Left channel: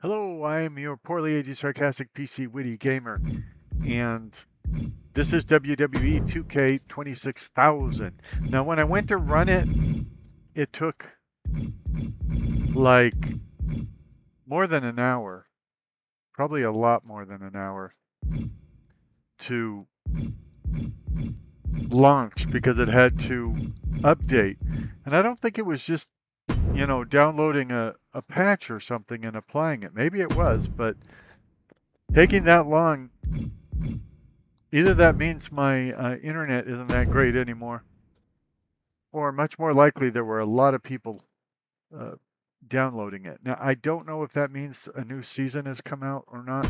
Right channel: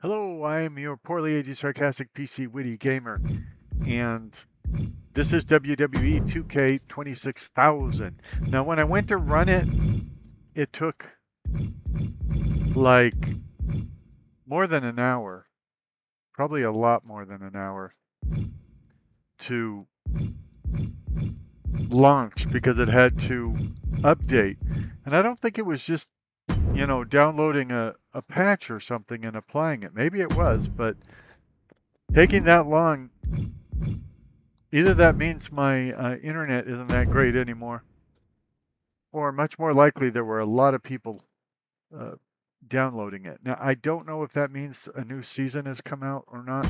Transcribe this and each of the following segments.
Hello, I'm your poorly aged sarcastic PC witty gamer, and this is WWE 2K 26,000. Now, when I went to run it, it took like more than an hour, probably a lot more than an hour to launch because it had to update. And I don't think it was just downloading a patch or something and applying it. Maybe it was, but taking that long, either that means my internet isn't that great anymore, or much more likely there were a lot of people downloading it. Now, I don't know if that means a new season has come out or not,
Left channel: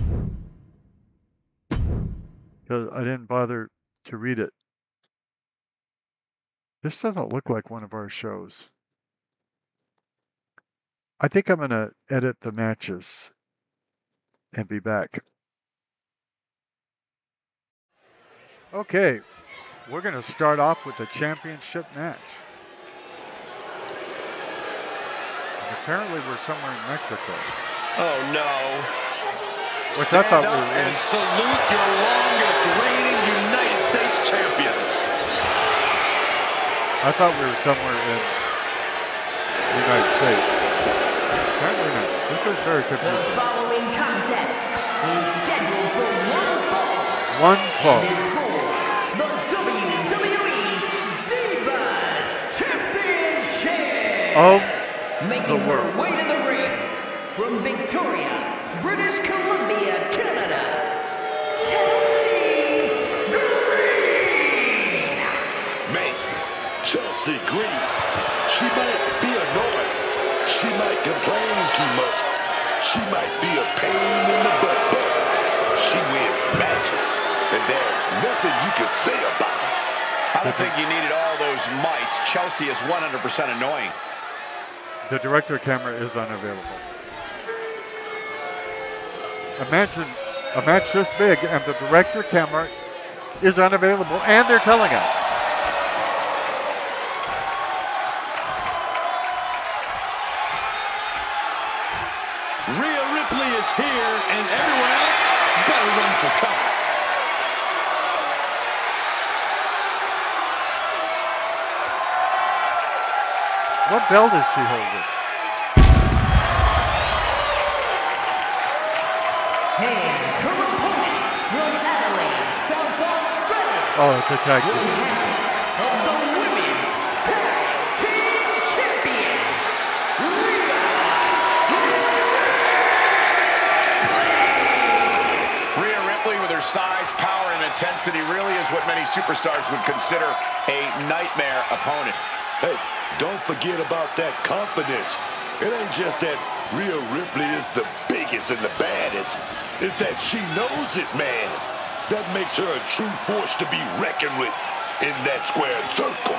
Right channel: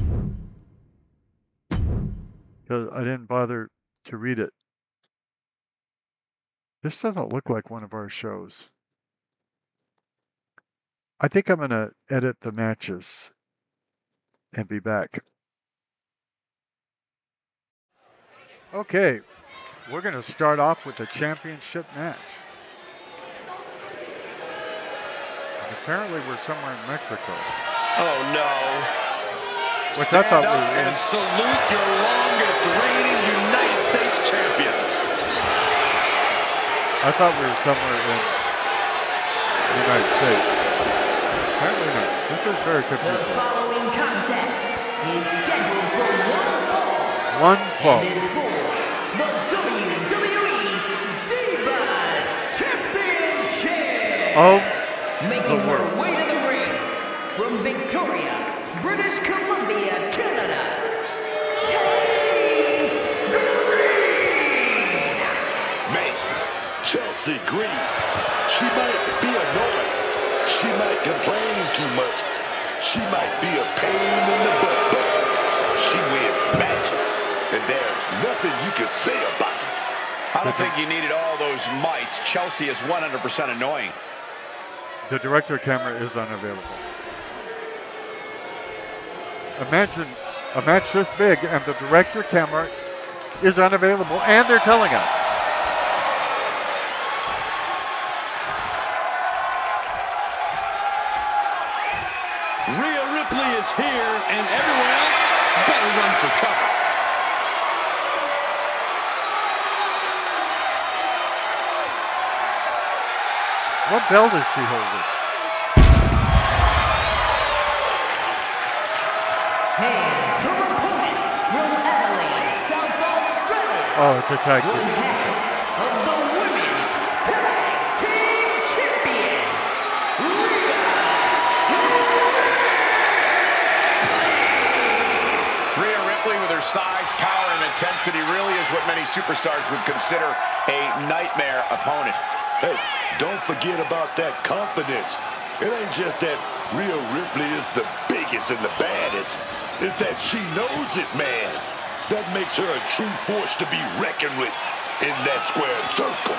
because I didn't bother to read it. This doesn't look like one of our shows. I think I'm going to edit the matches and be back. Okay, we're going to start off with the championship match. And apparently we're somewhere in Mexico. Oh no. Which I thought Stand up we were in. and salute your longest reigning United States champion. I thought we were somewhere in the United States. Apparently not. This is very confusing. The following contest is scheduled for one fall. One fall. And is for the WWE Divas Championship. Of Making the her world. way to the ring from Victoria, British Columbia, Canada, Chelsea Green. Man, Chelsea Green, she might be annoying. She might complain too much. She might be a pain in the butt, but she wins matches, and there's nothing you can say about it. I don't think you needed all those mites. Chelsea is 100% annoying. The director camera is unavailable. Imagine a match this big and the director camera is unavailable, and they're telling us. Rhea Ripley is here, and everyone else better run for cover. What belt is she holding? And her opponent from Adelaide, South Australia. Oh, it's a tag One team. half of the Women's Tag Team Champions, Rhea Ripley. Rhea Ripley, with her size, power, and intensity, really is what many superstars would consider a nightmare opponent. Hey, don't forget about that confidence. It ain't just that Rhea Ripley is the biggest and the baddest. It's that she knows it, man. That makes her a true force to be reckoned with in that squared circle.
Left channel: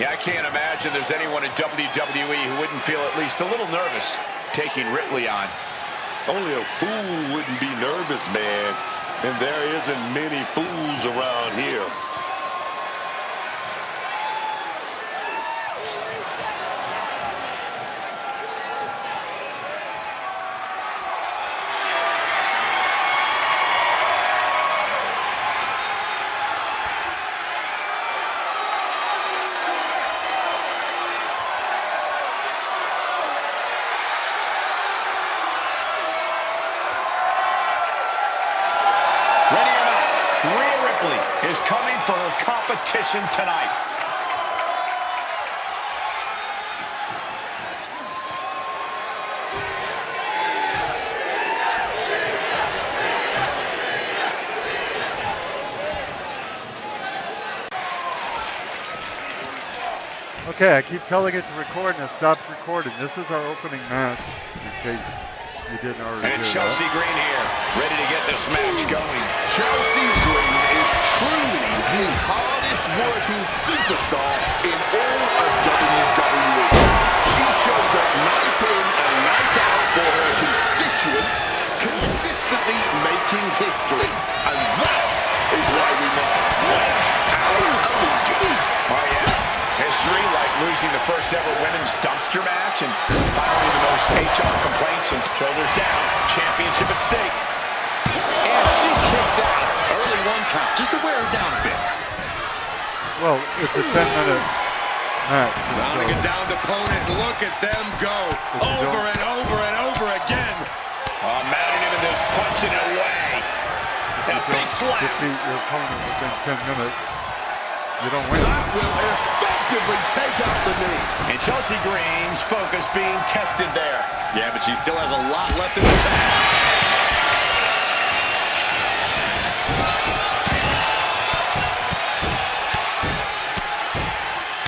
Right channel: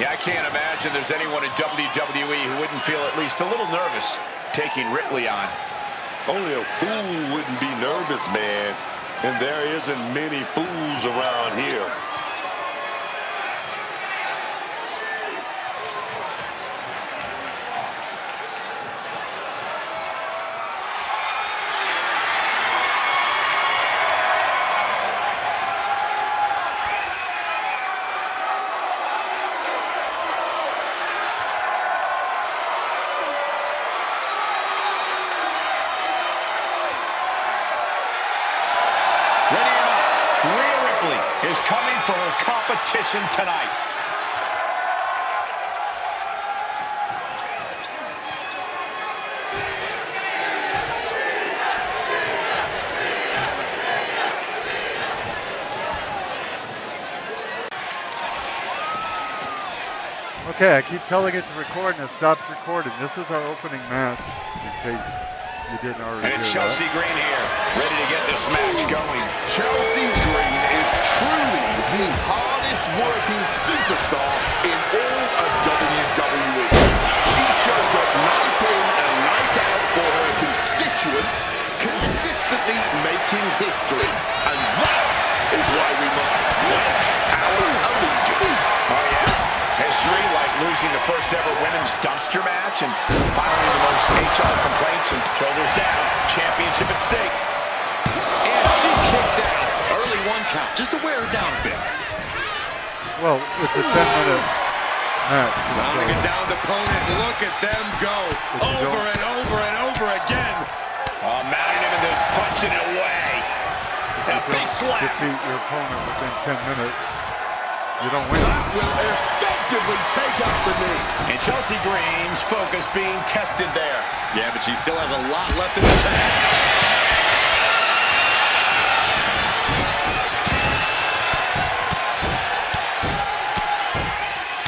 Yeah, I can't imagine there's anyone in WWE who wouldn't feel at least a little nervous taking Ripley on. Only a fool wouldn't be nervous, man. And there isn't many fools around here. Ready or not, Rhea Ripley is coming for her competition tonight. Okay, I keep telling it to record and it stops recording. This is our opening match, in case you didn't already And hear Chelsea that. Green here, ready to get this match going. Chelsea Green is truly the hardest working superstar in all of WWE. She shows up night in and night out for her constituents, consistently making history. And that is why we must pledge our allegiance. Oh yeah, history like losing the first ever women's dumpster after match and finally the most HR complaints and shoulders down. Championship at stake. And she kicks out. Early 1 count, just to wear her down a bit. Well, it's a 10-minute match. Rounding a downed opponent. Look at them go. Over and over and over again. Mounting him and just punching it away. That big slap. Defeat your opponent within 10 minutes, you don't win. That will effectively take out the knee. And Chelsea Green's focus being tested there. Yeah, but she still has a lot left in the tank.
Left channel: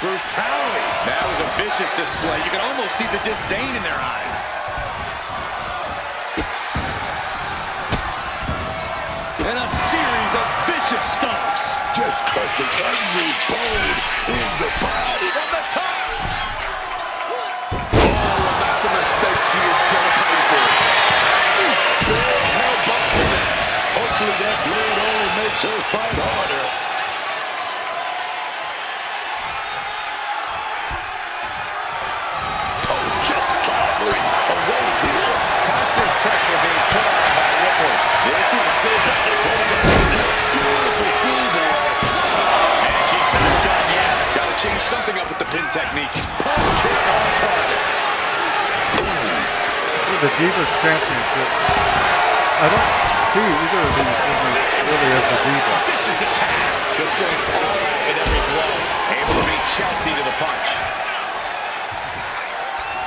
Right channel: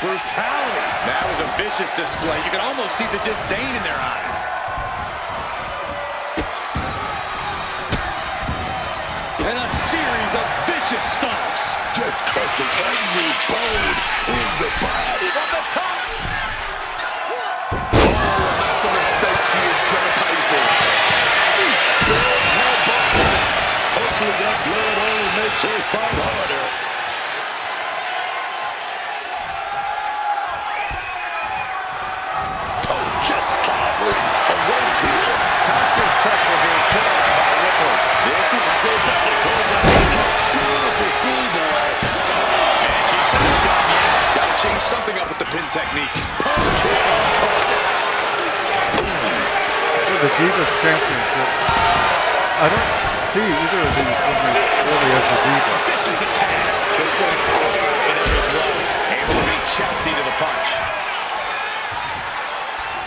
Brutality. That was a vicious display. You can almost see the disdain in their eyes. And a series of vicious stomps. Just crushing every bone in the body. From the top. Oh, and that's a mistake she is going to pay for. Big hell bumps the necks. Hopefully that blood only makes her fight harder. Oh, just clobbering away here. Constant pressure being put on by Ripple. This is a good beautiful schoolboy. And she's not done yet. Got to change something up with the pin technique. Pump kick on target. For the Divas Championship, I don't see either of these women really as a diva. Vicious attack. Just going all out with every blow. Able to beat Chelsea to the punch.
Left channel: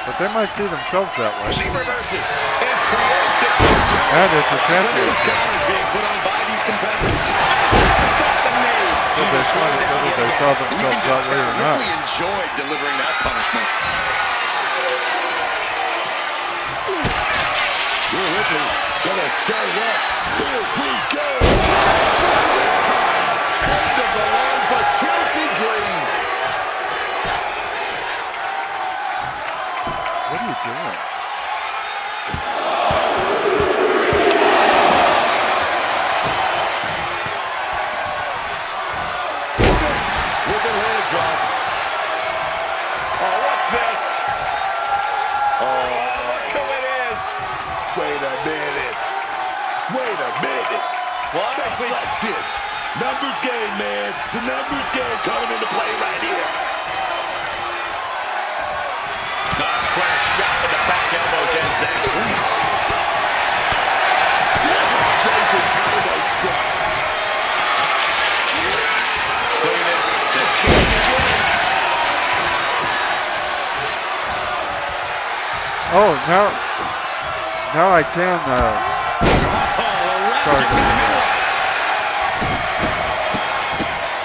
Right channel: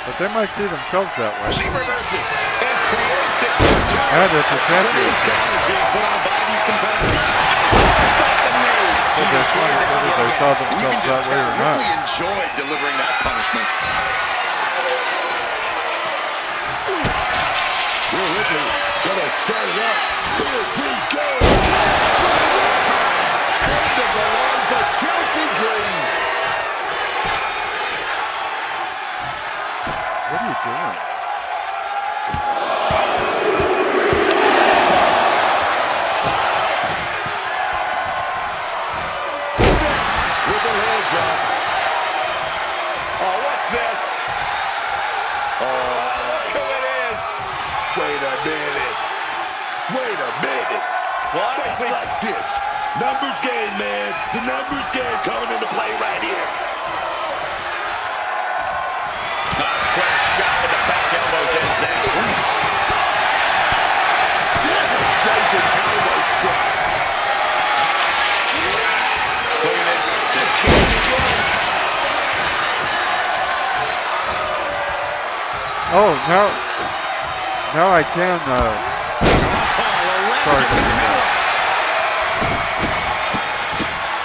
But they might see themselves that way. She reverses and creates an opportunity. And it's a championship. Counters being put on by these competitors. First off the knee. So they wonder whether they saw You can themselves that just way tell or not. Ripley enjoyed delivering that punishment. Here Ripley gonna set it up. Here we go. That's the time. End of the line for Chelsea Green. What are you doing? Next with a leg drop. Oh, what's this? Oh, look who it is. Wait a minute. Wait a minute. Well, Just like this. Numbers game, man. The numbers game coming into play right here. Square shot with the back elbows ends that. Devastating elbow strike. Look at this. This can't be good. Oh, now I can. Sorry.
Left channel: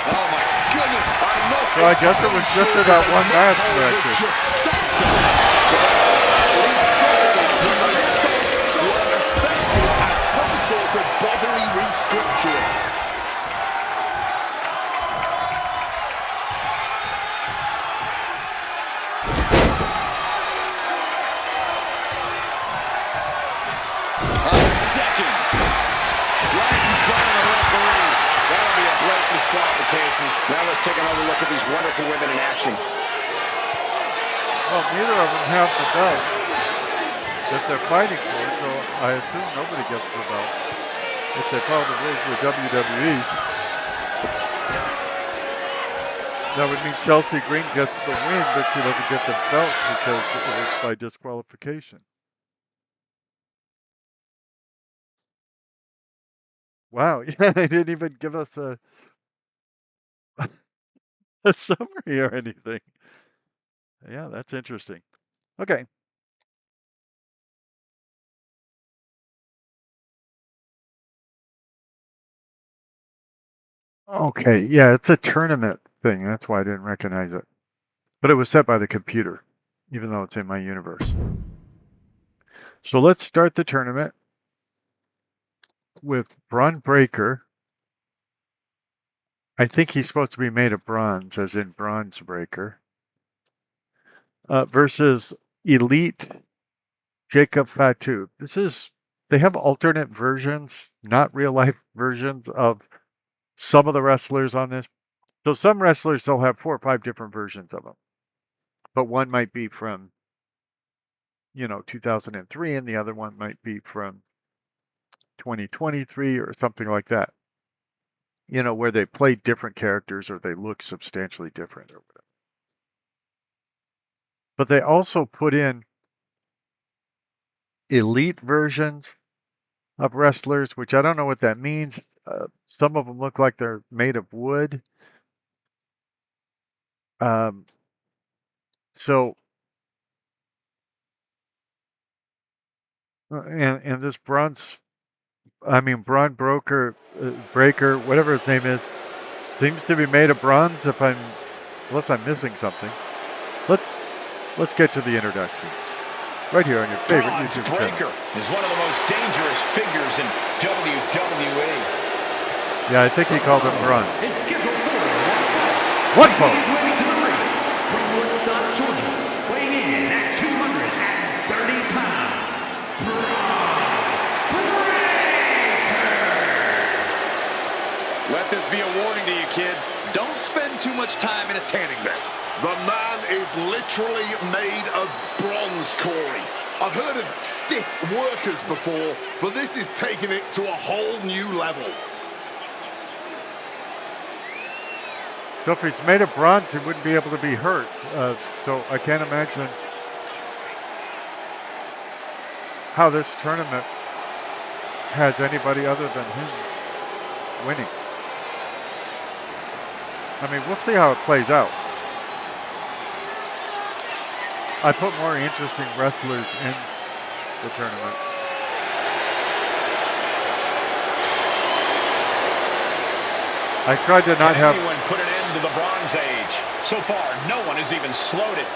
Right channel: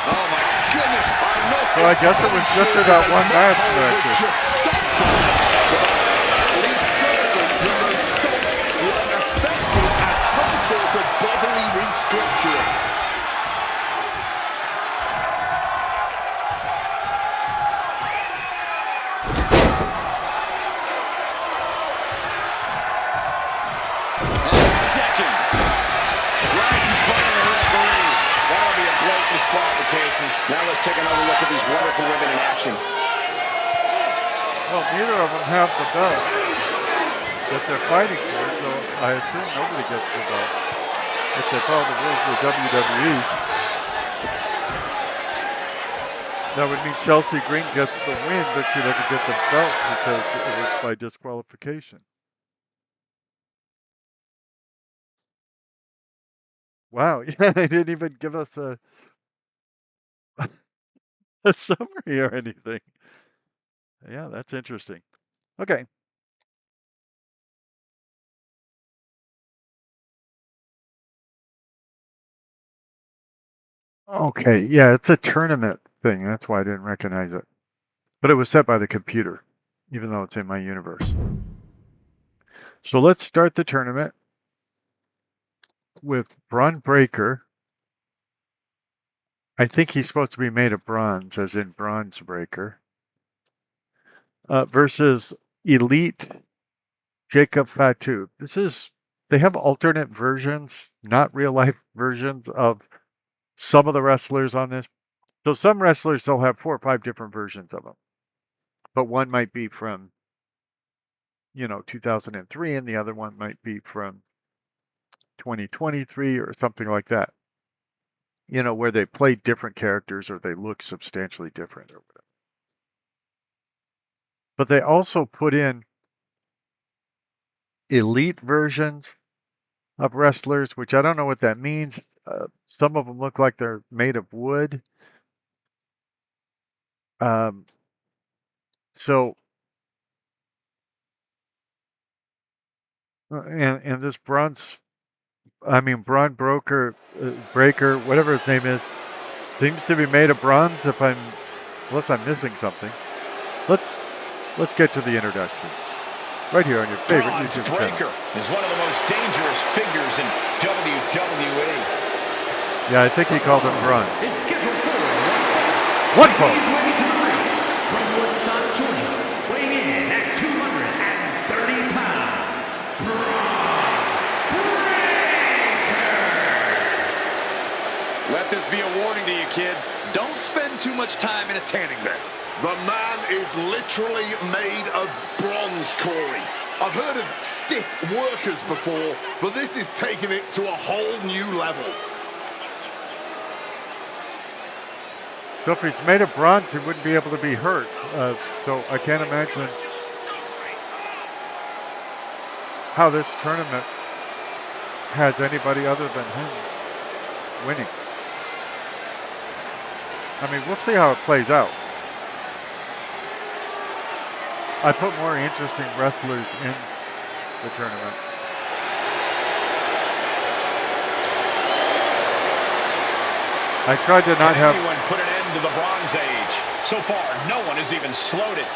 Oh my goodness. I'm not So I guess it was just in that one match that I did. just stopped that. At least certain that those stomps were effective as some sort of bodily restructuring. A second. Right in front of the referee. That'll be a blatant disqualification. Now let's take another look at these wonderful women in action. Well, neither of them have the belt that they're fighting for, so I assume nobody gets the belt if they follow the rules of the WWE. That would mean Chelsea Green gets the win, but she doesn't get the belt because it was by disqualification. Wow, yeah, they didn't even give us a summary or anything. Yeah, that's interesting. Okay. Okay, yeah, it's a tournament thing. That's why I didn't recognize it. But it was set by the computer, even though it's in my universe. So let's start the tournament with Braun Breaker. I think he's supposed to be made of bronze, as in Bronze Breaker. Versus Elite Jacob Fatu. They have alternate versions, not real life versions of some of the wrestlers on this. So some wrestlers, they'll have 4 or 5 different versions of them. But one might be from 2003, and the other one might be from 2023 or something like that. Where they play different characters or they look substantially different or whatever. But they also put in elite versions of wrestlers, which I don't know what that means. Some of them look like they're made of wood. So, and this Braun Breaker, whatever his name is, seems to be made of bronze. Unless I'm missing something. Let's get to the introductions. Right here on your favorite YouTube channel. Breaker is one of the most dangerous figures in WWE. Yeah, I think he called him bronze. It's scheduled for one fall. One fall. He's ready to the ring. From Woodstock, Georgia, weighing in at 230 pounds, Bronze Breaker. Let this be a warning to you kids. Don't spend too much time in a tanning bed. The man is literally made of bronze, Corey. I've heard of stiff workers before, but this is taking it to a whole new level. So if he's made of bronze, he wouldn't be able to be hurt. So I can't imagine how this tournament has anybody other than him winning. I mean, we'll see how it plays out. I put more interesting wrestlers in the tournament. I tried to not have anyone put an end to the Bronze Age. So far, no one has even slowed it.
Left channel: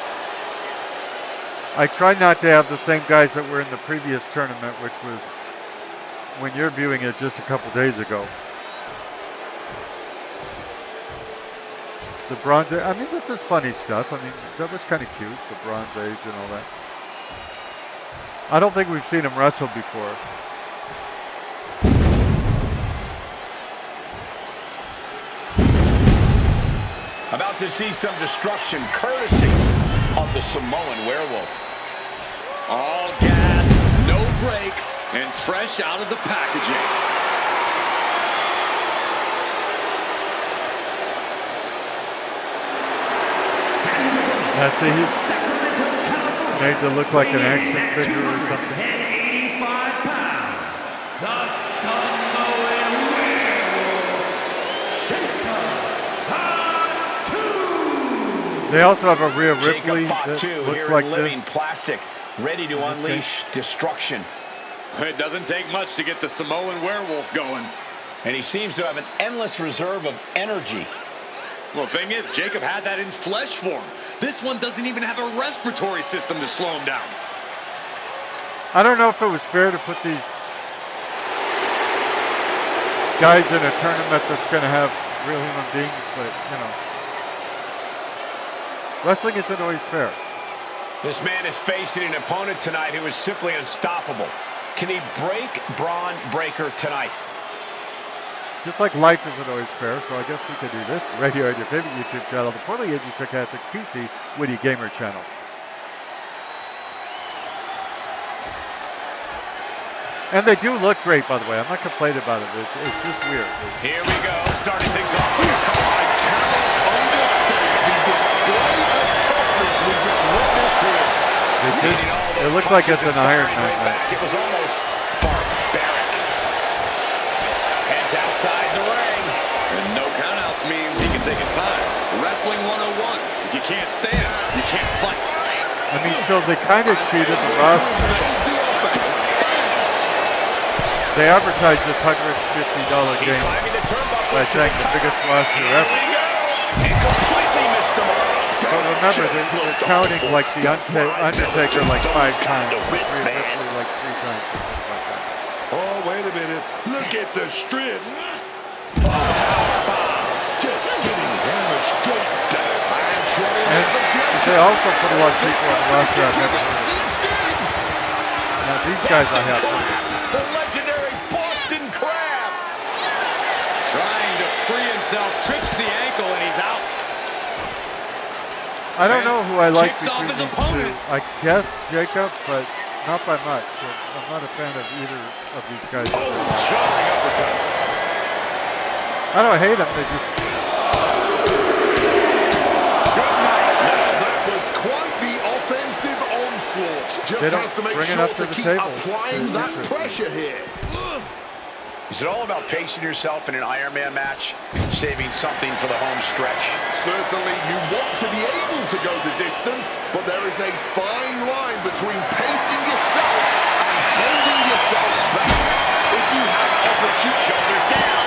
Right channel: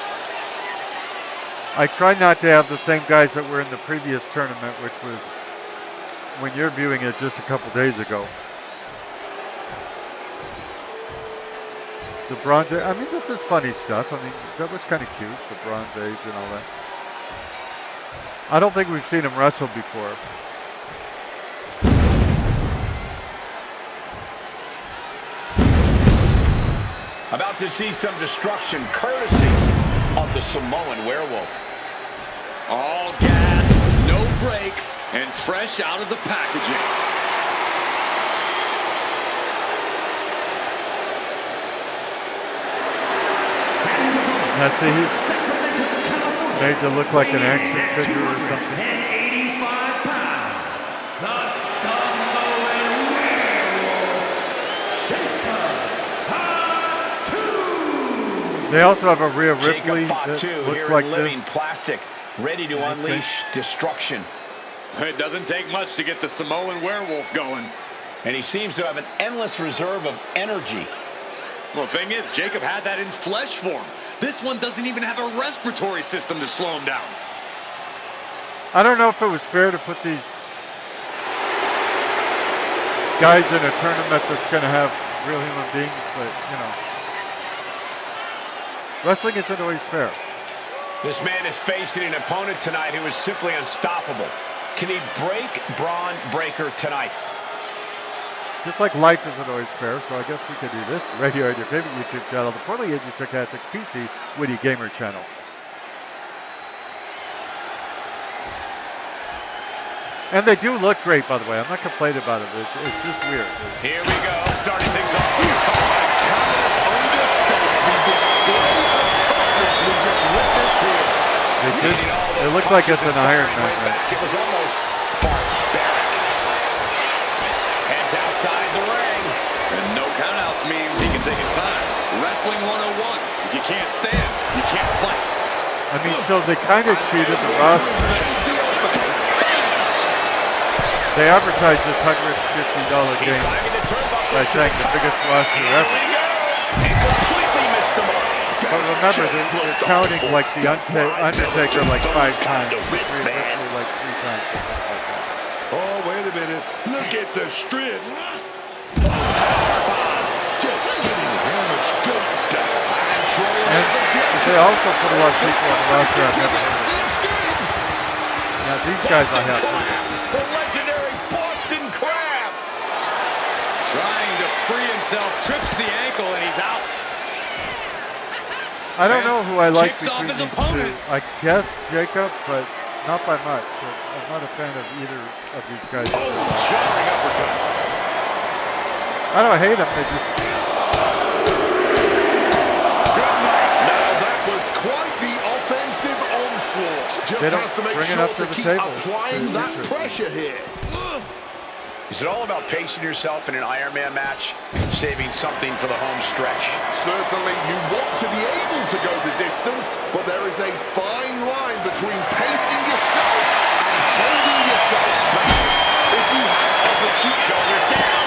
I tried not to have the same guys that were in the previous tournament, which was when you're viewing it just a couple days ago. The Bronze Age, I mean, this is funny stuff. I mean, that was kind of cute, the Bronze Age and all that. I don't think we've seen him wrestle before. About to see some destruction courtesy of the Samoan Werewolf. All gas, no brakes, and fresh out of the packaging. Now see, he's made to look like an action figure or something. 85 pounds, the Samoan Werewolf, Jacob. They also have a Rhea Ripley Jacob that Fatu looks here like in living this. plastic, ready to unleash destruction. It doesn't take much to get the Samoan Werewolf going. And he seems to have an endless reserve of energy. Well, the thing is, Jacob had that in flesh form. This one doesn't even have a respiratory system to slow him down. I don't know if it was fair to put these guys in a tournament that's going to have real human beings, but, wrestling isn't always fair. This man is facing an opponent tonight who is simply unstoppable. Can he break Braun Breaker tonight? Just like life isn't always fair, so I guess we could do this right here on your favorite YouTube channel, the PLE Sarcastic PC Witty Gamer channel. And they do look great, by the way. I'm not complaining about it. It's just weird. Here we go, starting things off with a couple. I cannot understate the display of toughness we just witnessed here. It looks like it's an Iron Man match. It was almost barbaric. Heads outside the ring. And no countouts means he can take his time. Wrestling 101. If you can't stand, you can't fight. I mean, so they kind of cheated the roster. They advertised this $150 game by saying the biggest roster ever. And completely missed the mark. But remember, they're counting like the Undertaker like 5 times, Rhea Ripley like 3 times, something like that. Oh, wait a minute. Look at the strength. Oh, powerbomb. Just getting hammered straight down. And they also put a lot of people on the roster I've never heard of. Now these guys I have heard of. The legendary Boston Crab. Trying to free himself, trips the ankle, and he's out. I don't know who I like Kicks off between his these opponent. two. I guess Jacob, but not by much. I'm not a fan of either of these guys. in real life. Jarring uppercut. I don't hate them. They just Good night. Now that was quite the offensive onslaught. They Just don't has to make bring it sure up to to the keep table. applying It's that interesting. pressure here. Is it all about pacing yourself in an Iron Man match, saving something for the home stretch? Certainly you want to be able to go the distance, but there is a fine line between pacing yourself and holding yourself back. If you have opportunity, Shoulders down.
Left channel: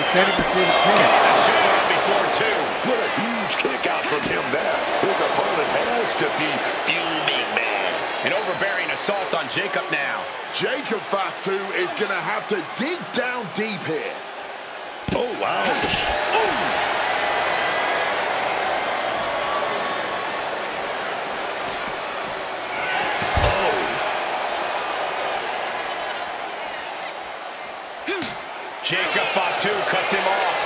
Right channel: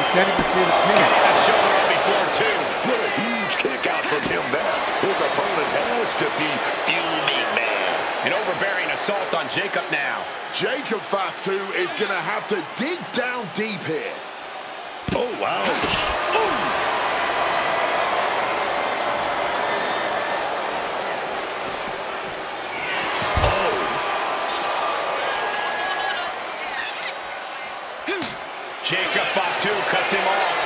you can't even see the pin. Getting the shoulder up before two. What a huge kick out from him there. His opponent has to be fuming, man. An overbearing assault on Jacob now. Jacob Fatu is going to have to dig down deep here. Oh, ouch. Oh. Jacob Fatu cuts him off.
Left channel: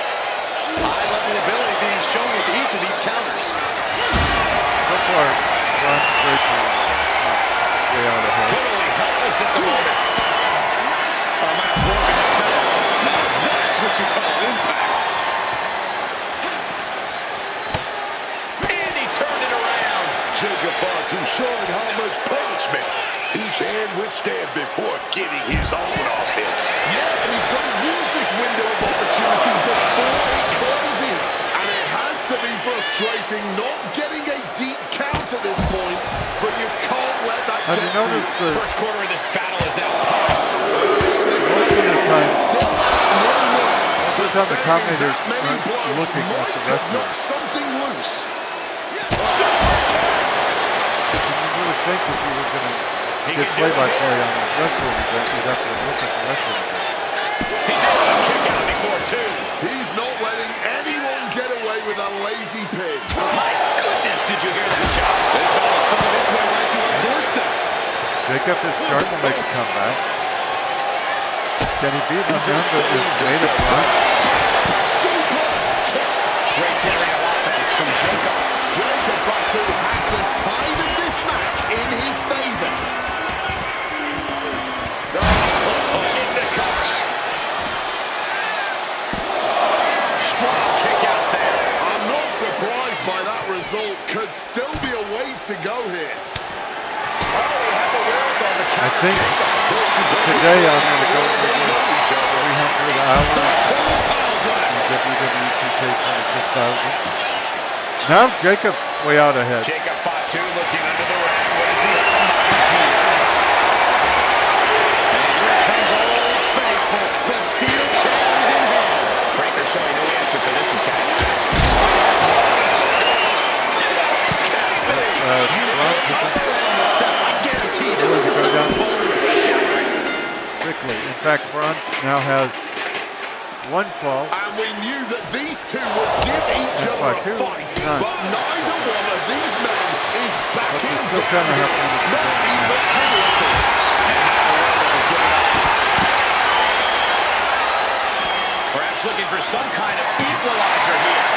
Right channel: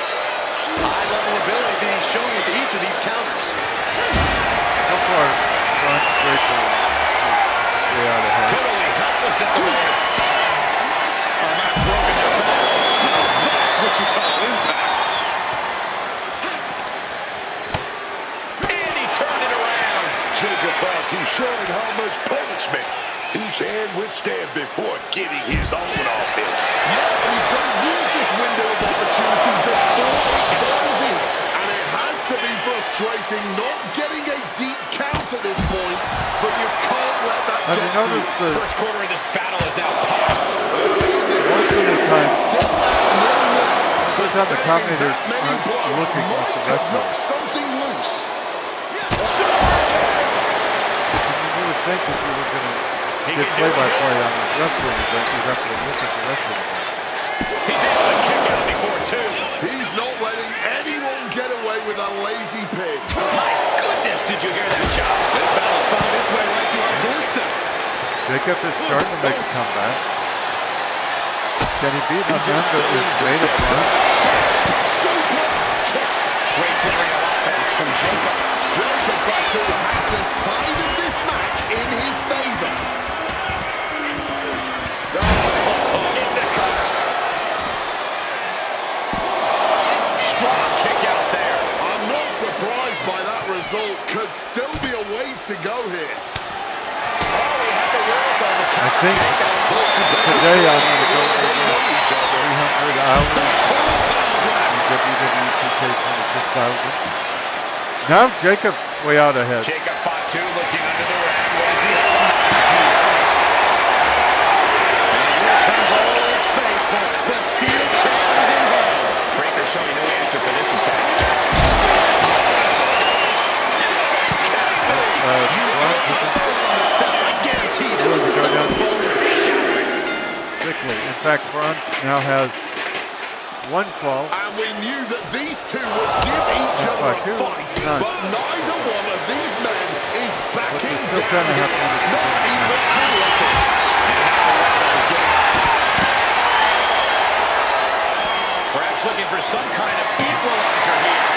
High-level ability being shown with each of these counters. So far, Ron Breaker is way out ahead. Totally helpless at the moment. Oh, man, broken their back. Now that's what you call impact. And he turned it around. Jacob Fatu showing how much punishment he can withstand before getting his own offense. Yeah, and he's going to use this window of opportunity before it closes. And it has to be frustrating not getting a deep count at this point, but you can't let that Have get you to you. noticed the First quarter of this battle is now paused. Early in this Most of the match, time- it's still at 0-0. most of the time the Sustaining commentators that many aren't blows looking at the might have wrestler. knocked something loose. You would think if you were going to He get can do play-by-play it. on a wrestling event, you'd have to look at the wrestling event. He's able to kick out before two. He's not letting anyone get away with a lazy pin. My goodness, did you hear that chop? This battle's found its way right to our doorstep. Jacob is starting to make a comeback. Can he beat Amanda just is saved made up himself. run? Super kick. Great flurry of offense from Jacob. Jacob Fatu has the tide of this match in his favor. In the cover. Strong kick out there. I'm not surprised by that result. Could still be a ways to go here. Oh, he had the wherewithal to I counter think Jacob. today I'm going to go They over know each other. 300 hours Total power drive. in WWE 2K26,000. Now Jacob's way out ahead. Jacob Fatu looking under the ring. What does he have in mind here? And here comes Old Faithful. The steel chair is in hand. Breaker showing no answer for this attack. Right on the steps. I guarantee there was the Go sound down. of bones shattering. Quickly. In fact, Bronx now has one fall. And we knew that these two would give each That's other like a two. fight, None. but neither one of these men is backing still down. kinda have to understand Not that. even a little. And neither one of them is giving up. Perhaps looking for some kind of equalizer here.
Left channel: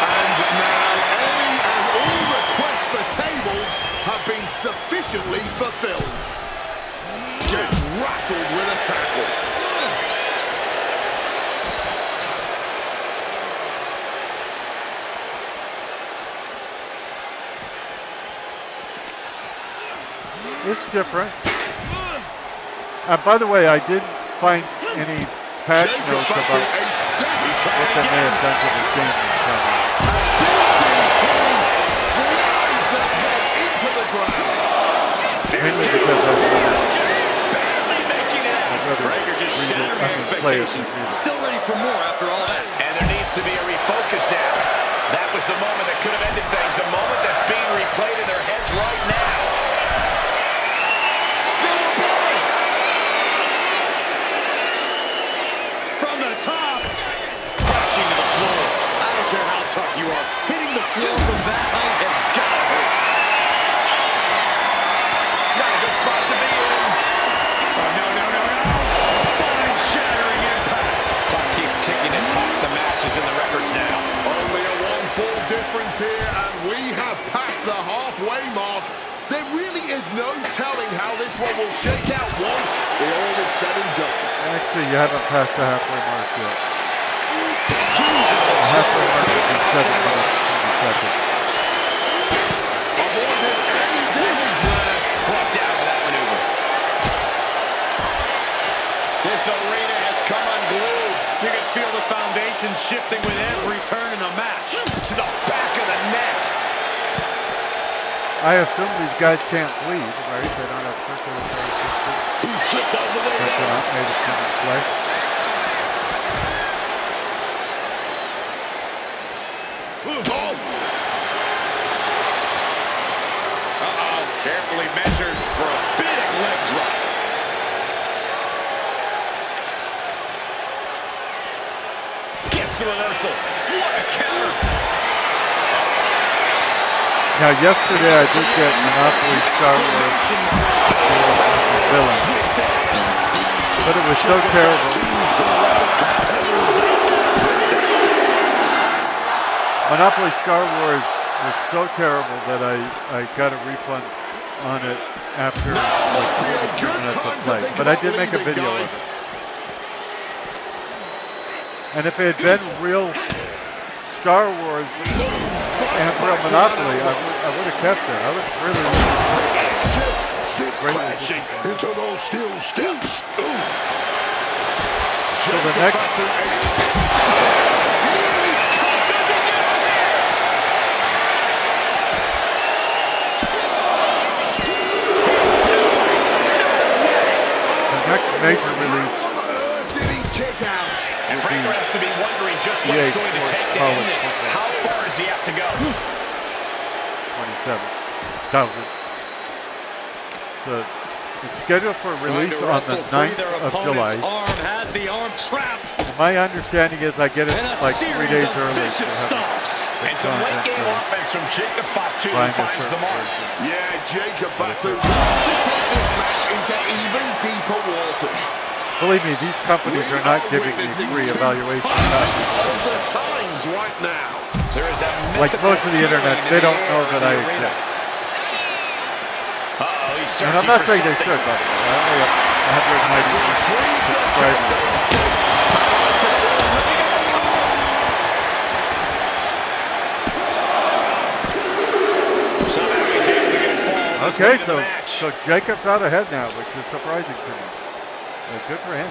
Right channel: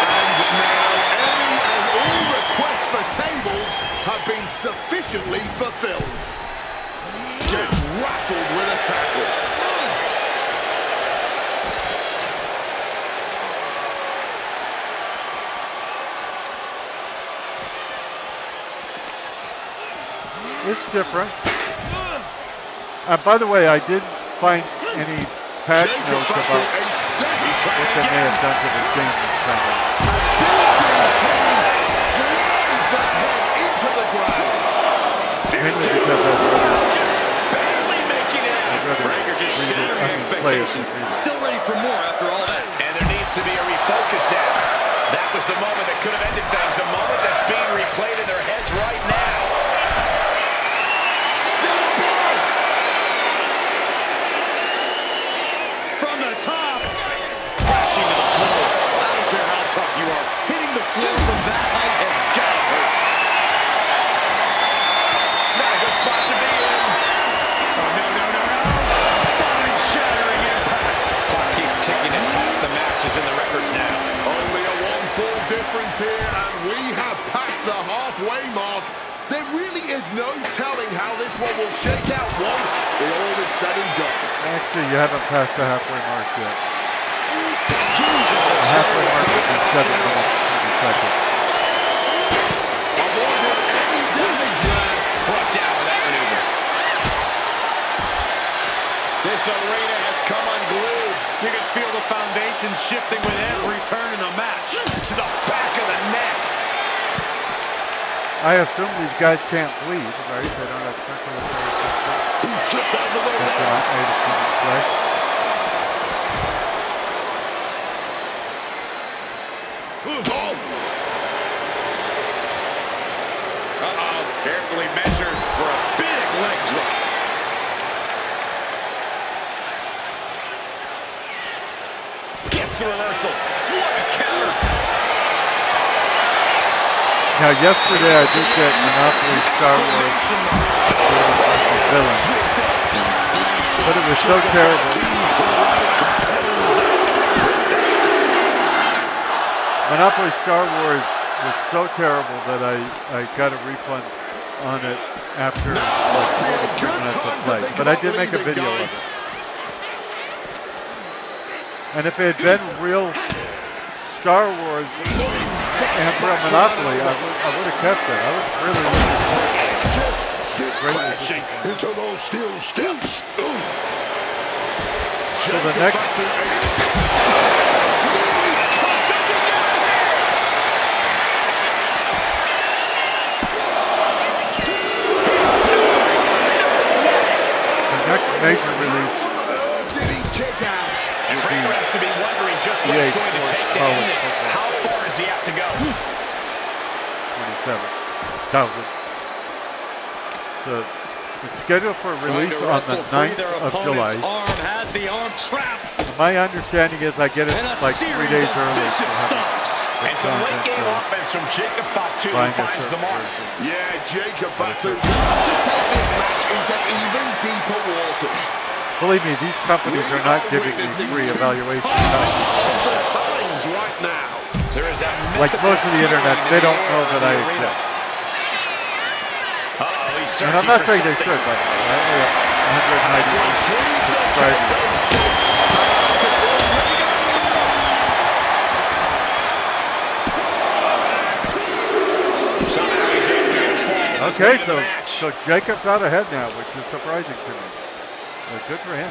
And now any and all requests for tables have been sufficiently fulfilled. Gets rattled with a tackle. It's different. By the way, I didn't find any patch Jacob notes Fatu, about a step. what they may have done to the team this time around. A DDT drives that head into the ground. Mainly because I'd Just barely making it out. rather Breaker just read it, shattering play it expectations. than read it. Still ready for more after all that. And there needs to be a refocus now. That was the moment that could have ended things. A moment that's being replayed in their heads right now. From the top. Crashing to the floor. I don't care how tough you are. Hitting the floor from that height has got to hurt. Not a good spot to be in. Oh, no, no, no, no. Spine-shattering impact. Clock keeps ticking as hot. The match is in the records now. Only a seconds here, and we have passed the halfway mark. There really is no telling how this one will shake out once it all is said and done. Actually, you haven't passed the halfway mark yet. The halfway mark is in 7 minutes and 20 seconds. Avoided any damage there. Brought down with that maneuver. This arena has come unglued. You can feel the foundation shifting with every turn in the match. To the back of the neck. I assume these guys can't bleed, right? They don't have circulatory system. He slipped out of the way Because they're there. not made of human flesh. Oh, Uh-oh. Carefully measured for a big leg drop. Gets the reversal. What a counter. Now, yesterday I did get Monopoly Star Wars Hero versus Villain. But it was so terrible. Monopoly Star Wars was so terrible that I got a refund on it after like 43 minutes of play. But I did make a video of it. And if it had been real Star Wars and real Monopoly, I would have kept it. I was really looking forward to it. just sit crashing into those steel steps. Ooh. So the next... The next major release Did he kick out? And Breaker has to be wondering just what it's going to take to end this. How far does he have to go? 27,000. So it's scheduled for release on the 9th of July. Arm has the arm trapped. And my understanding is I get it And a like 3 series days of early. vicious for having stomps. And some content late game to offense from Jacob Fatu find a finds the certain mark. version. Yeah, Jacob Fatu wants to take this match into even deeper waters. Believe me, these companies We are not giving me witnessing free two evaluation titans time. of the times right now. There is that Like most of the internet, they don't know that I exist. Uh-oh, he's And searching I'm not for saying they something. should, by the way. I only have 190 subscribers. Somehow he's able to get a fall. this Okay, late in the match. so Jacob's out ahead now, which is surprising to me. Good for him.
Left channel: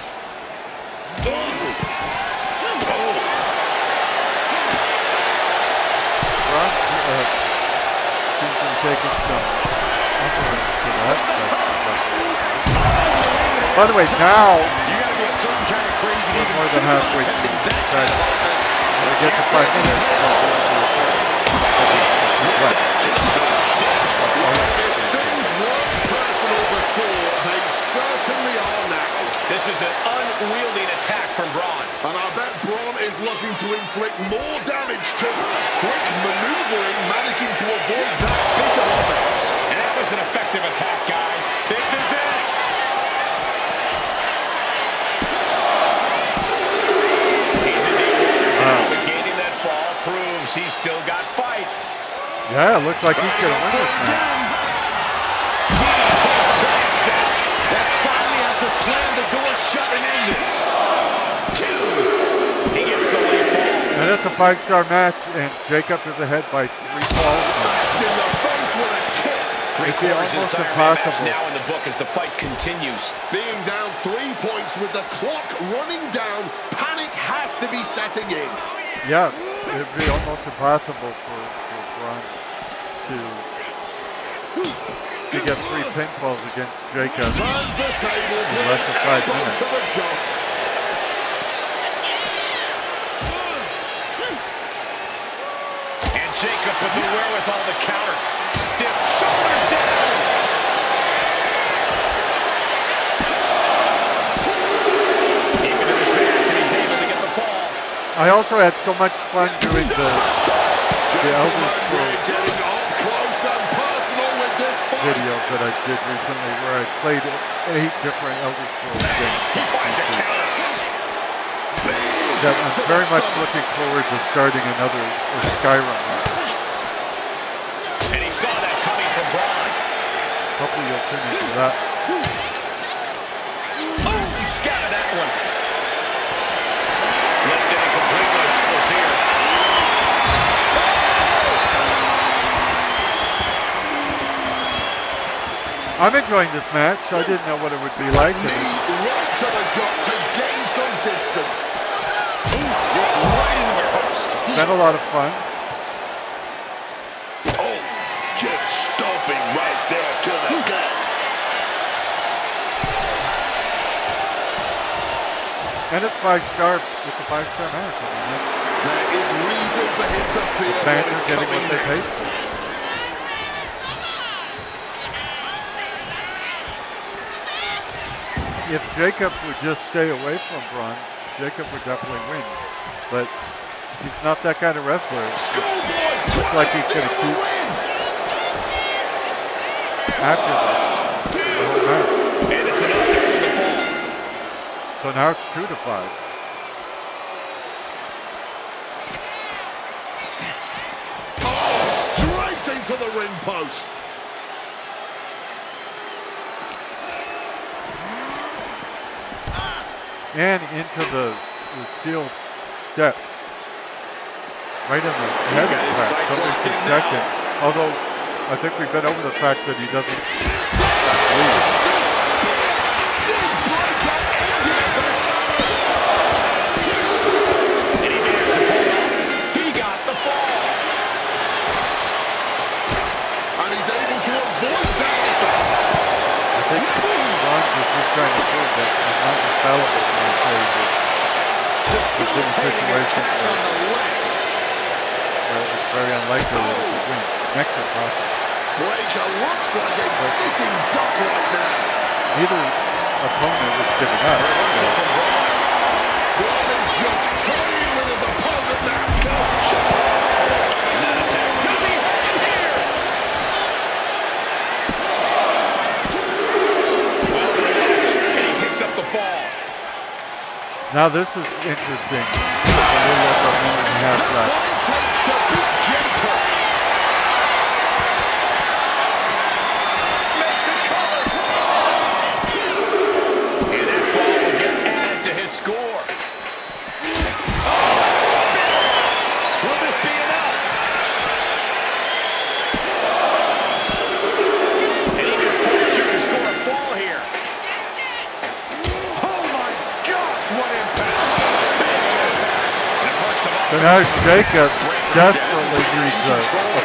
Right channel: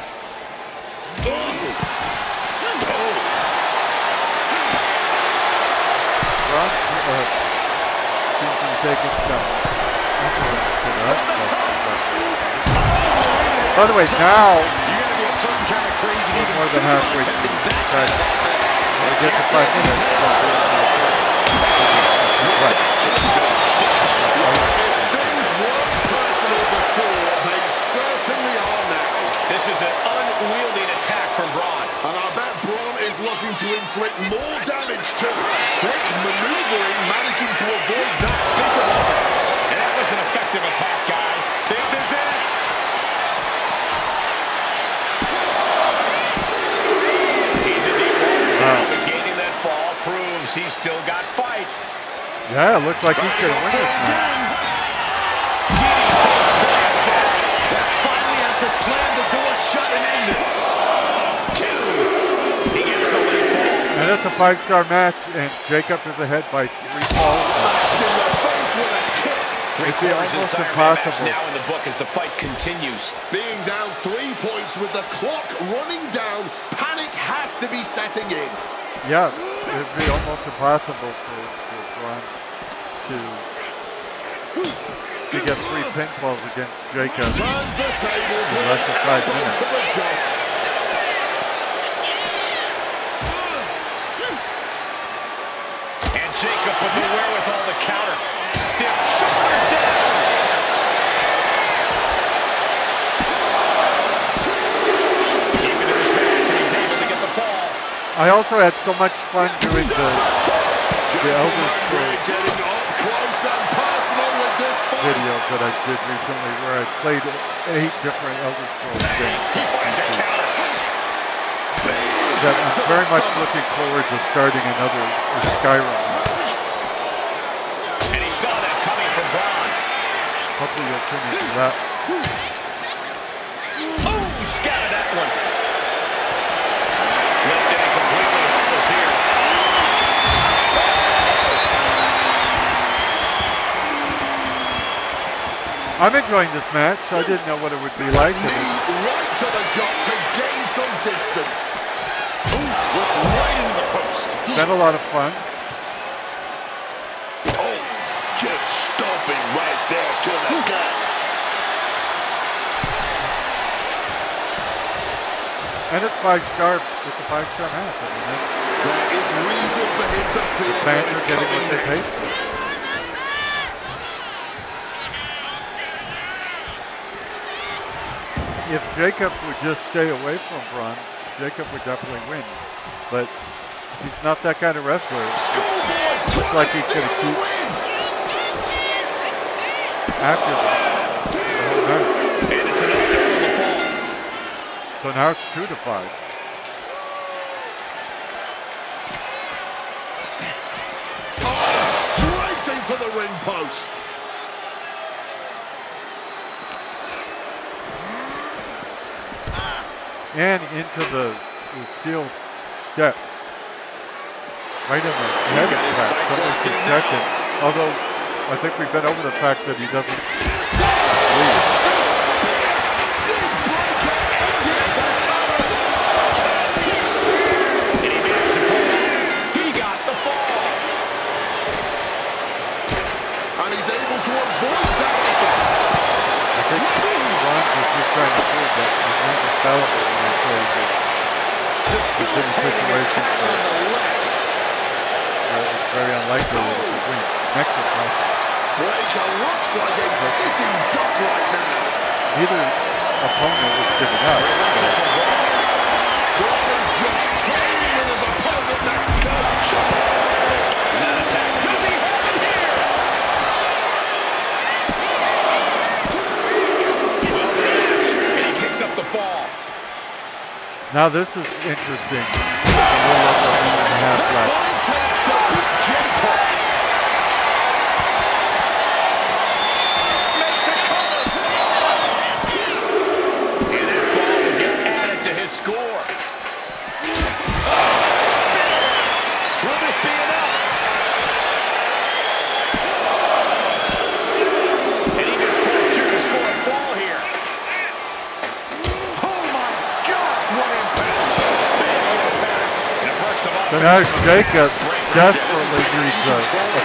Ron seems to be taking some influence to that. By the way, now You gotta be a certain kind of crazy to we're even more than think about halfway through attempting the that kind of practice. offense. When we get to 5 minutes, what? If things weren't personal before, they certainly are now. This is an unwieldy attack from Braun. And I bet Braun is looking to inflict more damage too. Quick maneuvering, managing to avoid that bit of offense. And that was an effective attack, guys. This is it. He's in deep waters now, but gaining that fall proves he's still got fight. Yeah, it looks like he's going to win this match. That finally has to slam the door shut and end this. 2. He gets the late fall. And it's a 5-star match, and Jacob is ahead by 3 falls. Left in the face with a kick. It'd be Three-quarters almost inside our match impossible. now in the book as the fight continues. Being down 3 points with the clock running down, panic has to be setting in. Yeah, it'd be almost impossible for Braun to get 3 pinfalls against Jacob. Turns the tables with Less an than 5 elbow minutes. to the gut. And Jacob with the wherewithal to counter. Stiff shoulders down. Deep into this match, and he's able to get the fall. I also had so much fun doing the Elder Gentlemen, Scrolls we're getting up close and personal with this fight. videos that I did recently where I played 8 different Elder Scrolls games. He finds a counter. That I'm very much looking forward to starting another Skyrim one. Hopefully you'll tune into that. Oh, he scattered that one. Lifted and completely helpless here. I'm enjoying this match. I didn't know what it would be like. Knee right to the gut to gain some distance. Oof, looked right into the post. It's been a lot of fun. Oh, just stomping right there to the gut. And it's 5-star. It's a 5-star match. I mean, There is reason for him to feel the what fans is are getting coming what they paid next. for. If Jacob would just stay away from Braun, Jacob would definitely win. But he's not that kind of wrestler. Schoolboy Looks like trying he's to going to steal the keep win. after this the whole match. And it's enough to earn the fall. So now it's 2-5. Oh, straight into the ring post. And into the steel steps. Right in the head got his crack. sights Somebody locked should in check now. it. Although, I think we've been over the fact that he doesn't leave. The spear did break up ending the cover. And he managed to pull it off. He got the fall. And he's able to avoid that offense. I think Ron is just trying to prove that he's not infallible in those phases. Debilitating attack on the leg. It's very unlikely that he win. Next or possible. Breaker looks like a sitting duck right now. Neither opponent was giving up. Reversal from Braun. Braun is just toying with his opponent now. That attack. Does he have him here? Well, to the match. And he picks up the fall. Now this is interesting. With a little over a minute and a half That's left. what it takes to beat Jacob. Makes it cover. And that fall will get added to his score. Oh, spin. Will this be enough? And he just pulled through to score a fall here. Oh my gosh, what impact. Big impact. And a burst of So offense. now from Jacob Breaker. desperately needs a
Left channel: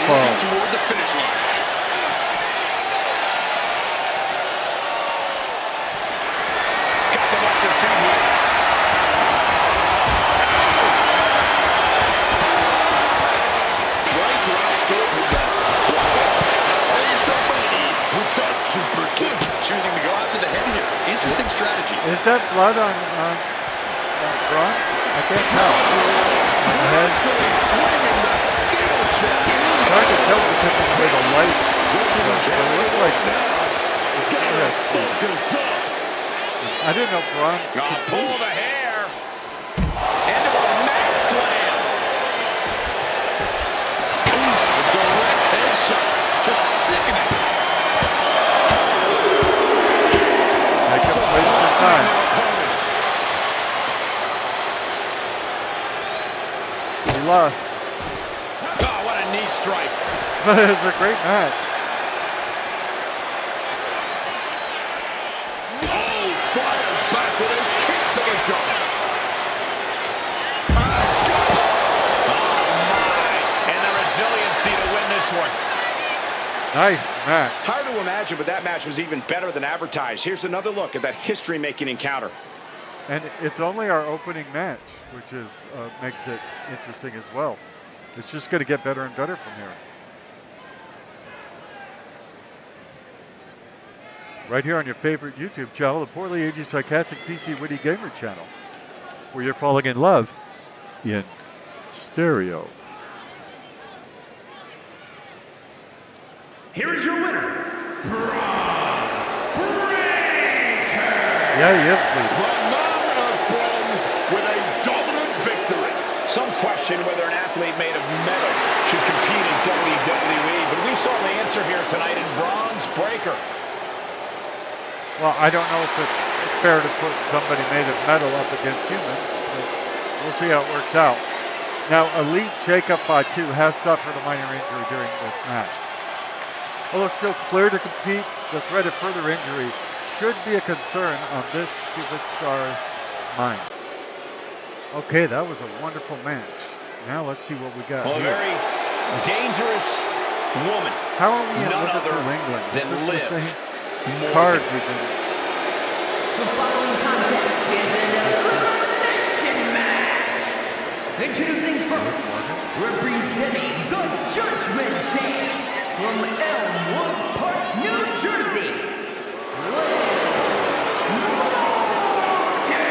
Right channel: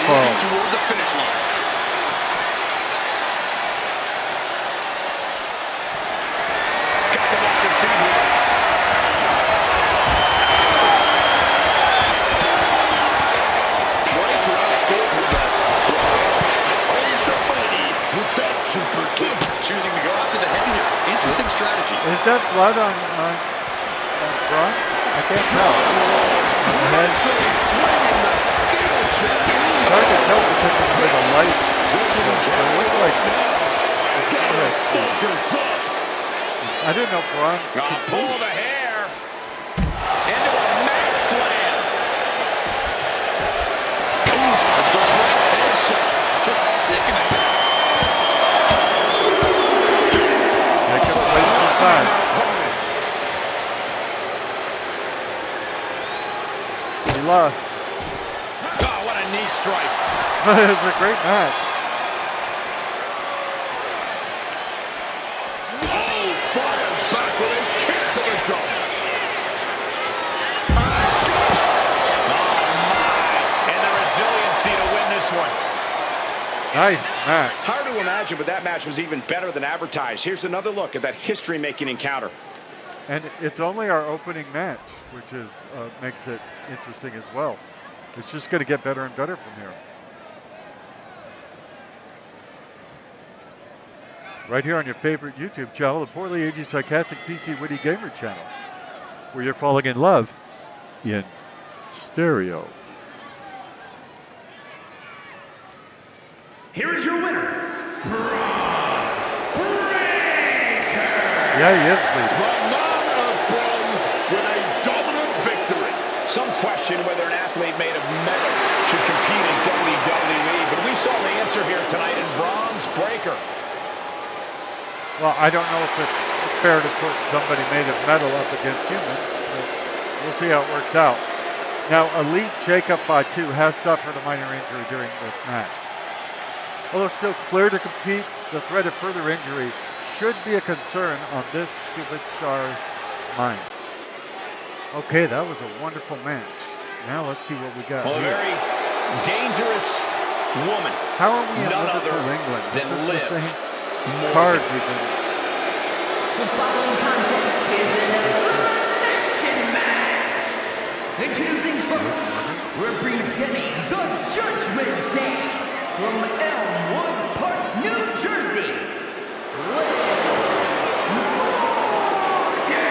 fall. Toward the finish line. Got them off their feet here. Breaker outthought him there. Hold the money with that super kick. Choosing to go after the head here. Interesting strategy. Is that blood on Braun? I can't tell. On the head. Mentally swinging that steel chair. It's hard to tell because of the way the light. It looks like. Focus up. I didn't know Braun. Pull the hair. Into a mat slam. Ooh, a direct headshot. Just sickening. Jacob wasted time. He lost. Oh, what a knee strike. But it was a great match. Oh, fires back with a kick to the gut. Oh, my. And the resiliency to win this one. Nice match. Hard to imagine, but that match was even better than advertised. Here's another look at that history-making encounter. And it's only our opening match, which is makes it interesting as well. It's just going to get better and better from here. Right here on your favorite YouTube channel, the Poorly Aged Sarcastic PC Witty Gamer channel, where you're falling in love in stereo. Here is your winner, Braun Breaker. Yeah, he is, please. The man of bronze with a dominant victory. Some question whether an athlete made of metal should compete in WWE, but we saw the answer here tonight in Braun Breaker. Well, I don't know if it's fair to put somebody made of metal up against humans, but we'll see how it works out. Now, Elite Jacob Fatu has suffered a minor injury during this match. Although still clear to compete, the threat of further injury should be a concern on this stupid star's mind. Okay, that was a wonderful match. Now let's see what we got Well, a here. very dangerous woman. How are we in None Liverpool, other England? than This is Liv the same Morgan. card we've been. The following contest is an elimination match. Introducing first, representing the Judgment Day from Elmwood Park, New Jersey, Liv Morgan.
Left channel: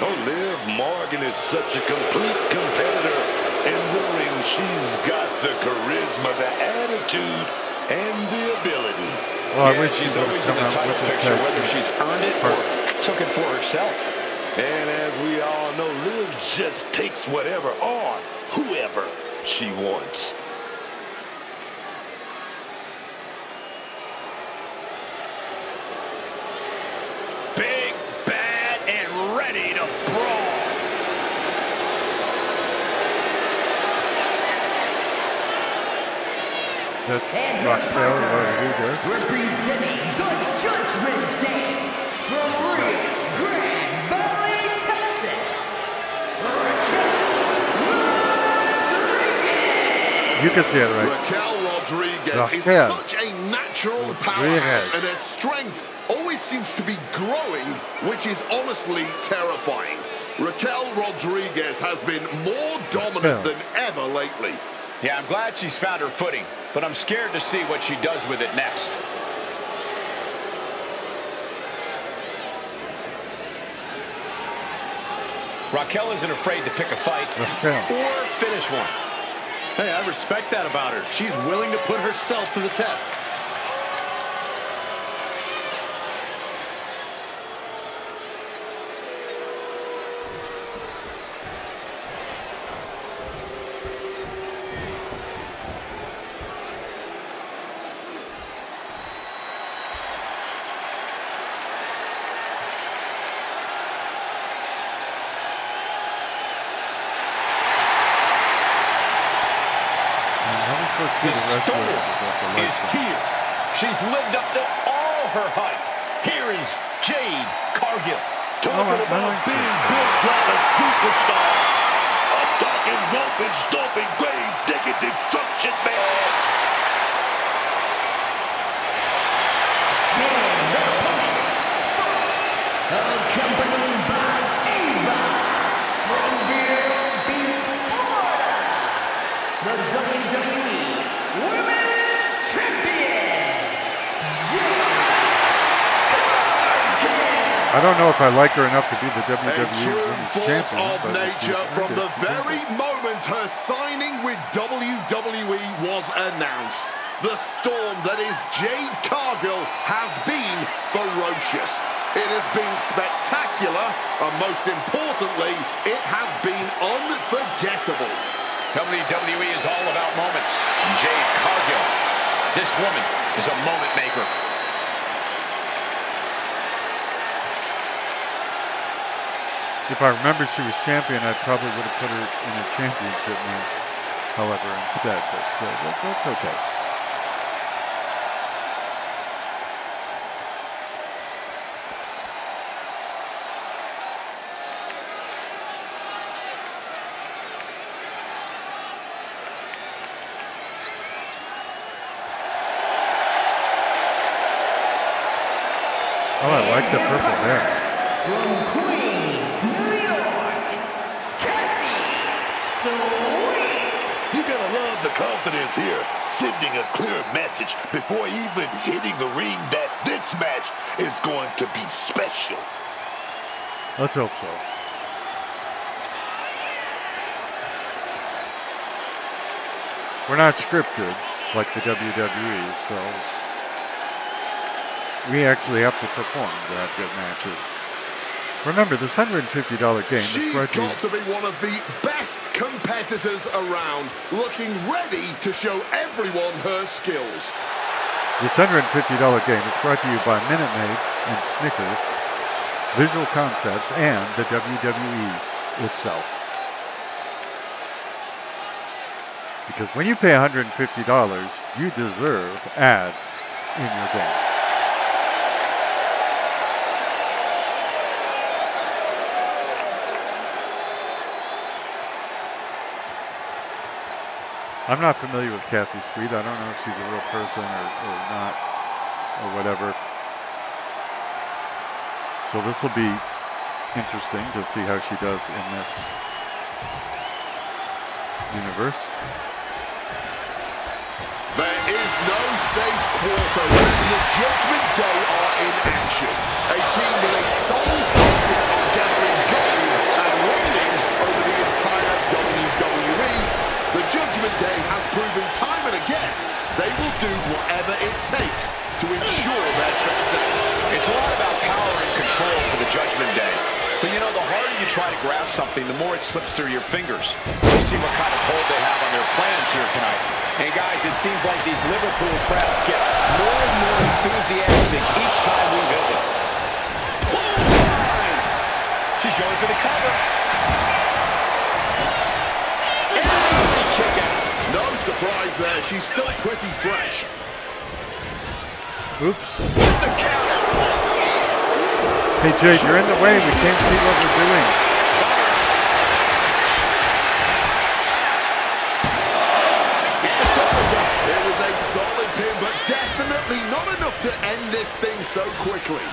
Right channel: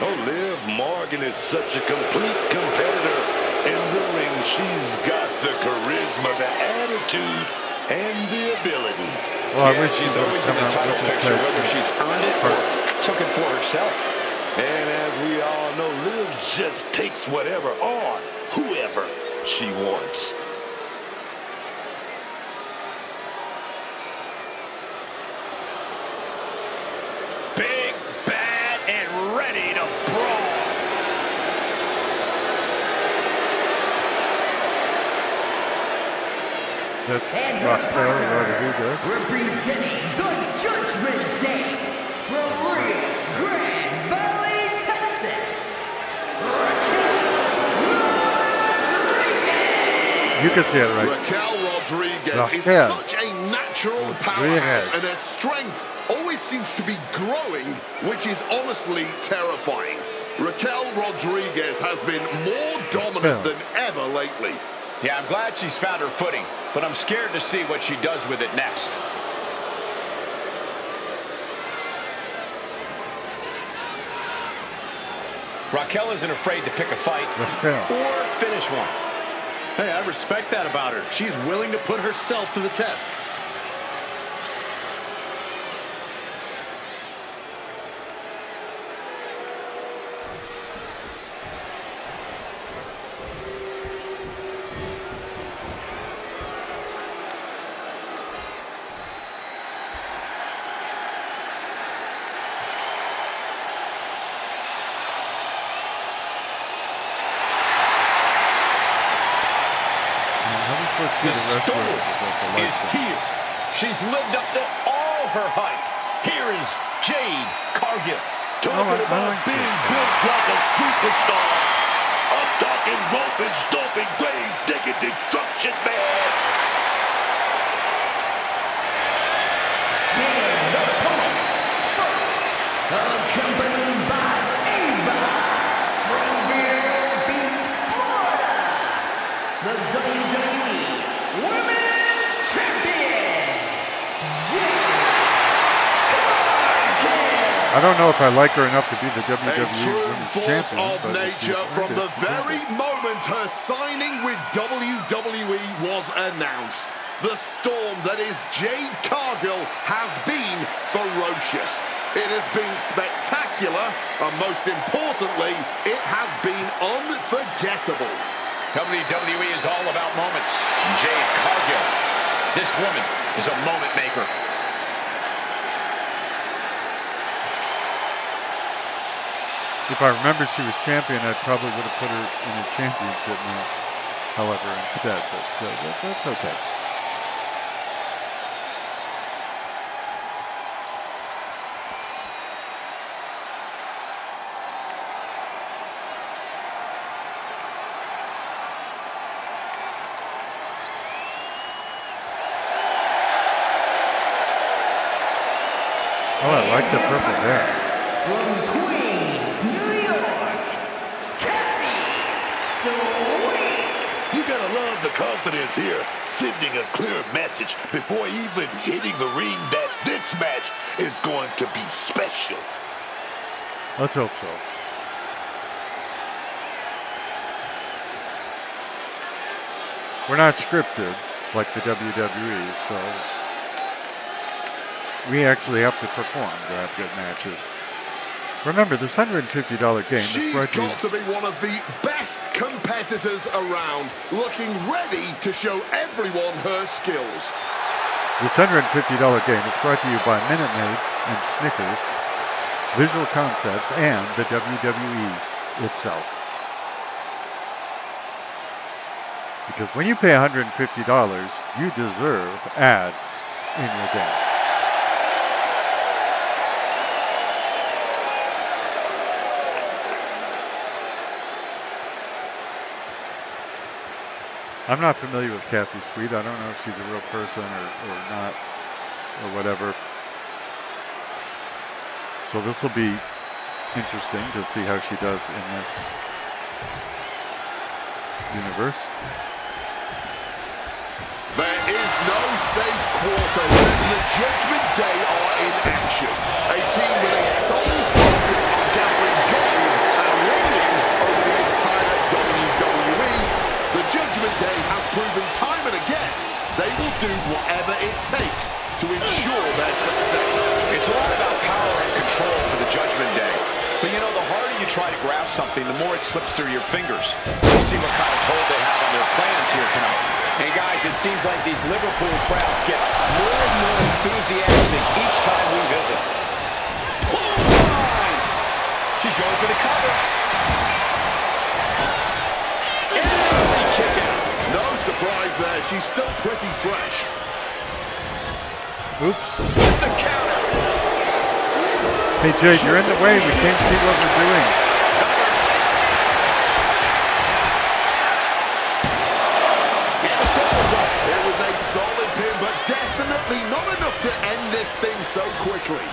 Oh, Liv Morgan is such a complete competitor. In the ring, she's got the charisma, the attitude, and the ability. Well, I Yeah, wish she's she would've always in come the out title with the picture, tag whether team she's earned it part. or took it for herself. And as we all know, Liv just takes whatever on whoever she wants. Big, bad, and ready to brawl. That's And her Rockbell, whatever he partner, does. representing the Judgment Day from Rio Grande Valley, Texas, Raquel Rodriguez. You can see it right. Raquel Rodriguez is Raquel such a natural Rodriguez. powerhouse, and her strength always seems to be growing, which is honestly terrifying. Raquel Rodriguez has been more dominant than ever lately. Yeah, I'm glad she's found her footing, but I'm scared to see what she does with it next. Raquel isn't afraid to pick a fight Raquel. or finish one. Hey, I respect that about her. She's willing to put herself to the test. How are we supposed to see The the rest of storm it without the is lights on? here. She's lived up to all her hype. Here is Jade Cargill. Talking I about like being that. built like a superstar. I'm talking roping, stomping, grave digging, destruction, man. And their opponents, first, accompanied by Ava from Vero Beach, Florida, the WWE Women's Champions, Jade Cargill. I don't know if I like her enough to be the A WWE true Women's force Champion, of but if she's nature earned from it, the she's earned very it. moment her signing with WWE was announced. The storm that is Jade Cargill has been ferocious. It has been spectacular, and most importantly, it has been unforgettable. WWE is all about moments. Jade Cargill. This woman is a moment maker. If I remembered she was champion, I probably would have put her in a championship match, however, instead, but that's okay. Oh, I like the purple hair. From Queens, New York, Kathy Sweet. You gotta love the confidence here, sending a clear message before even hitting the ring that this match is going to be special. Let's hope so. We're not scripted like the WWE, so we actually have to perform to have good matches. Remember, this $150 game is She's brought to you. got to be one of the best competitors around, looking ready to show everyone her skills. This $150 game is brought to you by Minute Maid and Snickers, Visual Concepts, and the WWE itself. Because when you pay $150, you deserve ads in your game. I'm not familiar with Kathy Sweet. I don't know if she's a real person or not, or whatever. So this will be interesting to see how she does in this universe. There is no safe quarter when the Judgment Day are in action. A team with a sole focus on gathering gold and reigning over the entire WWE. The Judgment Day has proven time and again they will do whatever it takes to ensure their success. It's a lot about power and control for the Judgment Day. But you know, the harder you try to grasp something, the more it slips through your fingers. We'll see what kind of hold they have on their plans here tonight. And guys, it seems like these Liverpool crowds get more and more enthusiastic each time we visit. Clothesline! She's going for the cover. And early kick out. No surprise there, she's still pretty fresh. Oops. With the counter. Hey, Jade, you're in the way. We can't see what we're doing. Cover. And the shoulders up. It was a solid pin, but definitely not enough to end this thing so quickly.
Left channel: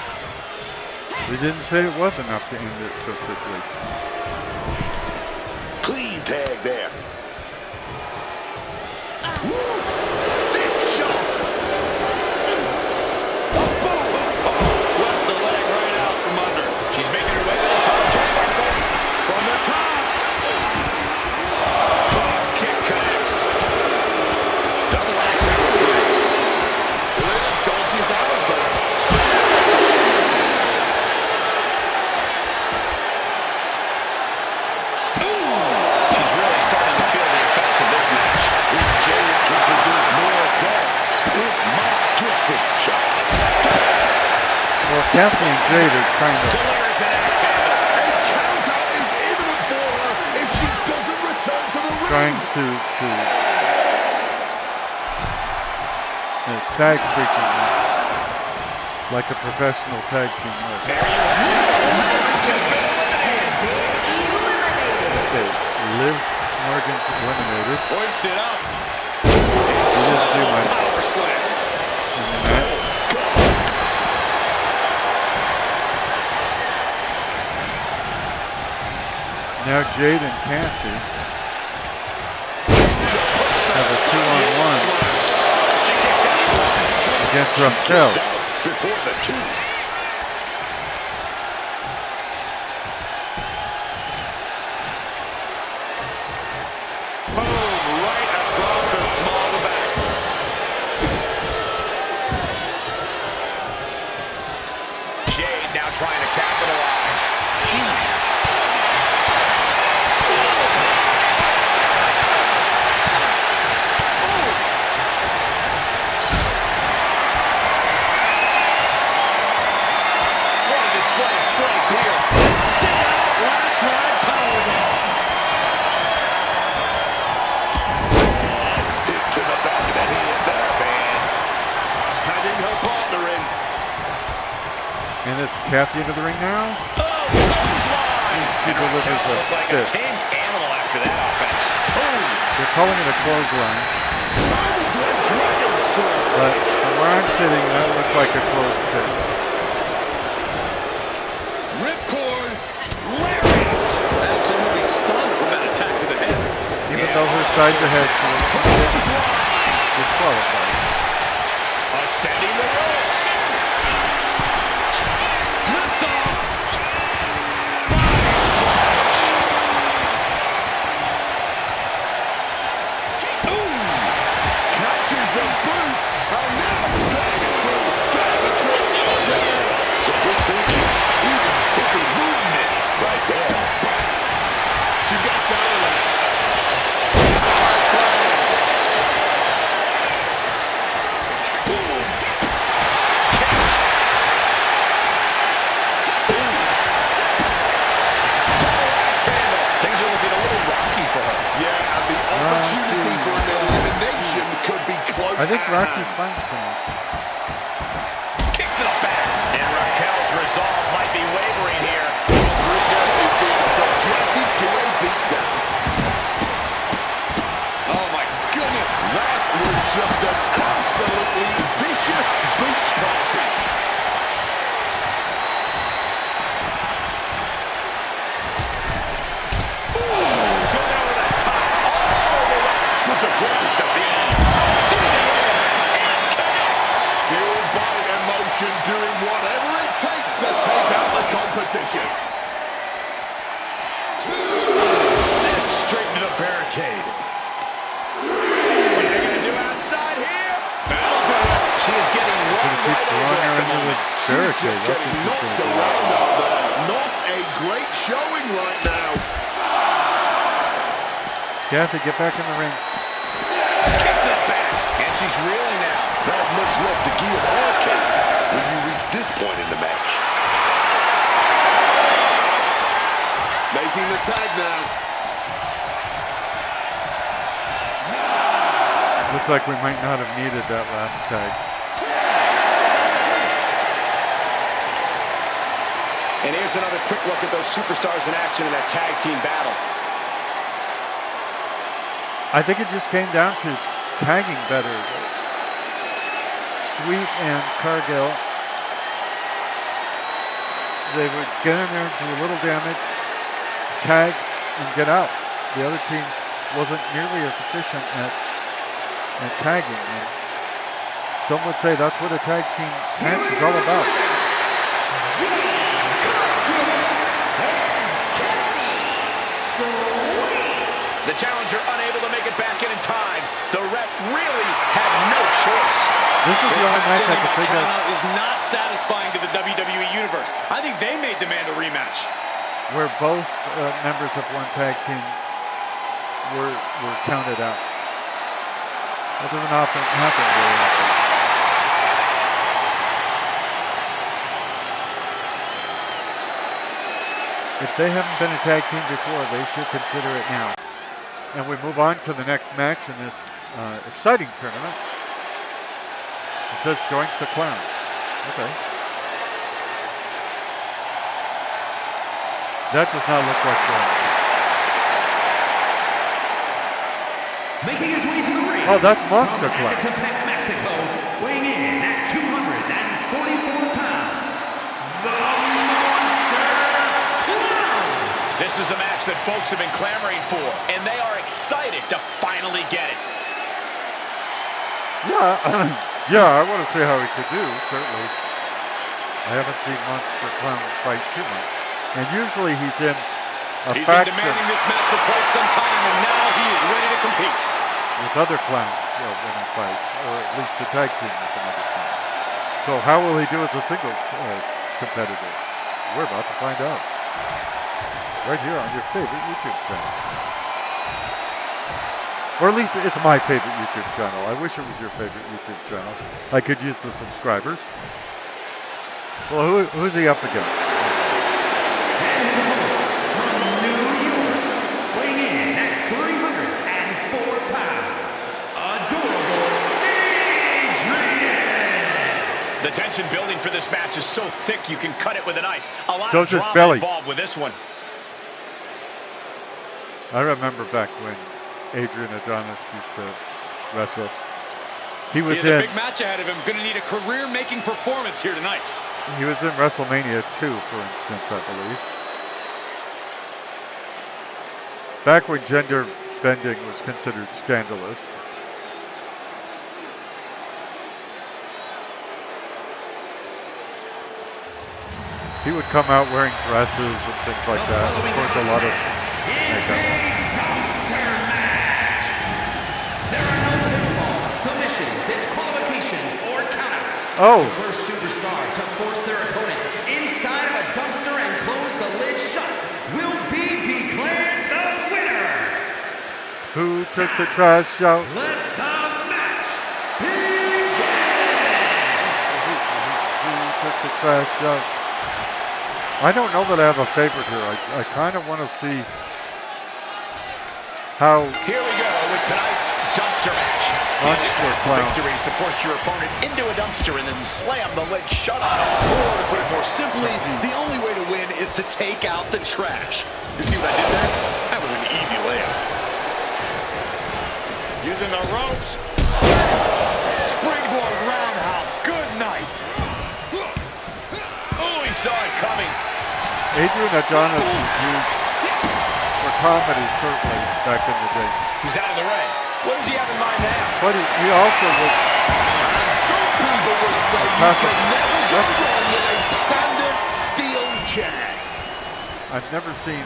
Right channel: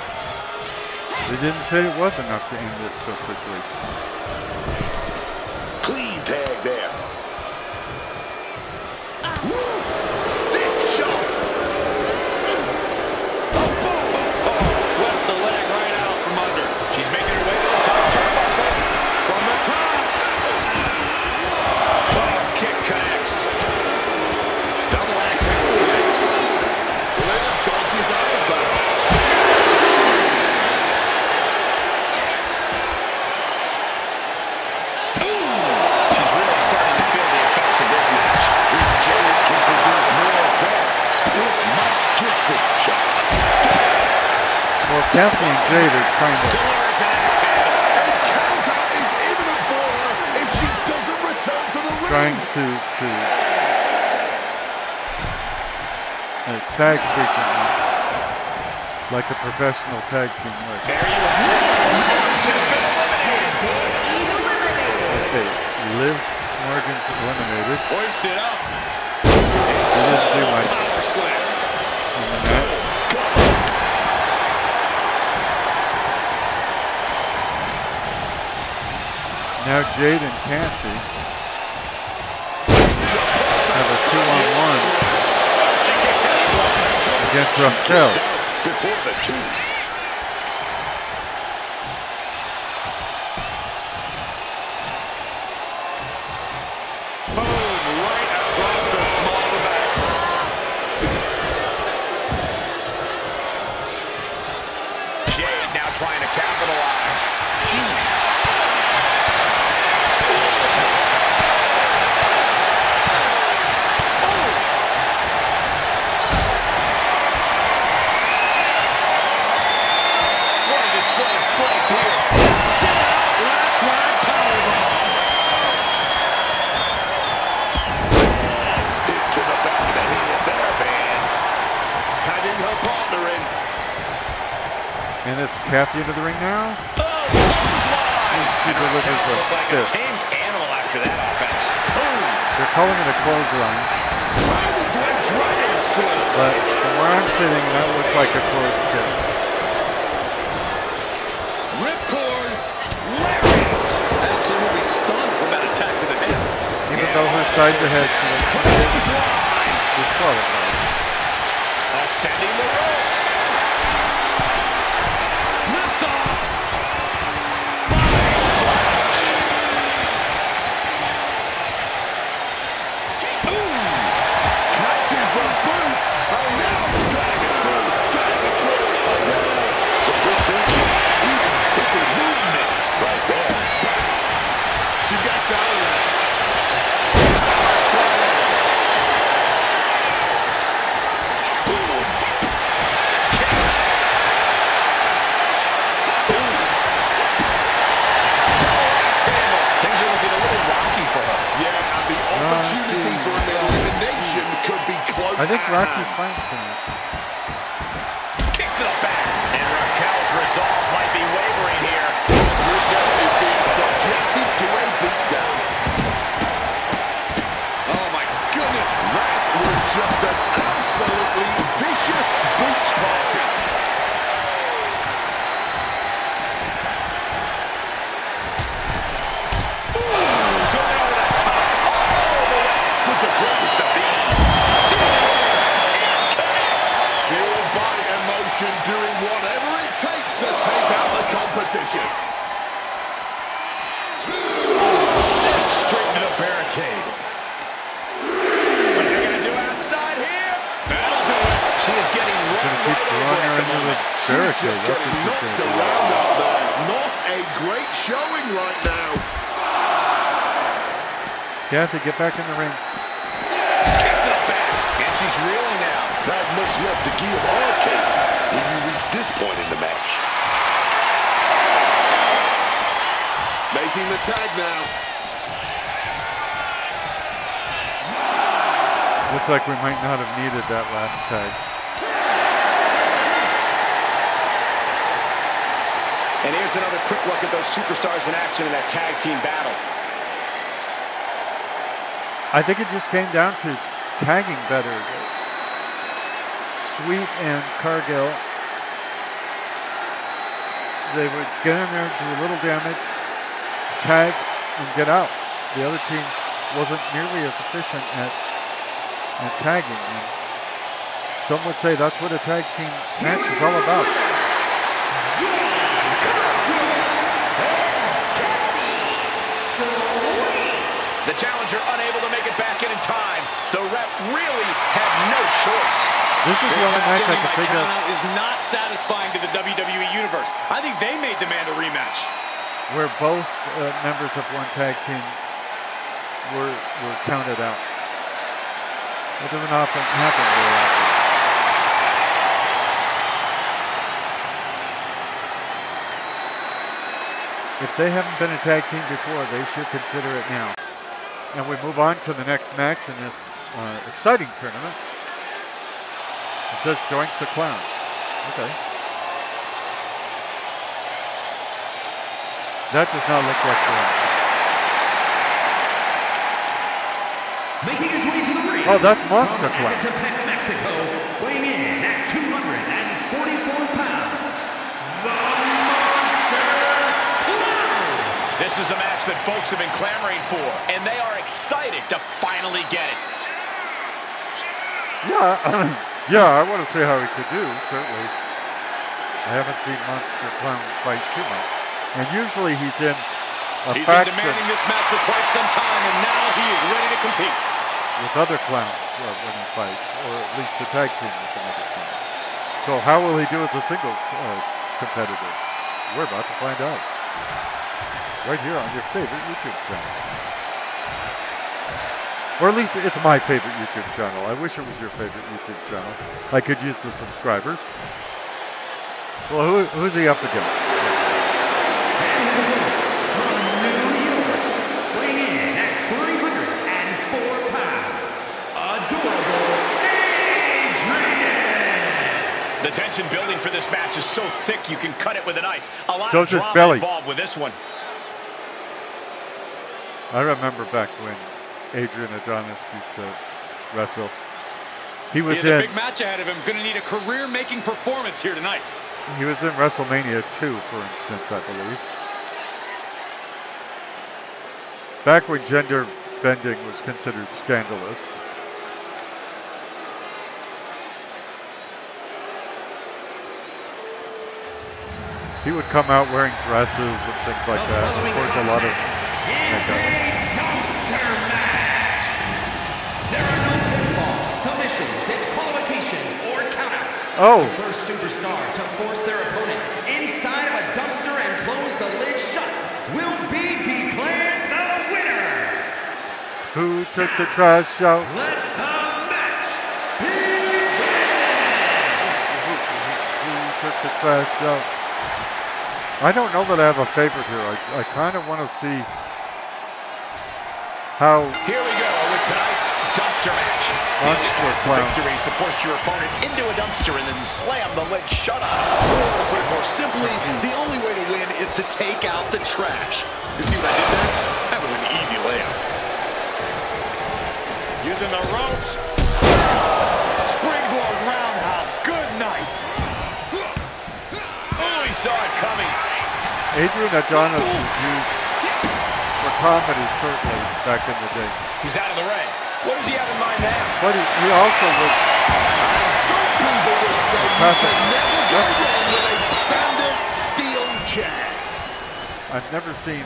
We didn't say it was enough to end it so quickly. Clean tag there. Woo! Stiff shot. Swept the leg right out from under. She's making her way to the top turnbuckle. From the top. Oh, kick connects. Double axe handle connects. Liv dodges out of that. She's really starting to feel the effects of this match. If Jade can produce more of that, it might get the job. Well, Kathy and Jade are trying to Delivers an axe handle. A countout is imminent for her if she doesn't return to the ring. tag frequently, like a professional tag team would. There you have it. Morgan's just been eliminated. Okay, Liv Morgan's eliminated. Hoisted up. He didn't do much Power slam. in the match. Now Jade and Kathy have a 2-on-1 against Raquel. Before the two. Boom, right across the small of the back. Jade now trying to capitalize. Display of strength here. Sit out, last ride powerbomb. Hit to the back of the head there, man. Tagging her partner in. And it's Kathy into the ring now. Oh, clothesline. She delivers a Looked like a fist. tame animal after that offense. Boom. They're calling it a clothesline, Turned into a dragon strike. but from where I'm sitting, that looks like a closed fist. Ripcord. Lariat. Absolutely stunned from that attack to the head. Even though her side to head Clothesline. disqualified. Ascending the ropes. Lift off. Body splash. Ooh. Catches the boot. And now dragon through. Dragon through. Oh, yes. Some good thinking. Even bigger movement right there. She gets out of that. Boom. I think at Rocky's hand. fine tonight. Kick to the back. And Raquel's resolve might be wavering here. Rodriguez is being subjected to a beatdown. Oh my goodness. That was just an absolutely vicious boot party. Going over the top. All the way with the greatest of ease. And connects. Fueled by emotion, doing whatever it takes to take out the competition. Sent straight into the barricade. What are they going to do outside here? That'll do it. She is getting run Gonna keep right throwing over her at the into the moment. She's barricade. just That's what getting she's knocked gonna do. around out there. Not a great showing right now. You have to get back in the ring. Kick to the back. And she's reeling now. Not much left to give or take when you reach this point in the match. Making the tag now. Looks like we might not have needed that last tag. And here's another quick look at those superstars in action in that tag team battle. I think it just came down to tagging better. Sweet and Cargill, they would get in there, do a little damage, tag, and get out. The other team wasn't nearly as efficient at tagging. And some would say that's what a tag team match is all about. The challenger unable to make it back in time. The ref really had no choice. This is the This only match match I ending by can think of. countout is not satisfying to the WWE Universe. I think they may demand a rematch. Where both members of one tag team were counted out. That doesn't often happen very often. If they haven't been a tag team before, they should consider it now. And we move on to the next match in this exciting tournament. It says Joint the Clown. Okay. That does not look like Joint. Making his way to the ring. Oh, that's Monster from Clown. Ecatepec, Mexico, weighing in at 244 pounds, the Monster Clown. This is a match that folks have been clamoring for, and they are excited to finally get it. Yeah, yeah, I want to see how he could do, certainly. I haven't seen Monster Clown fight too much. And usually he's in a He's been faction demanding this match for quite some time, and now he is ready to compete. with other clowns when he fights, or at least the tag team with another clown. So how will he do as a singles competitor? We're about to find out. Right here on your favorite YouTube channel. Or at least it's my favorite YouTube channel. I wish it was your favorite YouTube channel. I could use the subscribers. Well, who's he up against? And his opponent from New York, weighing in at 304 pounds, adorable Adrian. The tension building for this match is so thick you can cut it with a knife. A lot So of does drama Belly. involved with this one. I remember back when Adrian Adonis used to wrestle. He was He has a in big match ahead of him. Going to need a career-making performance here tonight. WrestleMania 2, for instance, I believe. Back when gender bending was considered scandalous. He would come out wearing dresses and things like The that. Of following course, a lot of contest is makeup. a dumpster match. There are no pinfalls, submissions, disqualifications, or countouts. Oh. The first superstar to force their opponent inside of a dumpster and close the lid shut will be declared the winner. Who took the trash out? Let the match begin. Who took the trash out? I don't know that I have a favorite here. I kind of want to see how Here we go with tonight's dumpster match. Monster clown. Victories to force your opponent into a dumpster and then slam the lid shut on him. Or to put it more simply, the only way to win is to take out the trash. You see what I did there? That was an easy layup. Using the ropes. Springboard roundhouse. Good night. Oh, he saw it coming. Adrian Adonis was used for comedy, certainly, back in the day. He's out of the ring. What does he have in mind now? But he also was... And some people would say you can never go wrong with a standard steel chair. I've never seen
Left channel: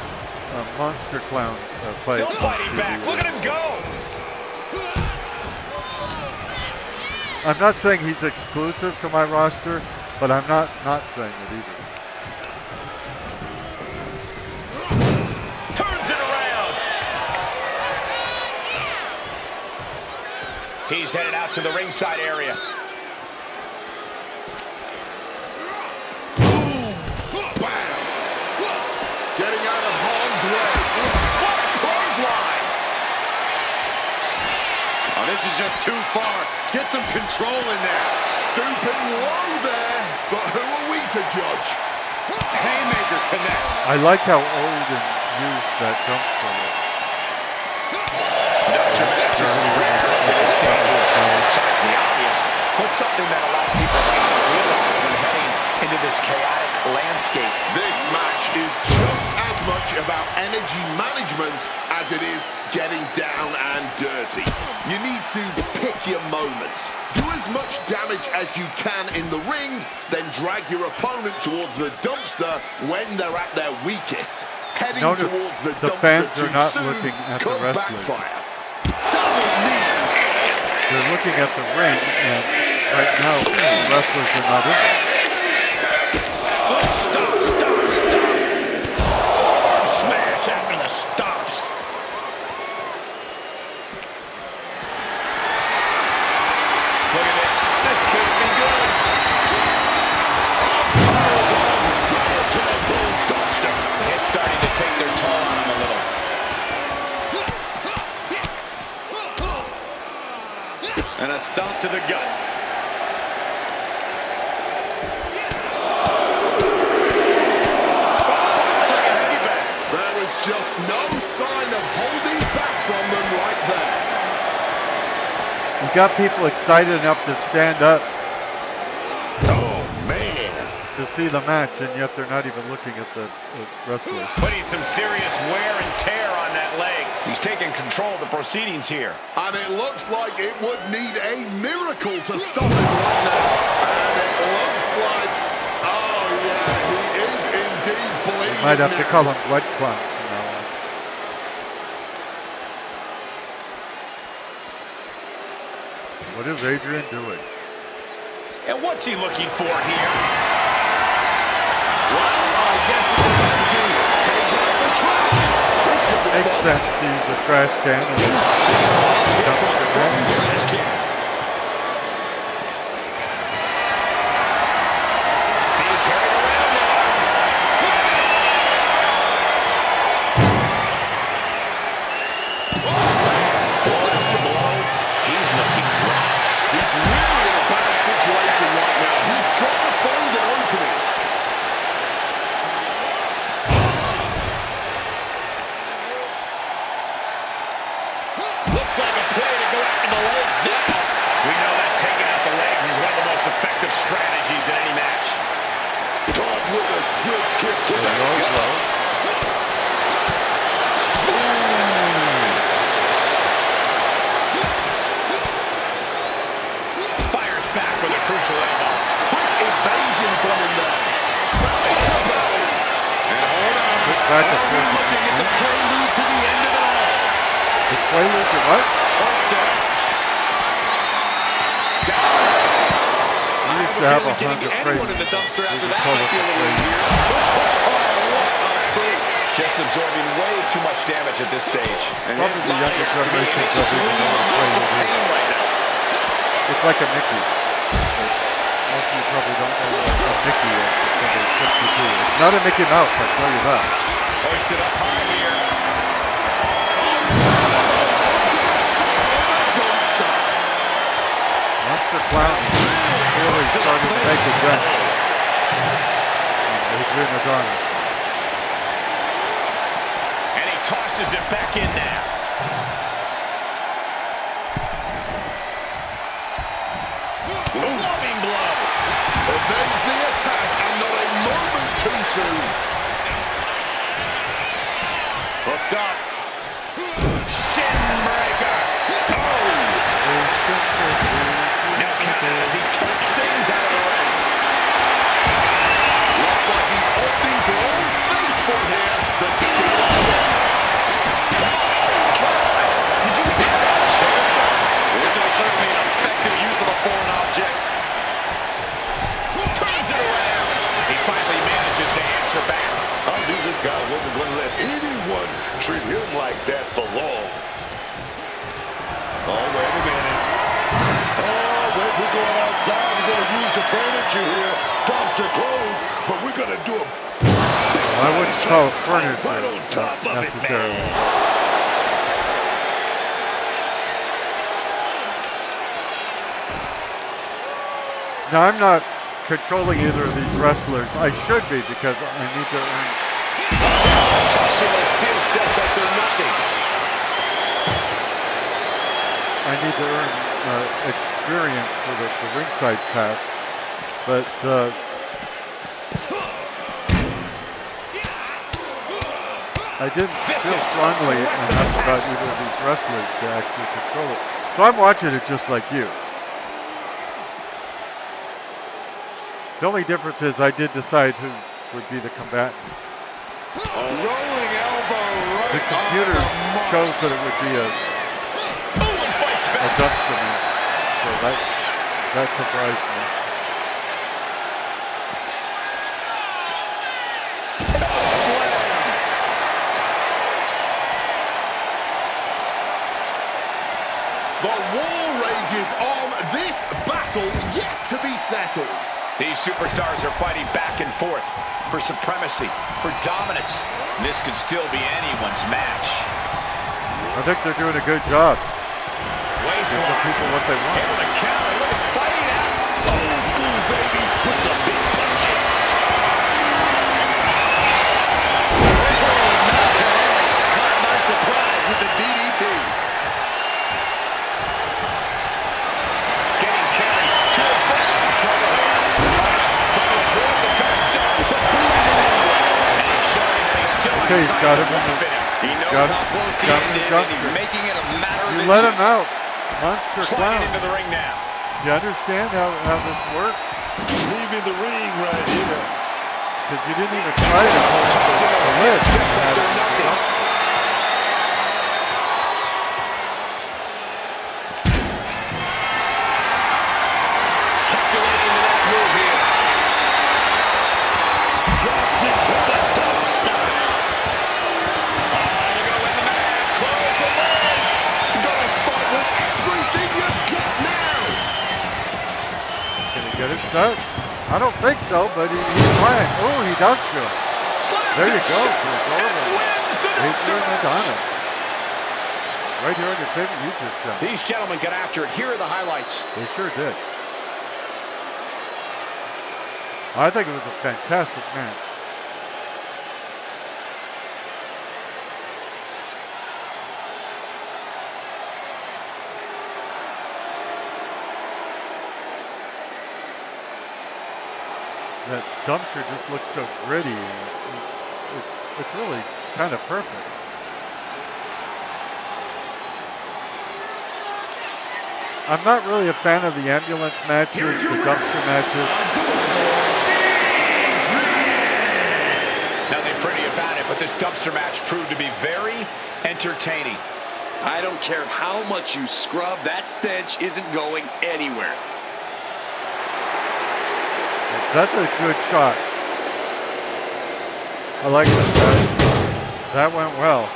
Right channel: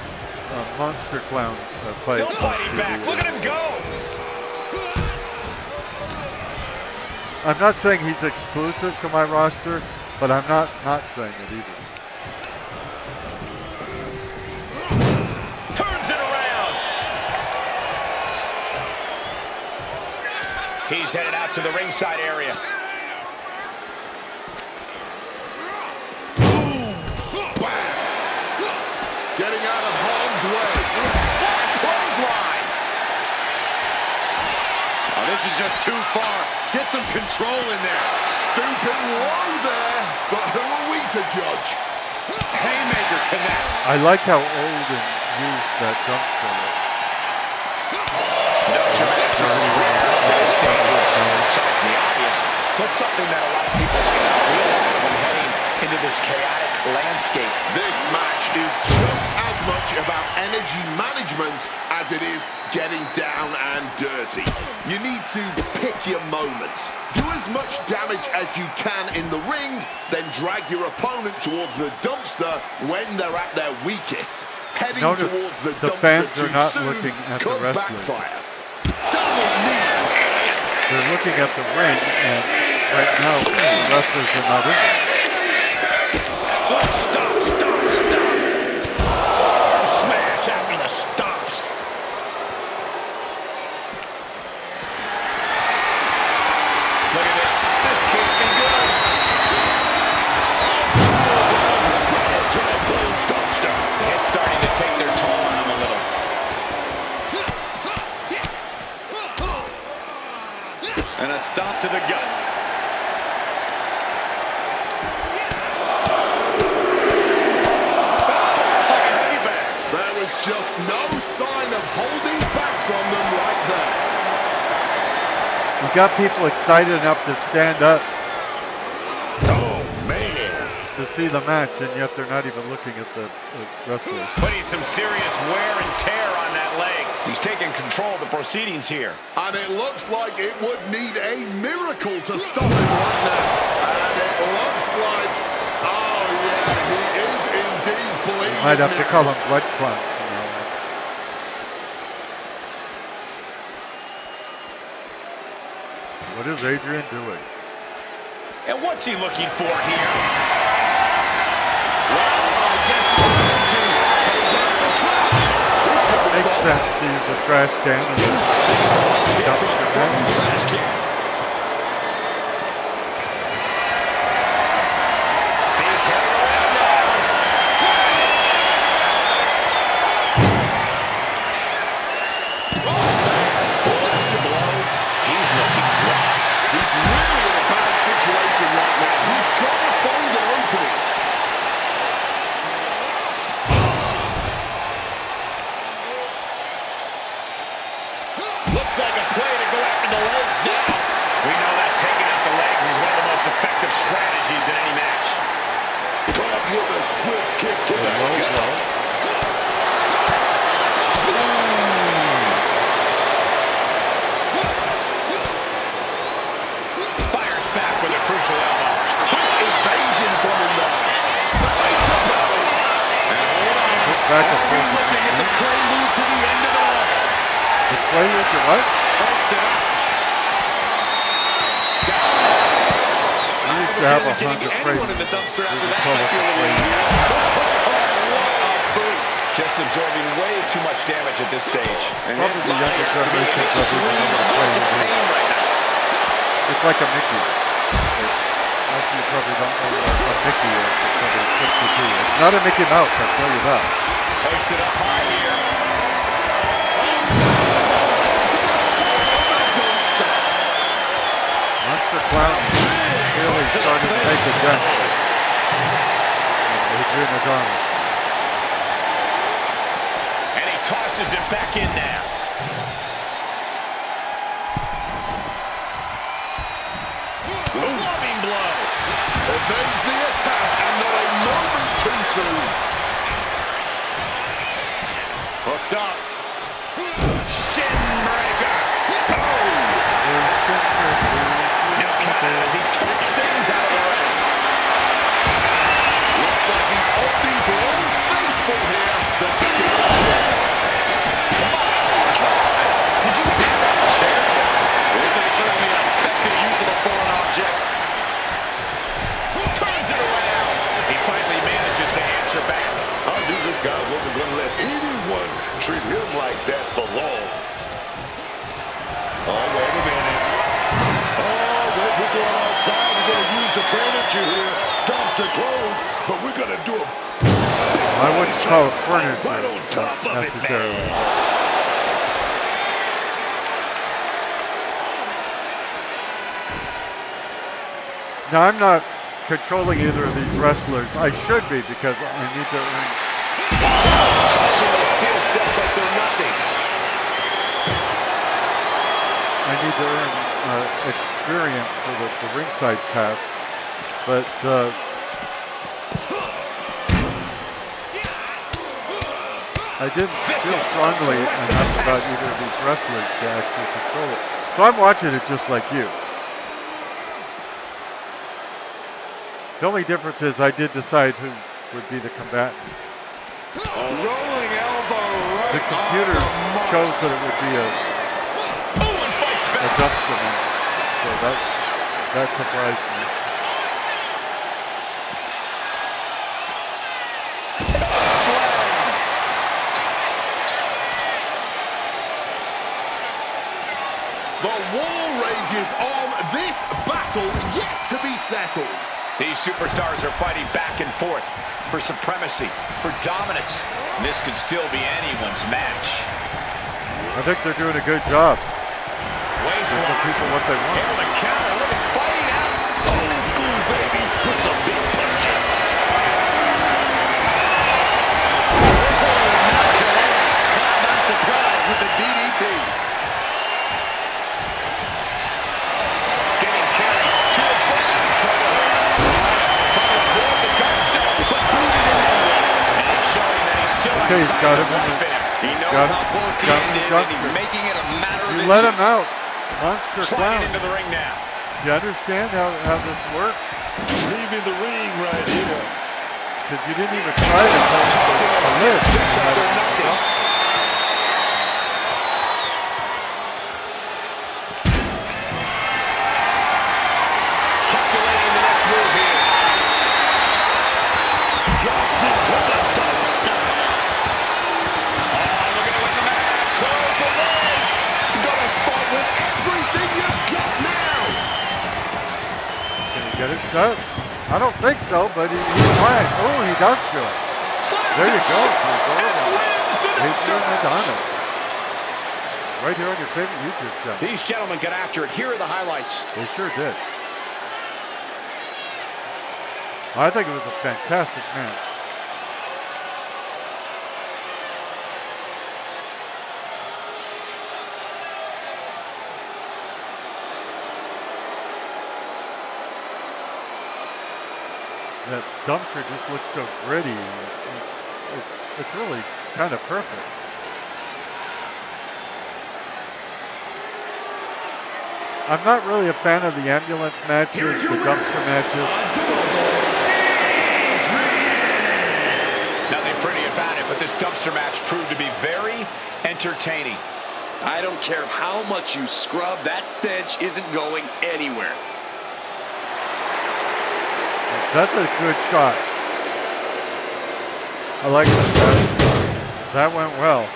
a Monster Clown play. Still fighting back. Look at him go. I'm not saying he's exclusive to my roster, but I'm not saying it either. Turns it around. He's headed out to the ringside area. Bam! Getting out of harm's way. What a clothesline. Oh, this is just too far. Get some control in there. Stooping low there, but who are we to judge? Haymaker connects. I like how old and used that dumpster looks. Dumpster matches is rare as it is dangerous. Besides the obvious, what's something that a lot of people might not realize when heading into this chaotic landscape? This match is just as much about energy management as it is getting down and dirty. You need to pick your moments. Do as much damage as you can in the ring, then drag your opponent towards the dumpster when they're at their weakest. Heading Notice towards the the dumpster fans are too not soon looking at the could wrestlers. backfire. Double knees. They're looking at the ring, and right now, the wrestlers are not in there. Oh, stop, stop, stop. Forearm smash after the stops. Look at this. This can't be good. Oh, right into the closed dumpster. It's starting to take their toll on them a little. And a stop to the gut. There was just no sign of holding back from them right there. You got people excited enough to stand up Oh, man. to see the match, and yet they're not even looking at the wrestlers. Putting some serious wear and tear on that leg. He's taking control of the proceedings here. And it looks like it would need a miracle to stop him right now. And it looks like, oh yeah, he is indeed bleeding. Might have to now. call him Blood Clown from now on. What is Adrian doing? And what's he looking for here? Well, I guess it's time to take out the trash. This should be Makes fun. sense to use a trash can and dumpster match. Trash can. Being carried around now. Blow after blow. He's looking rocked. He's really in a bad situation right now. He's got to find an opening. Looks like a play to go after the legs now. We know that taking out the legs is one of the most effective strategies in any match. Caught with a swift kick to the Low gut. blow. Fires back with a crucial elbow. Quick evasion from him there. Belly to belly. And hold on. Quick back and Are we forth. looking at the prelude to the end of it all? The prelude to what? Hoisted up. Down. We I used have to a have feeling getting 100 anyone in the preludes. dumpster We after just that call might it be a the little prelude. easier. Oh, what a boot. Just absorbing way too much damage at this stage. And Probably his the body younger has to be in generation doesn't even extreme know what a amounts of prelude is. pain right now. It's like a Mickey. But most of you probably don't know what a Mickey is. It's somebody flips it to you. It's not a Mickey Mouse, I'll tell you that. Hoisted up high here. Oh, onto the top. clowning. Really starting to make a dent. Adrian Adonis. And he tosses it back in now. Clubbing blow. Evades the attack and not a moment too soon. Hooked up. Shin breaker. Oh! No count as he takes things out of the ring. Looks like he's opting for Old Faithful here. The steel chair. My God! Did you hear that chair shot? This is certainly an effective use of a foreign object. Turns it around. He finally manages to answer back. I knew this guy wasn't going to let anyone treat him like that for long. Oh, wait a minute. Oh, wait, we're going outside. We're going to use the furniture here. Dump the clothes, but we're going to do a I wouldn't call it furniture right on top of it, necessarily. man. Now, I'm not controlling either of these wrestlers. I should be because I need to earn. Tossing those steel steps like they're nothing. I need to earn experience for the ringside pass. But I didn't feel strongly enough about either of these wrestlers to actually control it. So I'm watching it just like you. The only difference is I did decide who would be the combatants. Rolling elbow right The computer shows that it would be a dumpster match. So that surprised me. The war rages on. This battle yet to be settled. These superstars are fighting back and forth for supremacy, for dominance. This could still be anyone's match. I think they're doing a good job. Waist Giving the lock. people what they want. Able to counter. Look at fighting out. Old school, baby, with some big punches. Not today. Caught by surprise with the DDT. Getting carried to avoid trouble here. Trying to avoid the gunstone, but booted in anyway. And he's showing that he's still Okay, he's signs got of him in life the- in him. He knows Got how him. close the Got him end in is, the and he's dumpster. making it a matter of You inches. let him out. Monster Sliding clown. into the ring now. You understand how this works? Leaving the ring right here. Because you didn't even try to hold the lid. Steps like they're nothing. Calculating the next move here. Dropped into the dumpster. Oh, looking to win the match. Close the lid. Gotta fight with everything you've got now. Can he get it shut? I don't think so, but he's trying. Oh, he does do it. There you go. Wins the Adrian dumpster. Adonis. Right here on your favorite YouTube channel. These gentlemen got after it. Here are the highlights. They sure did. I think it was a fantastic match. That dumpster just looks so gritty. It's really kind of perfect. I'm not really a fan of the ambulance matches, the dumpster matches. Nothing pretty about it, but this dumpster match proved to be very entertaining. I don't care how much you scrub, that stench isn't going anywhere. That's a good shot. I like that. That went well.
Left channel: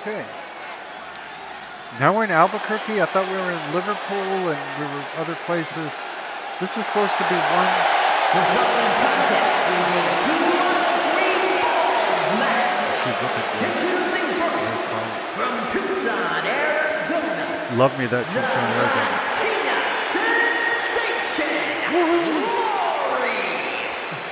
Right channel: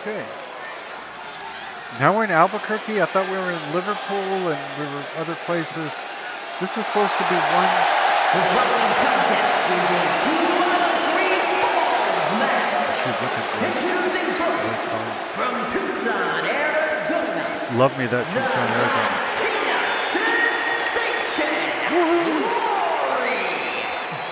Okay. Now we're in Albuquerque. I thought we were in Liverpool and we were other places. This is supposed to be one. The following contest is a 2 out of 3 falls match. she's looking great. Introducing first, from Tucson, Arizona, Love me that Tucson, Arizona. Latina sensation, Lori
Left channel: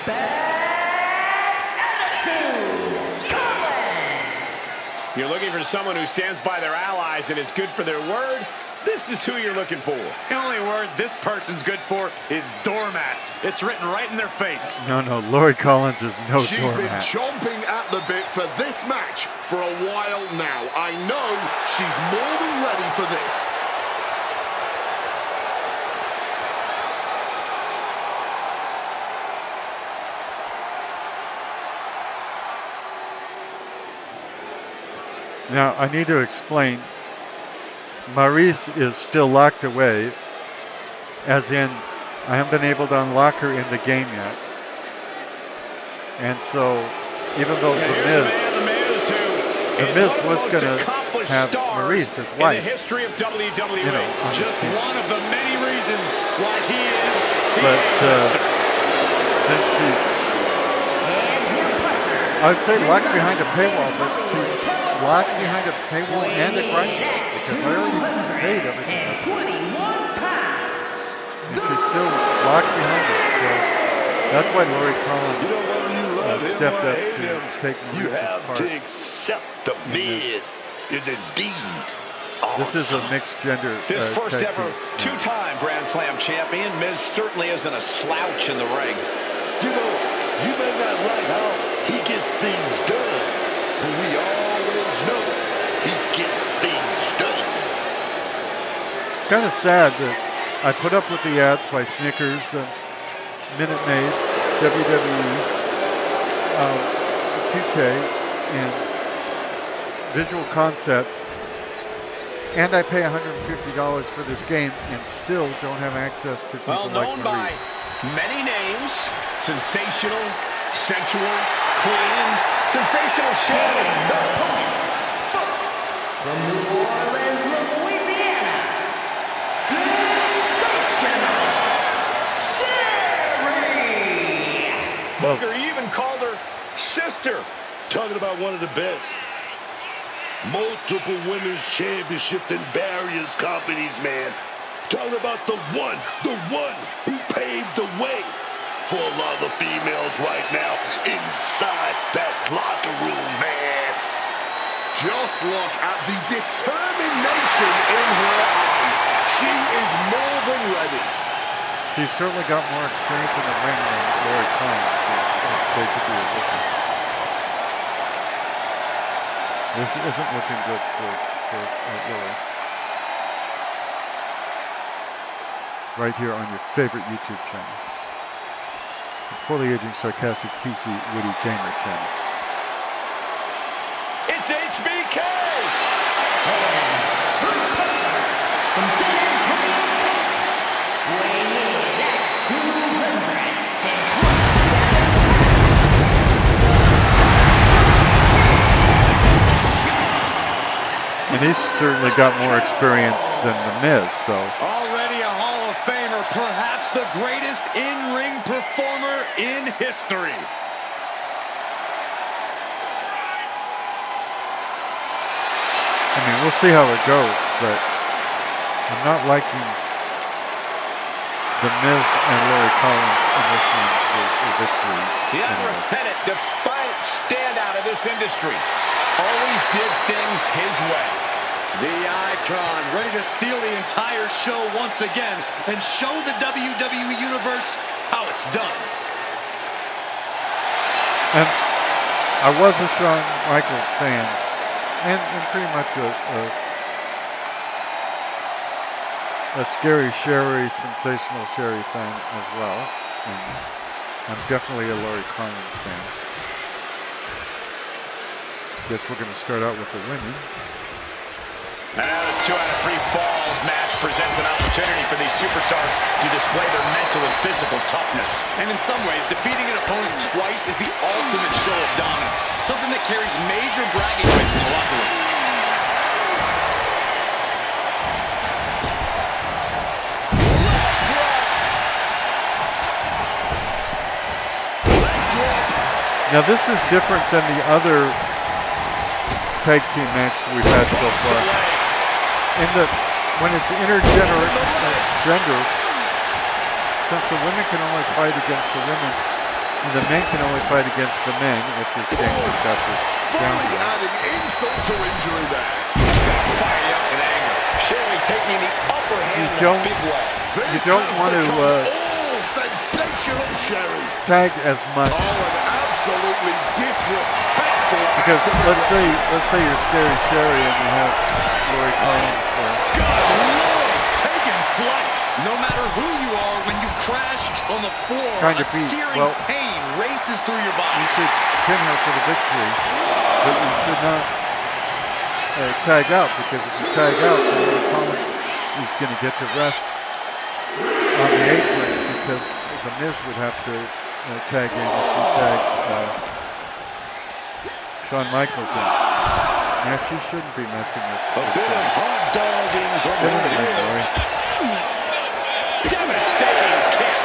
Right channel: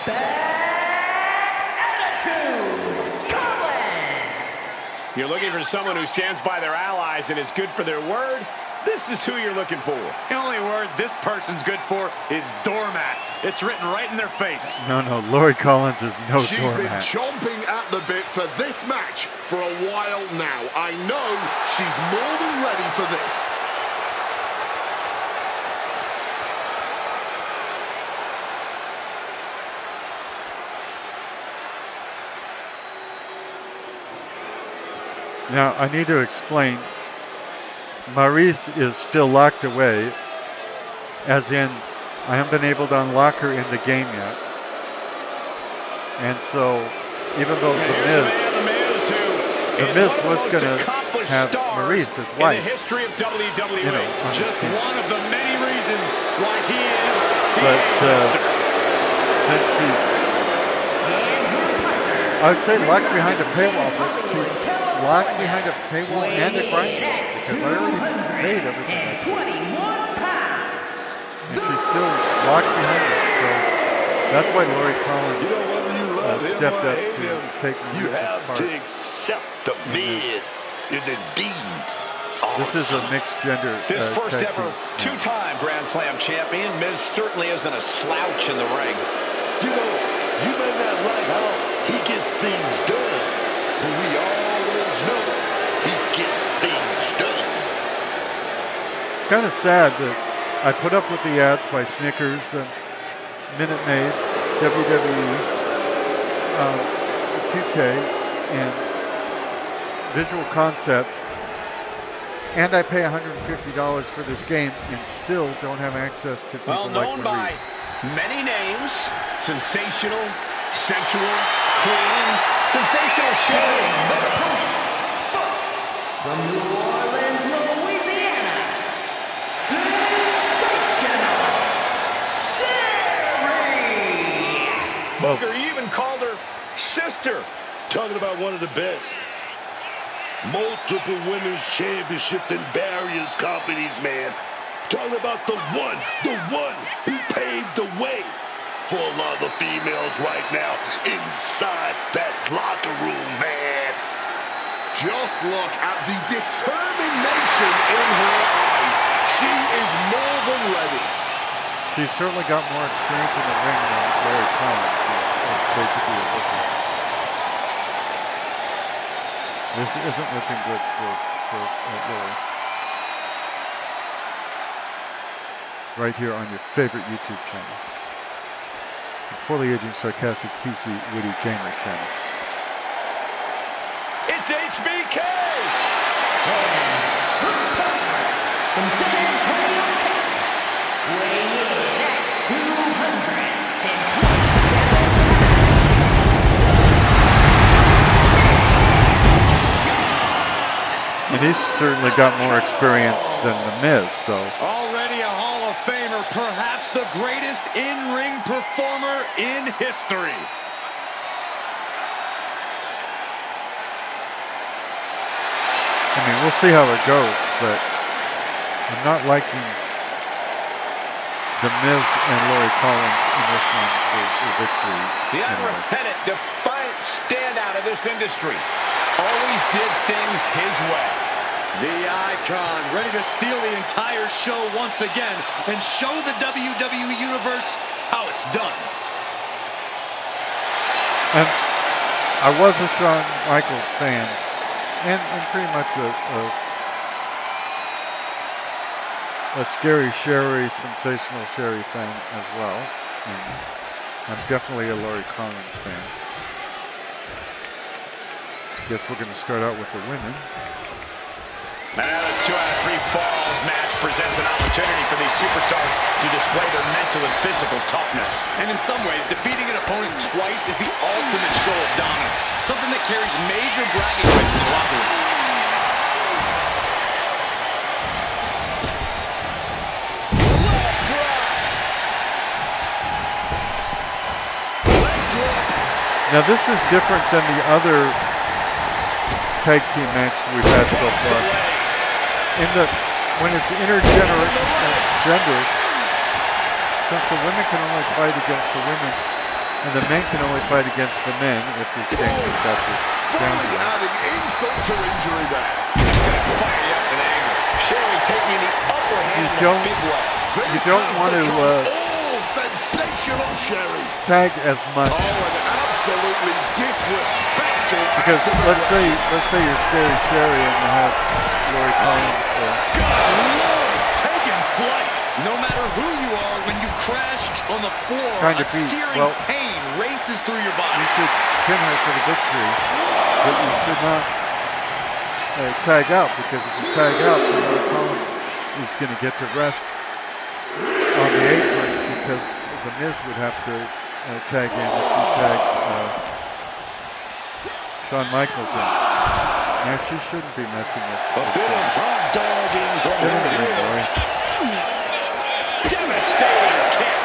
Bad Attitude Collins. You're looking for someone who stands by their allies and is good for their word? This is who you're looking for. The only word this person's good for is doormat. It's written right in their face. No, Lori Collins is no She's been doormat. chomping at the bit for this match for a while now. I know she's more than ready for this. Now, I need to explain. Maurice is still locked away, as in, I haven't been able to unlock her in the game yet. And so, even though The Miz was going to have Maurice as wife, in the history of WWE, you know, on just this team. one of the many reasons why he is the But A-lister. since she's, I would say locked behind a paywall, but she's locked behind a paywall and a grind wall, because I already paid everything I paid. 21 pounds. And she's still locked behind it. So that's why Lori Collins You know, whether you love him stepped or up hate to him, take you Maurice's have part. to accept the Miz is indeed awesome. This is a mixed gender This first tag ever team. two-time Grand Slam champion, Miz certainly isn't a slouch in the ring. You know, you may not like how he gets things done, but we always know he gets things done. It's kind of sad that I put up with the ads by Snickers, Minute Maid, WWE, 2K, and Visual Concepts, and I pay $150 for this game and still don't have access to people Well, like known by Maurice. many names, sensational, sensual, queen, sensational Sherry. The opponents, first, from New Orleans, Louisiana, sensational Sherry. Booker even called her sister. Talking about one of the best. Multiple women's championships in various companies, man. Talking about the one who paved the way for a lot of the females right now inside that locker room, man. Just look at the determination in her eyes. She is more than ready. She's certainly got more experience in the ring than Lori Collins is basically a rookie. This isn't looking good for Lori. Right here on your favorite YouTube channel. The poorly aging, sarcastic, PC, witty gamer channel. It's HBK! From San Antonio, Texas, weighing in at 227 And he's certainly got more experience than The Miz, so Already a Hall of Famer, perhaps the greatest in-ring performer in history. I mean, we'll see how it goes, but I'm not liking The Miz and Lori Collins in this one for victory. The anyway. unrepentant, defiant standout of this industry. Always did things his way. The icon, ready to steal the entire show once again and show the WWE Universe how it's done. And I was a Shawn Michaels fan, and pretty much a Scary Sherry, sensational Sherry fan as well. And I'm definitely a Lori Collins fan. Guess we're going to start out with the women. And now this 2 out of 3 falls match presents an opportunity for these superstars to display their mental and physical toughness. And in some ways, defeating an opponent twice is the ultimate show of dominance, something that carries major bragging rights in the locker room. Leg drop! Leg drop. Now this is different than the other tag team matches we've had so far. When it's intergender, since the women can only fight against the women, and the men can only fight against the men, if this game has got this down Fully right. adding insult to injury there. That's going to fire you up in anger. Sherry taking the upper hand in a big way. You don't want to sensational Sherry. tag as much. Oh, an absolutely disrespectful Because activation. let's say you're Scary Sherry and you have Lori Collins. Good Lord, taking flight. No matter who you are, when you crash on the floor, Trying a to beat. searing Well, pain races through your body. You should pin her for the victory, but you should not tag out, because if you tag out, then Lori Collins is going to get the rest on the apron, because the Miz would have to tag in if you tagged Shawn Michaels in. Now she shouldn't be messing with. A bit of hot dogging from Get in the ring, her. Lori. Devastating kick.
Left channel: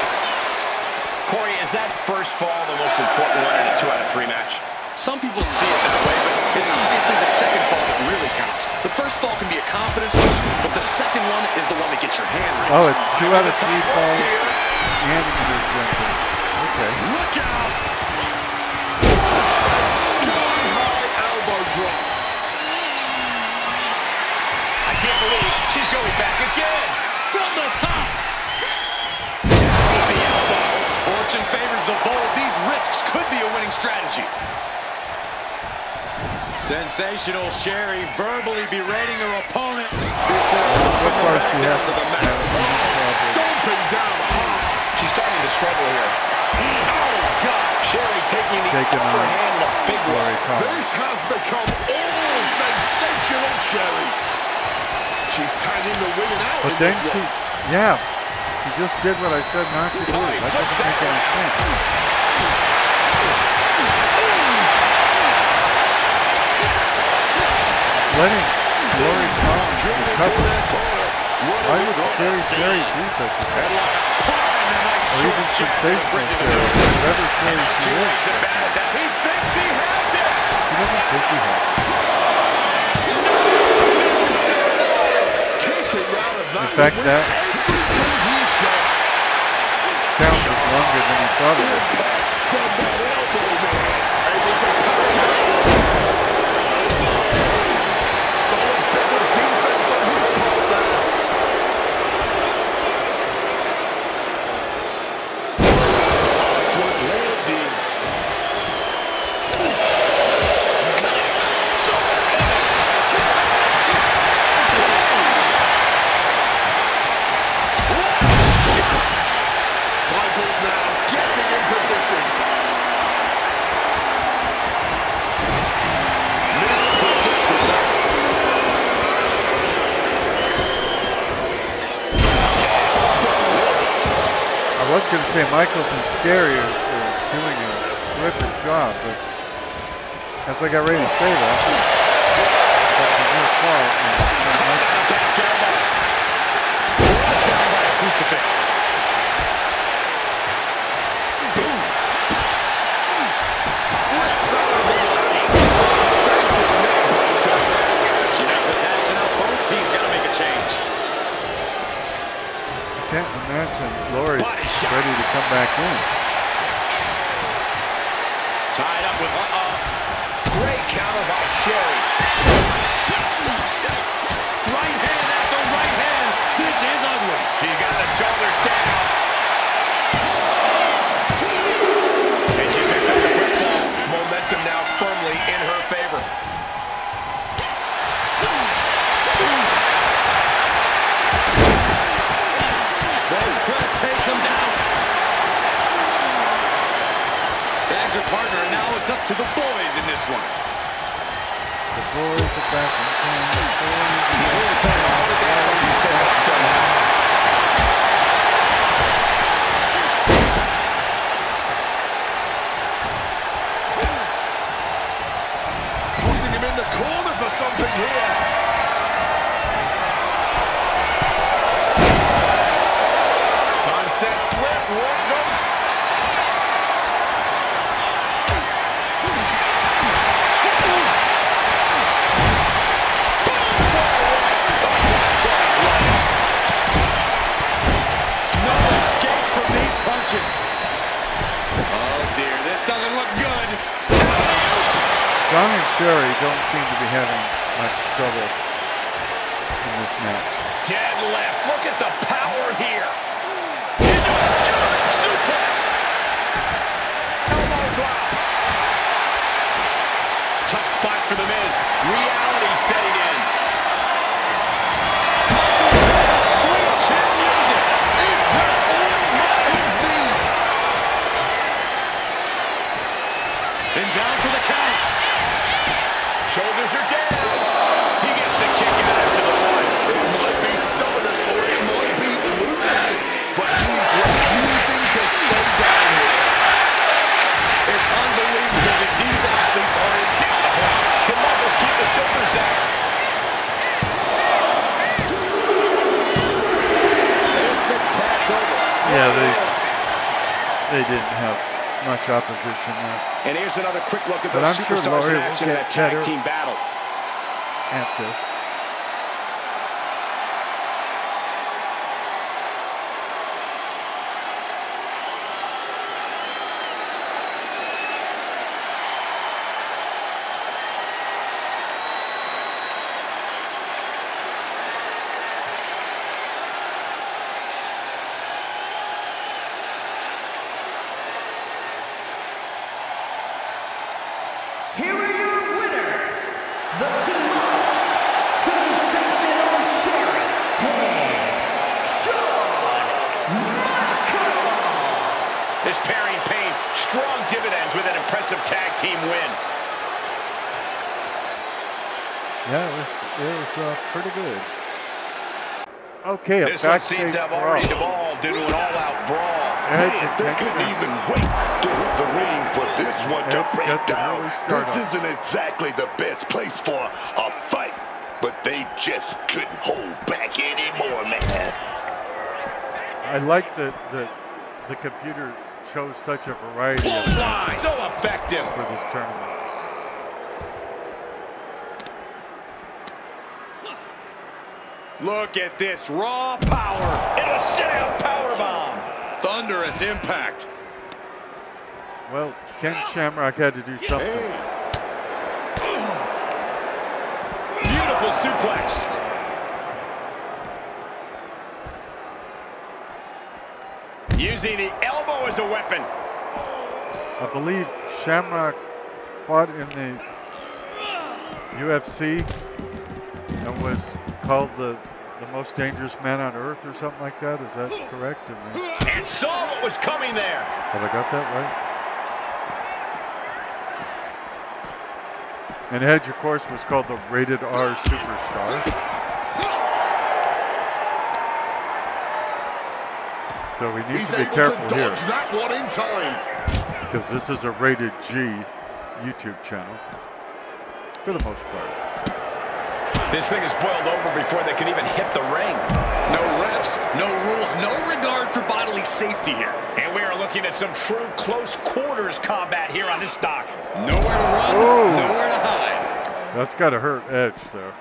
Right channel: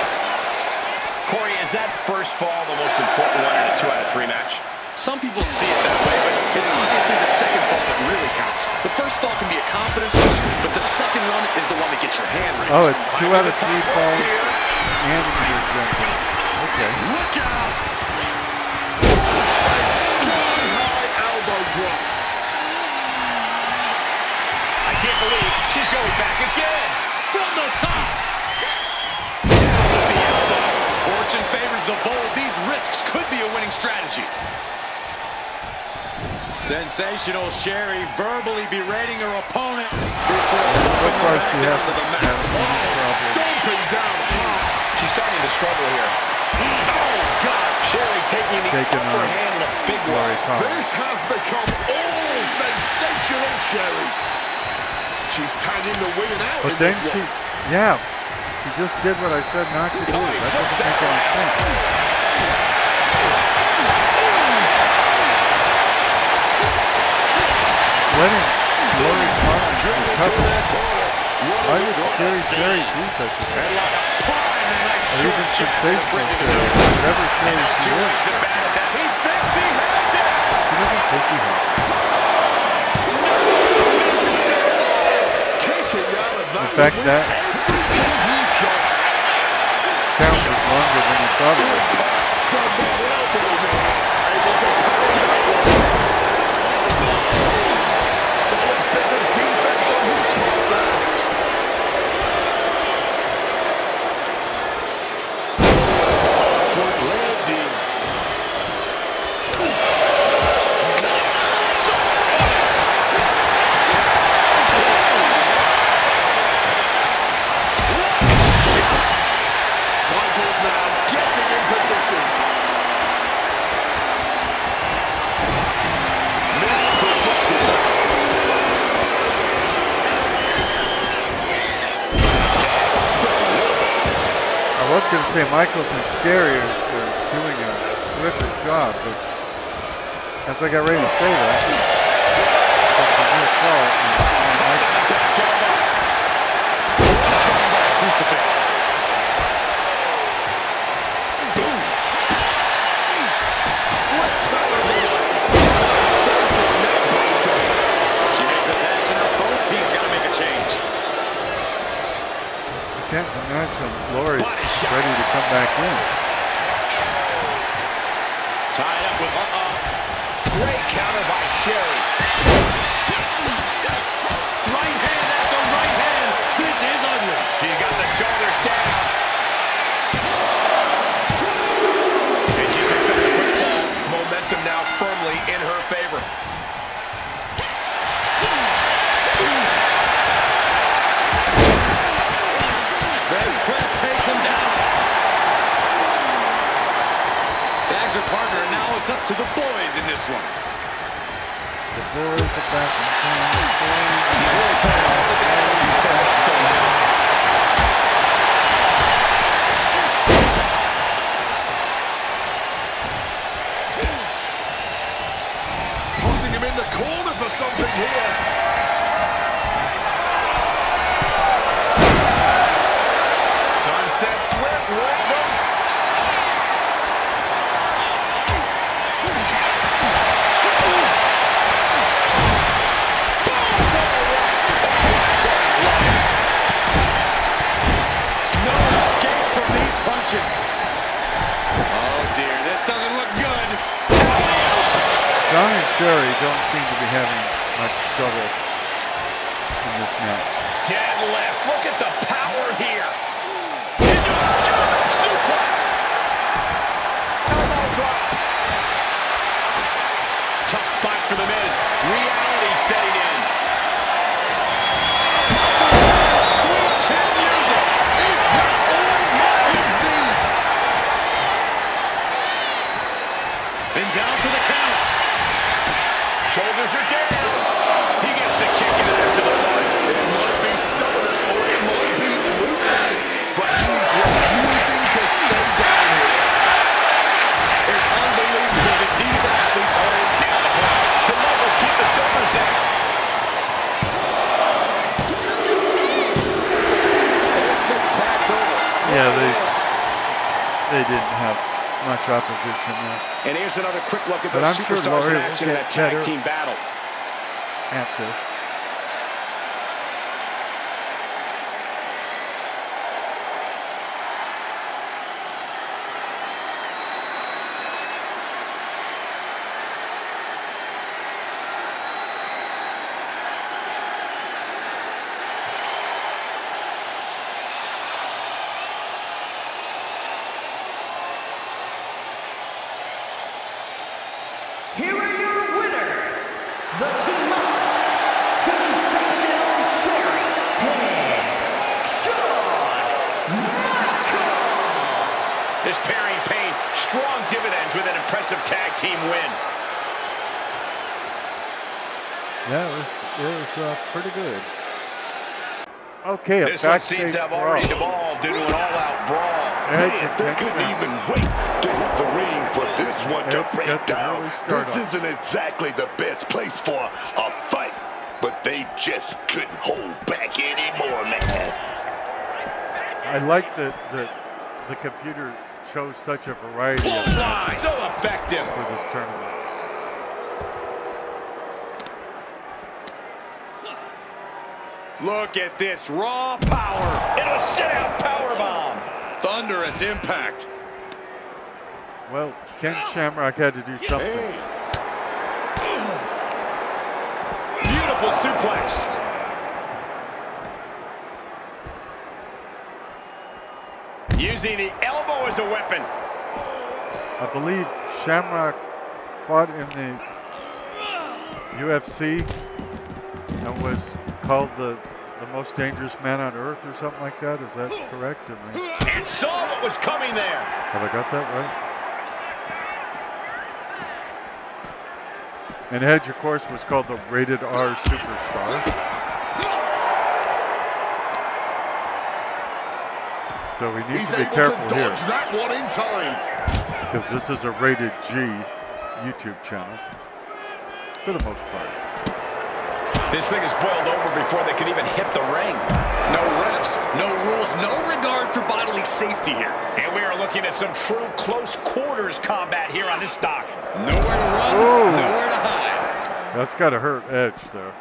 Corey, is that first fall the most important one in a 2 out of 3 match? Some people see it that way, but it's obviously the second fall that really counts. The first fall can be a confidence boost, but the second one is the one that gets your hand raised. Oh, it's 2 out of 3 Top rope falls here. and intergender. Okay. Look out! Sky-high elbow drop. I can't believe she's going back again. From the top! Down with the elbow. Fortune favors the bold. These risks could be a winning strategy. Sensational Sherry verbally berating her opponent before So thumping far her back she down hasn't to the had mat. any problem. Stomping down hard. She's starting to struggle here. Oh, God! Sherry taking the Taking upper on hand in a big way. Lori Collins. This has become all sensational Sherry. She's tagging the women out But in then this she, one. yeah, she just did what I said not to do. Oh, he That flips doesn't make that any around. sense. Letting Lori Collins recover. Why would Scary Sherry do such a thing? Headlock applied and a nice Or short even jab to the sensational bridge of the Sherry, nose. whatever Sherry And she she is. lays it back at that. He thinks he has it. She doesn't think he has. Kicking out of that In fact, with that everything he's got. count was longer than he thought it would be. Got that elbow there. Able to parry that one. Solid bit of defense on his part there. Awkward landing. Michaels now getting in position. Miz predicted that. I was going to say Michaels and Scary are doing a terrific job, but as I got ready to say that, that was a near fall. And Michaels, Back elbow. Brought down by a crucifix. Boom. Slips out of the way. Devastating neck breaker. She makes the tag, so now both teams got to make a change. I can't imagine Lori's Body shot. ready to come back in. Tied up with Great counter by Sherry. right hand after right hand. This is ugly. She got the shoulders down. And she picks up the quick fall. Momentum now firmly in her favor. Feds press takes him down. Tags her partner, and now it's up to the boys in this one. The boys are back in town. The boys are He's really playing all the damage he's taken up till now. Putting him in the corner for something here. Sunset flip, won't go. Sherry don't seem to be having much trouble in this match. Deadlift. Look at the power here. Into a German suplex. Elbow drop. Tough spot for the Miz. Reality setting in. Sweet chin music. Is that all Michaels needs? And down for the count. Shoulders are down. He gets the kick out after the one. It might be stubbornness or it might be lunacy, but he's refusing to stay down here. It's unbelievable that these athletes are in. Now the hook. Can Michaels keep the shoulders down? This match tag's over. Yeah, they didn't have much opposition there And here's another quick look at But those I'm sure superstars Laurie in will action in get that tag better. team battle. at this. Here are your winners, the team of Sensational Sherry and Shawn Michaels. This pairing paid strong dividends with an impressive tag team win. Yeah, it was pretty good. Okay, This one seems to have already devolved into an all-out brawl. Man, they couldn't even wait to hit the ring for this one to break down. This isn't exactly the best place for a fight, but they just couldn't hold back anymore, man. I like that the computer shows such a variety of Clothesline, so effective. for this tournament. Look at this raw power. It'll sit-out powerbomb. Thunderous impact. Well, Ken Shamrock had to do something. Beautiful suplex. Using the elbow as a weapon. I believe Shamrock fought in the UFC and was called the most dangerous man on earth or something like that. Is that correct? And saw what was coming there. Have I got that right? And Edge, of course, was called the Rated R Superstar. So we need He's to be able careful to here dodge that one in time. because this is a Rated G YouTube channel for the most part. This thing is boiled over before they can even hit the ring. No refs, no rules, no regard for bodily safety here. And we are looking at some true close quarters combat here on this dock. Nowhere to run, Ooh. nowhere to hide. That's got to hurt Edge, though.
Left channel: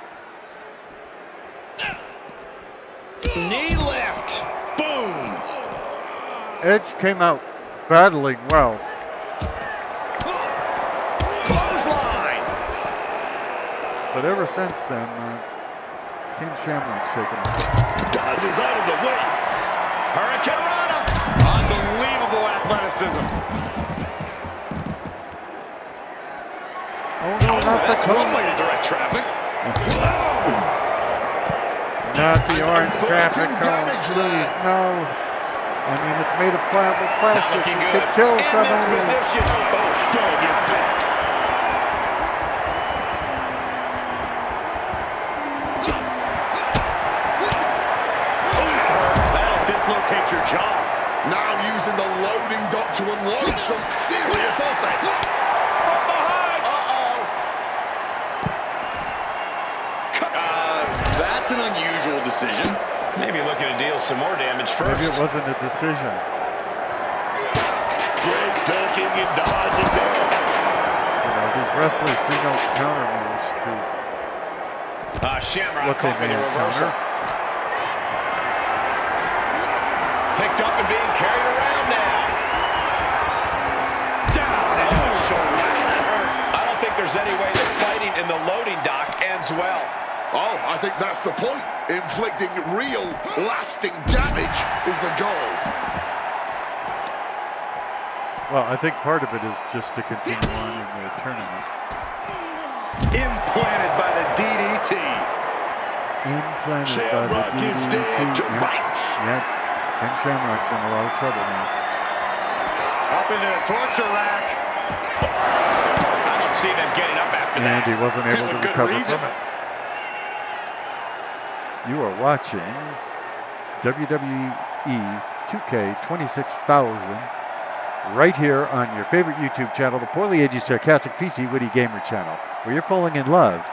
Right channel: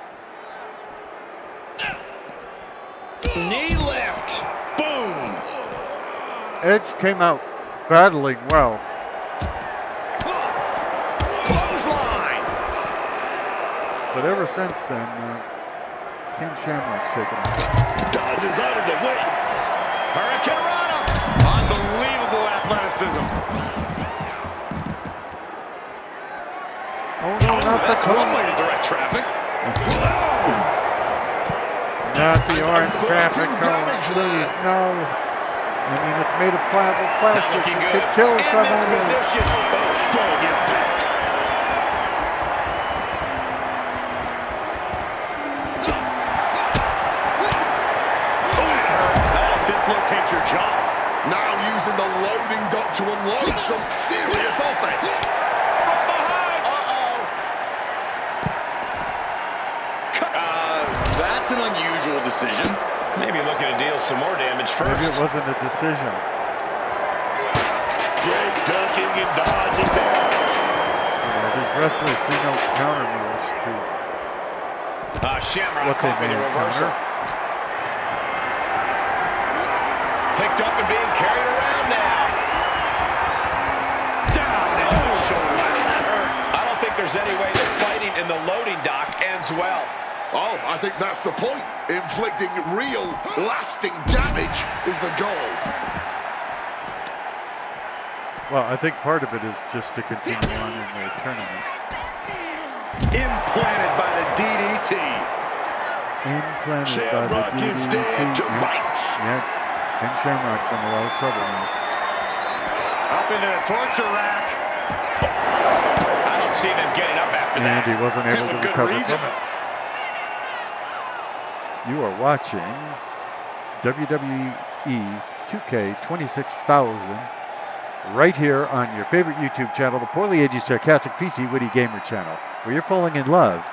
Knee lift. Boom. Edge came out battling well. Clothesline. But ever since then, King Shamrock's taken off. Dodges out of the way. Hurricane Rana. Unbelievable athleticism. Oh, no, not the That's one cone. way to direct traffic. Not the orange Averting traffic cone, damage please, there. no. I mean, it's made of pliable plastic. Looking It good. could kill In somebody. this position. Oh, strong impact. That'll dislocate your jaw. Now using the loading dock to unload some serious offense. From behind. That's an unusual decision. Maybe looking to deal some more damage first. Maybe it wasn't a decision. Great ducking and dodging there. You know, these wrestlers do no counter moves to Shamrock what they caught with may a reversal. encounter. Picked up and being carried around now. Down into the shoulder. Wow, that hurt. I don't think there's any way that fight and the loading dock ends well. Oh, I think that's the point. Inflicting real, lasting damage is the goal. Well, I think part of it is just to continue on in the tournament. Implanted by the DDT. Implanted Shamrock by the is dead to DDT. rights. Yeah, Ken Shamrock's in a lot of trouble now. Up into the torture rack. I don't see them getting up after that. And he wasn't able And to with good recover reason. from it. You are watching WWE 2K 26,000 right here on your favorite YouTube channel, the Poorly Aged Sarcastic PC Witty Gamer channel, where you're falling in love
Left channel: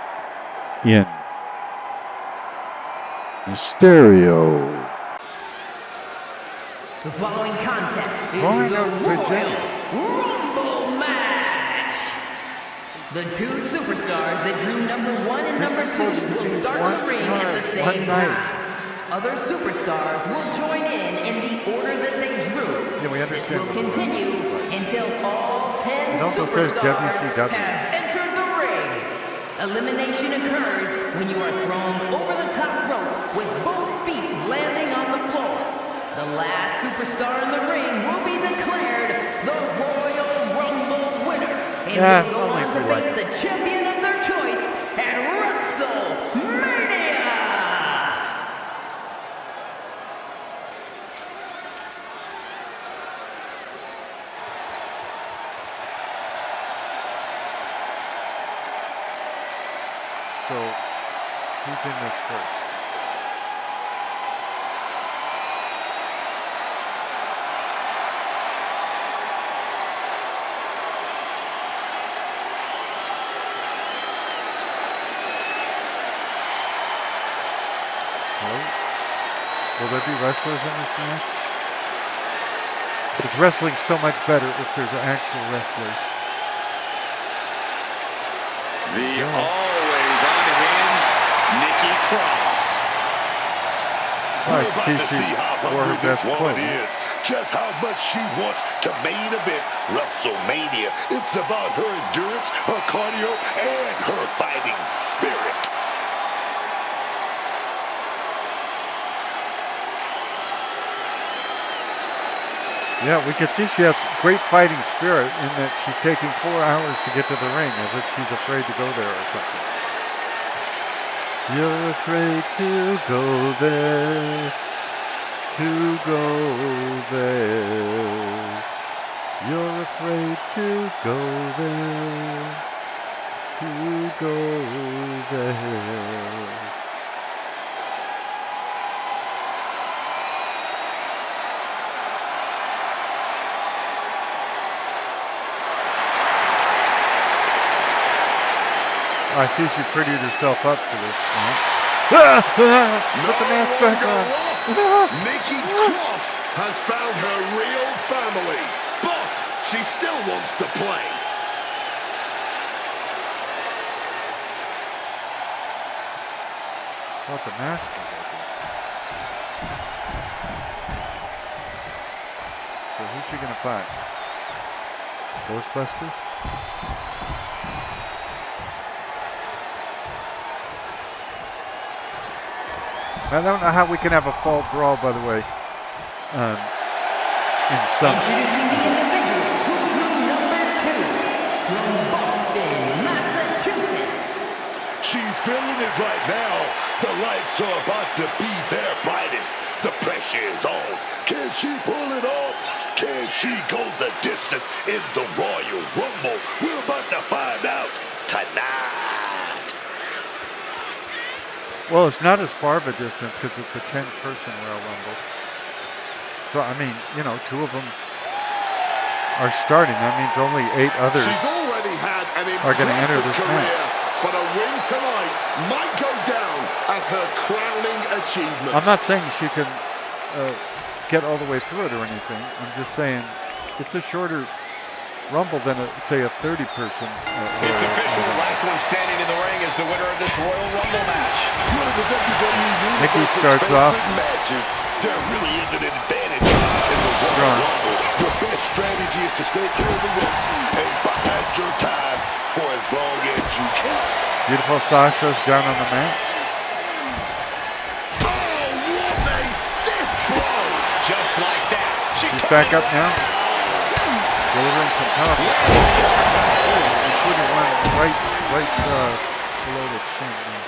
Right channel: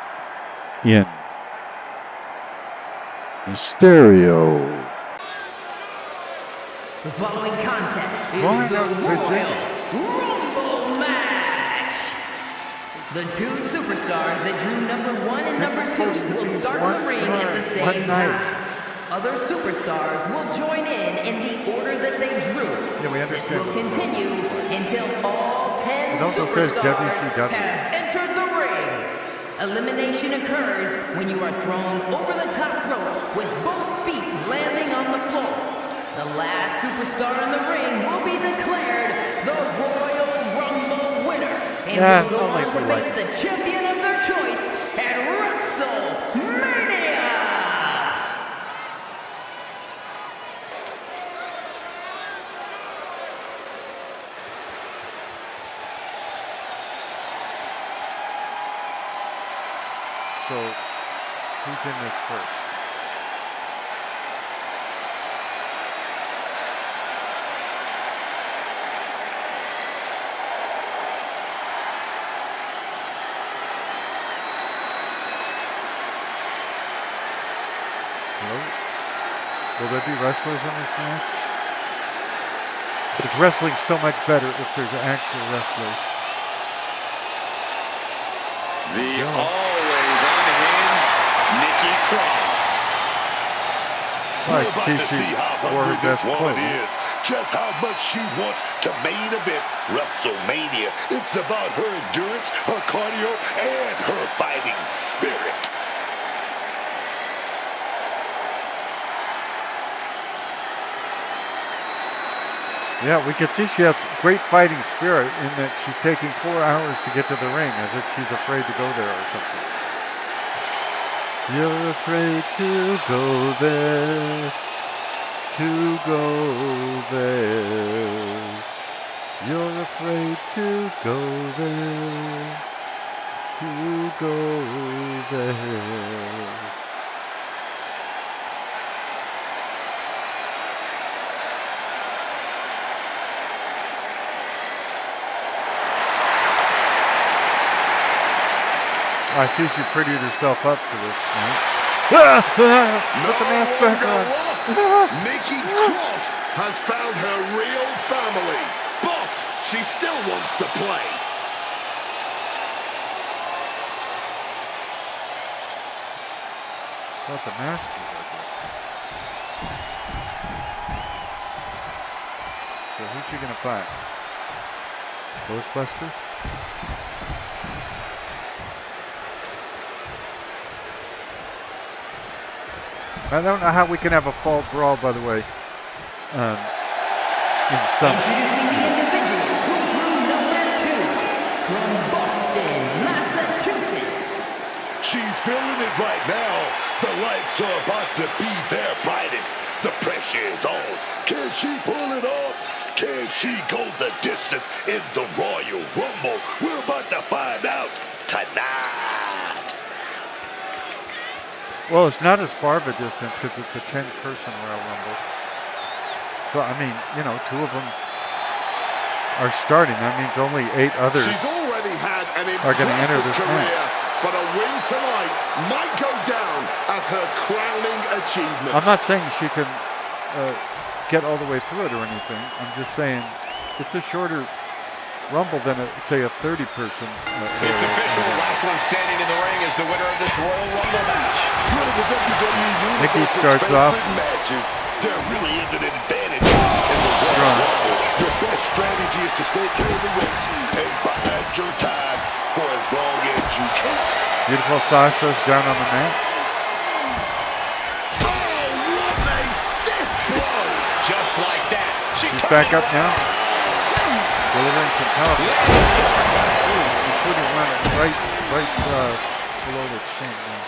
in stereo. The following contest is Roanoke, the Royal Virginia. Rumble match. The two superstars that drew number 1 and This number is 2 supposed to will be start one in the ring card, at the one same night. time. Other superstars will join in the order that they drew. Yeah, we This understand will what the Royal continue Rumble is like. until all 10 It also says superstars WCW. have entered the ring. Elimination occurs when you are thrown over the top rope with both feet landing on the floor. The last superstar in the ring will be declared the Royal Rumble winner and Yeah, will go only on if to we like face it. the champion of their choice at WrestleMania. So, who's in this first? Hello? Will there be wrestlers in this match? It's wrestling so much better if there's actual wrestlers. The always unhinged Nikki Cross. Well, We're about to see how wore her hungry this best woman clothes. is. Just how much she wants to main event WrestleMania. It's about her endurance, her cardio, and her fighting spirit. Yeah, we can see she has great fighting spirit in that she's taking 4 hours to get to the ring as if she's afraid to go there or something. You're afraid to go there, to go there. You're afraid to go there, to go there. I see she prettied herself up for this. Put the mask back on. Nikki Cross has found her real family, but she still wants to play. Thought the mask was ugly. So who's she gonna fight? Ghostbusters? I don't know how we can have a fall brawl, by the way, in summer. Introducing the individual who drew number 2 from Boston, Massachusetts. She's feeling it right now. The lights are about to be their brightest. The pressure is on. Can she pull it off? Can she go the distance in the Royal Rumble? We're about to find out tonight. Well, it's not as far of a distance because it's a 10-person Royal Rumble. So, I mean, you know, 2 of them are starting. That means only 8 others. She's already had an Are gonna enter impressive this career, match. but a win tonight might go down as her crowning achievement. I'm not saying she can get all the way through it or anything. I'm just saying it's a shorter Rumble than, say, a 30-person. It's official. The last one standing in the ring is the winner of this Royal Rumble match. One of the WWE Nikki Universe's starts off. favorite matches. There really is an advantage in the Royal Right. Rumble. Your best strategy is to stay clear of the ropes and bide your time. for as long as you can. Beautiful Sasha's down on the mat. Oh, what a stiff blow! Just like that. She's back up now. Delivering some power. Including one right below the chin now.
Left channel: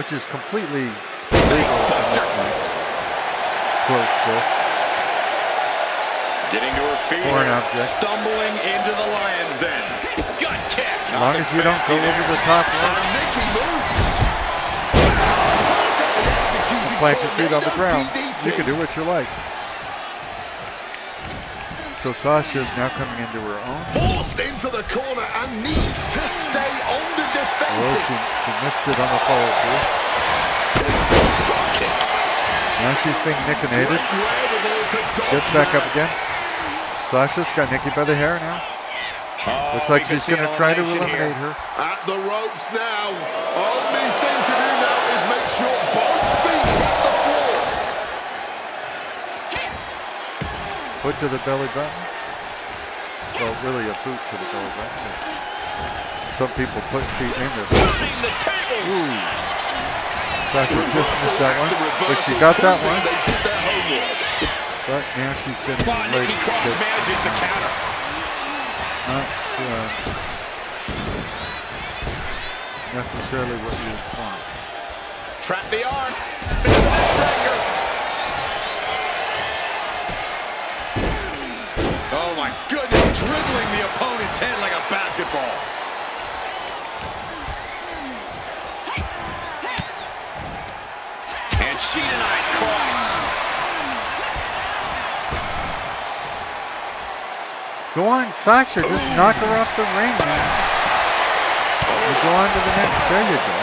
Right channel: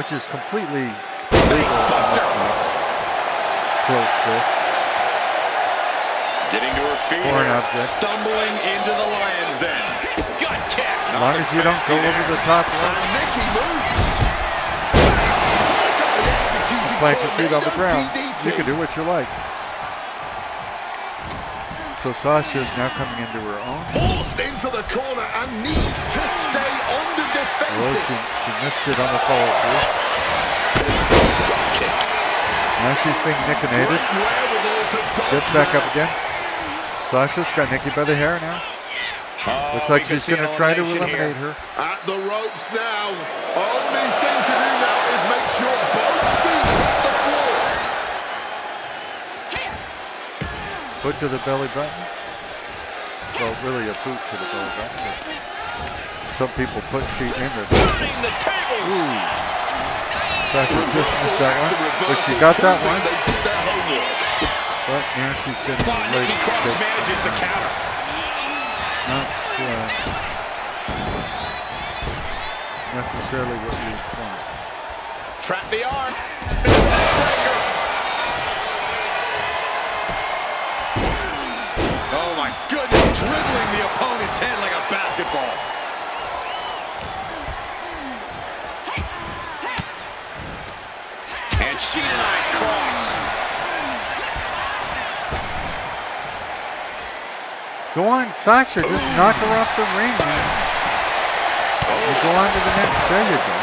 Which is completely legal in this match. Close fist. Getting to her feet Foreign here. object. Stumbling into the lion's den. Gut kick. As long as you don't go over the top rope. And Nikki moves. Perfectly executed Plant your feet on the ground. DDT. You can do what you like. So Sasha's now coming into her own. Forced into the corner and needs to stay on the Well, defensive. she missed it on the follow through. Drop kick. Now she's being nickinated. Great wherewithal to dodge Gets back that. up again. Sasha's got Nikki by the hair now. Oh, Looks like we can she's see going to try to elimination eliminate here. her. At the ropes now. Only thing to do now is make sure both feet hit the floor. Foot to the belly button. Well, really a boot to the belly button. But some people put feet in their button. Turning the tables. Ooh. Sasha just missed that one. After But she reversal, got that proving one. They did their homework. But now she's getting But the leg Nikki Cross kick. manages to counter. Not necessarily what you want. Trap the arm. Breaker. Oh my goodness, dribbling the opponent's head like a basketball. And she denies Cross. Go on, Sasha. Just knock her off the ring, man. You go on to the next. There you go.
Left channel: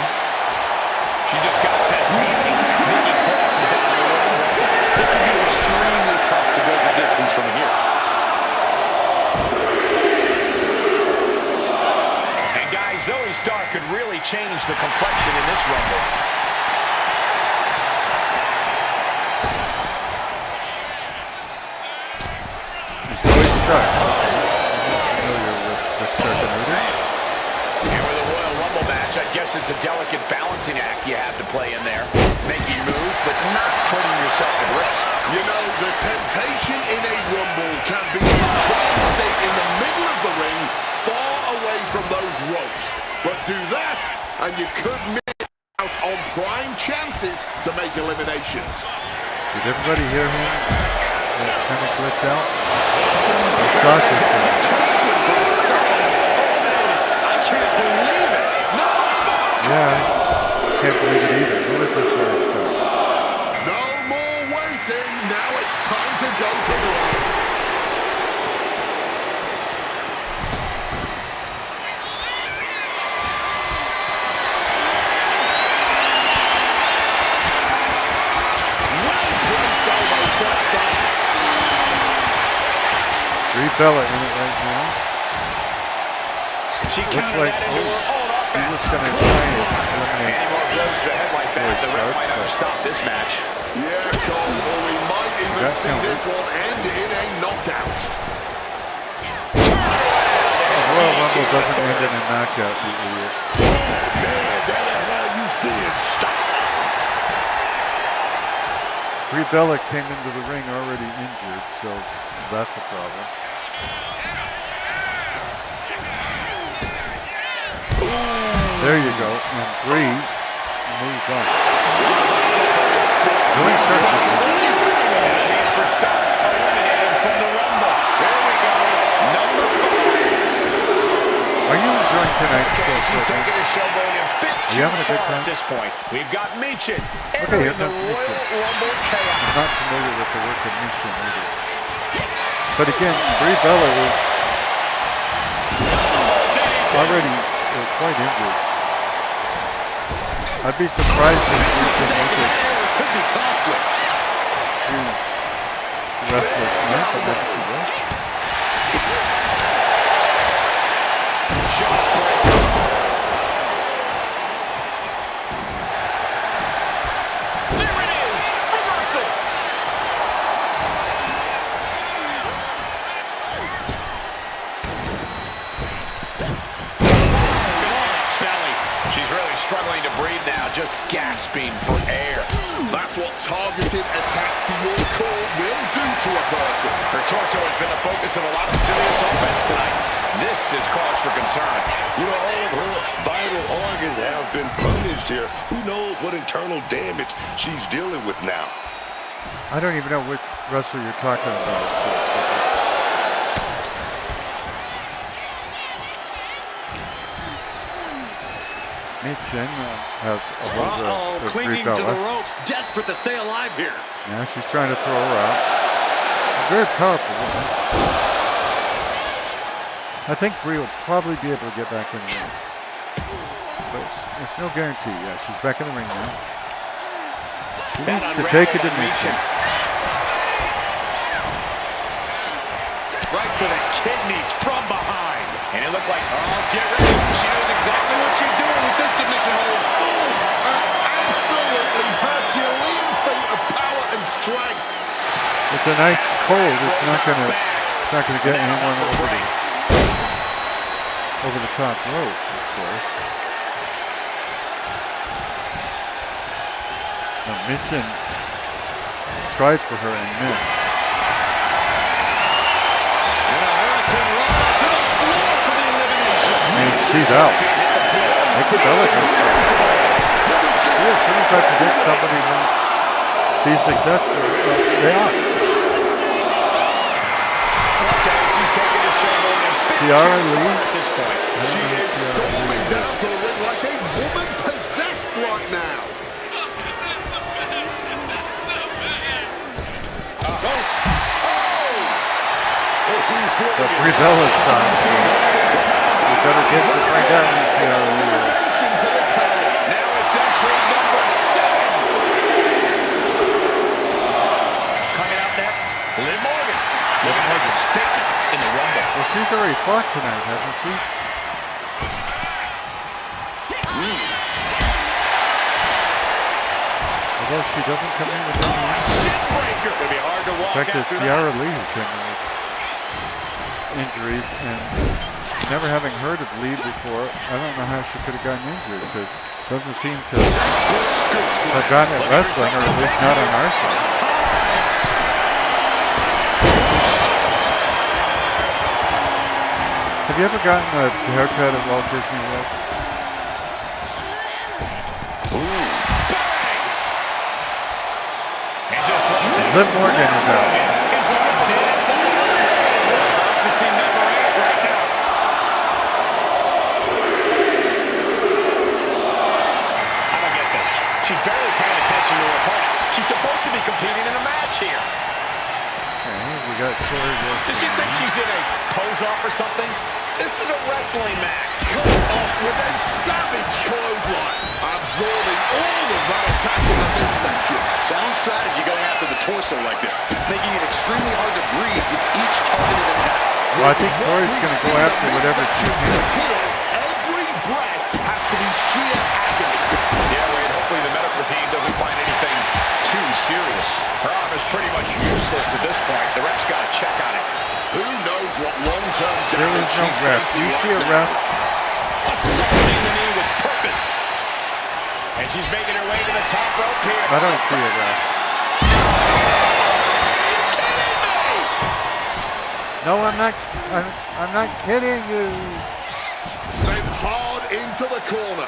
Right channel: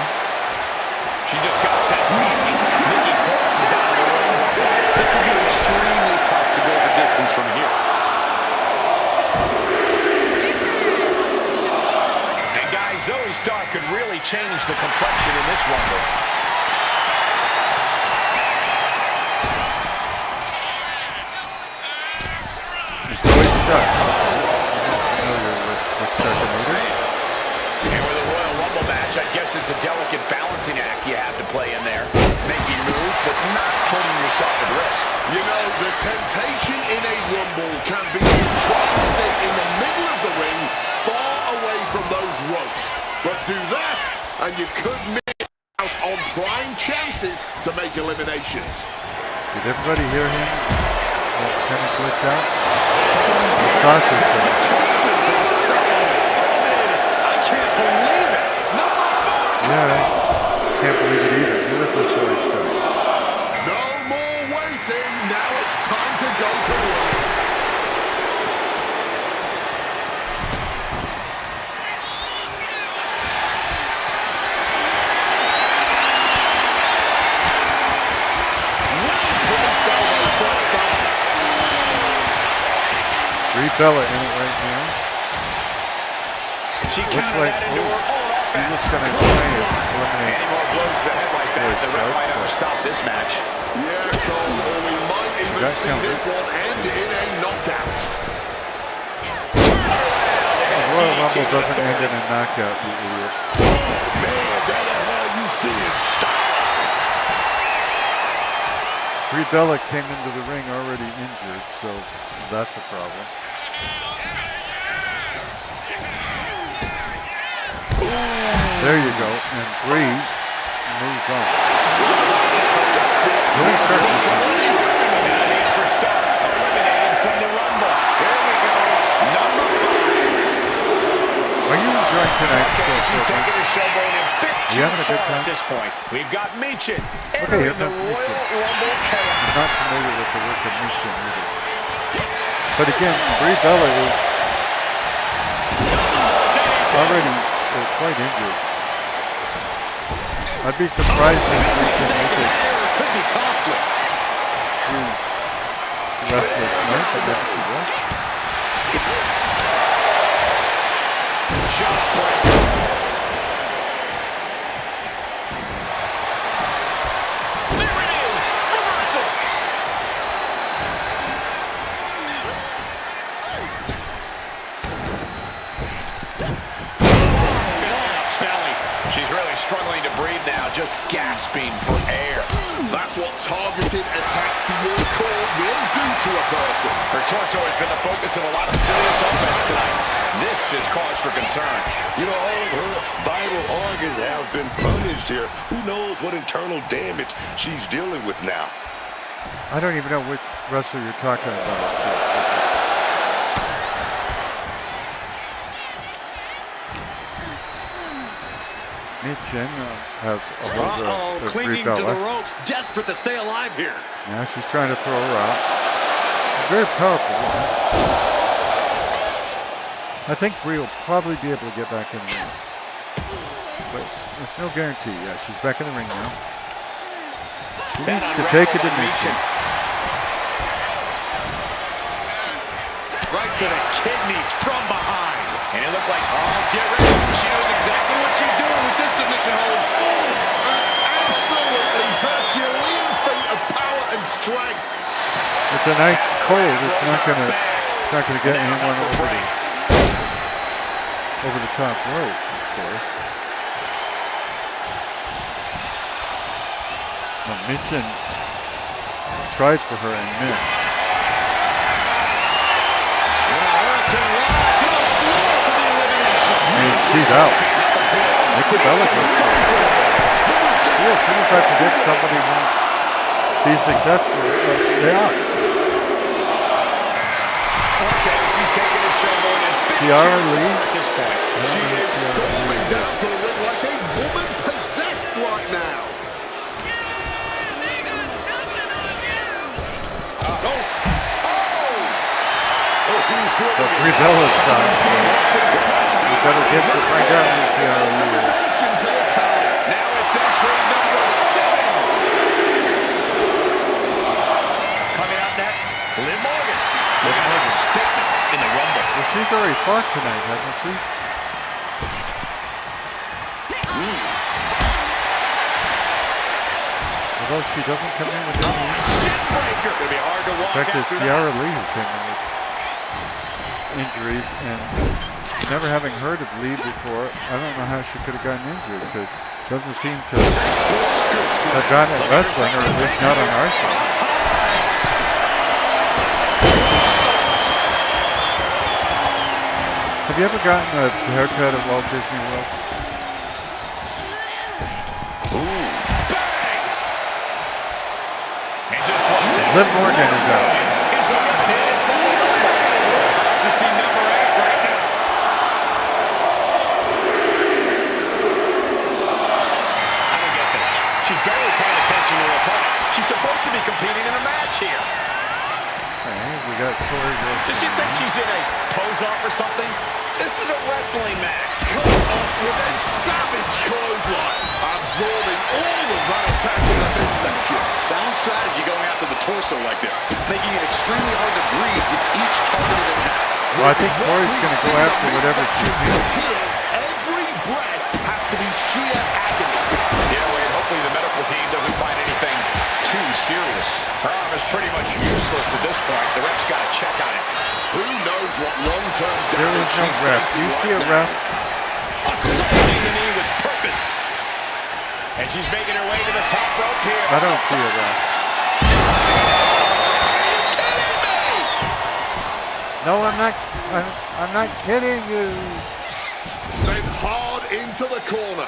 She just got set packing. Nikki Cross is out of the Royal Rumble. This would be extremely tough to go the distance from here. And guys, Zoe Stark could really change the complexion in this Rumble. Zoe Stark. I'm familiar with Stark and Leader. And with a Royal Rumble match, I guess it's a delicate balancing act you have to play in there. Making moves, but not putting yourself at risk. You know, the temptation in a Rumble can be to try and stay in the middle of the ring, far away from those ropes. But do that, and you could miss out on prime chances to make eliminations. Did everybody hear him? Kind of glitch out. Sasha's doing. Location from Stark. Eliminated. I can't believe it. Number 4. Yeah, I can't believe it either. Who is this Zoe Stark? No more waiting. Now it's time to go to work. Well placed elbow, flexed up. Brie Bella in it right now. She Looks countered like that into her own he offense. was going to try and eliminate. Any more blows to the head like that, the ref might have to stop this match. Yeah, Cole, or we might even Got see countered. this one end in a knockout. Royal Rumble doesn't end in a knockout, you idiot. Man, that the hell you seeing stars. Brie Bella came into the ring already injured, so that's a problem. There you go, and Brie moves on. Zoe Stark. That'll be it for Stark, eliminated from the Rumble. Here we go, number 5. Are you enjoying tonight's Okay, show? she's taking her showboat a bit You too having a good far time? at this point. We've got Michin here entering the comes Royal Michin. Rumble I'm chaos. not familiar with the work of Michin either. But again, Brie Bella is already quite injured. I'd be surprised if we can make it Could be costly. through the rest of this night, but maybe she will. Jawbreaker. There it is, reversal. just gasping for air. That's what targeted attacks to your core will do to a person. Her torso has been the focus of a lot of serious offense tonight. This is cause for concern. You know, all of her vital organs have been punished here. Who knows what internal damage she's dealing with now? I don't even know which wrestler you're talking about. Mitchin has a hold of clinging to the ropes, desperate to stay alive here. Now she's trying to throw her out. A very powerful woman. I think Brie will probably be able to get back in the ring. But it's no guarantee. Yeah, she's back in the ring now. She needs to take it to Mitchin. Right to the kidneys from behind. And it looked like, Oh, get ready. She knows exactly what she's doing with this submission hold. Oh, an absolutely Herculean feat of power and strength. It's a nice cold. It's not gonna get anyone over the top rope, of course. Now Mitchin tried for her and missed. She's out. Nikki Bella goes for it. Yeah, as soon as I predict somebody won't be successful, they are. okay, she's taking a showboat and big Tiara too Lee. far at this point. She is storming down to the ring like a woman possessed right now. But Brie Bella's time. We better get to find out who Tiara Lee is. Elimination to the tally. Now it's entry number 7. Coming out next, Liv Morgan. Looking to make a statement in the Rumble. Well, she's already fought tonight, hasn't she? Although she doesn't come in with any. Shin breaker. Gonna be hard to In walk fact, it's after Tiara that. Lee who came in with injuries, and never having heard of Lee before, I don't know how she could have gotten injured, because it doesn't seem to have gotten at wrestling, or at least not on our side. Have you ever gotten a haircut at Walt Disney World? And just like that, Liv Morgan is out. is eliminated from the Rumble. About to see number 8 right now. I don't get this. She's barely paying attention to her opponent. She's supposed to be competing in a match here. Okay, we got Tori Wilson. Does she think she's in a pose-off or something? This is a wrestling match. Cut off with a savage clothesline, absorbing all of that attack in the midsection. Sound strategy going after the torso like this, making it extremely hard to breathe with each targeted attack. Well, I think Tori's going to go after whatever she feels. Here, every breath has to be sheer agony. Yeah, Wade, hopefully the medical team doesn't find anything too serious. Her arm is pretty much useless at this point. The ref's got to check on it. Who knows what long-term There damage is no she's ref. facing You right see a now. ref? Assaulting the knee with purpose. And she's making her way to the top rope here. I don't see a ref. No, I'm not. I'm not kidding you. Sent hard into the corner.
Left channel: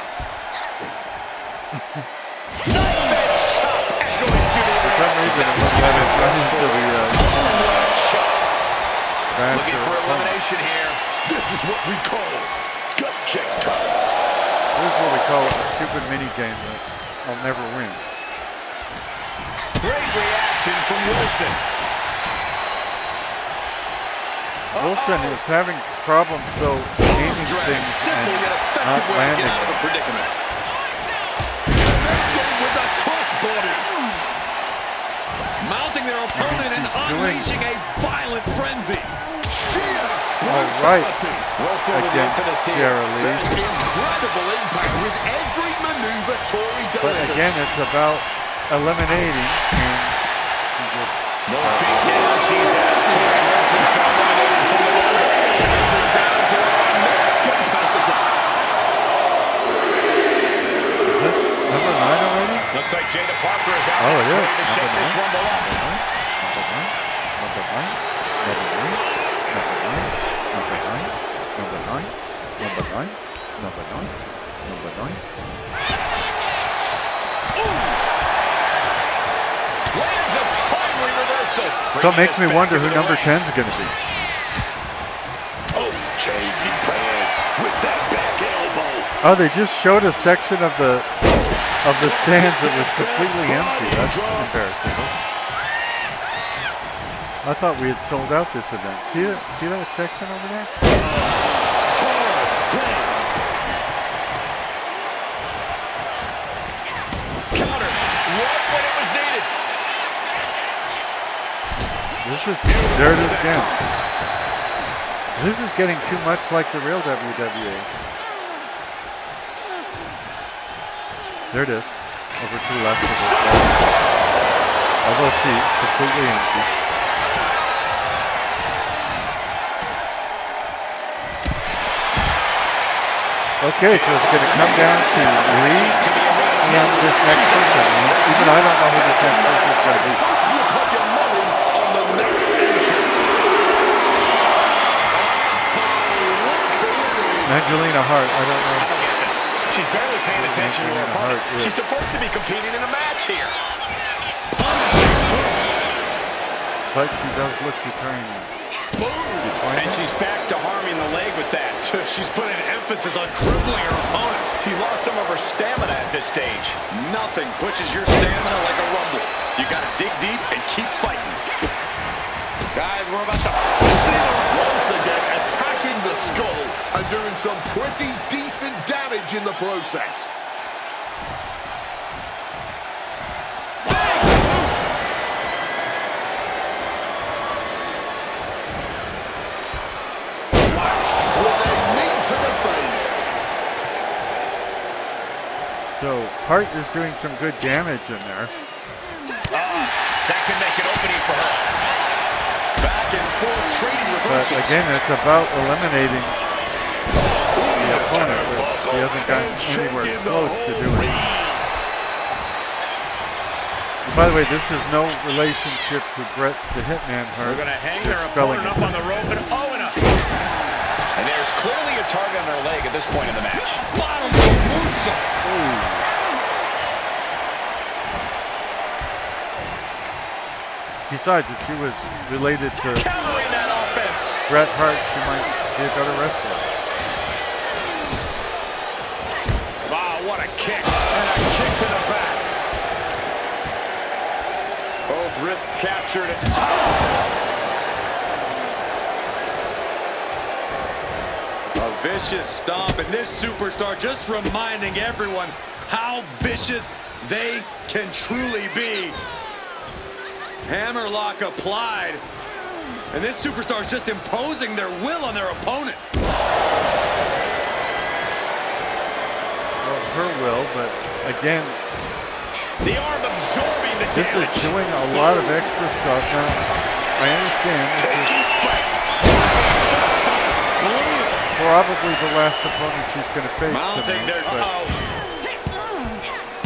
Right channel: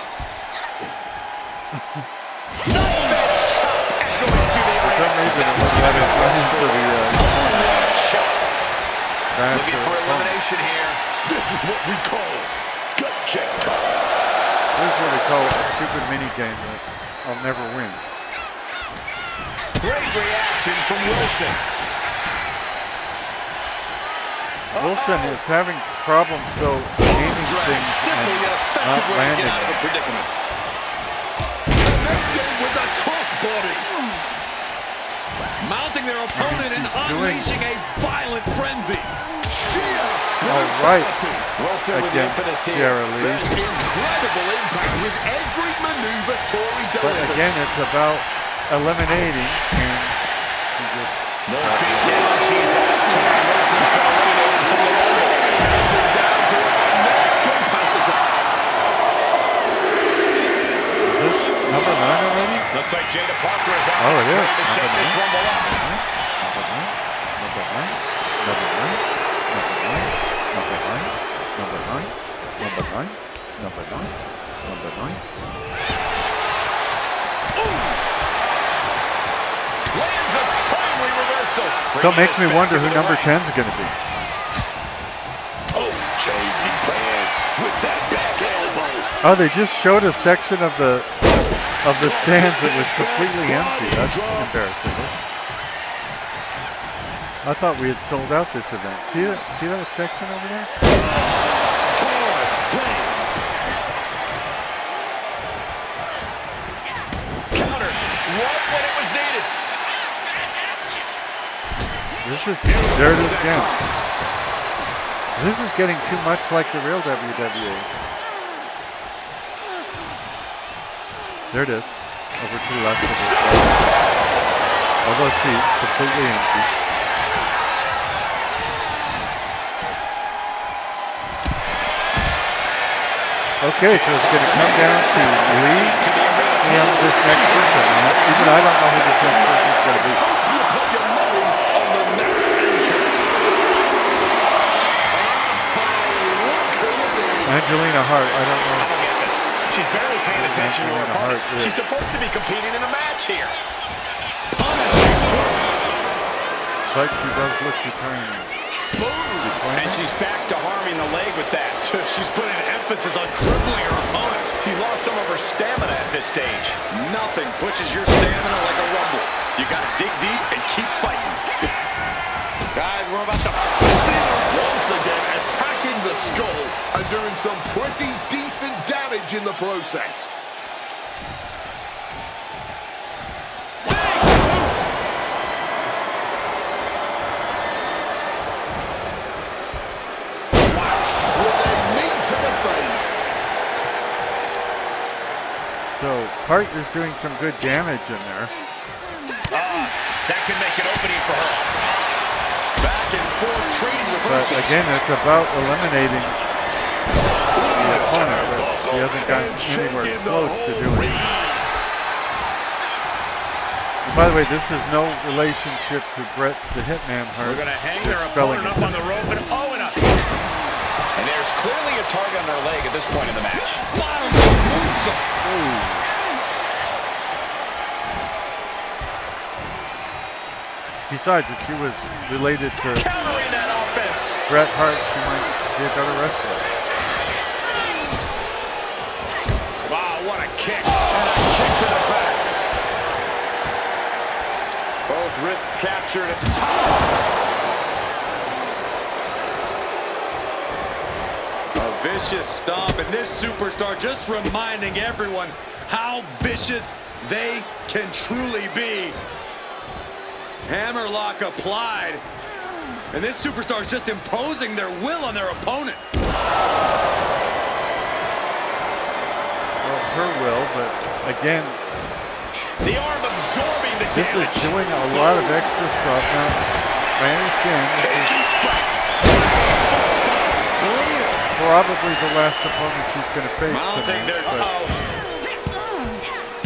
Knife edge chop echoing through the For arena. some reason, it wouldn't let it run into the Chop. basher. Looking for elimination here. This is what we call gut check time. This is what we call a stupid mini game that I'll never win. Great reaction from Wilson. Wilson is having problems though aiming Drag, things simple and yet not effective way to landing get out of a them. predicament. Connecting with the crossbody. Mounting their opponent and unleashing a violent frenzy. Sheer All right, brutality. Wilson with the against impetus here. Tiara Lee. There's incredible impact with every maneuver Tori But delivers. again, it's about eliminating, and she just No feet down. She's out. Tori Wilson's been eliminated from the Rumble. Counting down to our next competitor. is number 9 already? Looks like Jada Parker is out Oh, next, it is. ready to shake Number this 9. Rumble up. Number 9. Number 9. Number 9. Number 9. Number 9. Number 9. Number 9. Number 9. Number 9. Lands a timely reversal. So it makes me wonder who number 10 is going to be. Oh, changing plans with that back elbow. Oh, they just showed a section of the stands that was completely empty. That's embarrassing. I thought we had sold out this event. See that section over there? Hard down. Counter right when it was needed. There it is again. This is getting too much like the real WWE. There it is. Over to the left of this guy. All those seats completely empty. Okay, so it's going to come down to Lee and this next person. And even I don't know who this next person is going to be. Hope you put your money on the next entrant. Look who it is. Angelina Hart, I don't know. I don't get this. She's barely paying attention to her Angelina opponent. Hart, yeah. She's supposed to be competing in a match here. But she does look determined. And she's back to harming the leg with that. She's putting emphasis on crippling her opponent. She lost some of her stamina at this stage. Nothing pushes your stamina like a rumble. You gotta dig deep and keep fighting. Guys, we're about to see her Once again, attacking the skull and doing some pretty decent damage in the process. Whacked with a knee to the face. So Hart is doing some good damage in there. That can make an opening for her. back and forth trading But reversals. again, it's about eliminating the opponent. Which he hasn't gotten anywhere close to doing. And by the way, this is no relationship to Bret the Hitman Hart. We're going to hang They're their spelling opponent it up on the rope and and there's clearly a target on her leg at this point in the match. Bottom rope moonsault. Besides, if she was related to Countering that offense. Bret Hart, she might be a better wrestler. Wow, what a kick. And a kick to the back. Both wrists captured. A vicious stomp, and this superstar just reminding everyone how vicious they can truly be. Hammerlock applied, and this superstar is just imposing their will on their opponent. Well, her will, but again, The arm absorbing the this damage. is doing a lot of extra stuff. Now, I understand this is Full stop. probably the last opponent she's going to face Mounting tonight, their... but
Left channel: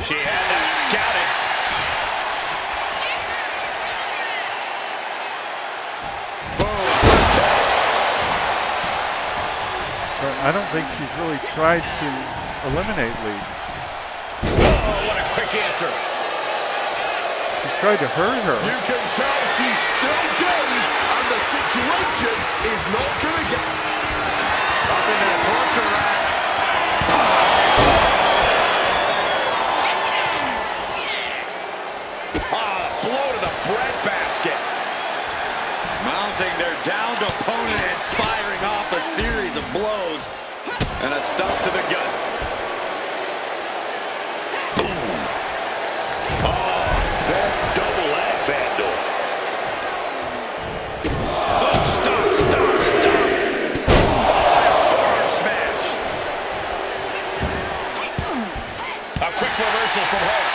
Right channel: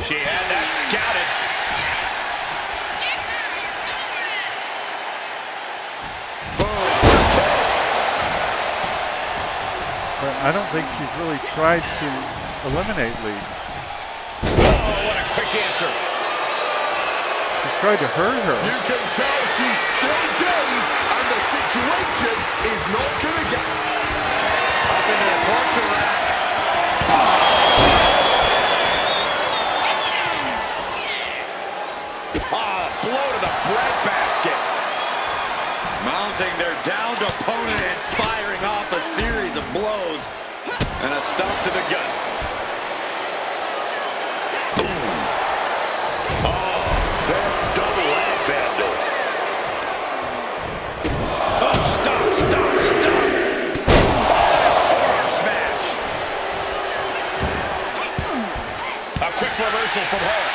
She had that scouted. I don't think she's really tried to eliminate Lee. Oh, what a quick answer. She's tried to hurt her. You can tell she's still dazed, and the situation is not going to get... Up into the torture rack. Blow to the breadbasket. Mounting their downed opponent and firing off a series of blows. And a stomp to the gut. That double axe handle. Oh, stop. Followed by a forearm smash. A quick reversal from her.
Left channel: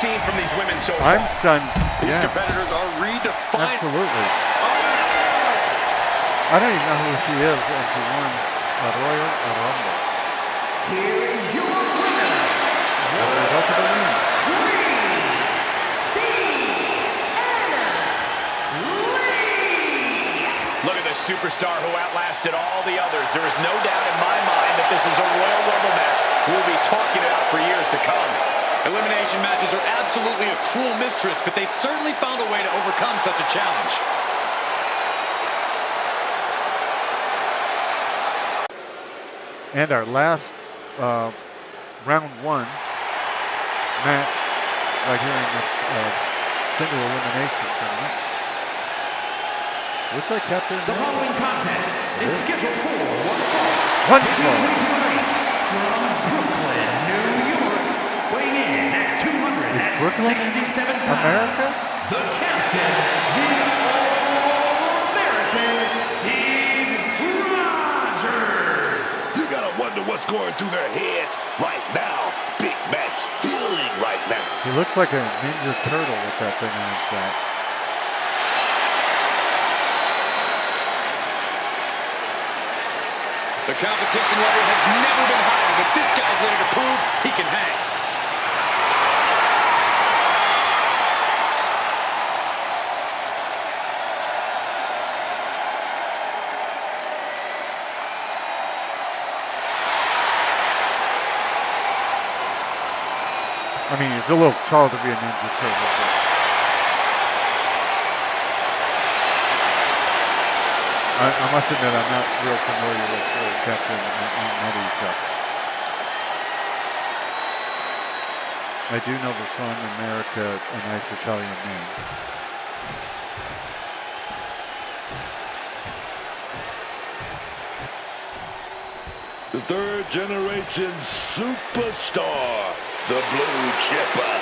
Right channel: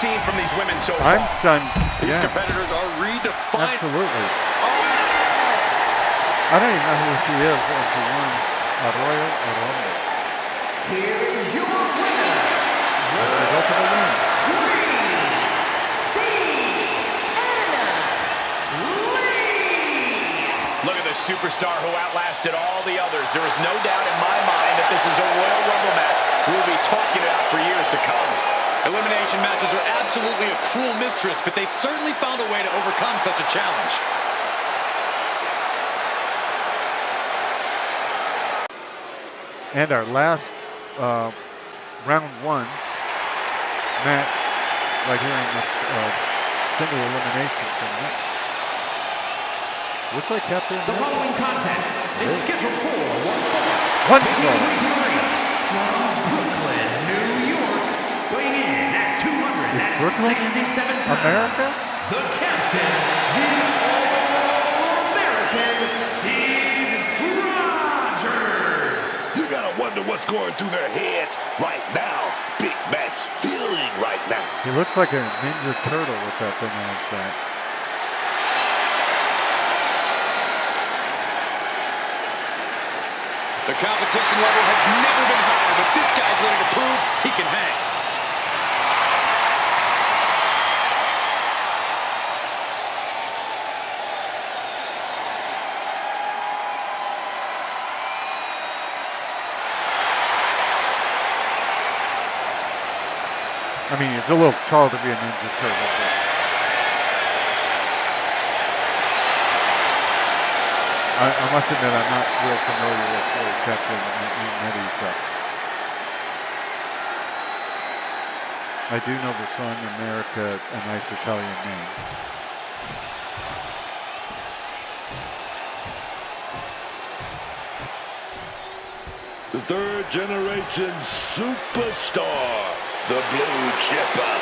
seen from these women so I'm far? stunned. These Yeah, competitors are redefined. absolutely. I don't even know who she is, and she won a Royal Rumble. Here is your winner, As a result of the win. Look at the superstar who outlasted all the others. There is no doubt in my mind that this is a Royal Rumble match we'll be talking about for years to come. Elimination matches are absolutely a cruel mistress, but they certainly found a way to overcome such a challenge. And our last round one match right here in this single elimination tournament. Looks like Captain The America. following contest is scheduled for one fall. One Making fall. his way to the ring from Brooklyn, New York, weighing in at 267 pounds. America? The Captain, the All-American Steve Rogers. You gotta wonder what's going through their heads right now. Big match feeling right now. He looks like a Ninja Turtle with that thing on his back. The competition level has never been higher, but this guy's ready to prove he can hang. I mean, it's a little tall to be a Ninja Turtle, but I must admit I'm not real familiar with Captain America. I do know the song America, a nice Italian name. The third generation superstar, the Blue Chipper.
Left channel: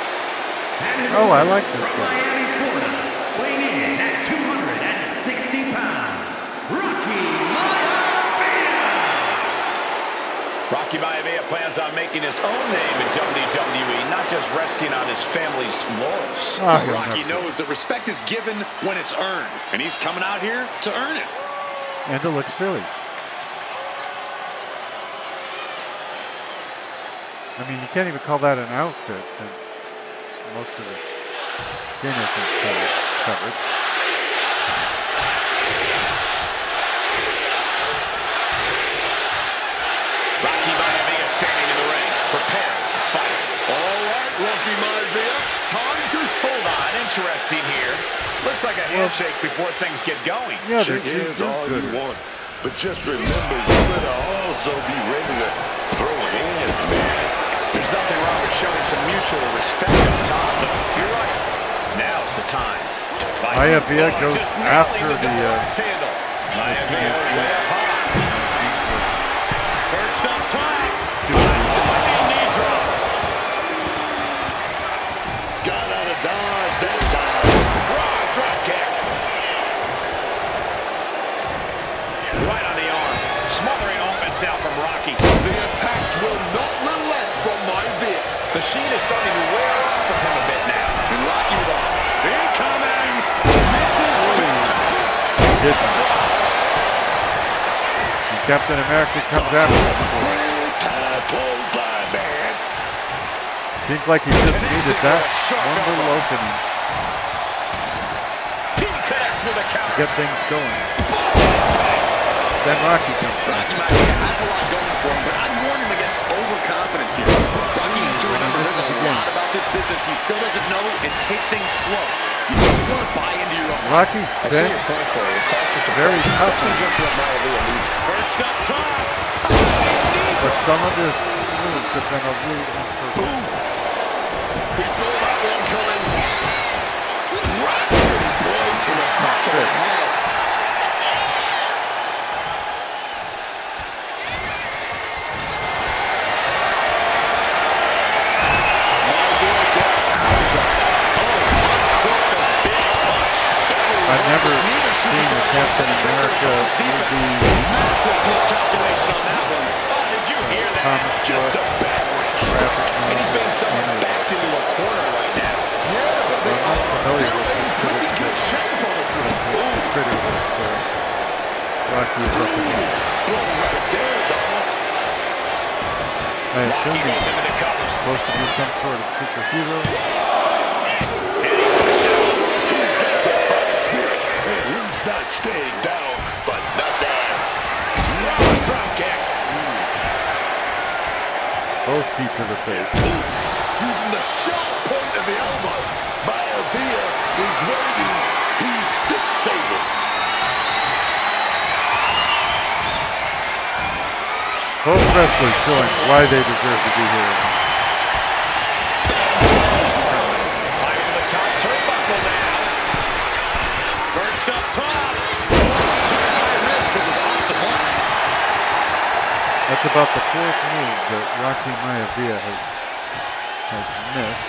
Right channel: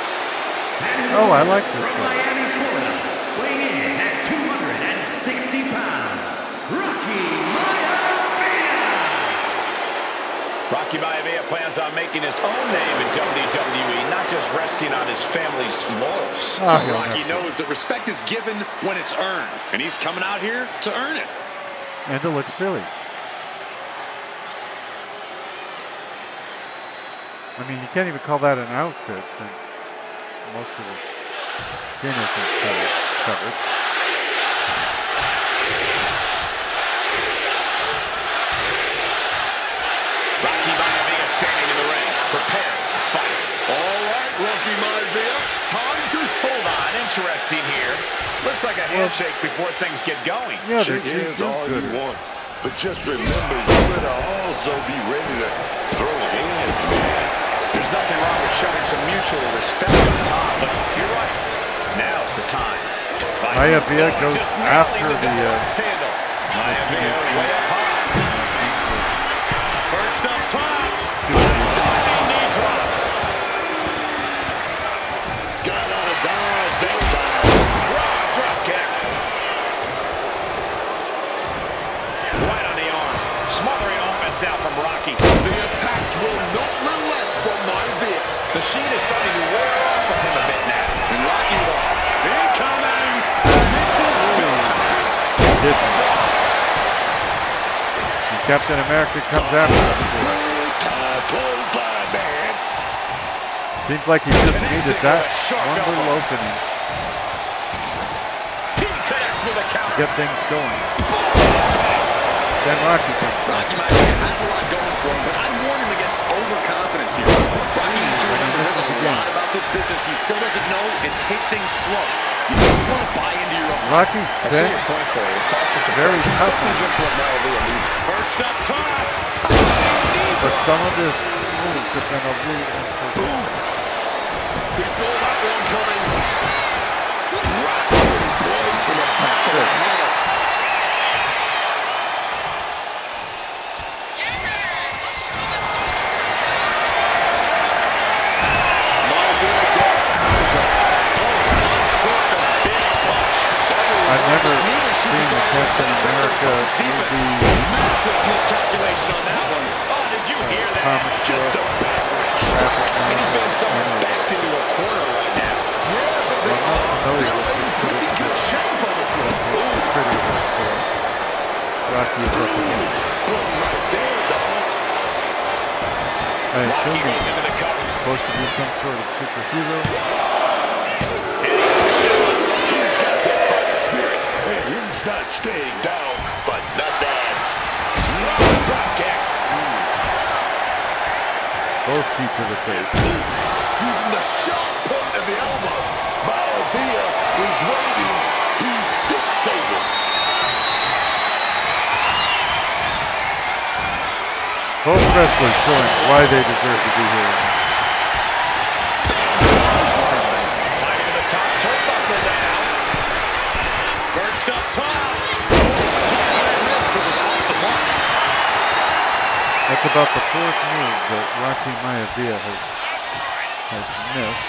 And his Oh, I like opponent this from guy. Miami, Florida, weighing in at 260 pounds, Rocky Maivia. Rocky Maivia plans on making his own name in WWE, not just resting on his family's laurels. Oh, he'll Rocky never- knows that respect is given when it's earned, and he's coming out here to earn it. And to look silly. I mean, you can't even call that an outfit since most of his skin isn't covered. Rocky Maivia standing in the ring, prepared to fight. All right, Rocky Maivia, time to... Hold on, interesting here. Looks like a handshake before things get going. Yeah, Shake they're hands all you good. want, but just remember, you better also be ready to throw hands, man. There's nothing wrong with showing some mutual respect up top, but you're right. Now's the time to fight. Maivia goes just after nailing the, double-axe handle. Maivia way up high. Perched up top. Diving knee drop. Got out of dodge that time. Raw drop kick. Right on the arm. Smothering offense now from Rocky. The attacks will not relent from Maivia. The sheen is starting to wear off of him a bit now. And Rocky with a... Incoming. Misses big time. Didn't. And Captain America comes after him. Big time clothesline, man. Seems like he just needed that Sharp one elbow. little opening He connects with a to counter. get things going. Then Rocky comes back. Rocky Maivia has a lot going for him, but I'd warn him against overconfidence here. Rocky needs to remember there's a lot about this business he still doesn't know, and take things slow. You don't want to buy into your own. Rocky's been point, Corey. Cautious very tough on him, just what Maivia needs. Perched up top. but some of his moves have been a little imperfect. He saw that one coming. Right blow to the back of the head. Maivia gets out of it. Uncorked a big punch. I've never seen a Captain America movie Massive miscalculation on that one. Oh, did you hear that? comic Just book, a battering graphic And he's being novel, somewhat anyway. backed into a corner right now. Rocky is up against. Right there, dog. I assume Rocky goes he's into the cover. supposed to be some sort of superhero. And he fights it off. He's got that fighting spirit, and he's not staying down for nothing. Drop kick. Both feet to the face. Using the sharp point of the elbow. Maivia is waiting. He's fixated. Both wrestlers showing why they deserve to be here. Climbing to the top turnbuckle now. Perched up top. Took a high risk, but was off the mark. That's about the fourth move that Rocky Maivia has missed.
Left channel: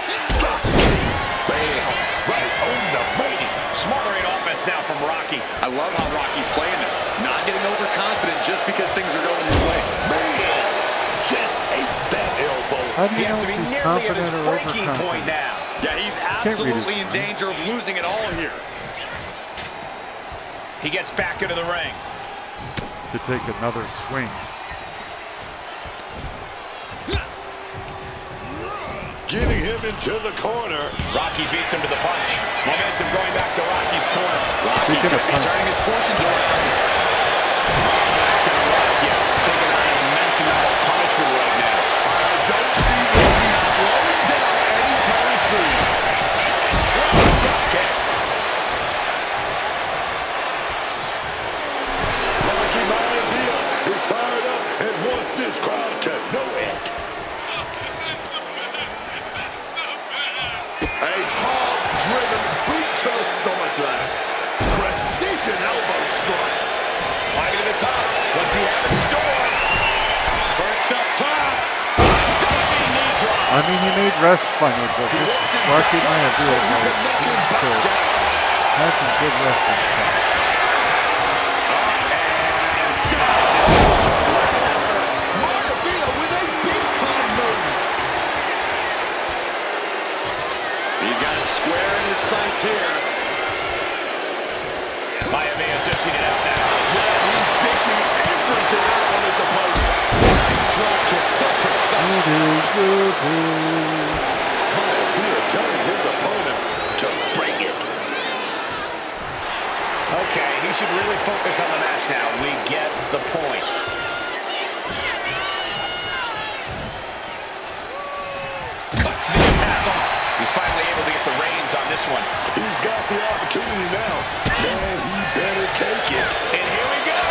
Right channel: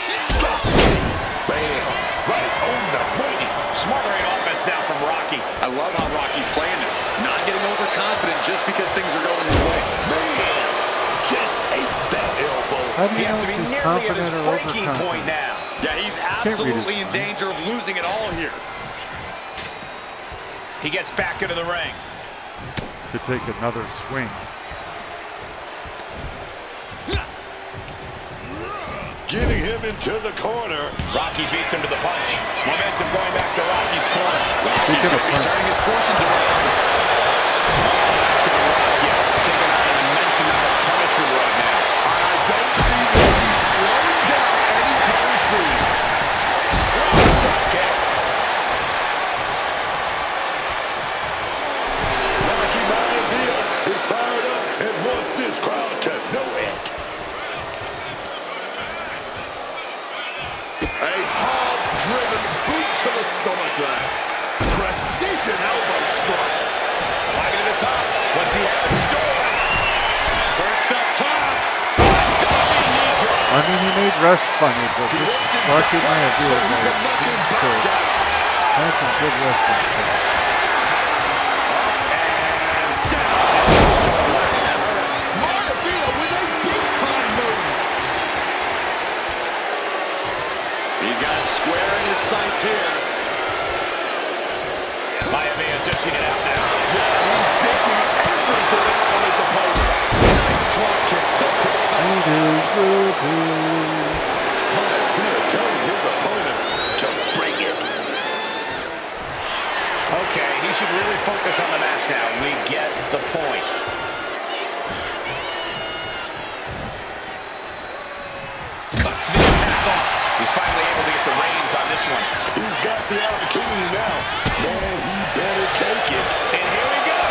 Bam! Right on the money. Smothering offense now from Rocky. I love how Rocky's playing this. Not getting overconfident just because things are going his way. Man, just ate that elbow. How do He you has know to be if he's nearly at his confident or breaking point overconfident? now. Yeah, he's read his absolutely in mind. danger of losing it all here. He gets back into the ring. To take another swing. Getting him into the corner. Rocky beats him to the punch. Momentum going back to Rocky's corner. Rocky Speaking of could be punch. turning his fortunes around. Oh, back to Rocky. Taking on an immense amount of punishment right now. I don't see Rocky slowing down anytime soon. Drop kick. Rocky Maivia is fired up and wants this crowd to know it. A hard-driven boot to the stomach there. Precision elbow strike. Climbing to the top. What's he have in store? First up top. Diving knee drop. I mean, he made rest funny, but He this wants him Rocky back up so Maivia he can knock him back down. had some good wrestling stuff. Up and down. Maivia with a big-time move. He's got him square in his sights here. Maivia dishing it out now. Yeah, he's dishing everything out on his opponent. Nice drop kick, so precise. Maivia telling his opponent to bring it. Okay, he should really focus on the match now. We get the point. Cuts the attack off. He's finally able to get the reins on this one. He's got the opportunity now. Man, he better take it. And here we go.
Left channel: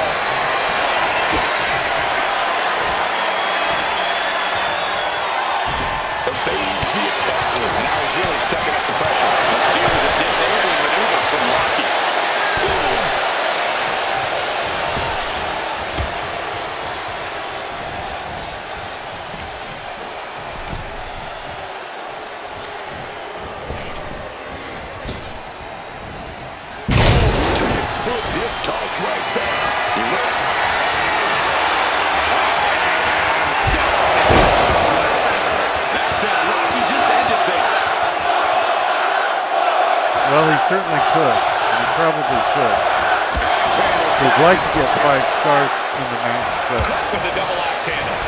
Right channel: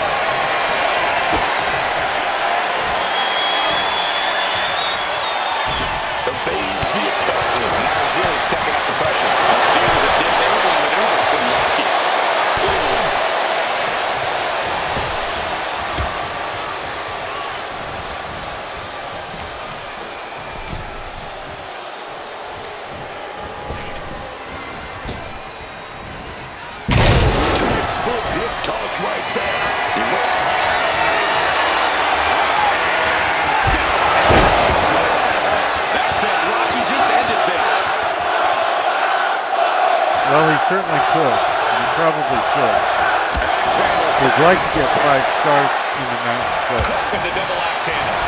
Evades the attack. Now he's really stepping up the pressure. A series of disabling maneuvers from Rocky. Textbook hip toss right there. That's it. Rocky just ended things. Well, he certainly could, and he probably should. He'd like to get 5 stars in the match, but Cook with the double axe handle.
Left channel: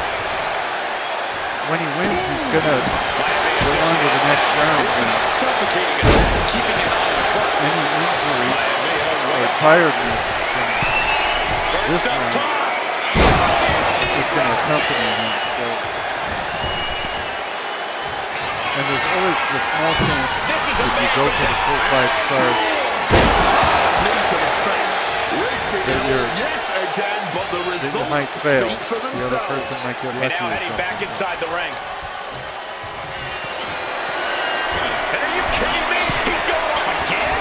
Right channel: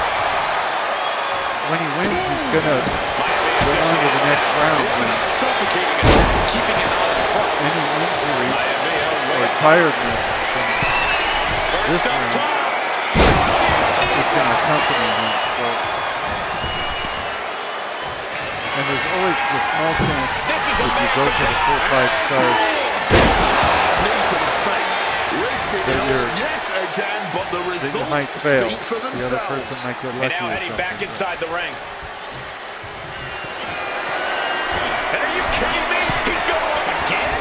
when he wins, he's gonna Maivia go on to the next round. It's been And a suffocating attack, keeping him out in front. any injury Maivia or way up. tiredness from this First up round top. is gonna accompany him. So, and there's always the small chance This is a if you man go for the full 5 stars Knee to the face. Risking That it all you're- yet again, but the that you might results fail. speak for The other themselves. person might get And lucky now or heading back something. inside the ring. And are you kidding me? He's going up again?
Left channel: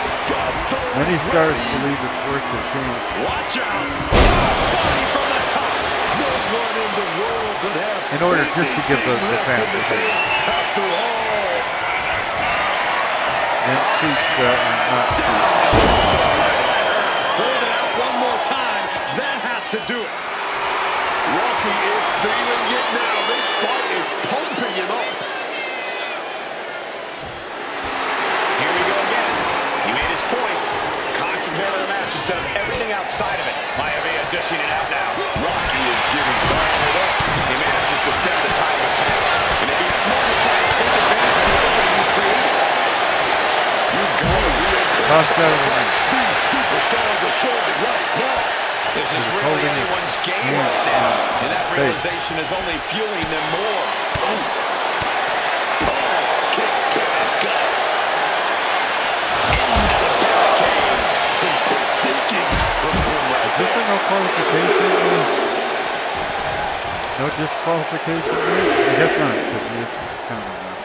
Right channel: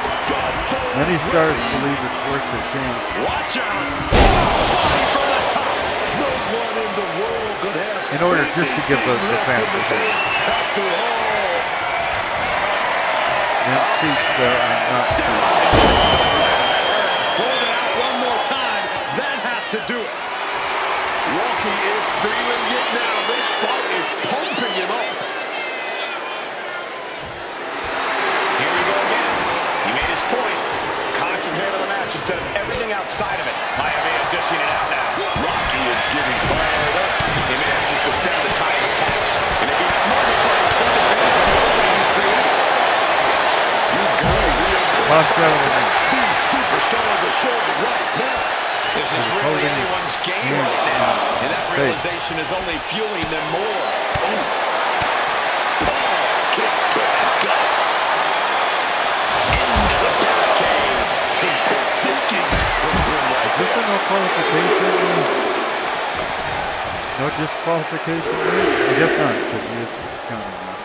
Many stars believe it's worth the change. Watch out. Crossbody from the top. No one in the world could have In order just to give the anything fans left in a the chance. tank after all. Then seats that are not cheap. Hold it out one more time. That has to do it. Rocky is feeling it now. This fight is pumping him up. Here we go again. He made his point. Concentrate on the match instead of everything outside of it. Maivia dishing it out now. Rocky is getting fired up. He manages to stem the tide of attacks. And it'd be smart to try and take advantage of the opening he's created. You've got to be Tossed out of the ring. these superstars are showing right now. This is He's really holding his anyone's game hand right now. on And that his face. realization is only fueling them more. Oh, Kick to the gut. into the barricade. Some quick thinking from him right Is this there. a no qualification? No disqualification? I guess not, because he is counting now.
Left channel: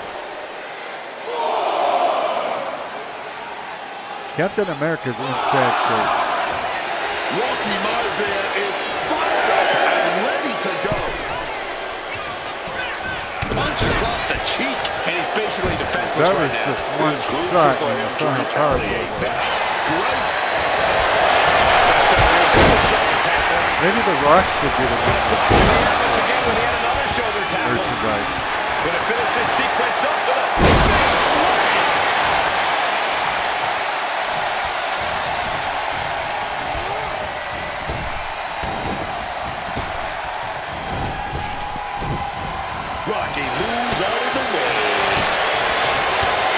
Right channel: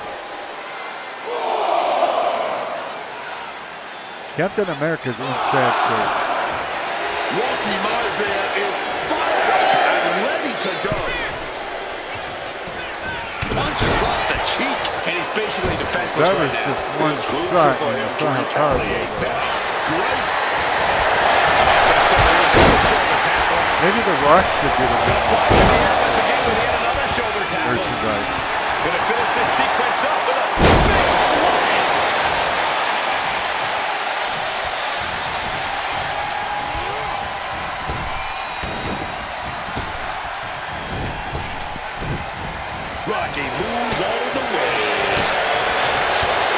Captain America's in sad shape. Rocky Maivia is fired up and ready to go. Punch across the cheek. And he's basically defenseless That right was now. just one shot, and you saw how powerful it was. Great. Shoulder tackle. Maybe The Rock should be the one. Flies in the air once again with yet another shoulder Or tackle. two guys. Gonna finish this sequence up with a big slam. Rocky moves out of the way.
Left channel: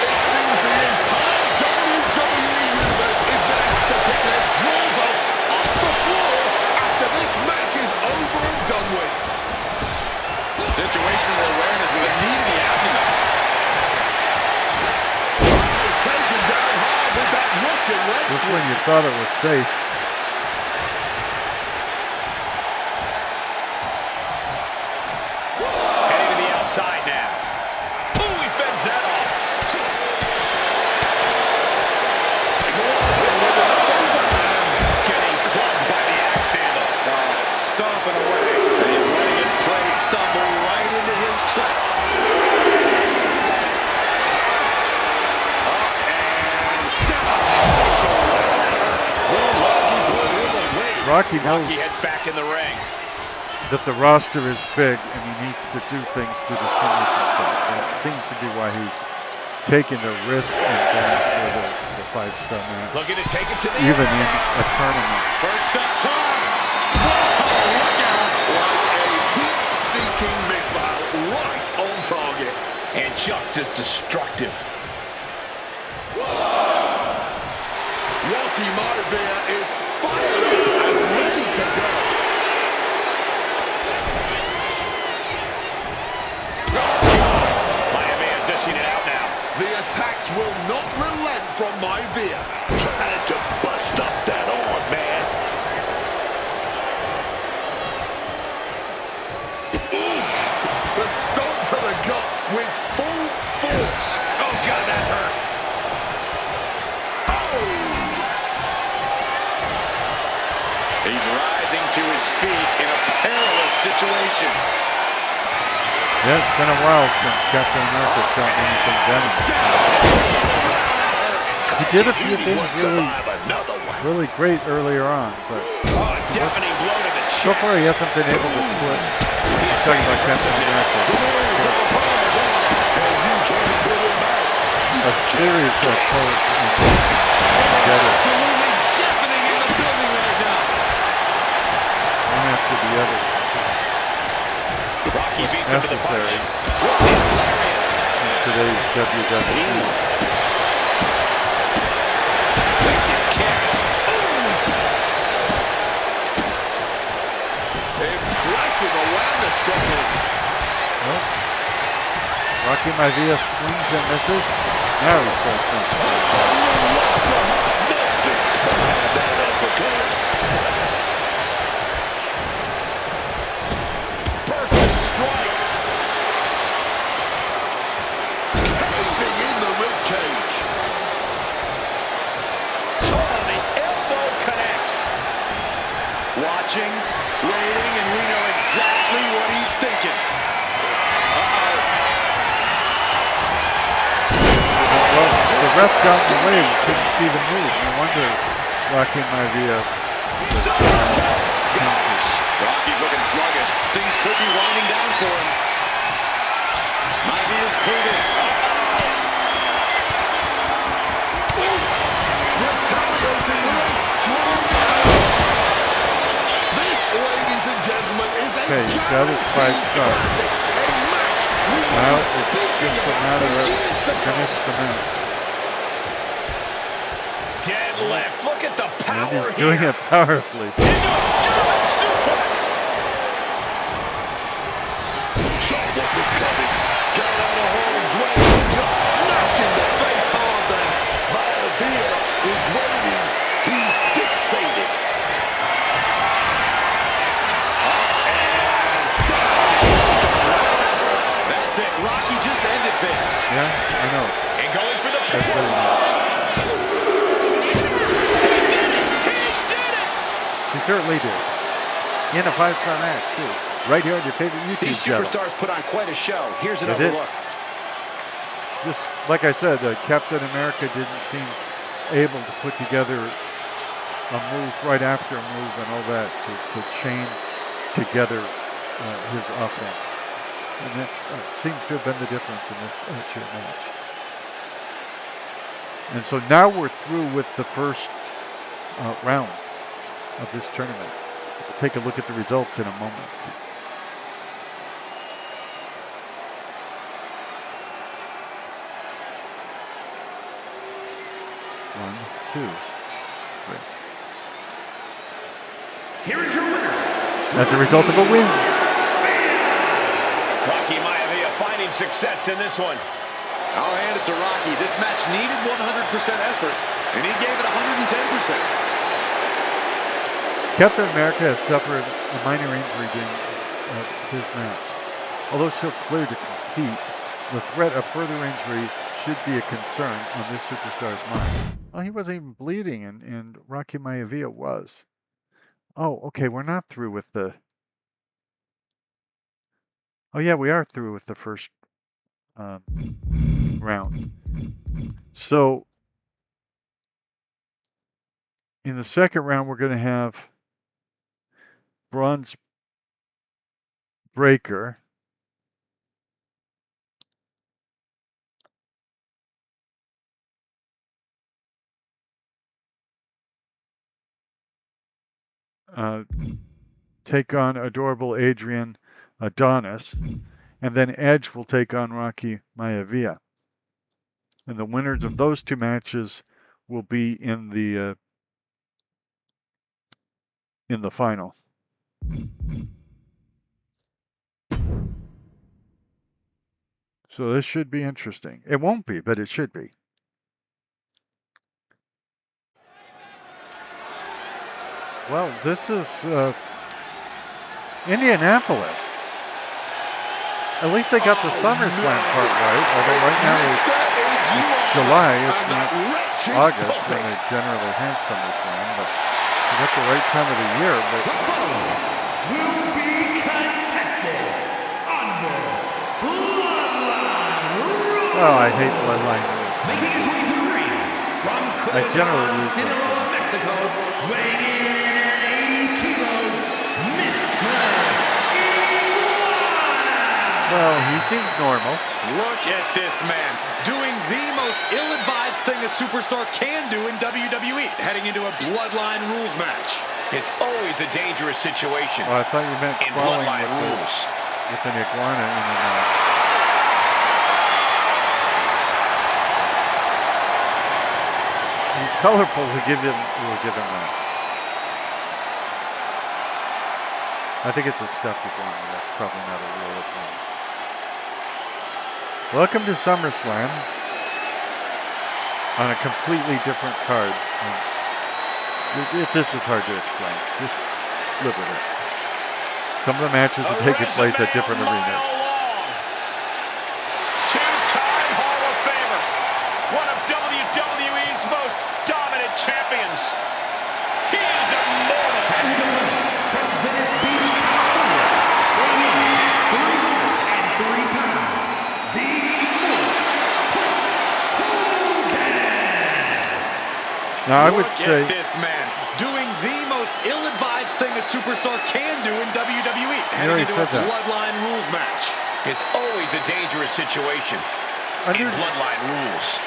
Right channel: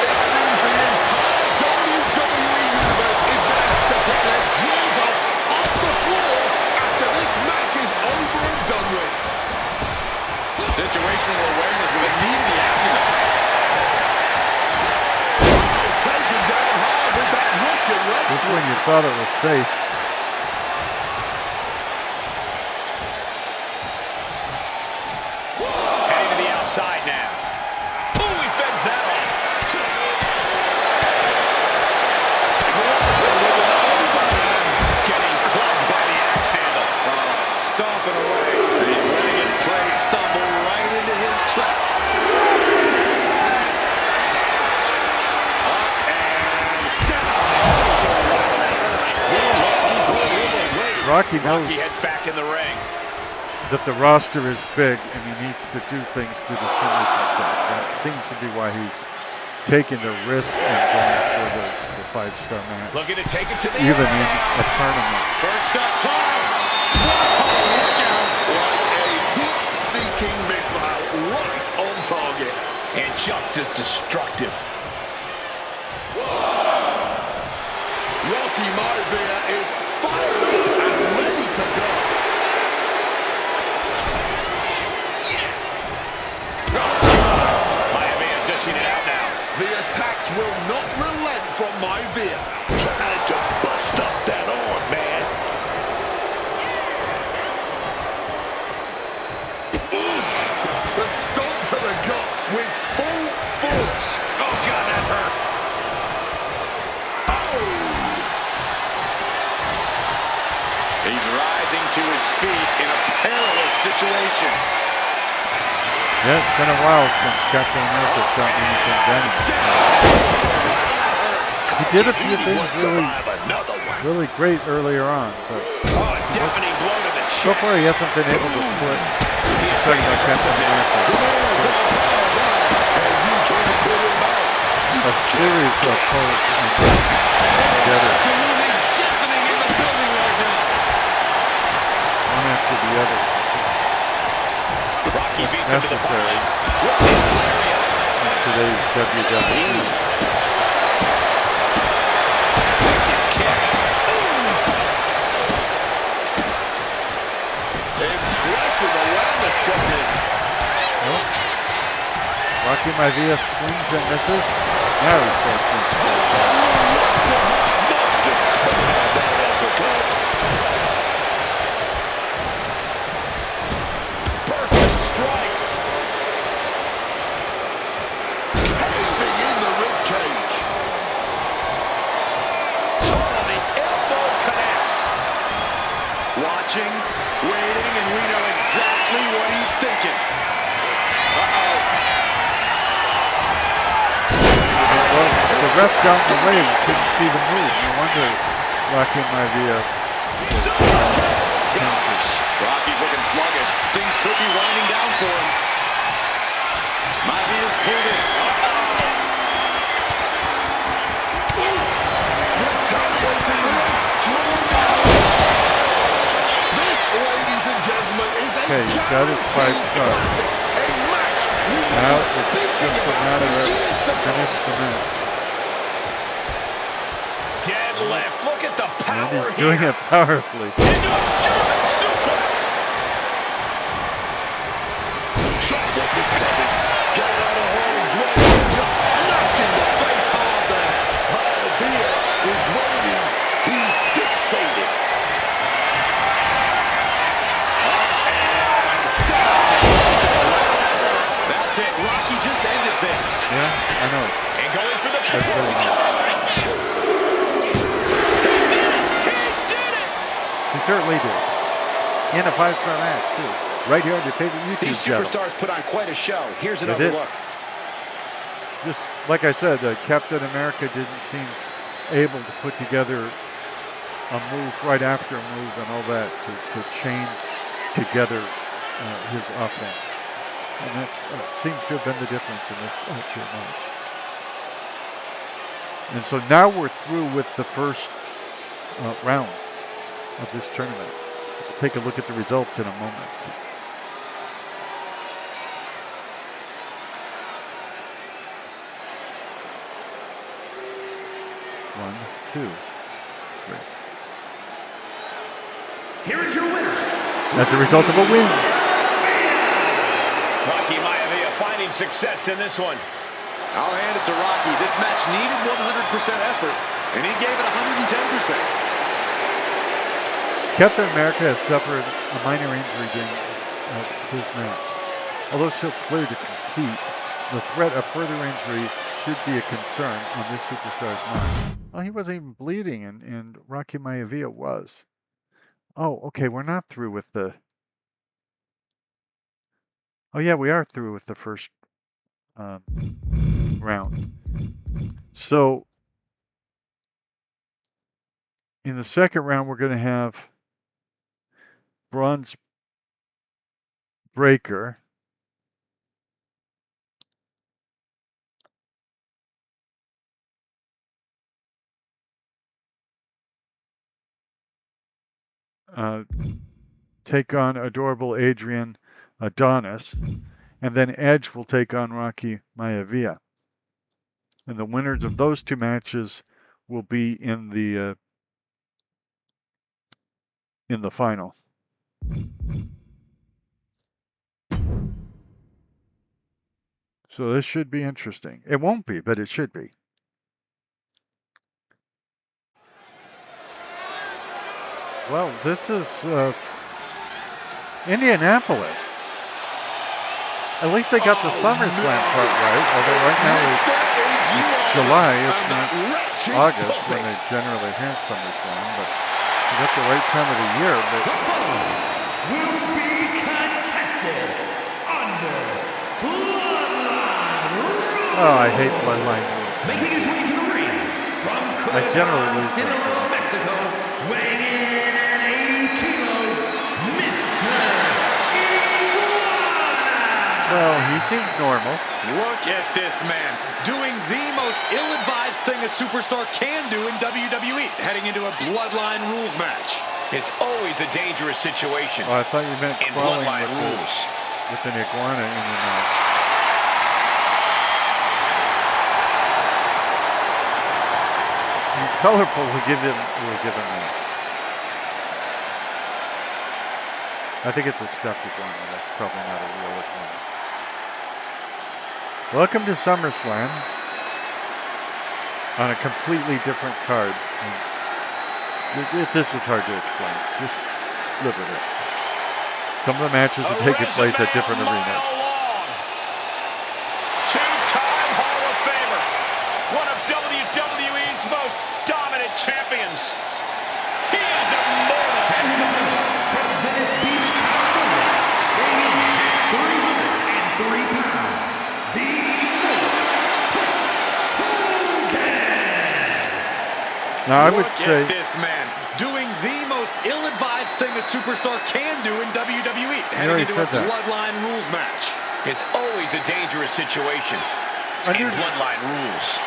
It seems the entire WWE Universe is going to have to pick their jaws off the floor after this match is over and done with. Situational awareness with a knee to the abdomen. Wow, taken down hard with that Russian leg Just sweep. when you thought it was safe. Heading to the outside now. Ooh, he fends that off. With an overhand. Getting clubbed by the axe handle. Stomping away. And he's letting his prey stumble right into his trap. Up and down. Will Rocky put him away? Rocky knows Rocky heads back in the ring. that the roster is big and he needs to do things to distinguish himself. That seems to be why he's taking the risk and going for the 5-star match, Looking to take it to the even air in now. a tournament. Perched up top. Whoa, look out. Like a heat-seeking missile right on target. And just as destructive. Rocky Maivia is fired up and ready to go. Maivia dishing it out now. The attacks will not relent from Maivia. Trying to bust up that arm, man. Oof. The stomp to the gut with full force. Oh, God, that hurt. Oh! He's rising to his feet in a perilous situation. Yeah, it's been a while since Captain America's gotten anything done. He did a few things really great earlier on, but Oh, a deafening blow to the chest. so far he hasn't been able to put, I'm talking about Captain America, a series of poses together, Absolutely deafening in the building right now. one after the other. Rocky What's beats him to the punch. necessary Lariat. in today's WWE. Wicked kick. Impressive awareness from him. Nope. Rocky Maivia swings and misses. Now he starts thinking. That uppercut. Burst of strikes. Caving in the ribcage. Oh, the elbow connects. Watching, waiting, and we know exactly what he's thinking. Uh-oh. Well, the ref got in the way. We couldn't see the move. No wonder Rocky Maivia was Gosh, Rocky's looking sluggish. Things could be winding down for him. Maivia's pulled in. Retaliating with a strong elbow. is a Okay, he's got his 5 guaranteed stars. classic, a match we will Now be it's speaking just a about matter for of years to finish come. the match. Deadlift. Look at the And power he's doing here. it powerfully. Into a German suplex. Saw what was coming. Got out of harm's way. Just smashing the face hard there. Maivia is waiting. He's fixated. Up and down. That's it. Rocky just ended things. Yeah, I know. And going for the That's pin. really nice. He certainly did. In a 5-star match, too. Right here on your favorite YouTube These channel. superstars put on quite a show. Here's They another did. look. Just like I said, Captain America didn't seem able to put together a move right after a move and all that to chain together his offense. And that seems to have been the difference in this chair match. And so now we're through with the first round of this tournament. We'll take a look at the results in a moment. One, two, three. Here is your winner. That's a result of a win. Rocky Maivia finding success in this one. I'll hand it to Rocky. This match needed 100% effort, and he gave it 110%. Captain America has suffered a minor injury during his match. Although still clear to compete, the threat of further injury should be a concern on this superstar's mind. Well, he wasn't even bleeding, and Rocky Maivia was. Oh, okay, we're not through with the... Oh, yeah, we are through with the first round. So, in the second round, we're going to have Bronze Breaker take on adorable Adrian Adonis, and then Edge will take on Rocky Maivia. And the winners of those two matches will be in the final. So this should be interesting. It won't be, but it should be. Well, this is Indianapolis. At least they got the SummerSlam part right, although right now it's July, it's not August when they generally have SummerSlam, but they got the right time of the year. But The following will be contested under Bloodline Rules. oh, I hate Bloodline rules. Making his way to the ring from I generally lose them. Sinaloa, Mexico, weighing in at 80 kilos, Mr. Iguana. Well, he seems normal. Look at this man doing the most ill-advised thing a superstar can do in WWE, heading into a Bloodline Rules match. It's always a dangerous situation Oh, I thought you meant in crawling Bloodline with, rules. with an iguana in your mouth. He's colorful. We'll give him that. I think it's a stuffed iguana. That's probably not a real iguana. Welcome to SummerSlam on a completely different card. This is hard to explain. Just live with it. Some of the matches are taking place at different arenas. Two-time Hall of Famer, one of WWE's most dominant champions. He is immortal. And his opponent from Venice Beach, California, weighing in at 303 pounds, the Immortal Hogan. Now, I would Look say... at this man doing the most ill-advised thing a superstar can do in WWE, heading already into a said that. Bloodline Rules match. It's always a dangerous situation Under, in Bloodline rules.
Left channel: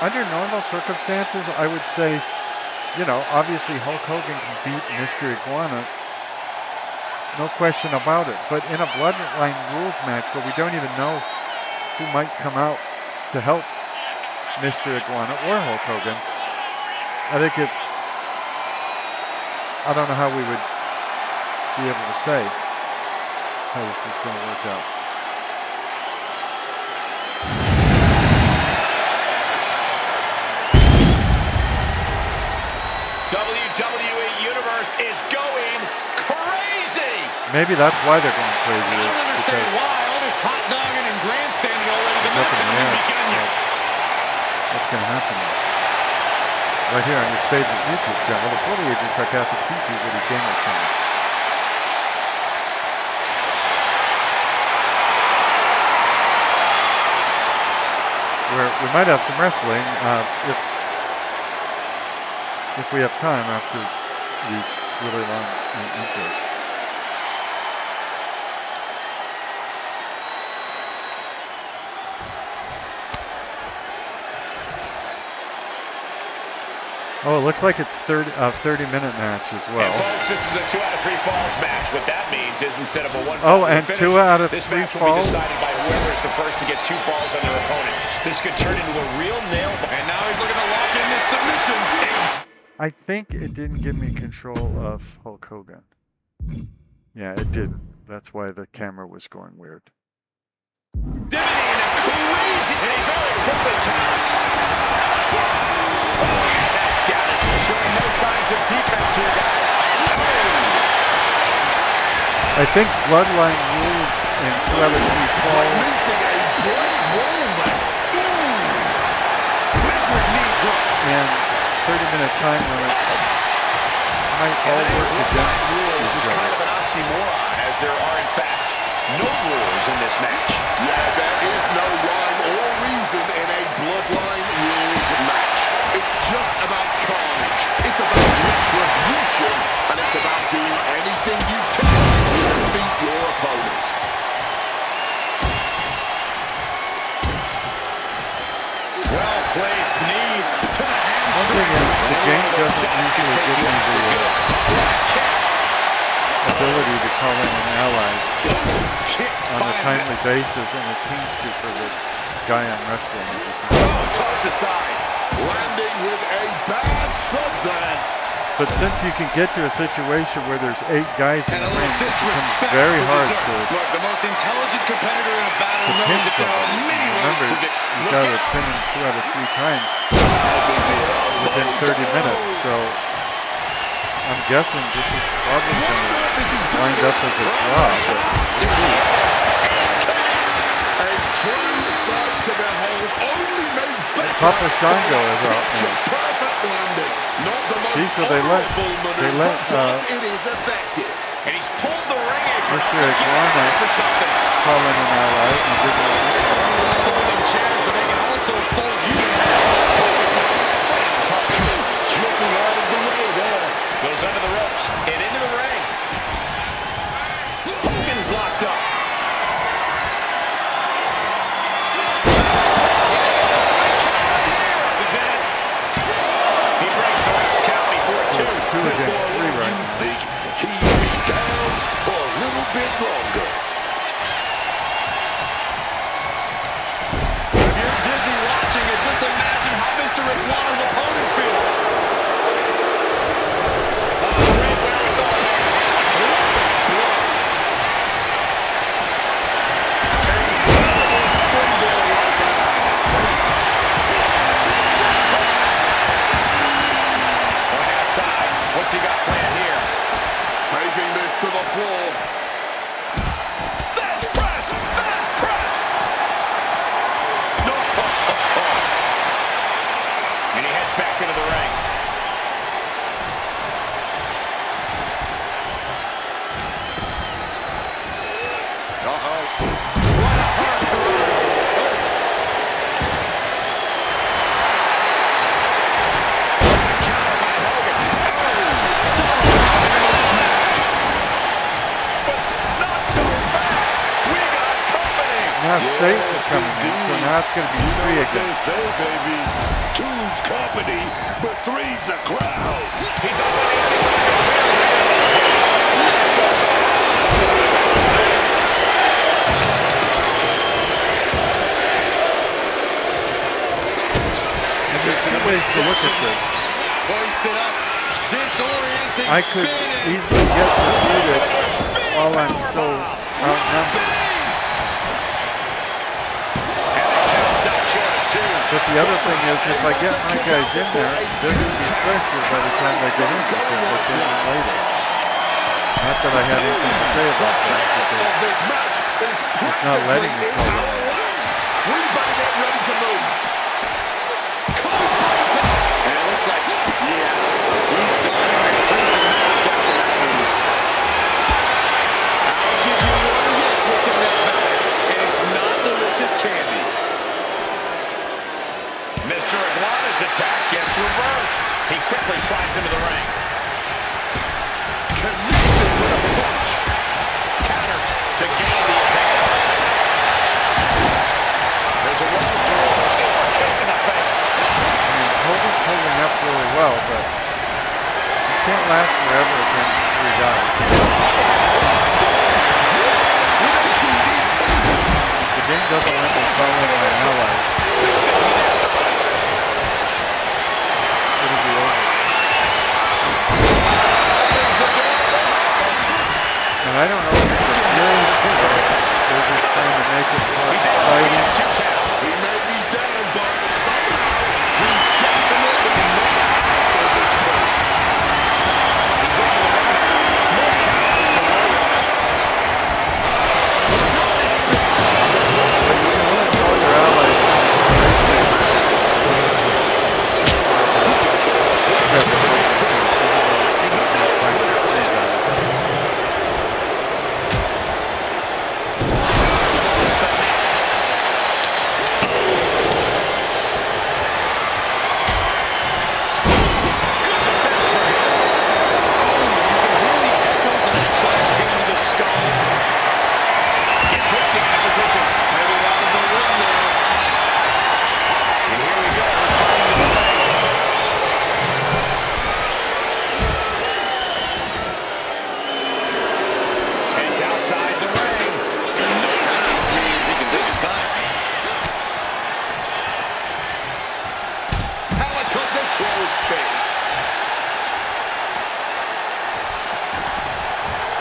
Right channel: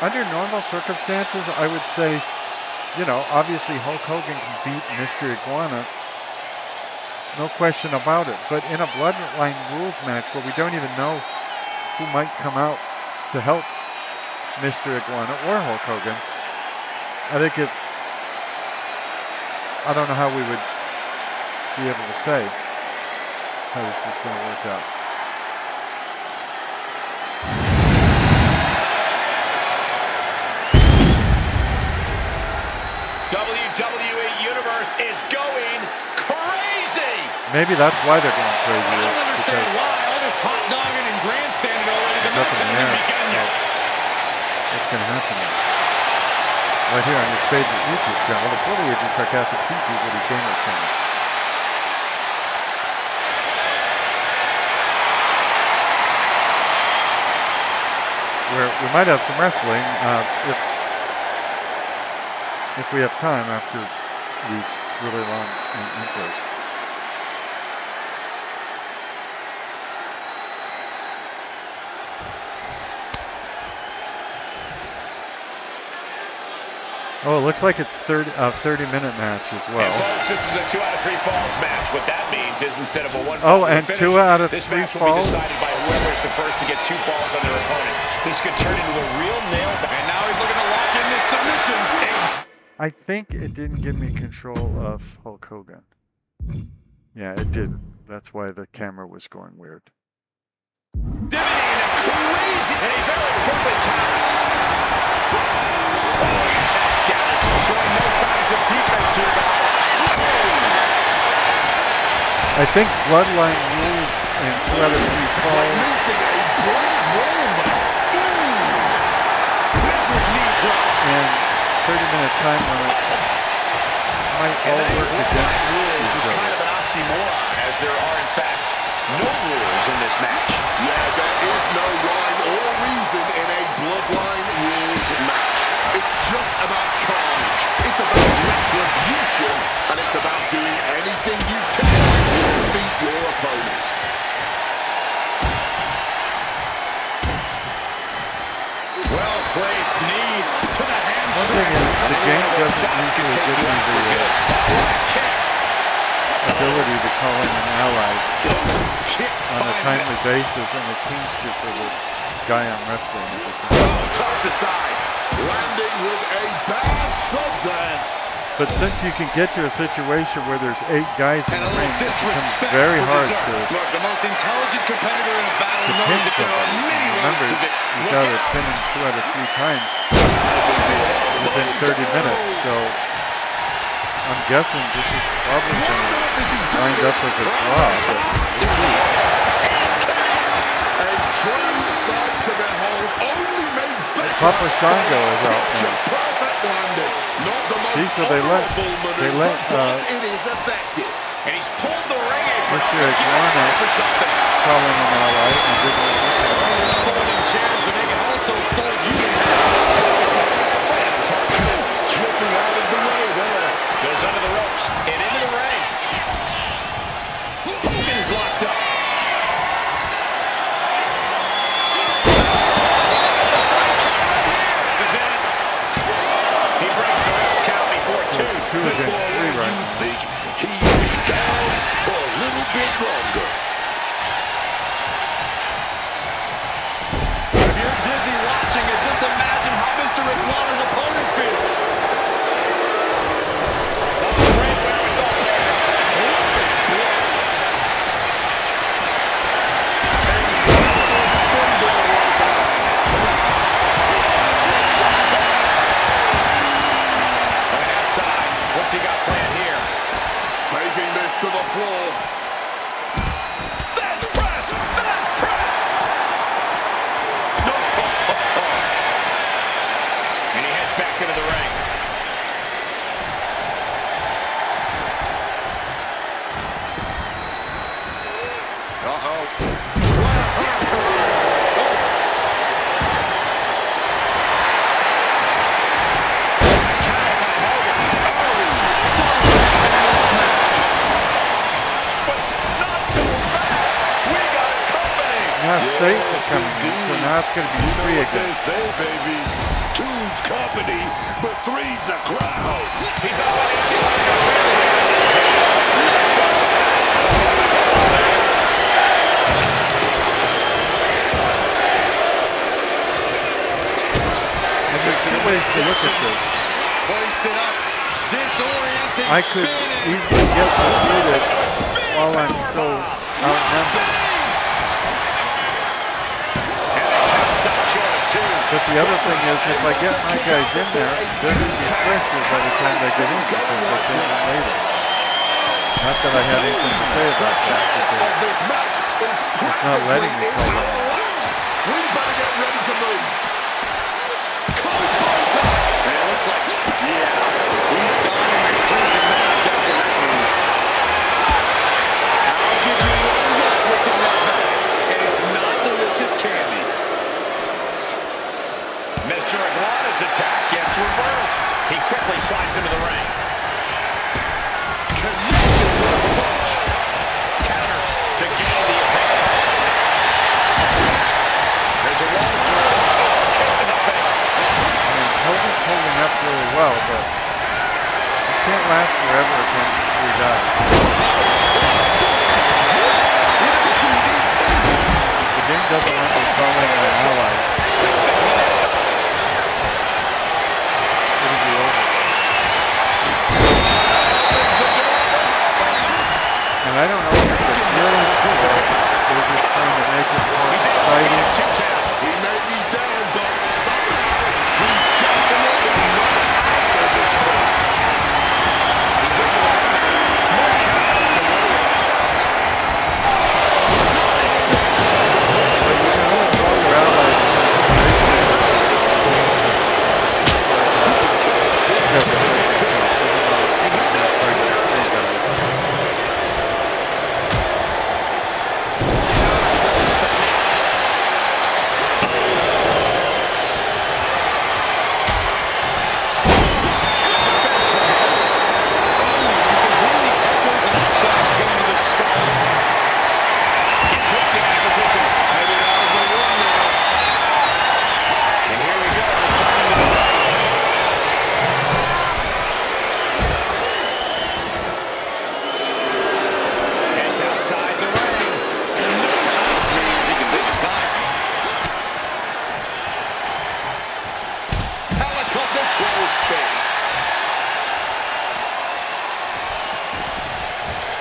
under normal circumstances, I would say, you know, obviously Hulk Hogan can beat Mr. Iguana No question about it. But in a Bloodline rules match where we don't even know who might come out to help Mr. Iguana or Hulk Hogan, I think it's, I don't know how we would be able to say how this is going to work out. WWE Universe is going crazy. Maybe that's why they're going crazy. I don't understand why. All this hot dogging and grandstanding already. The match hasn't even begun yet. What's going to happen now? Right here on your favorite YouTube channel, the Fully Aged Sarcastic PC Witty Gamer channel. Where we might have some wrestling if we have time after these really long intros. Oh, it looks like it's 30-minute match as well. And folks, this is a 2 out of 3 falls match. What that means is instead of a 1 oh, fall and finish, 2 out of 3 this match will falls? be decided by whoever is the first to get 2 falls on their opponent. This could turn into a real nail. And now he's looking to lock in this submission. I think it didn't give me control of Hulk Hogan. Yeah, it didn't. That's why the camera was going weird. Divinity in a crazy, and he very quickly counters. Oh, that's got it. Showing no signs of defense here, guys. I think Bloodline rules in 2 out of 3 falls. Meeting a brick wall there. Wicked knee drop. And 30-minute time limit might all work against rules is each kind of other. an oxymoron, as there are, in fact, no rules in this match. Yeah, there is no rhyme or reason in a Bloodline rules match. It's just about carnage. It's about retribution. And it's about doing anything you can to defeat your opponent. Well-placed knees to the hamstring. One thing is, the game doesn't usually give me the ability to call in an ally on a timely basis, and it seems to for the guy I'm wrestling at this time. Oh, tossed aside. Landing with a bad thud there. But since you can get to a situation where there's 8 guys in And the a ring, little it becomes disrespect very for hard dessert. to Look, the most intelligent competitor in a battle pin knows that there are somebody. many Remember, roads to victory. you Look got to out. pin him 2 out of 3 times within 30 minutes. So I'm guessing this is probably going to wind up as a draw. But A true sight to behold, only made better Papa Shango is out picture now. perfect landing. Not the most See, so they let maneuver, but it is effective. And he's pulled the ring apron. Mr. I'll give him Iguana credit for something. call in an ally and didn't let me call in. Folding chairs, but they can also fold you. Slipping out of the way there. Goes under the ropes and into the ring. Hogan's locked up. He breaks the ref's count before 2. So it's 2 against 3 right now. Think he'd be down for a little bit longer. If you're dizzy watching it, just imagine how Mr. Iguana's opponent feels. Oh, great wherewithal there. Incredible springboard right there. Going outside. What's he got planned here? Taking this to the floor. Fast press! Fast press! No! And he heads back into the ring. Uh-oh. What a hurricane. Oh. Counter by Hogan. Oh! Double tail smash. But not so fast. We got company. Now Satan's coming in, so now it's going to be 3 What they against. say, baby. 2's company, but 3's a crowd. He's not letting anyone interfere here. Not so fast. ways to look at this. Hoisted up. Disorienting I could easily get defeated while I'm so outnumbered. And the count stops short of 2. But the other thing is, if I get my guys in there, they're going to be fresher by the time they get in because they came in later. Not that I had anything to say about that, because it's not letting me call it. We better get ready to move. Code breaks up. And it looks like, yeah, he's donning the crimson mask after that move. I'll give you one guess what's in that bag, and it's not delicious candy. Mr. Iguana's attack gets reversed. He quickly slides into the ring. Connected with a punch. Counters to gain the advantage. There's a roll through. Super kick in the face. I mean, Hogan's holding up really well, but you can't last forever against 3 guys. The game doesn't let me call in my allies. It'll be over. And I don't know if it's a good or they're just trying to make it more exciting. He may be down, but somehow he's definitely not out at this point. He's in the ring now. More countouts to worry about. But you can only call your allies to raise their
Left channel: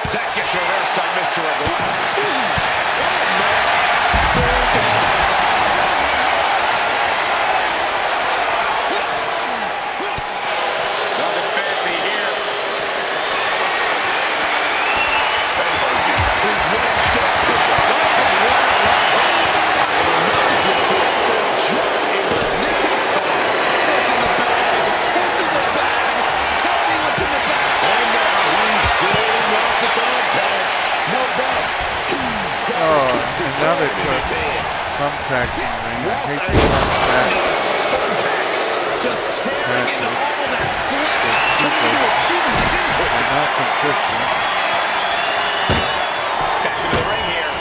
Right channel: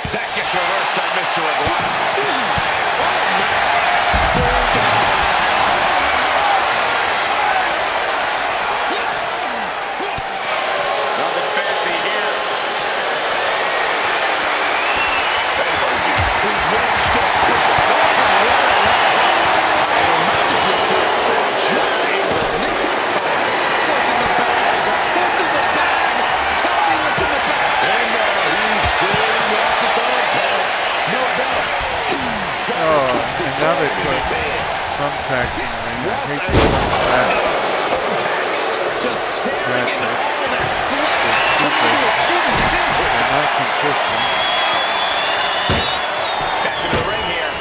That gets reversed on Mr. Iguana. Nothing fancy here. And Hogan, who's one step quicker. Manages to escape just in the nick of time. What's in the bag? What's in the bag? Tell me what's in the bag. And now he's going off the thumbtacks. No doubt. He's got and now they put thumbtacks in the ring. I hate the thumbtacks. thumbtacks. Just tearing into all that flesh. Turning into a human pinprick. They're not consistent. Back into the ring here.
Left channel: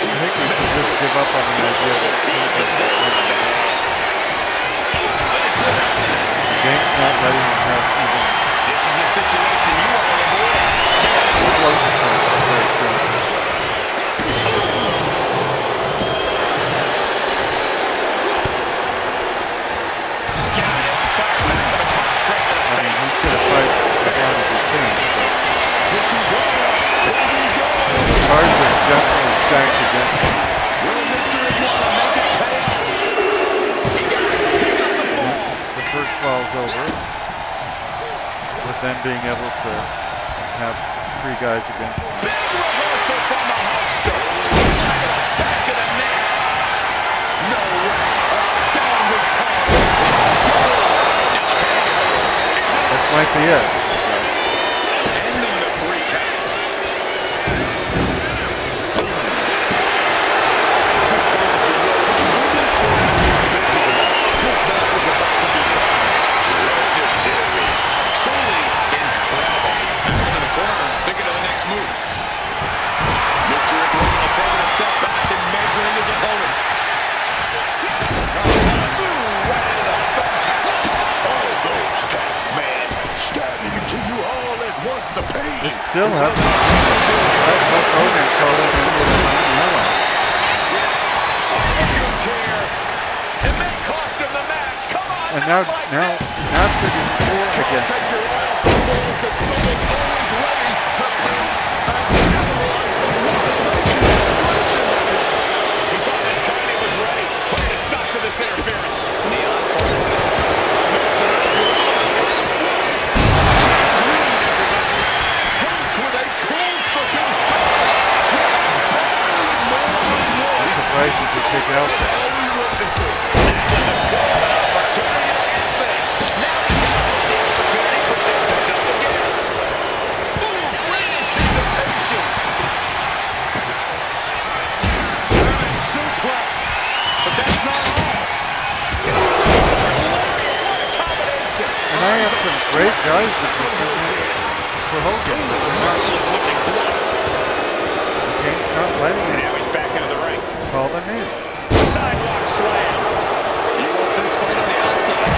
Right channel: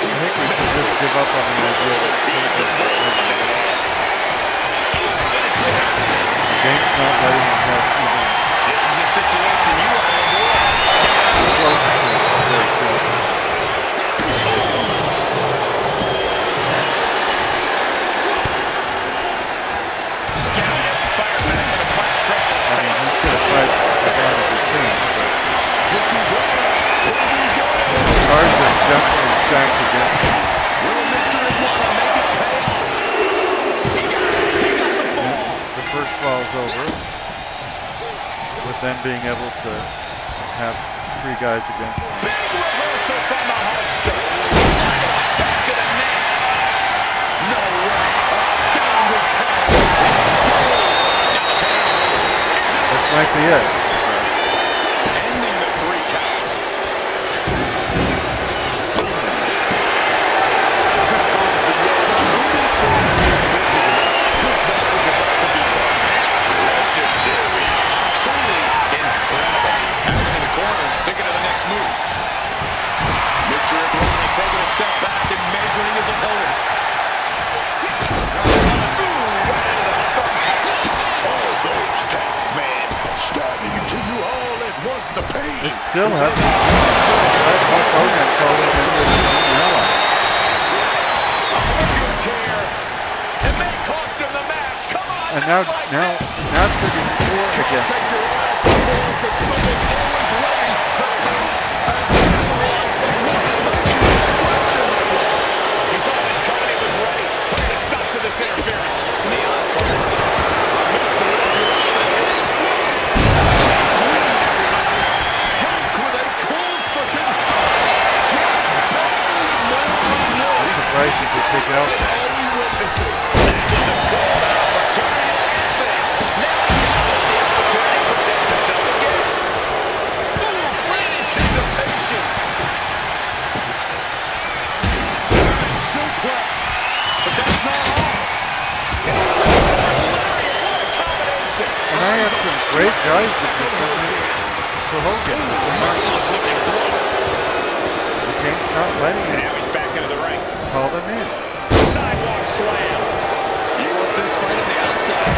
I think we should just give up on the idea that the game's not letting them have even This is a situation you want to avoid. close to their kills. Scouted, fired back with a punch straight to the I mean, face. he's going to fight as long as he can, but the cards are definitely stacked against him. Will Mr. Iguana make it pay off? He got it. He got the fall. The first fall's over, with them being able to have 3 guys against him. Big reversal from the Hulkster. Right in the back of the neck. No way. Astounding power. This might be it. Ending the 3 count. This goes beyond anything we expected tonight. This match is about to become legendary. Truly incredible. Has him in the corner, thinking of the next move. Mr. Iguana taking a step back and measuring his opponent. Right into the thumbtacks. All those tacks, man. Stabbing into you all at once. The pain. It still hasn't let Hulk Hogan call in any of his own allies. And now it's going to be 4 against Take him. your eye off the ball because someone's always ready to pounce and capitalize. But what a major distraction that was. He saw this coming, he was ready. Putting a stop to this interference. And the onslaught. Mr. Iguodala in flight. Can't read everybody. Hulk with a cause for concern. Just barely more than one. I'm surprised he could kick out What there. are we witnessing? That was a golden opportunity to end things. Now he's got to hope the opportunity presents itself again. Ooh, great anticipation. German suplex. But that's not all. What a combination. And I have some great guys that can come in for Hogan. Marshall is looking blunt. The Kane's not letting And him now he's back into the ring. call them in. Sidewalk slam. You want this fight on the outside.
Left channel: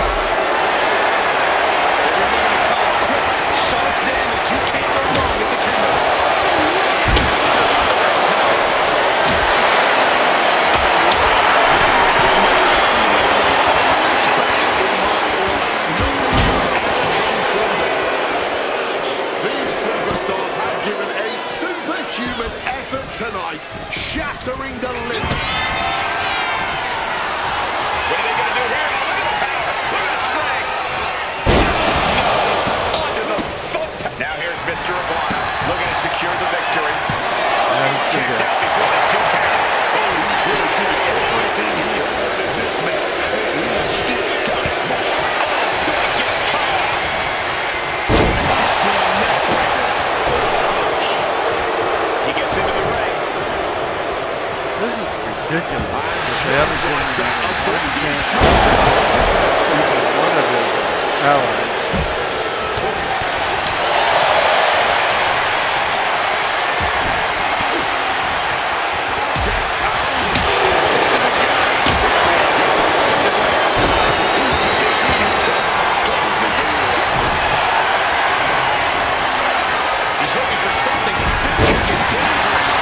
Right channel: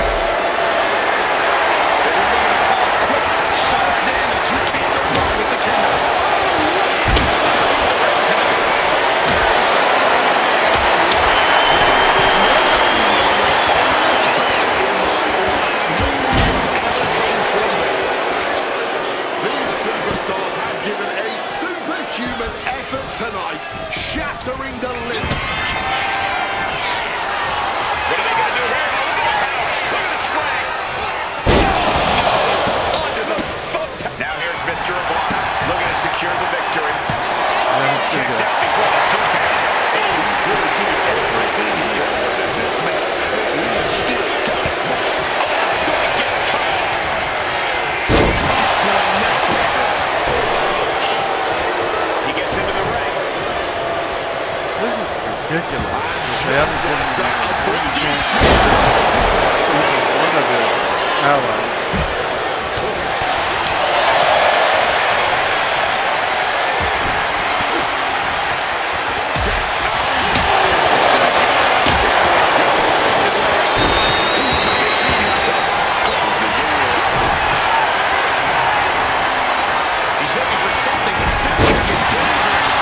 If you're looking to cause quick, sharp damage, you can't go wrong with the kendos. The ring tonight. I've never seen a more ominous bang in my life. Nothing good ever comes from this. These superstars have given a superhuman effort tonight, shattering the limit. What are they going to do here? Oh, look at the power. Look at the strength. Onto the foot. Now here's Mr. Iguana looking to secure the victory. And then he's Kicks gonna- out before the 2 count. Oh, he's really doing everything he has in this match, and he's still got it. Doink gets cut off. Caught with a neck breaker. He gets into the ring. This is ridiculous. And They just haven't given like him that, a any breaking chance shot of disaster. to beat one of his allies. Gets out. He's looking for something. This could get dangerous.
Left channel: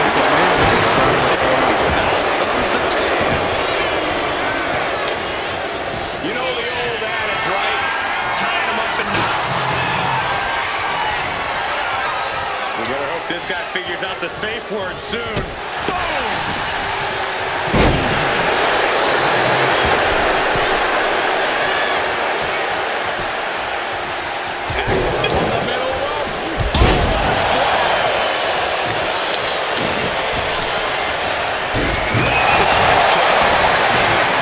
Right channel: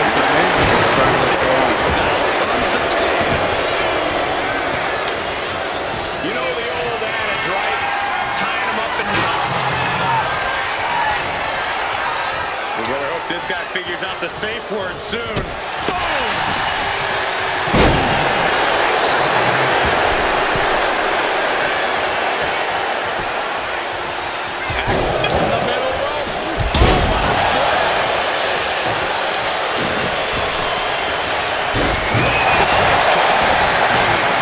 It's amazing he's trying to go on. You know the old adage, right? Tying him up in knots. We better hope this guy figures out the safe word soon. Boom! Axe from the middle rope. Oh, what a splash! Lands the trash can.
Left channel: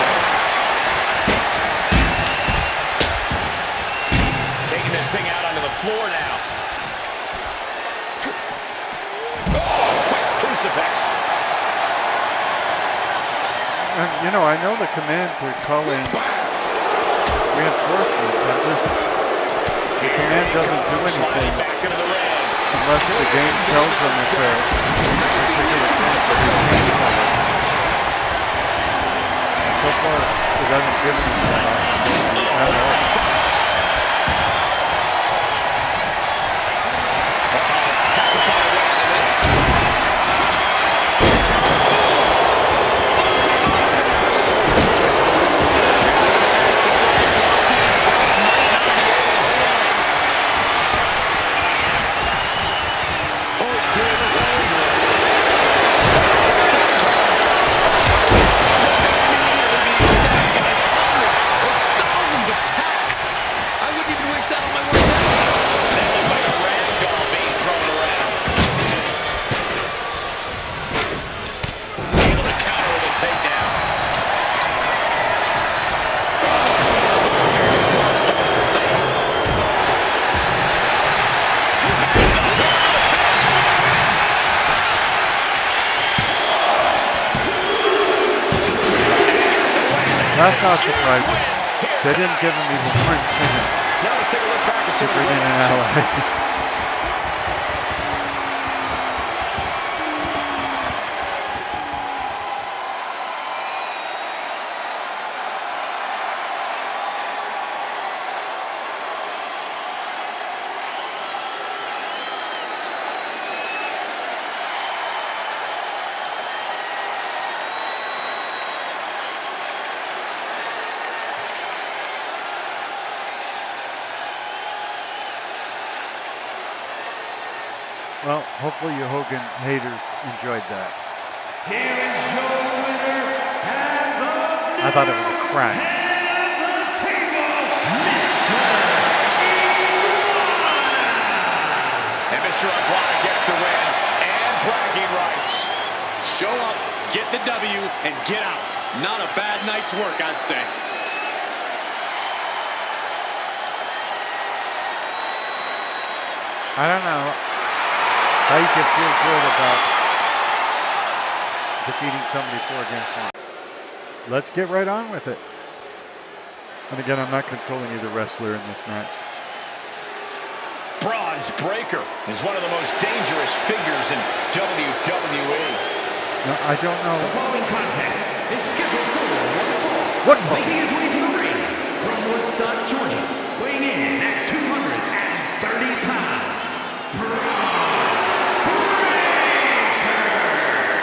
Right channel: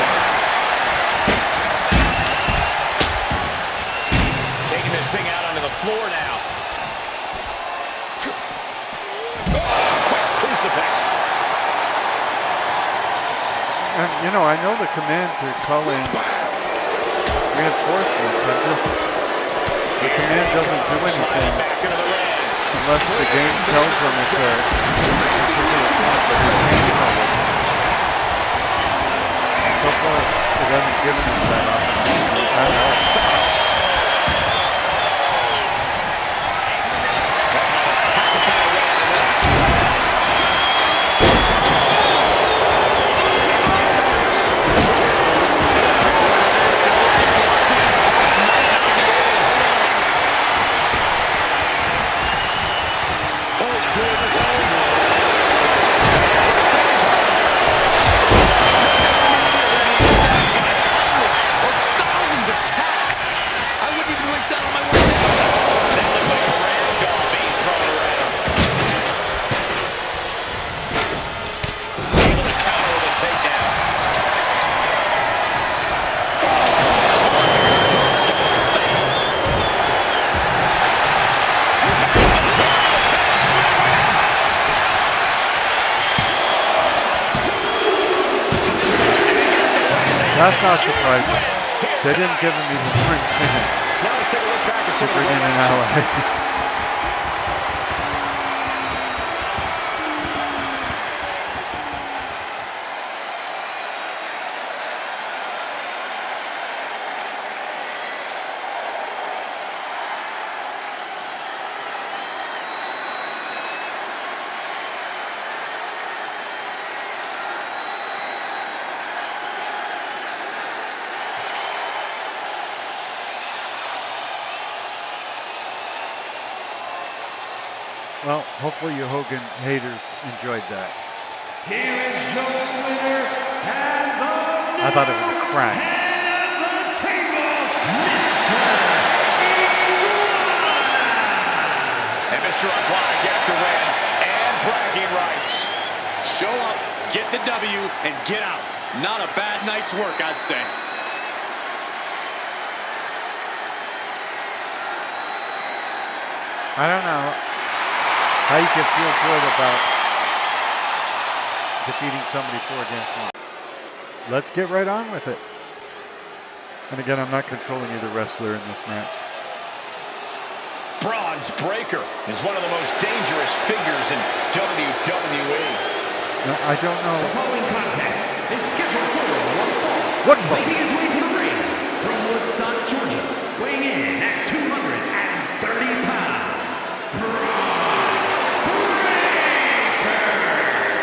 Taking this thing out onto the floor now. Oh, quick crucifix. And, you know, I know the command to call in reinforcements. The command doesn't do Sliding anything back into the ring. unless the game tells them it's a particular point that they can't call it. So far, it hasn't given them that opportunity at all. Has to find a way out of this. I wouldn't even wish that on my worst enemies. That looked like a rag doll being thrown around. Able to counter with a takedown. Face. That's not surprising. They didn't give him even 1 chance Now let's take a look back at to some of the bring in ring an action. ally. Well, hopefully you Hogan haters enjoyed that. Here is your winner and the I thought it was a crack. head of the table, Mr. Iguana. And Mr. Iguana gets the win and bragging rights. Show up, get the W, and get out. Not a bad night's work, I'd say. I don't know how you can feel good about defeating somebody 4 against 1. Let's get right on with it. And again, I'm not controlling either wrestler in this match. Bronze Breaker is one of the most dangerous figures in WWE. No, I don't know. The following contest is scheduled for one fall. One fall. Making his way to the ring from Woodstock, Georgia, weighing in at 230 pounds, Bronze Breaker.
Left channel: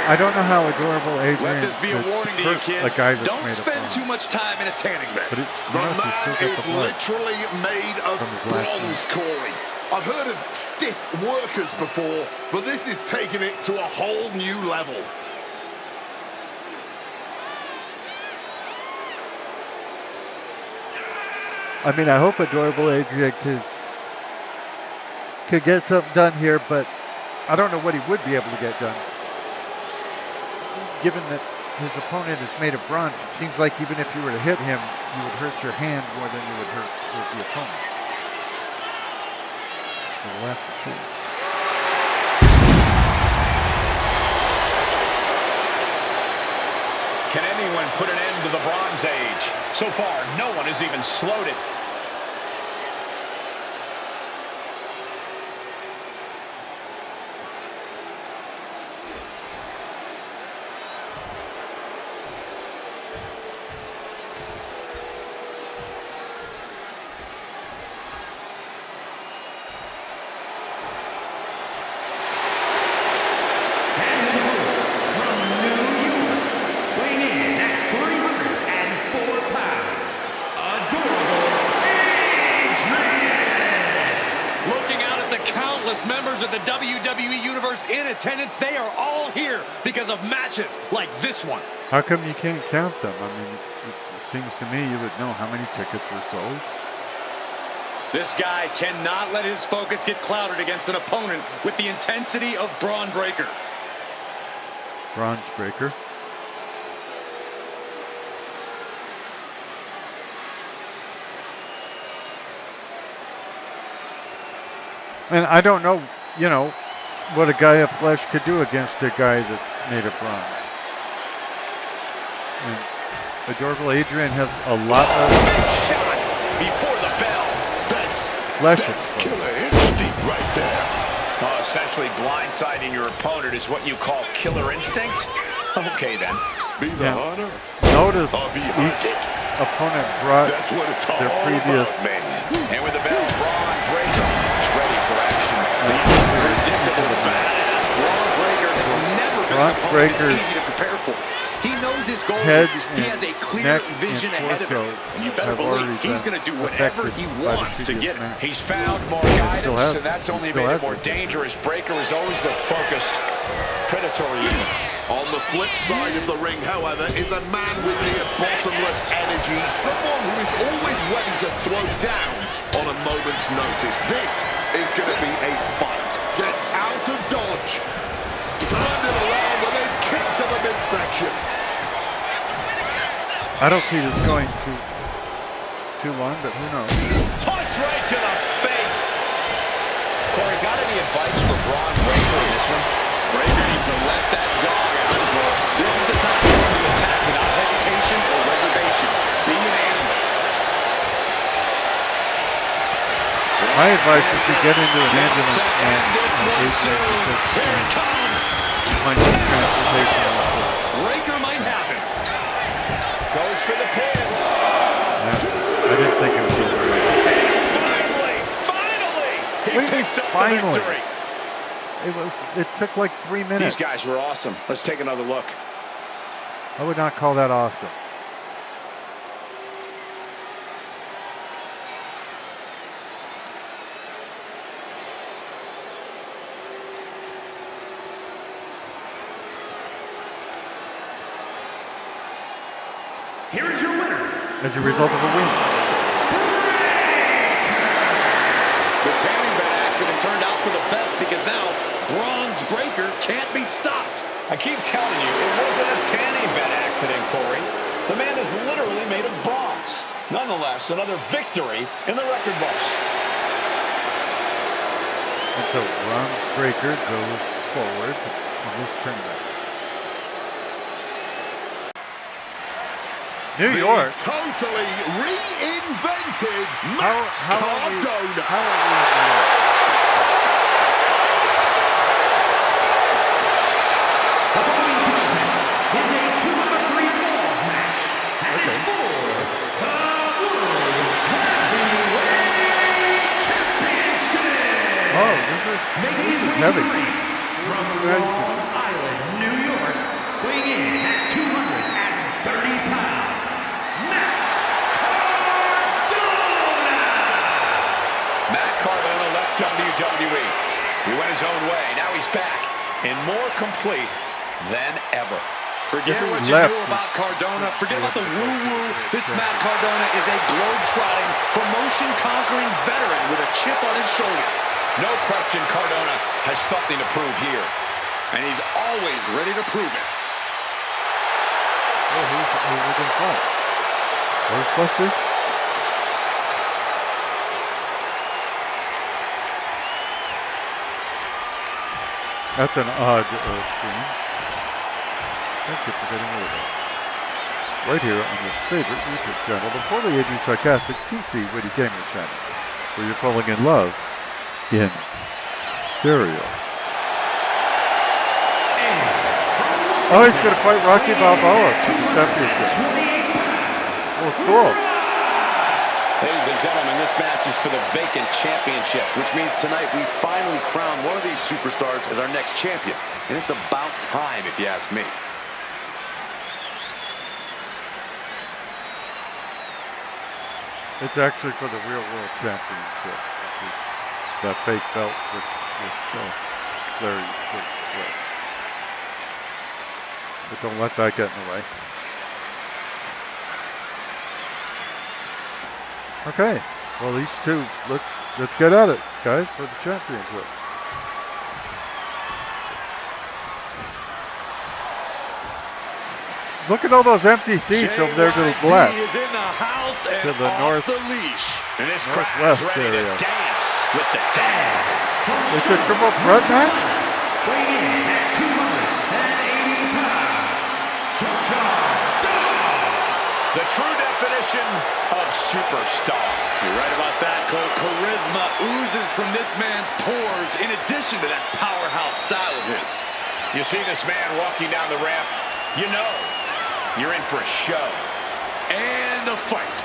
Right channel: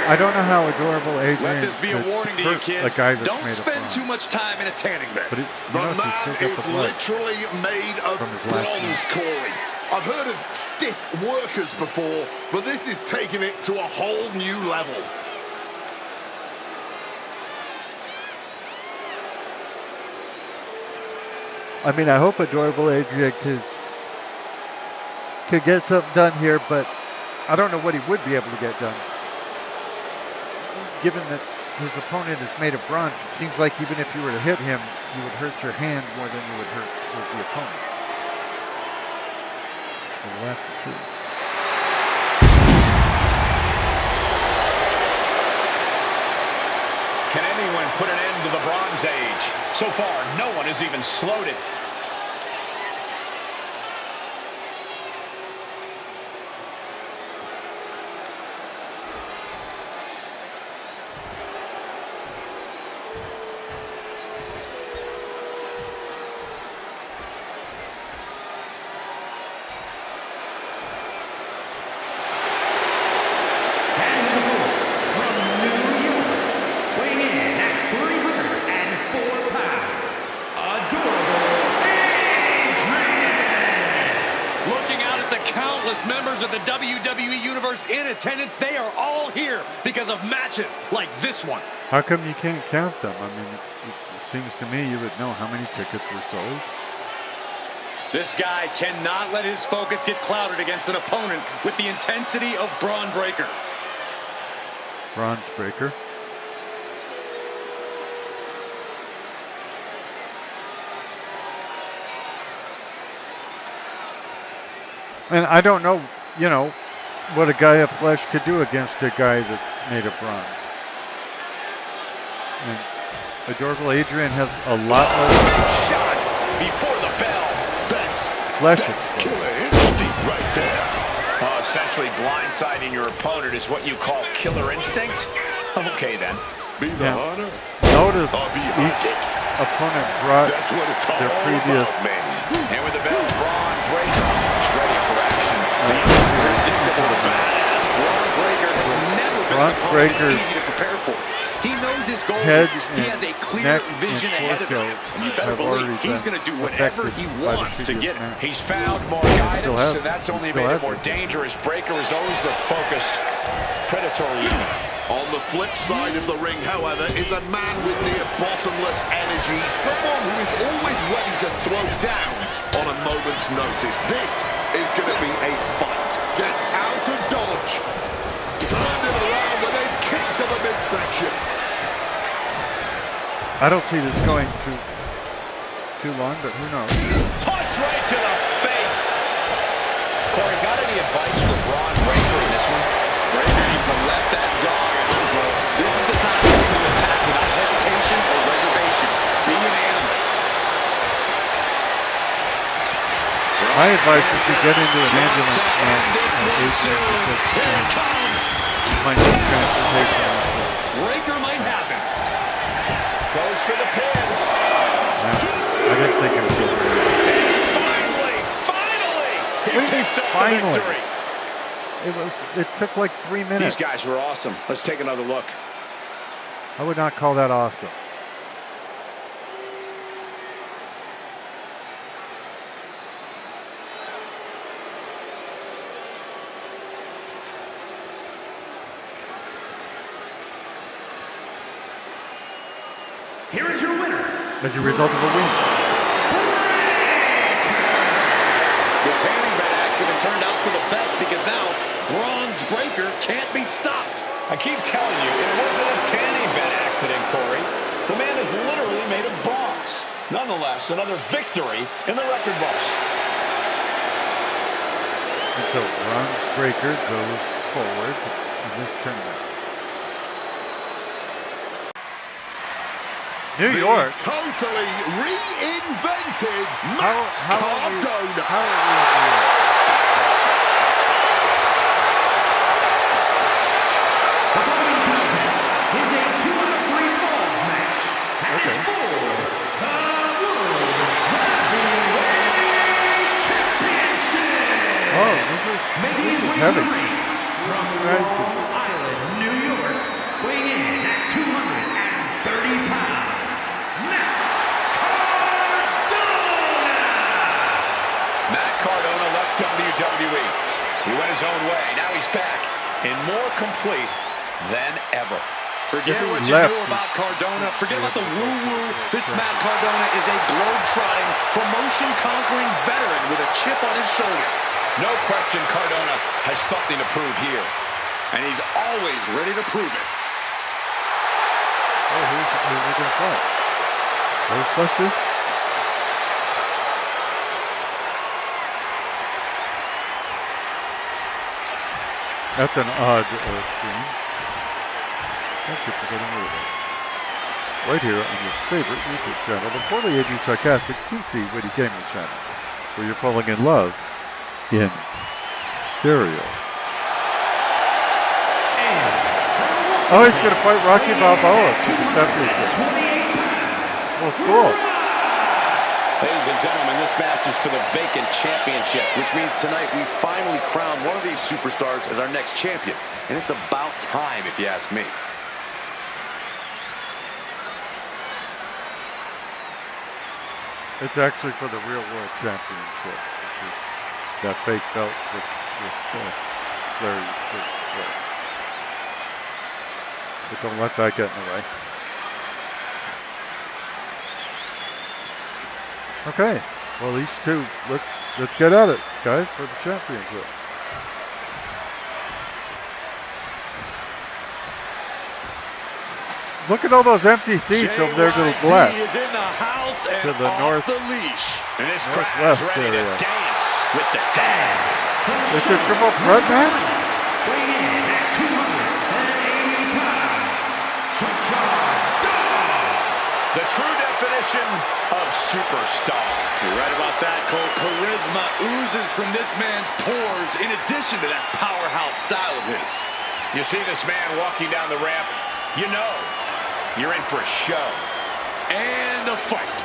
I don't know how adorable Adrian Let this be a could warning to you hurt kids. a guy that's Don't made of spend bronze. too much time in a tanning bed. But The notice he's man still got is the blood. literally made of from his last bronze, Corey. I've heard of stiff workers before, but this is taking it to a whole new level. I mean, I hope adorable Adrian could get something done here, but I don't know what he would be able to get done. Given that his opponent is made of bronze, it seems like even if you were to hit him, you would hurt your hand more than you would hurt the opponent. So we'll have to see. Can anyone put an end to the Bronze Age? So far, no one has even slowed it. And his opponent from New York, weighing in at 304 pounds, adorable Adrian. Looking out at the countless members of the WWE Universe in attendance, they are all here because of matches like this one. How come you can't count them? I mean, it seems to me you would know how many tickets were sold. This guy cannot let his focus get clouded against an opponent with the intensity of Braun Breaker. Bronze Breaker. And I don't know, you know, what a guy of flesh could do against a guy that's made of bronze. And adorable Adrian has a lot of Shot before the bell. That's flesh exposed. killer inch deep right there. Essentially blindsiding your opponent is what you call killer instinct? Okay, then. Be the Yeah. hunter Notice or be each hunted. opponent brought That's what it's all their previous about, man. And with the bell, Braun Breaker is ready for action. The unpredictable badass Braun Breaker has never been Braun an opponent that's Breaker's easy to prepare for. He knows his goal. head He has a and clear neck vision and ahead of him. torso And you better have already believe he's been going to do whatever affected he by the wants to previous get it. match. He's found more still guidance, has- and that's he only still made has it more it. dangerous. Breaker has always looked focused, predatory even. On the flip side of the ring, however, is a man with near bottomless energy, someone who is always ready to throw down on a moment's notice. This is going to be a fight. Gets out of dodge. Turned it around with a kick to the midsection. I don't see this going too long, but who knows? Punch right to the face. Corey, got any advice for Braun Breaker in this one? Breaker needs to let that dog out, Cole. This is the time for him to attack without hesitation or reservation. Be an animal. My advice is to get into an ambulance and This one soon. Here it comes. might need transportation out there. Breaker might have him. Goes for the pin. Yeah, I didn't think it was over. And finally, he What do you mean, picks up finally? the victory. It took like 3 minutes. These guys were awesome. Let's take another look. I would not call that awesome. here is your winner. as a result of a win. The tanning bed accident turned out for the best because now Bronze Breaker can't be stopped. I keep telling you, it wasn't a tanning bed accident, Corey. The man is literally made of bronze. Nonetheless, another victory in the record books. And so Bronze Breaker goes forward in this tournament. New York. The totally reinvented How Matt are we in Cardona. New York? The following contest is a 2-out-of-3 falls match. And Okay. it's for the World Heavyweight Championship. Oh, Making this his is way heavy. to the ring from Nice. Long Island, New York, weighing in at 230 pounds, Matt Cardona. Matt Cardona left WWE. He went his own way. Now he's back and more complete than ever. Forget If he what you left, knew about Cardona. Forget about the woo-woo. This Matt Cardona is a globe-trotting, promotion-conquering veteran with a chip on his shoulder. No question Cardona has something to prove here. And he's always ready to prove it. Oh, who's going to fight? Ghostbusters? That's an odd screen. Thank you for getting rid of that. Right here on your favorite YouTube channel, the poorly aging sarcastic PC Witty Gamer channel, where you're falling in love in stereo. Oh, he's going to fight Rocky Balboa for the championship. 28 pounds. Well, cool. Ladies and gentlemen, this match is for the vacant championship. Which means tonight we finally crown one of these superstars as our next champion. And it's about time, if you ask me. It's actually for the real world championship, which is that fake belt with Larry's good wear. But don't let that get in the way. Okay, well these two, let's get at it, guys, for the championship. Look at all those empty seats over there to the left. is in the house and To the off north- the leash. And this crowd is Northwest ready area. to dance with the dog. It's a triple threat match? Weighing in at 280 pounds, Chuck Dog. The true definition of superstar. You're right about that, Cole. Charisma oozes from this man's pores in addition to that powerhouse style of his. You see this man walking down the ramp, you know you're in for a show. And a fight.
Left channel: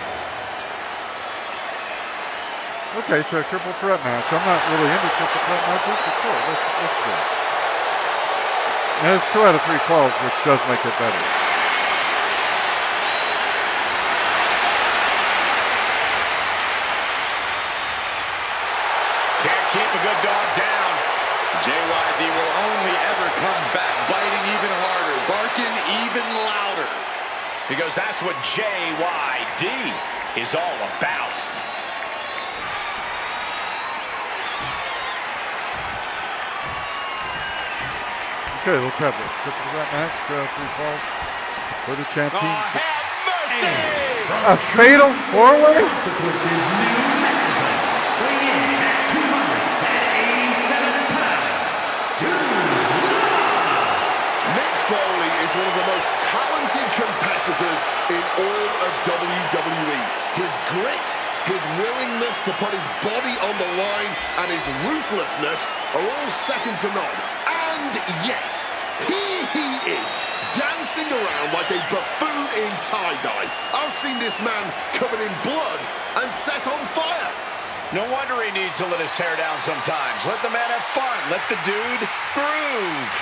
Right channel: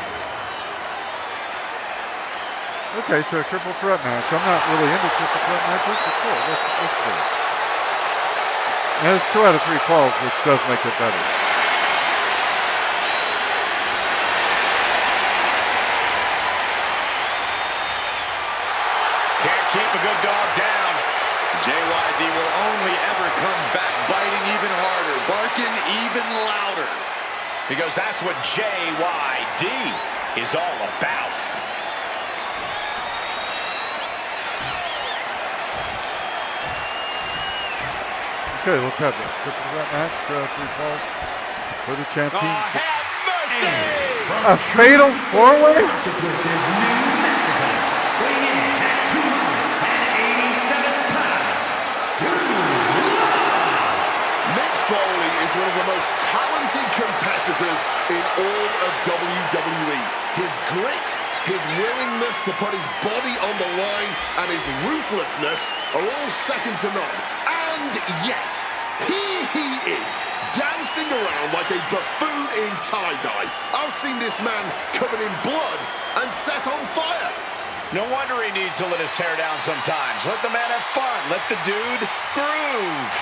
Okay, so a triple threat match. I'm not really into triple threat matches, but cool. Let's do it. And it's 2 out of 3 falls, which does make it better. Can't keep a good dog down. JYD will only ever come back biting even harder, barking even louder. Because that's what JYD is all about. Okay, let's have this. Triple threat match, 2 out of 3 falls for the Oh, championship. have mercy! A fatal 4-way? Consequences, New Mexico. Weighing in at 287 pounds, Dude Love. Mick Foley is one of the most talented competitors in all of WWE. His grit, his willingness to put his body on the line, and his ruthlessness are all second to none. And yet, here he is, dancing around like a buffoon in tie-dye. I've seen this man covered in blood and set on fire. No wonder he needs to let his hair down sometimes. Let the man have fun. Let the dude groove.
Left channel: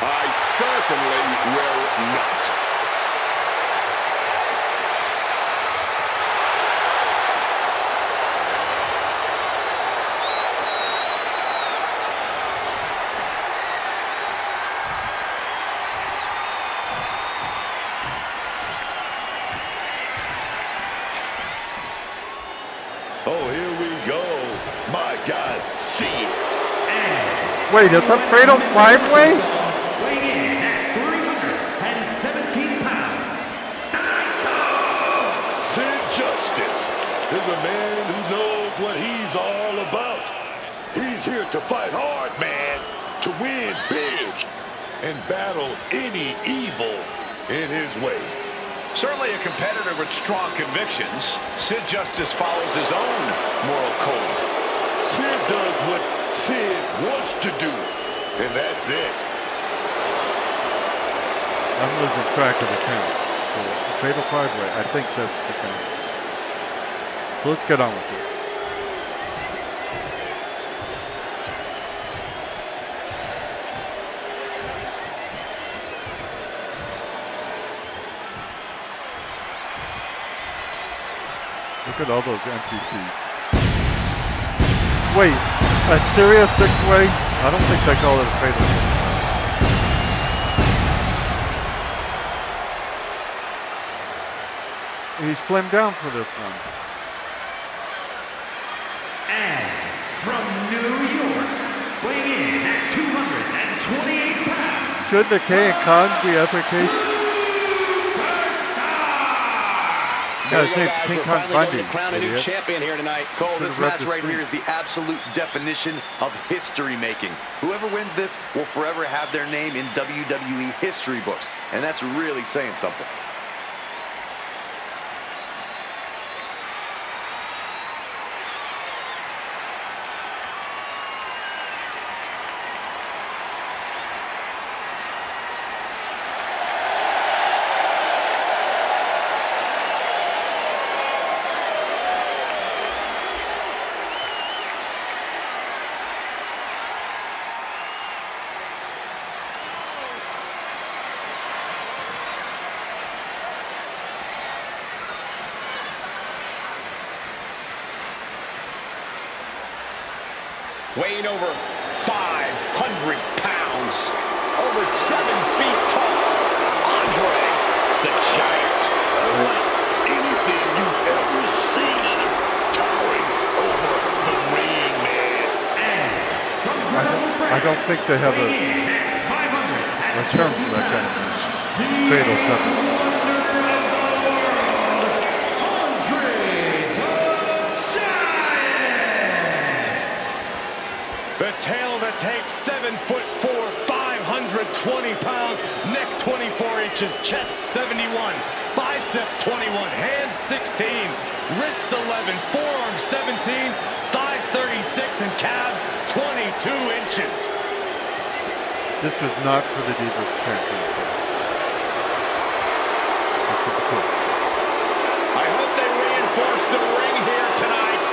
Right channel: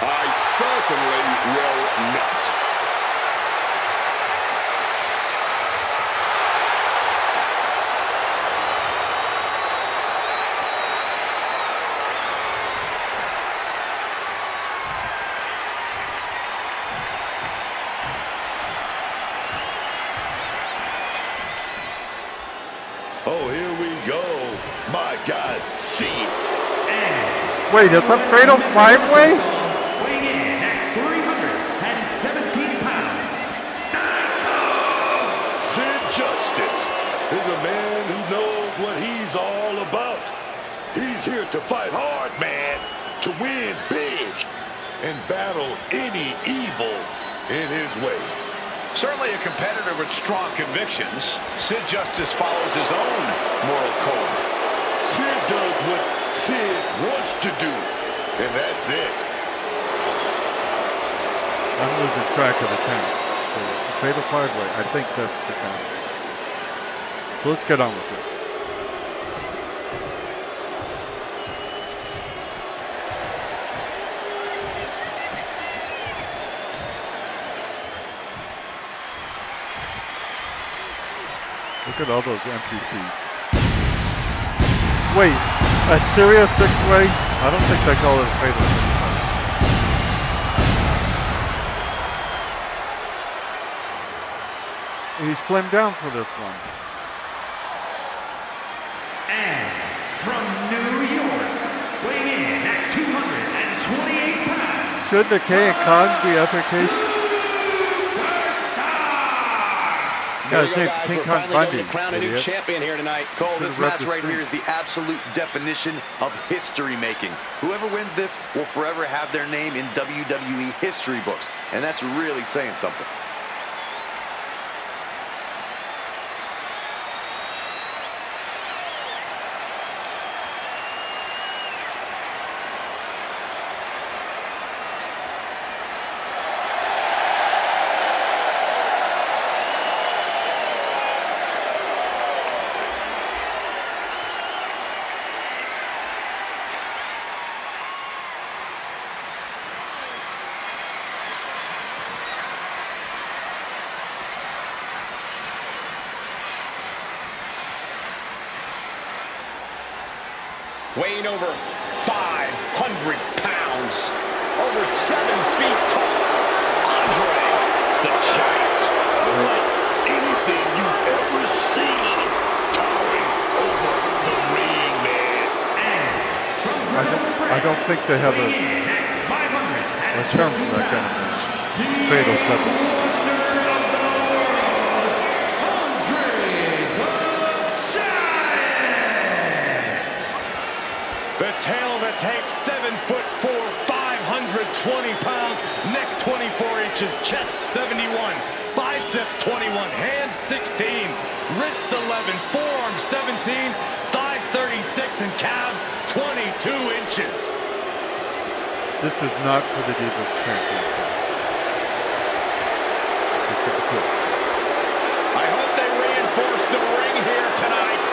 I certainly will not. Oh, here we go. My guy, Sid. Wait, it's a fatal five-way? Weighing in at 317 pounds, Psycho! Sid Justice is a man who knows what he's all about. He's here to fight hard, man, to win big, and battle any evil in his way. Certainly a competitor with strong convictions, Sid Justice follows his own moral code. Sid does what Sid wants to do, and that's it. I'm losing track of the count. So, fatal five-way, I think that's the count. So let's get on with it. Look at all those empty seats. Wait, a serious six-way? I don't think they call it a fatal six-way. He's slimmed down for this one. And from New York, weighing in at 228 pounds, Should the K and Khan be efficacious? Superstar! There No, you his go, name's guys. King We're Kong finally going Bundy, to crown a new idiot. champion here tonight. Cole, Should've this read match the right here screen. is the absolute definition of history making. Whoever wins this will forever have their name in WWE history books, and that's really saying something. Weighing over 500 pounds, over 7 feet tall, Andre the Giant. Unlike anything you've ever seen, towering over the ring, man. And from Grenoble, France, I don't think they have weighing in at 500 a term for that kind of match. Fatal seven. wonder of the world, Andre the Giant! The tail that takes 7'4", 520 pounds, neck 24 inches, chest 71, biceps 21, hands 16, wrists 11, forearms 17, thighs 36, and calves 22 inches. This is not for the Divas Championship. Just for the quick. I hope they reinforce the ring here tonight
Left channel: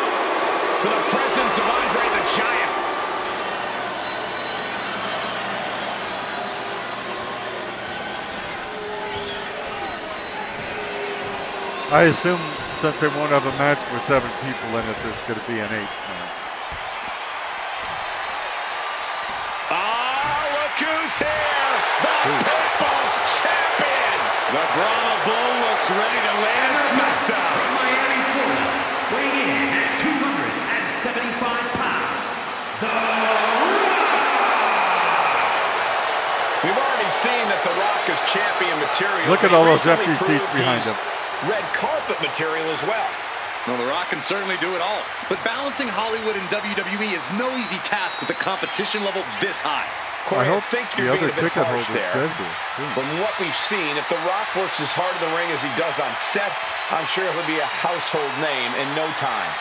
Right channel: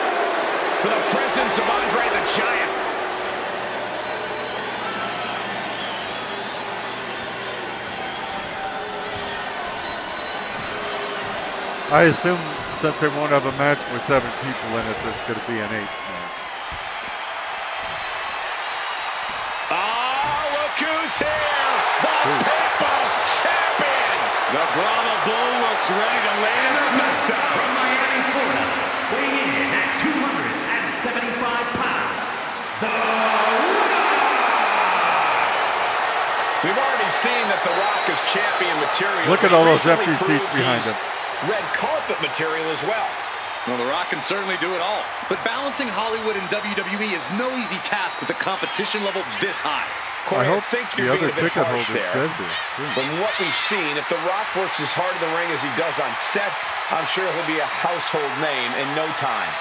for the presence of Andre the Giant. I assume since they won't have a match with 7 people in it, there's going to be an 8th match. Oh, look who's here! The People's Champion! The Brahma Bull looks ready to land a smackdown. From Miami, Florida, weighing in at 275 pounds, The Rock! We've already seen that The Rock is champion material. Look at He all those recently empty seats proved behind he's him. Red carpet material as well. Well, The Rock can certainly do it all, but balancing Hollywood and WWE is no easy task with a competition level this high. Corey, I hope think the you're being other a bit ticket harsh holders there. did this. From what we've seen, if The Rock works as hard in the ring as he does on set, I'm sure he'll be a household name in no time.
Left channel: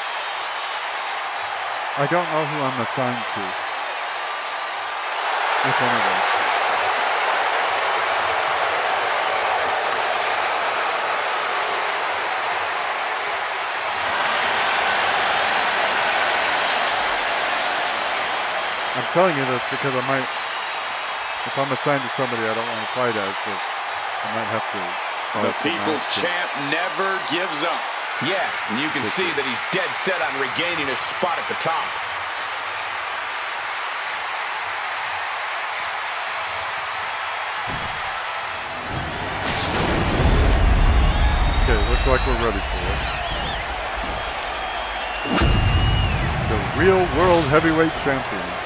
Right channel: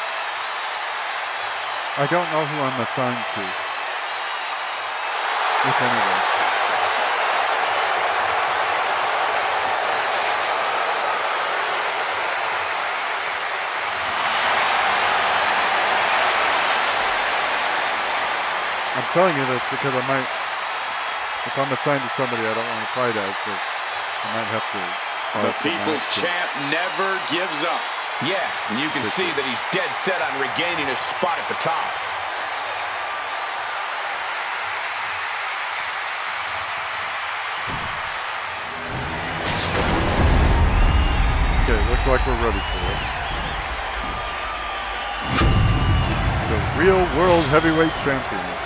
I don't know who I'm assigned to. If anyone. I'm telling you this because I might, if I'm assigned to somebody I don't want to fight as, so I might have to. The People's Champ never gives up. Yeah, and you can see that he's dead set on regaining his spot at the top. Okay, looks like we're ready for it. the real World Heavyweight Championship.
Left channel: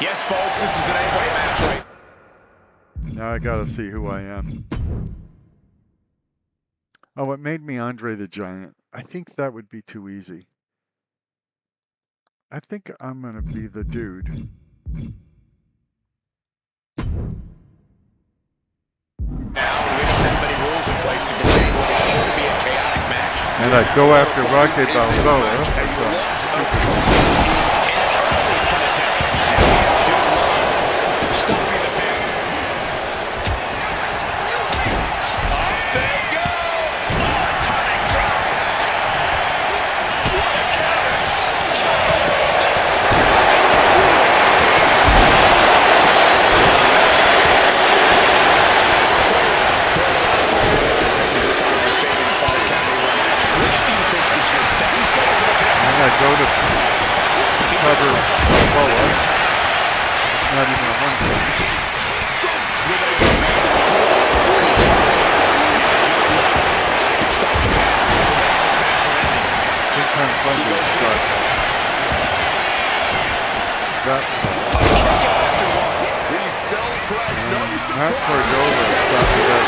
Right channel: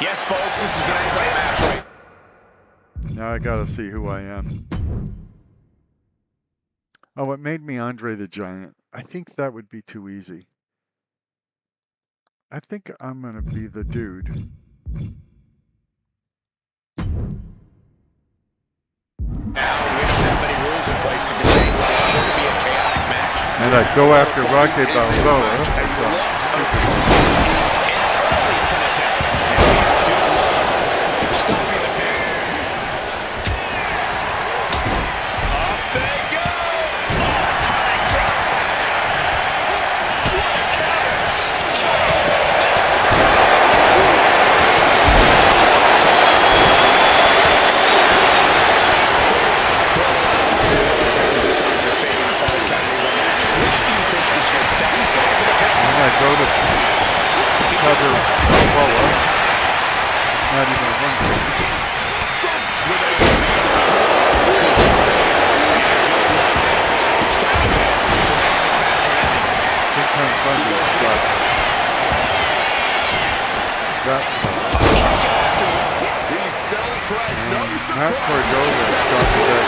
Yes, folks, this is an 8-way match right. Now I gotta see who I am. Oh, it made me Andre the Giant. I think that would be too easy. I think I'm gonna be the dude. Now, we don't have many rules in place to contain what is sure to be a chaotic match. And I'd go after Rocky Balboa. An early pin attempt. And we have Duke Love stopping the pin. Up they go! Oh, atomic drop! What a counter! And I go to cover Balboa. Not even a 1 point. Big time thunder start. That He's still fresh, no and Matt surprise. Cordova stopped that.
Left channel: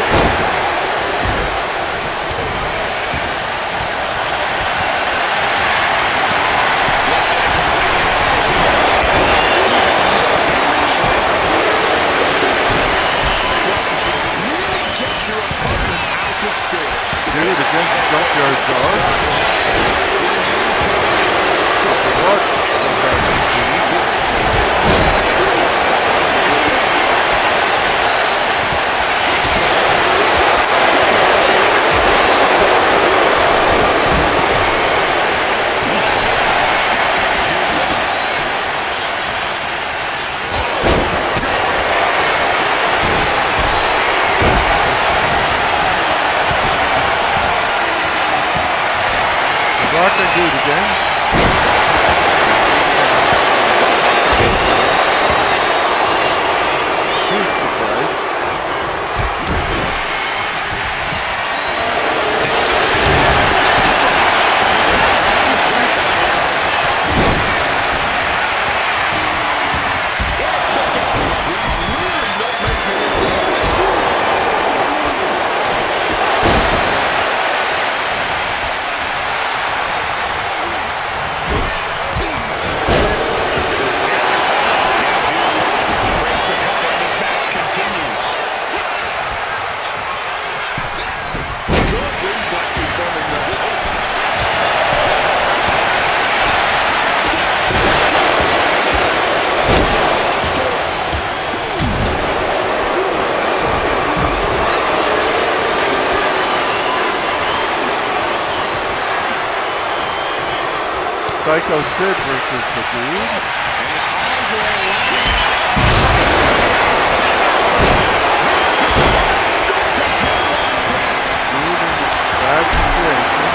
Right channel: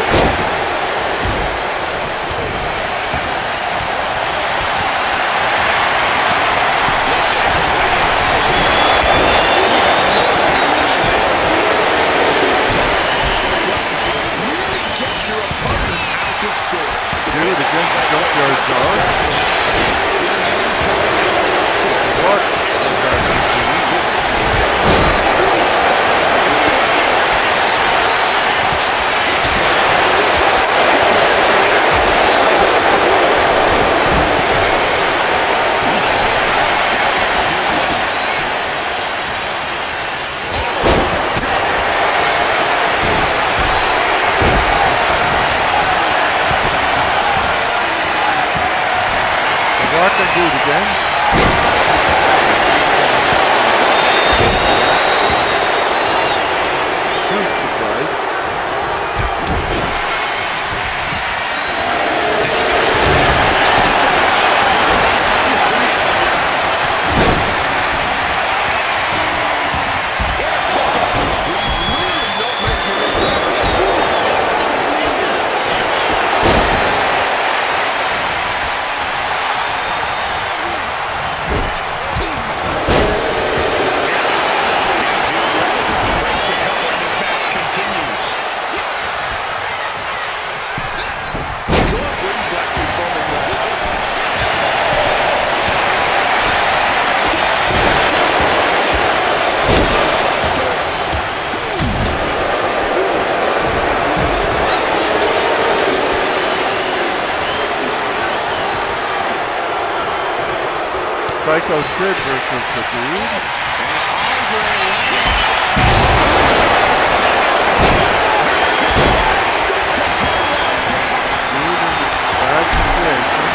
Do it against Junkyard Dog. What? Rock and do it again. Huge surprise. He's really not making this easy. Psycho Sid versus the Dude. Dude in bad condition.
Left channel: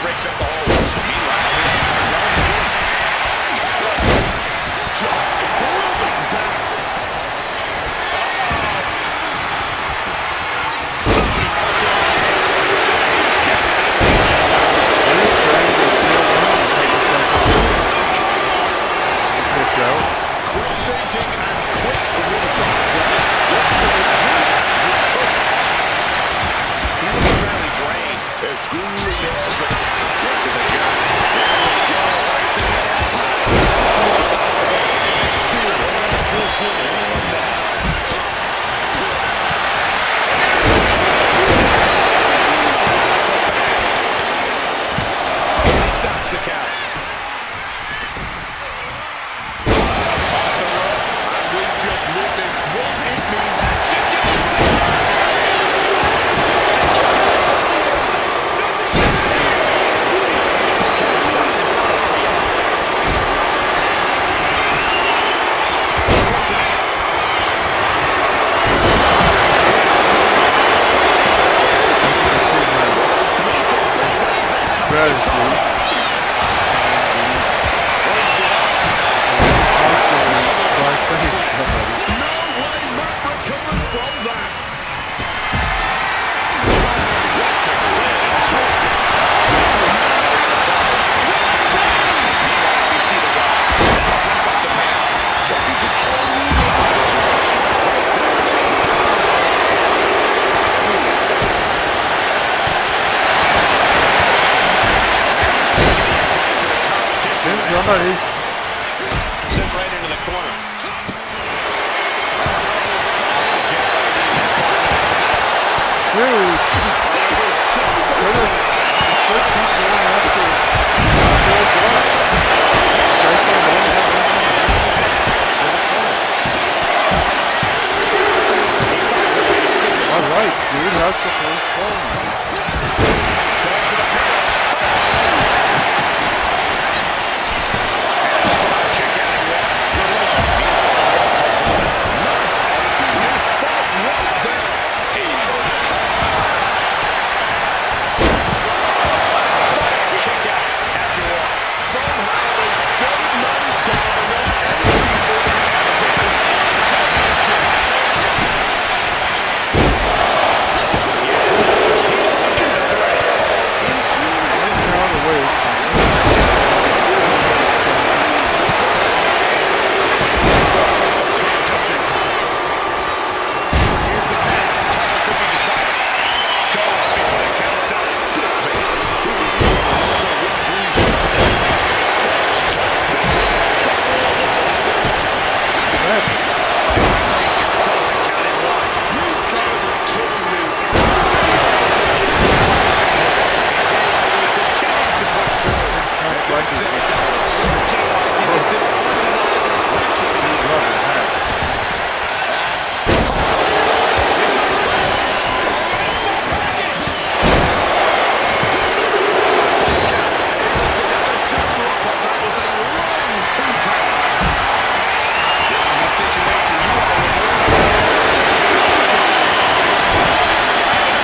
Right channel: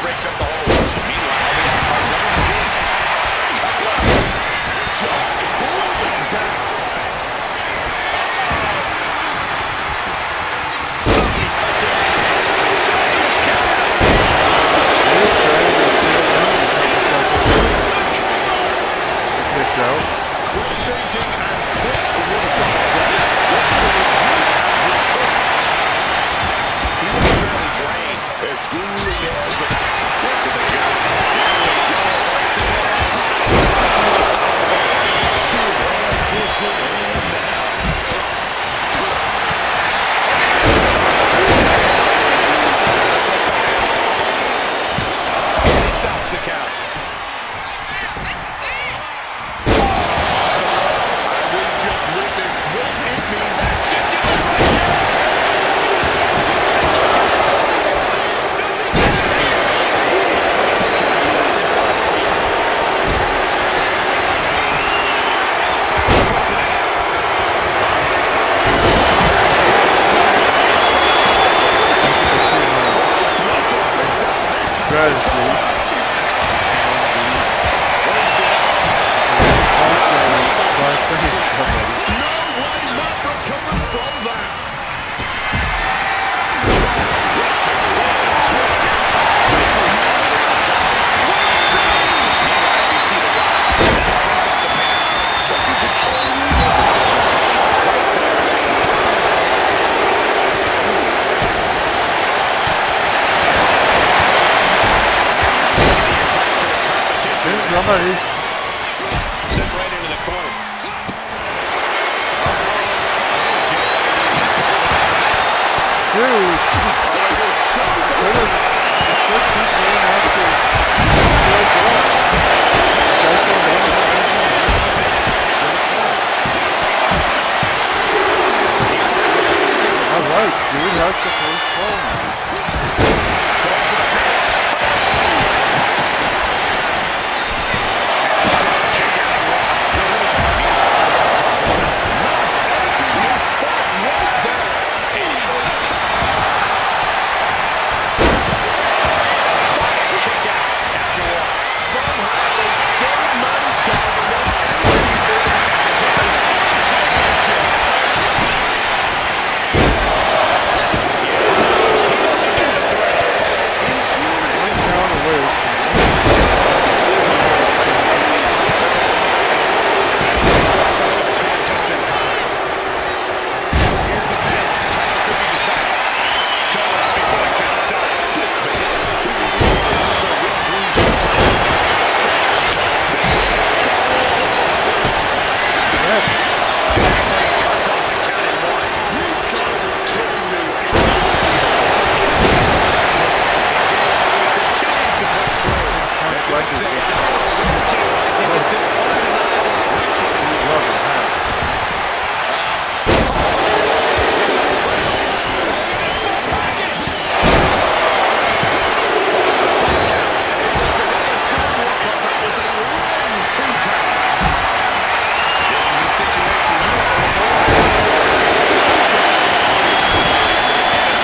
Breaks up the hole. Meanwhile, we have Cardona. Just crumbling down. Quick thinking and quick movement. What's to regroup and return? He looks fairly drained. It's grueling as a Quick to the gut. Here we go. Hoisting it up high. Not so fast. And he stops the count. Off the ropes. and we've just witnessed what it means. That should do it right there. Does he get it? Stop this guy. Puts it in. Strategy. from that. Taking control of the situation right there. Somebody. Sent right into the corner. Dude. Could keep going after. All right, dude. That's the first ball now. Somehow they still managed to have enough energy for the championship. One count away. Just in time. Here's the pin. Title could be decided. Show up before the count started. This man. The referee. Cuts off the count in one. You've got to be kidding me. How was he able to kick that? Continues to push through. Love it, huh? That was a long 2 count. This is a situation you want to avoid.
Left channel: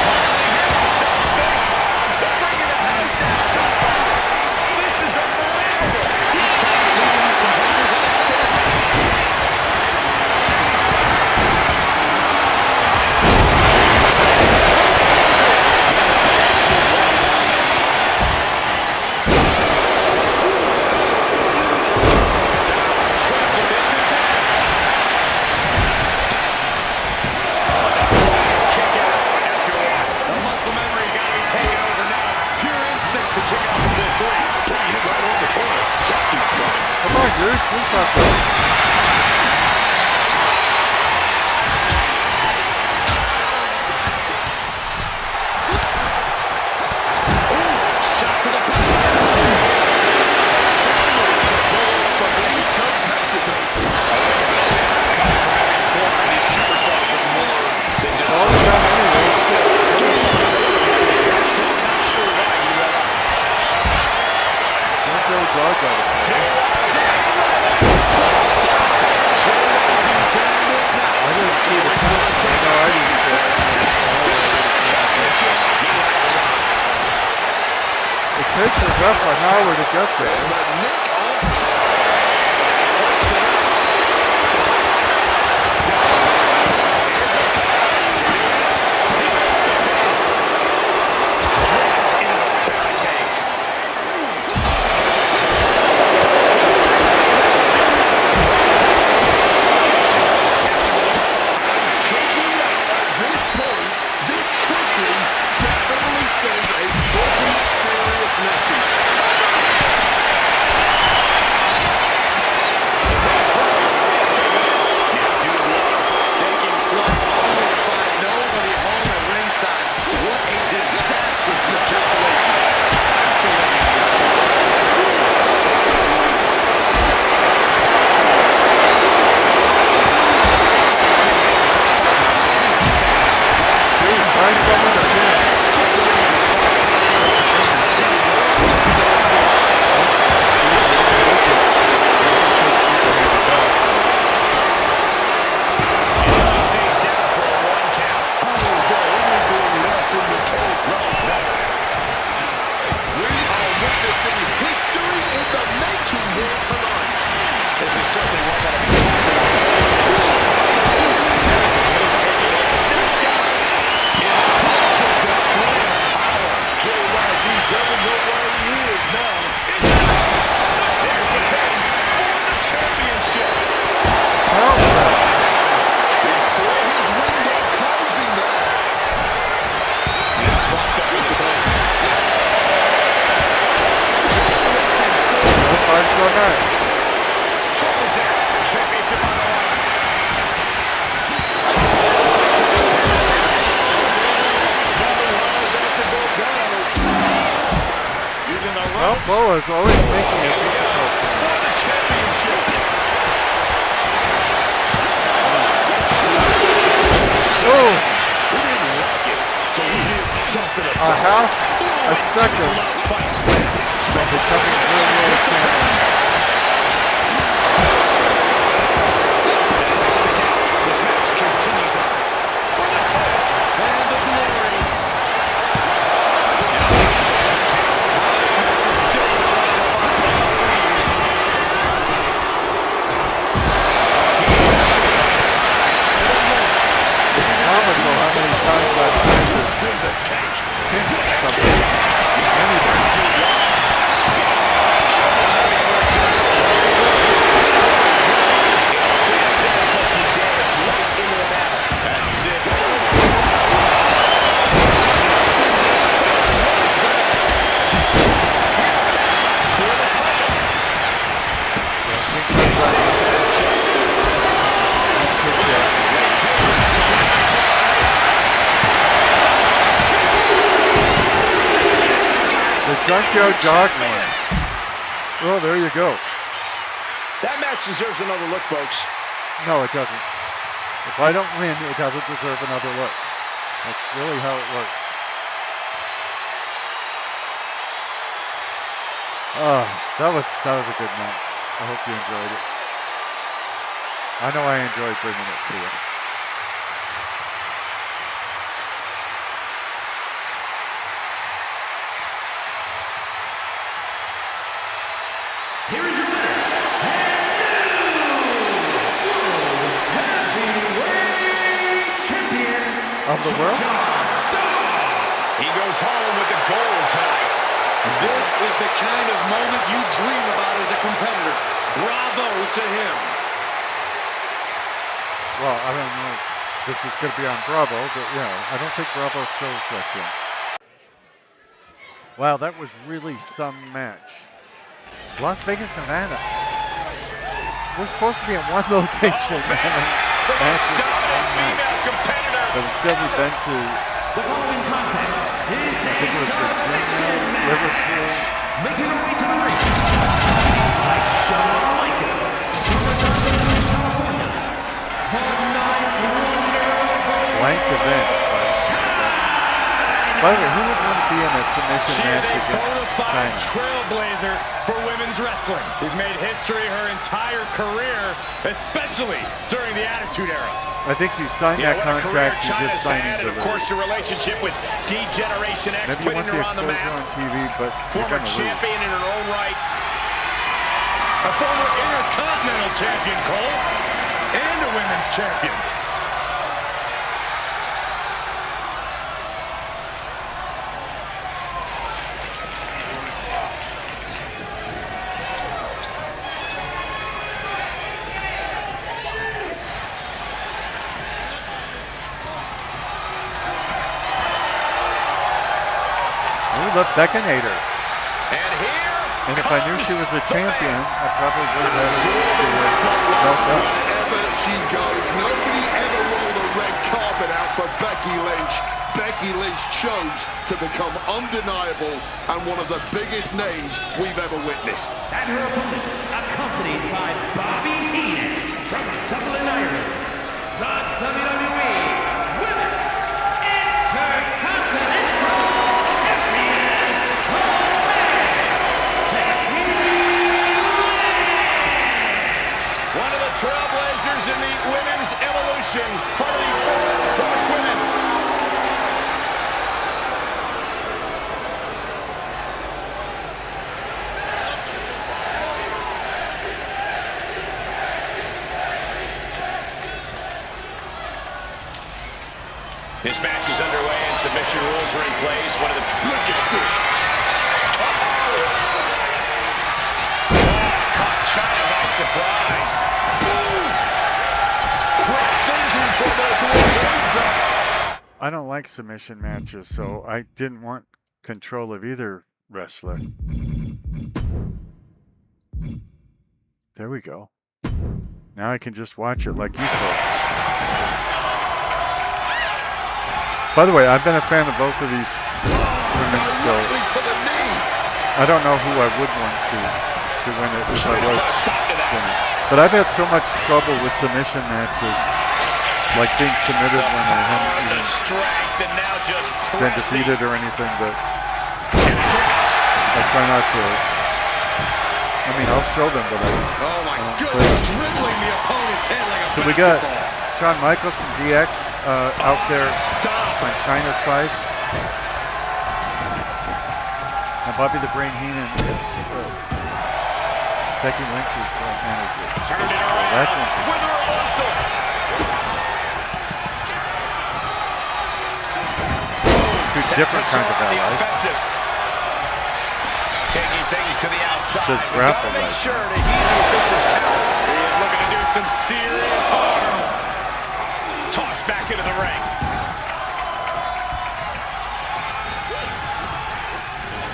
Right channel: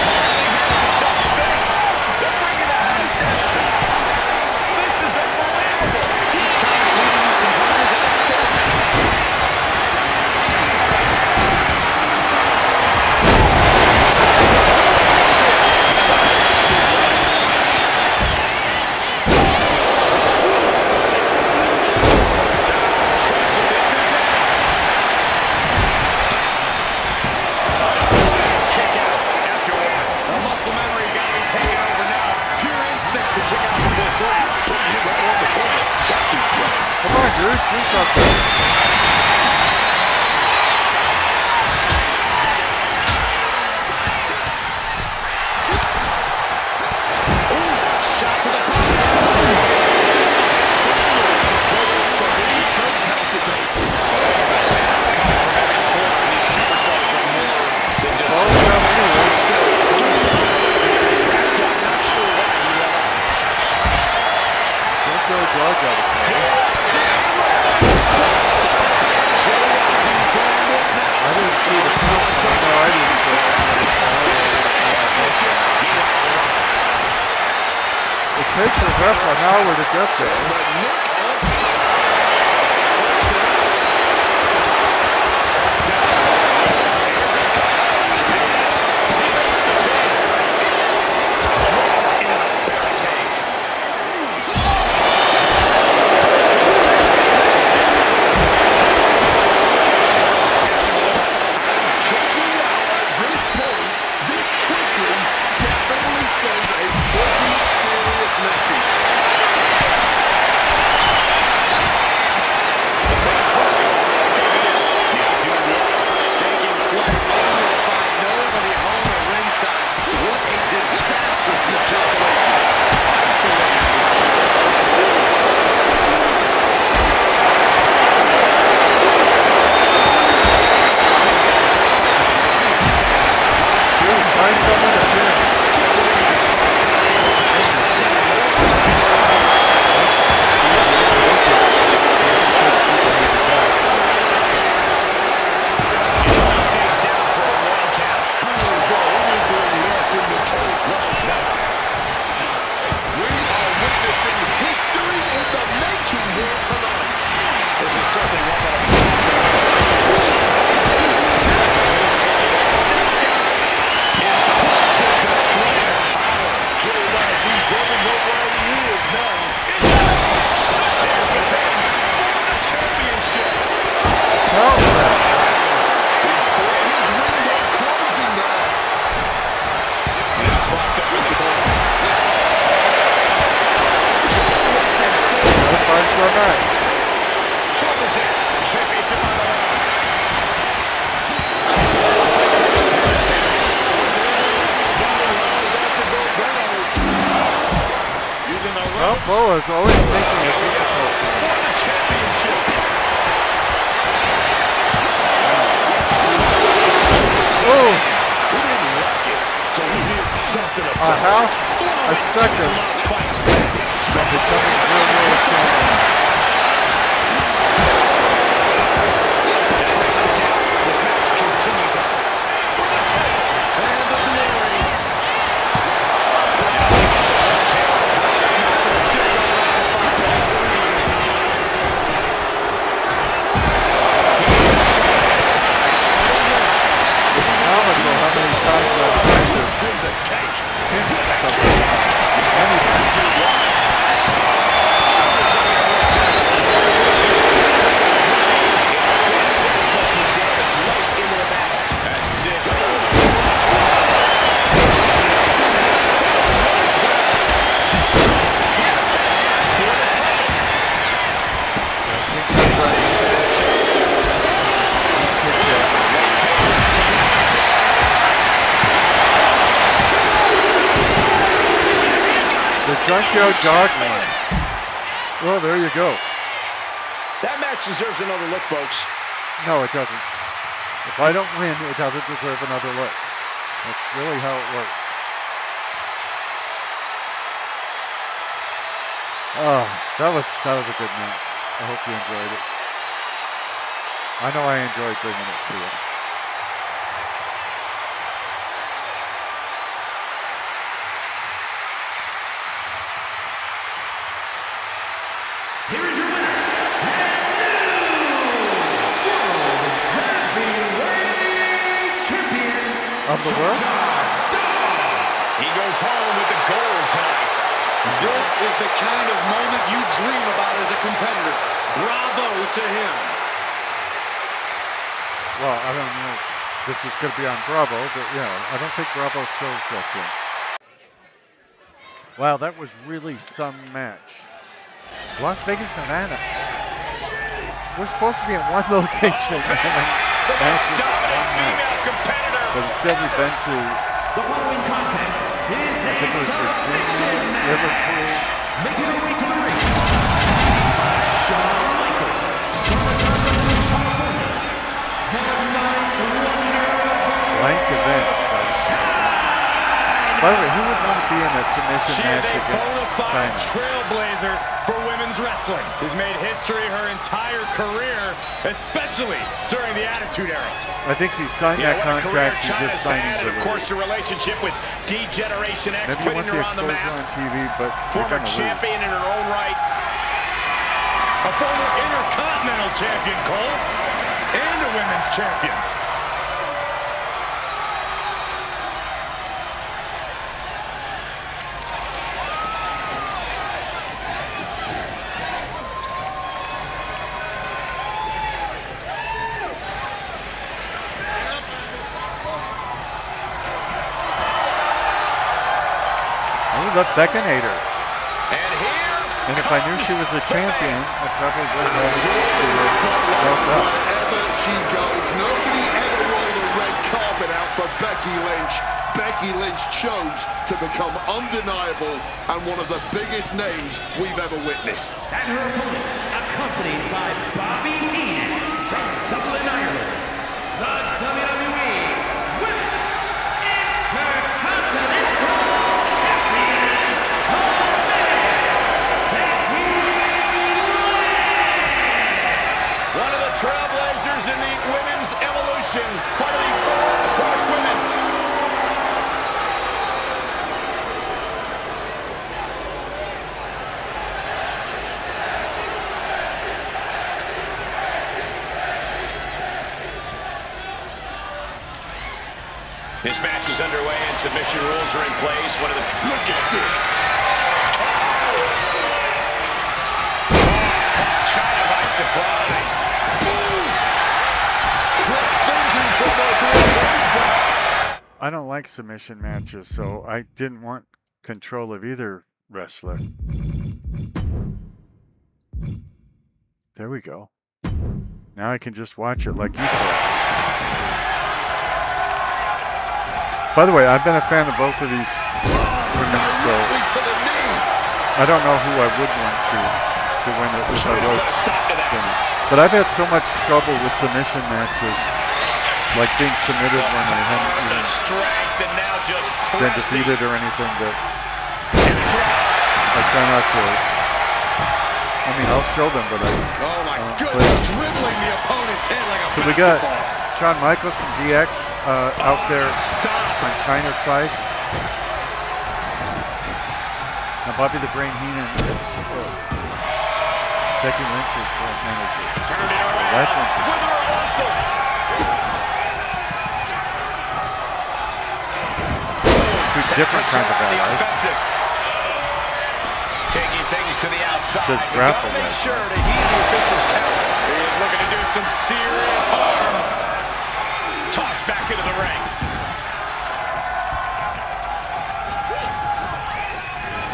I hear myself think they're bringing the house downtown. This is unbelievable. Each count leading these competitors at a stalemate. Kick out before 3. Putting him right on the corner. Something's coming. Come on, dude. Do something. Shot to the body. For these competitors. The sound coming from every corner. These superstars are more than just Ball's down anyway. not sure why he let up. Don't go dog out of play. I didn't see the count. No, I didn't see it. It takes a ref an hour to get there. The nick of sends a pretty serious message. Taking flight only to find nobody home at ringside. What a disastrous miscalculation. Isolated. Dude, find someone to hit. History in the making here tonight. This is certainly one that'll be talked about. Boa is always making it difficult for me. For the championship. Oh! He didn't like it, so he did something A about half it. a second Fights back. from becoming real world champion. That breaks the count. This match continues on. For the title. And the glory. How this match is still not undefined all reason. He is showing the time. It's comical how many times I've tried to In the tank. hint something. Anything. That's it. The Junkyard Dog one. Oh, there you go. That match deserves another look, folks. No, it doesn't. If I don't win, it doesn't deserve another look. That's really how it works. Oh, that was a good match. I hope you enjoyed it. I know I enjoyed bringing it to you. Here is your winner, and new World Heavyweight Champion Of the world? Junkyard Dog. He goes home with the gold tonight. This is the kind of moment you dream about as a competitor. Bravo to him. Well, I don't know if this is going to be on Bravo, but yeah, I don't think Bravo shows wrestling. Wow, that was really some match. Las Vegas, Nevada. We're supposed to be in one location. The most Matches dominant one night. female competitor. But instead we've been to, The following contest is I think it was Virginia, Liverpool. making her way to the ring. By Shawn Michaels from Redondo Beach, California. The ninth wonder of the Blank events. By the way, who would want to be in a submission She match is a against bona fide China? trailblazer for women's wrestling. She's made history her entire career, especially during the Attitude Era. I think you sign that What a career contract, you're China's just signing had, and the of course the relationship with D-Generation X, Maybe you want putting the her on the exposure map. on TV, but you're Former going to lose. champion in her own right. A former Intercontinental Champion, Cole, and a women's champion. Oh, the Beckinator. And here And if I knew she was a champion, I probably would have had Absorbing her spotlights belt up. wherever she goes. Nobody ever rolled a red carpet out for Becky Lynch. Becky Lynch chose to become undeniable and one of the biggest names we've ever witnessed. and her opponent, accompanied by Bobby Heenan from Dublin, Ireland. The WWE Women's Intercontinental Champion, Becky Lynch. one of the trailblazers in the women's evolution, part of the Four Horsewomen. This match is underway and submission rules are in place. One of the Look at this. caught China by surprise. Quick thinking from her to avoid that. I don't like submission matches, so I didn't want control of either wrestler. There we go. Now I can just watch it like you folks. By the way, I've been a fan of both of these women, so Directly to the knee. I don't know who I would want to win it if I Trying to was put a stop to that. winning. But I've had so much trouble with submission matches, like being submitted when I haven't The even strength and now just been pressing. defeated or anything, that And a drop. I try not to. I mean, I'll show them, but I Oh my don't goodness, play. dribbling the opponent's head like a So we got basketball. Shawn Michaels from DX out there Stop. on China's side. And Bobby the Brain Heenan is Becky Lynch's manager. Turned it So around that's interesting. with a reversal. Two different Puts her kinds of on the allies. offensive. Taking things to the outside. Says We grapple gotta make right sure to heed the official's count. He is looking to do some serious harm. Tossed back into the ring.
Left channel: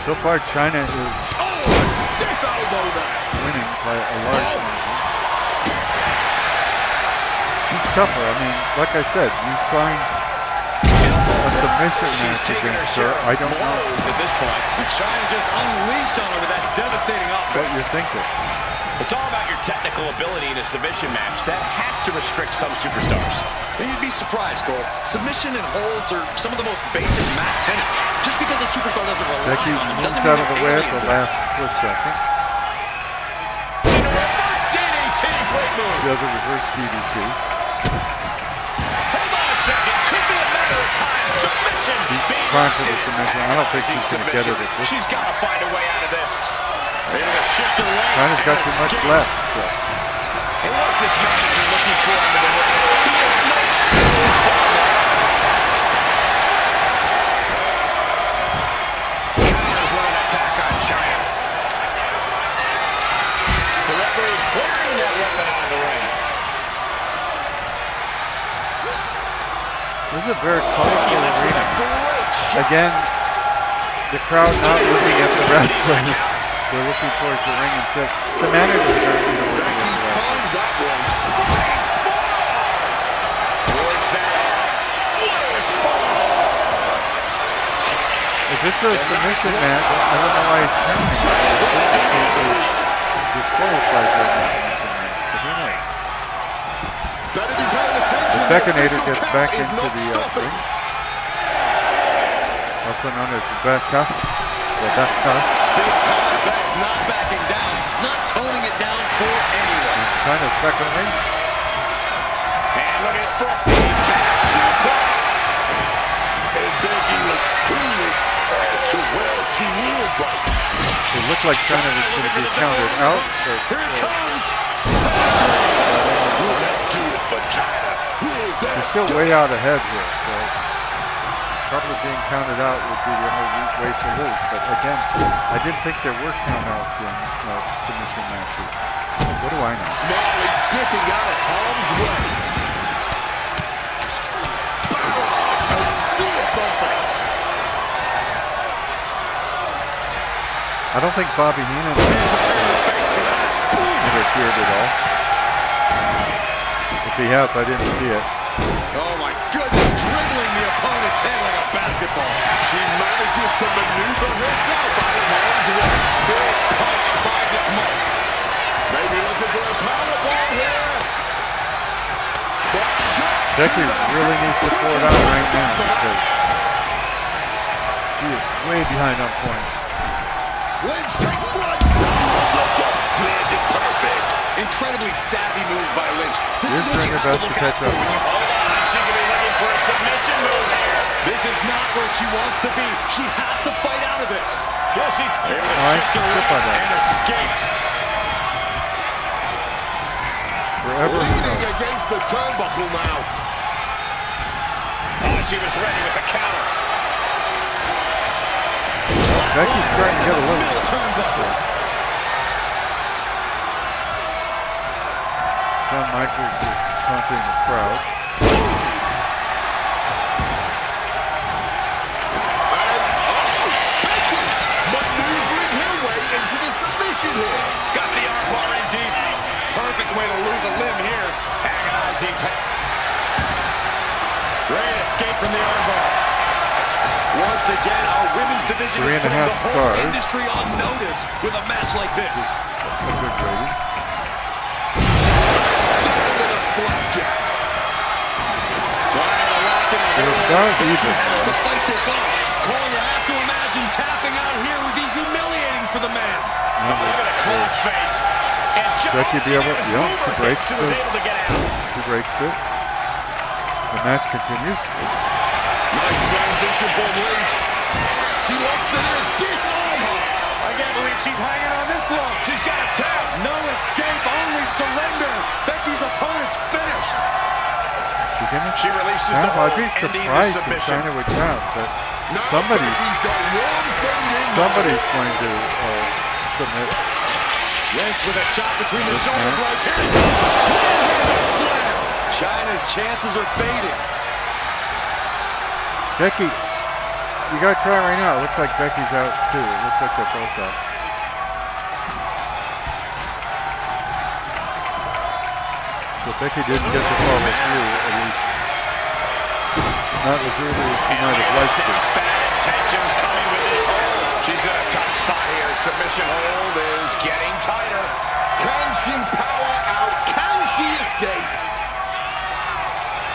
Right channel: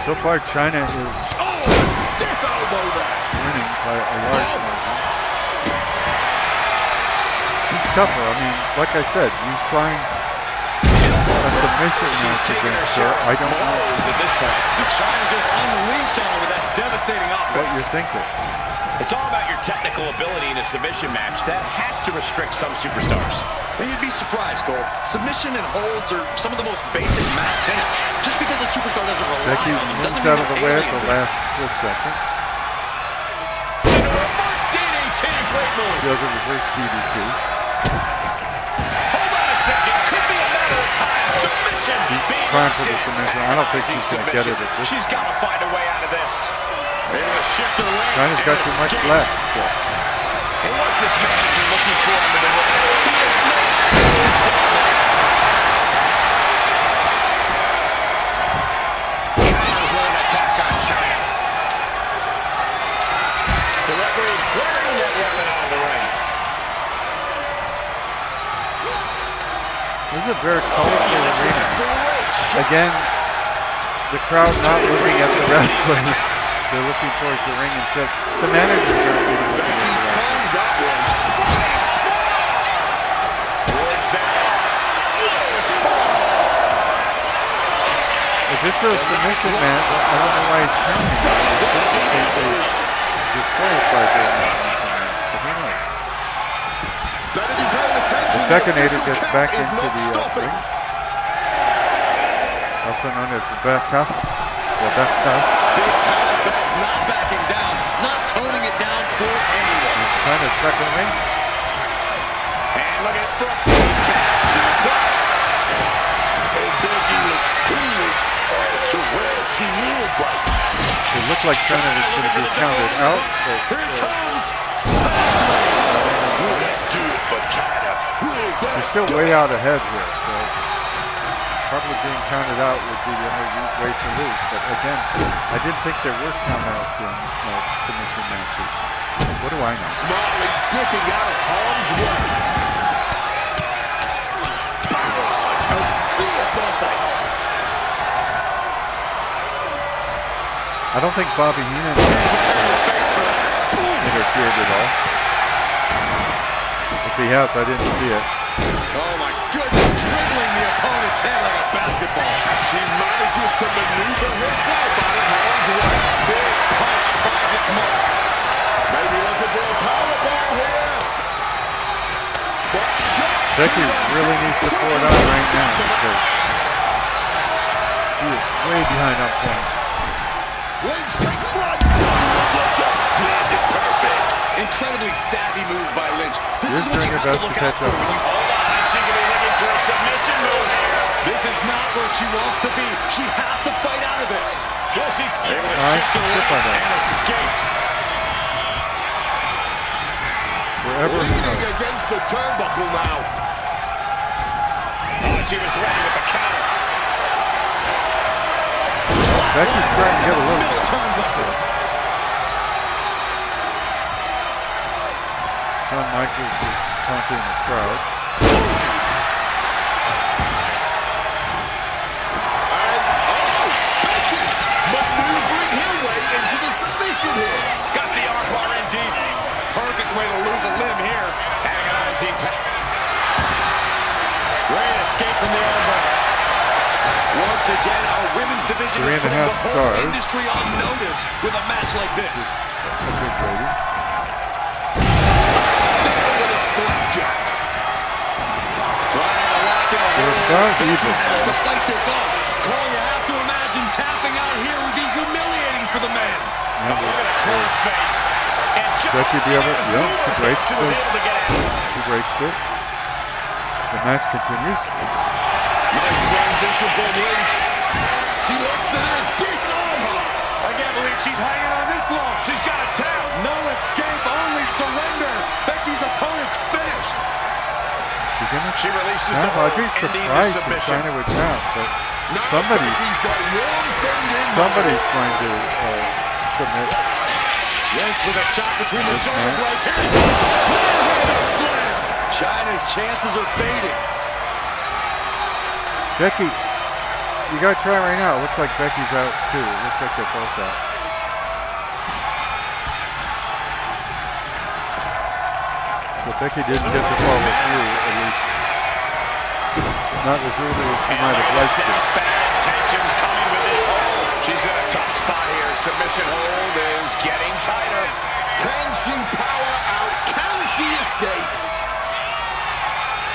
So far, China is Oh, a stiff elbow there. winning by a large margin. She's tougher. I mean, like I said, you signed a submission match against her. I don't know At this point. And China just unleashed on her with that devastating offense. what you're thinking. It's all about your technical ability in a submission match. That has to restrict some superstars. You'd be surprised, Cole. Submission and holds are some of the most basic mat tenets. Just because a superstar doesn't rely Becky on them moves doesn't mean out of the they're way at alien the to them. last split second. Into a reverse DDT. Great move. Does a reverse DDT. Hold on a second. Could be a matter of time. Submission. being trying for the locked in. submission. I don't think she's Agonizing gonna get it submission. at this She's got to find a way out of this. Able to shift her weight. China's got and too much escapes. left still. And what's this manager looking for under the ring? He has no business down there. Counters with an attack on China. The referee clearing that weapon out of the ring. This is a very colorful Lynch with arena. a great shot. Again, the crowd not looking at the wrestlers. They're looking towards the ring instead. The managers aren't even looking Becky at the wrestlers. timed that one. Running forearm. Wards that off. What a response. If it's a submission match, I don't know why he's counting it. It's disqualified during the submission match, but who knows? Better be paying attention. The Beckinator official gets count back is into not the stopping. ring. Also known as the back cuff. The back cuff. Big time Beck's not backing down, not toning it down for anyone. China's back in the ring. And look at from the back suplex. And Becky looks clueless as to where she is right now. It looked like China was going to be counted out, but Here it comes. Will that do it for China? Will that they're still way out ahead here, so probably being counted out would be the only way to lose. But again, I didn't think there were countouts in submission matches. What do I know? Smartly dipping out of harm's way. Barrage of fierce offense. I don't think Bobby Heenan interfered at all. If he has, I didn't see it. Oh my goodness, dribbling the opponent's head like a basketball. She manages to maneuver herself out of harm's way. Big punch finds its mark. Maybe looking for a power bomb here. But shots Becky to the really head needs to pour it quicken on the right now start to because match. she is way behind on points. Lynch takes flight. Landed perfect. Incredibly savvy move by Lynch. This Here's is what doing you her have to best to look out catch for up. when you... Hold on. She could be looking for a submission move here. This is not where she wants to be. She has to fight out of this. Will she able to All right, shift her she'll find weight out. and escapes? Forever, who Leaning knows? against the turnbuckle now. Oh, she was ready with the counter. Becky's starting to get a little Middle bit. turnbuckle. Shawn Michaels is taunting the crowd. And, oh, Becky maneuvering her way into the submission here. Got the armbar in deep. Perfect way to lose a limb here. Agonizing. Great escape from the armbar. Once again, our women's division is 3.5 putting the whole stars. industry on notice with a match like this. A good rating. Smacked down with a flapjack. Trying to lock in a They're hold. about She even. has to fight this off. Cole, you have to imagine tapping out here would be humiliating for the man. Yeah, Oh, look at the closed face. And Becky be able, was yeah, she breaks she was it. able to get out. She breaks it. The match continues. Nice transition from Lynch. She locks it in. Disarm her. I can't believe she's hanging on this long. She's got a tap. No escape, only surrender. Becky's opponent's finished. She releases Now, the hold, I'd be ending the surprised if submission. China would tap, but Now somebody's Becky's got one thing in somebody's going to submit. Lynch with a shot between the This shoulder man. blades. Here it comes. One-handed slam. China's chances are fading. Becky, you got to try right now. It looks like Becky's out too. It looks like they're both out. So Becky didn't get to follow through, at least. Not as early as she might have liked to. Bad intentions coming with this hold. She's in a tough spot here. Submission hold is getting tighter. Can she power out? Can she escape?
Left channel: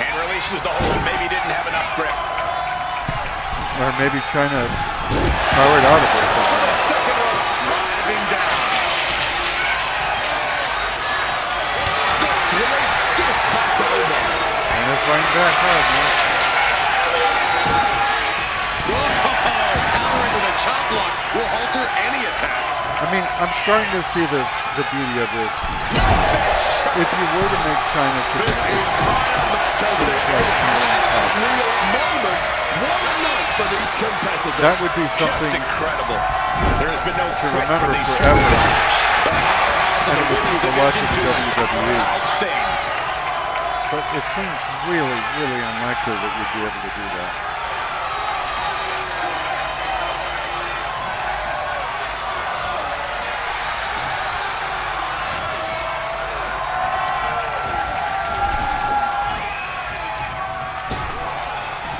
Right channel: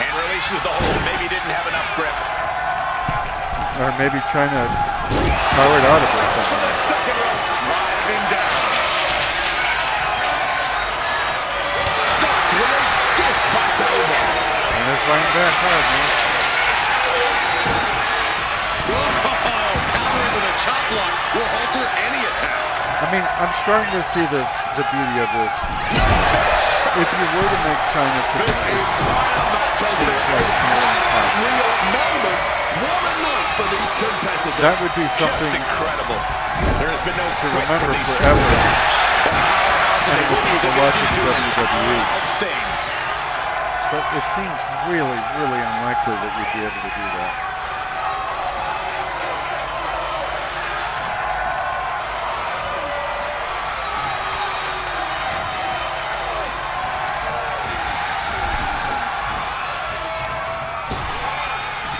And releases the hold. Maybe didn't have enough grip. Or maybe China powered out of it. For the second rope. Driving down. Stopped with a stiff back elbow. And they're fighting back hard, man. Oh, countering with a chop block will alter any attack. I mean, I'm starting to see the beauty of this. If you were to make China This entire match has been a real moment. What a night for these competitors. that would be Just something incredible. There has been no to quit remember from these forever. superstars. The powerhouse of And the it was women's people watching division doing WWE. powerhouse things. But it seems really, really unlikely that you'd be able to do that.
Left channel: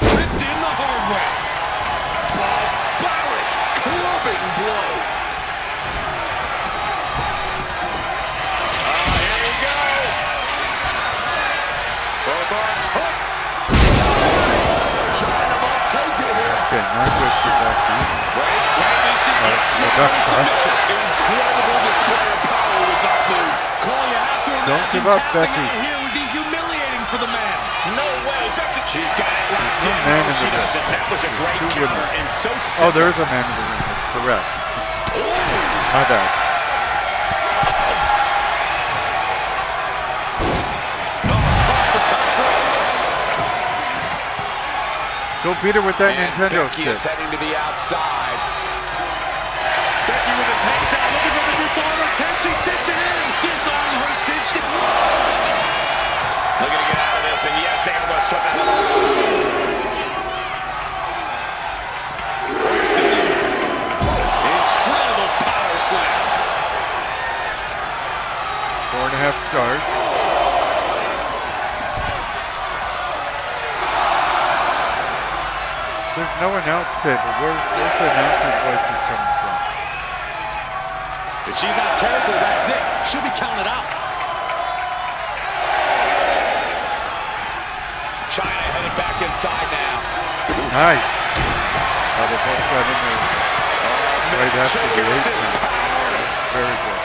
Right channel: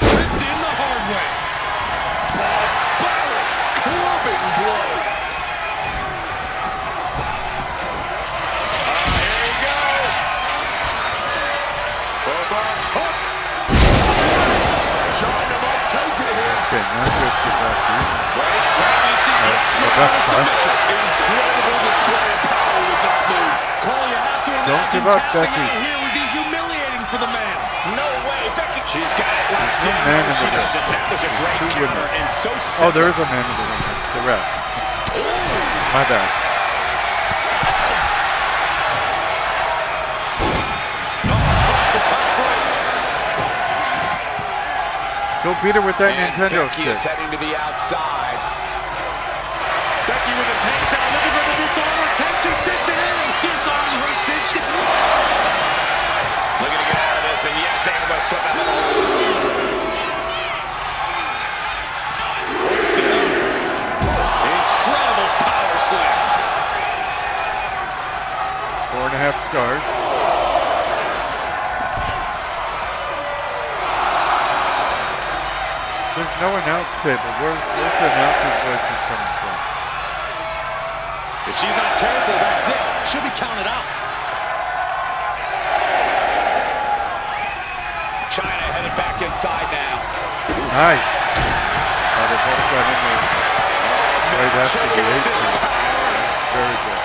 Ripped in the hard way. Barbaric clubbing blow. Here you go. Both arms hooked. China might take it here. Okay, not good for Becky. Wait, you see. Rebecca. Look at the submission. Incredible display of power with that move. Cole, you have to imagine Don't give up, tapping Becky. out here would be humiliating for the man. No way, Becky. She's got it locked No in. man No, in she the ring. doesn't. That was a great Two counter women. and so Oh, simple. there is a man in the ring. It's the ref. My bad. Off the top rope. Don't beat her with that And Nintendo Becky stick. is heading to the outside. Becky with a takedown, looking for the dishonor. Can she cinch it in? Disarm her cinched it. Looking to get out of this, and yes, able to slip out of the hold. Hoisted up. Incredible power slam. 4.5 stars. There's no announce table. Where's the announcer's voices coming from? If she's not careful, that's it. She'll be counted out. China headed back inside now. Nice. They both got in there right after the Checking out 8 this count. power. Very good.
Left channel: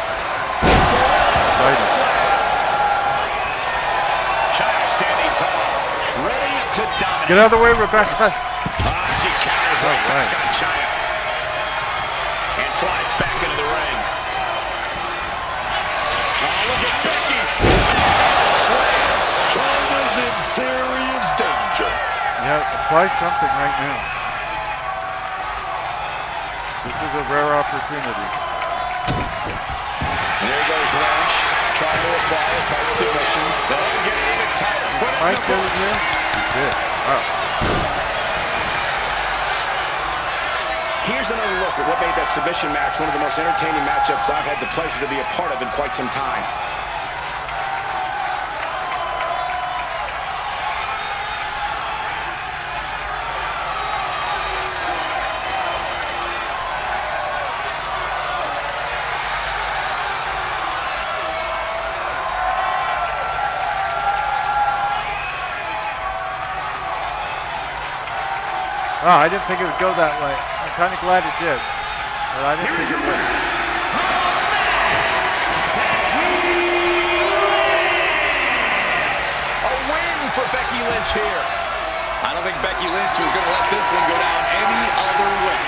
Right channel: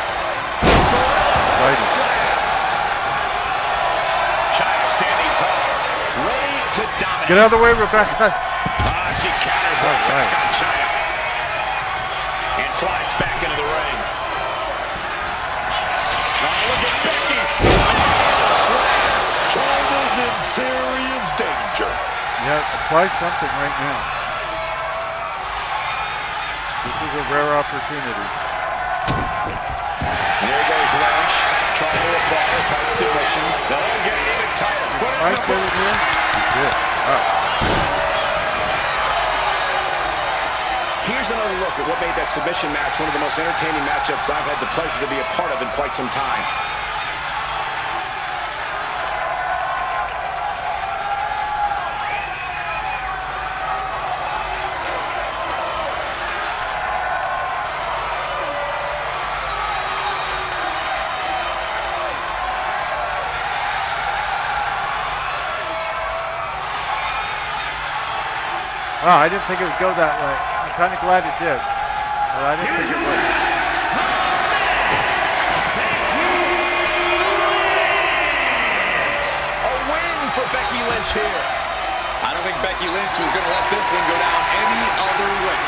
Exciting. Slam. China standing tall, ready to dominate. Get out of the way, Rebecca. She counters All right right. back on China. And slides back into the ring. Oh, look at Becky. Slam. China's in serious danger. Yeah, apply something right now. This is a rare opportunity. And there goes Lynch, trying to apply a tight submission. Oh, getting even tighter. Put it in Mike the did it books. here? He did. Wow. Here's another look at what made that submission match one of the most entertaining matchups I've had the pleasure to be a part of in quite some time. Wow, I didn't think it would go that way. I'm kind of glad it did, but I didn't Here is think your it would. winner, A win for Becky Lynch here. I don't think Becky Lynch was going to let this one go down any other way.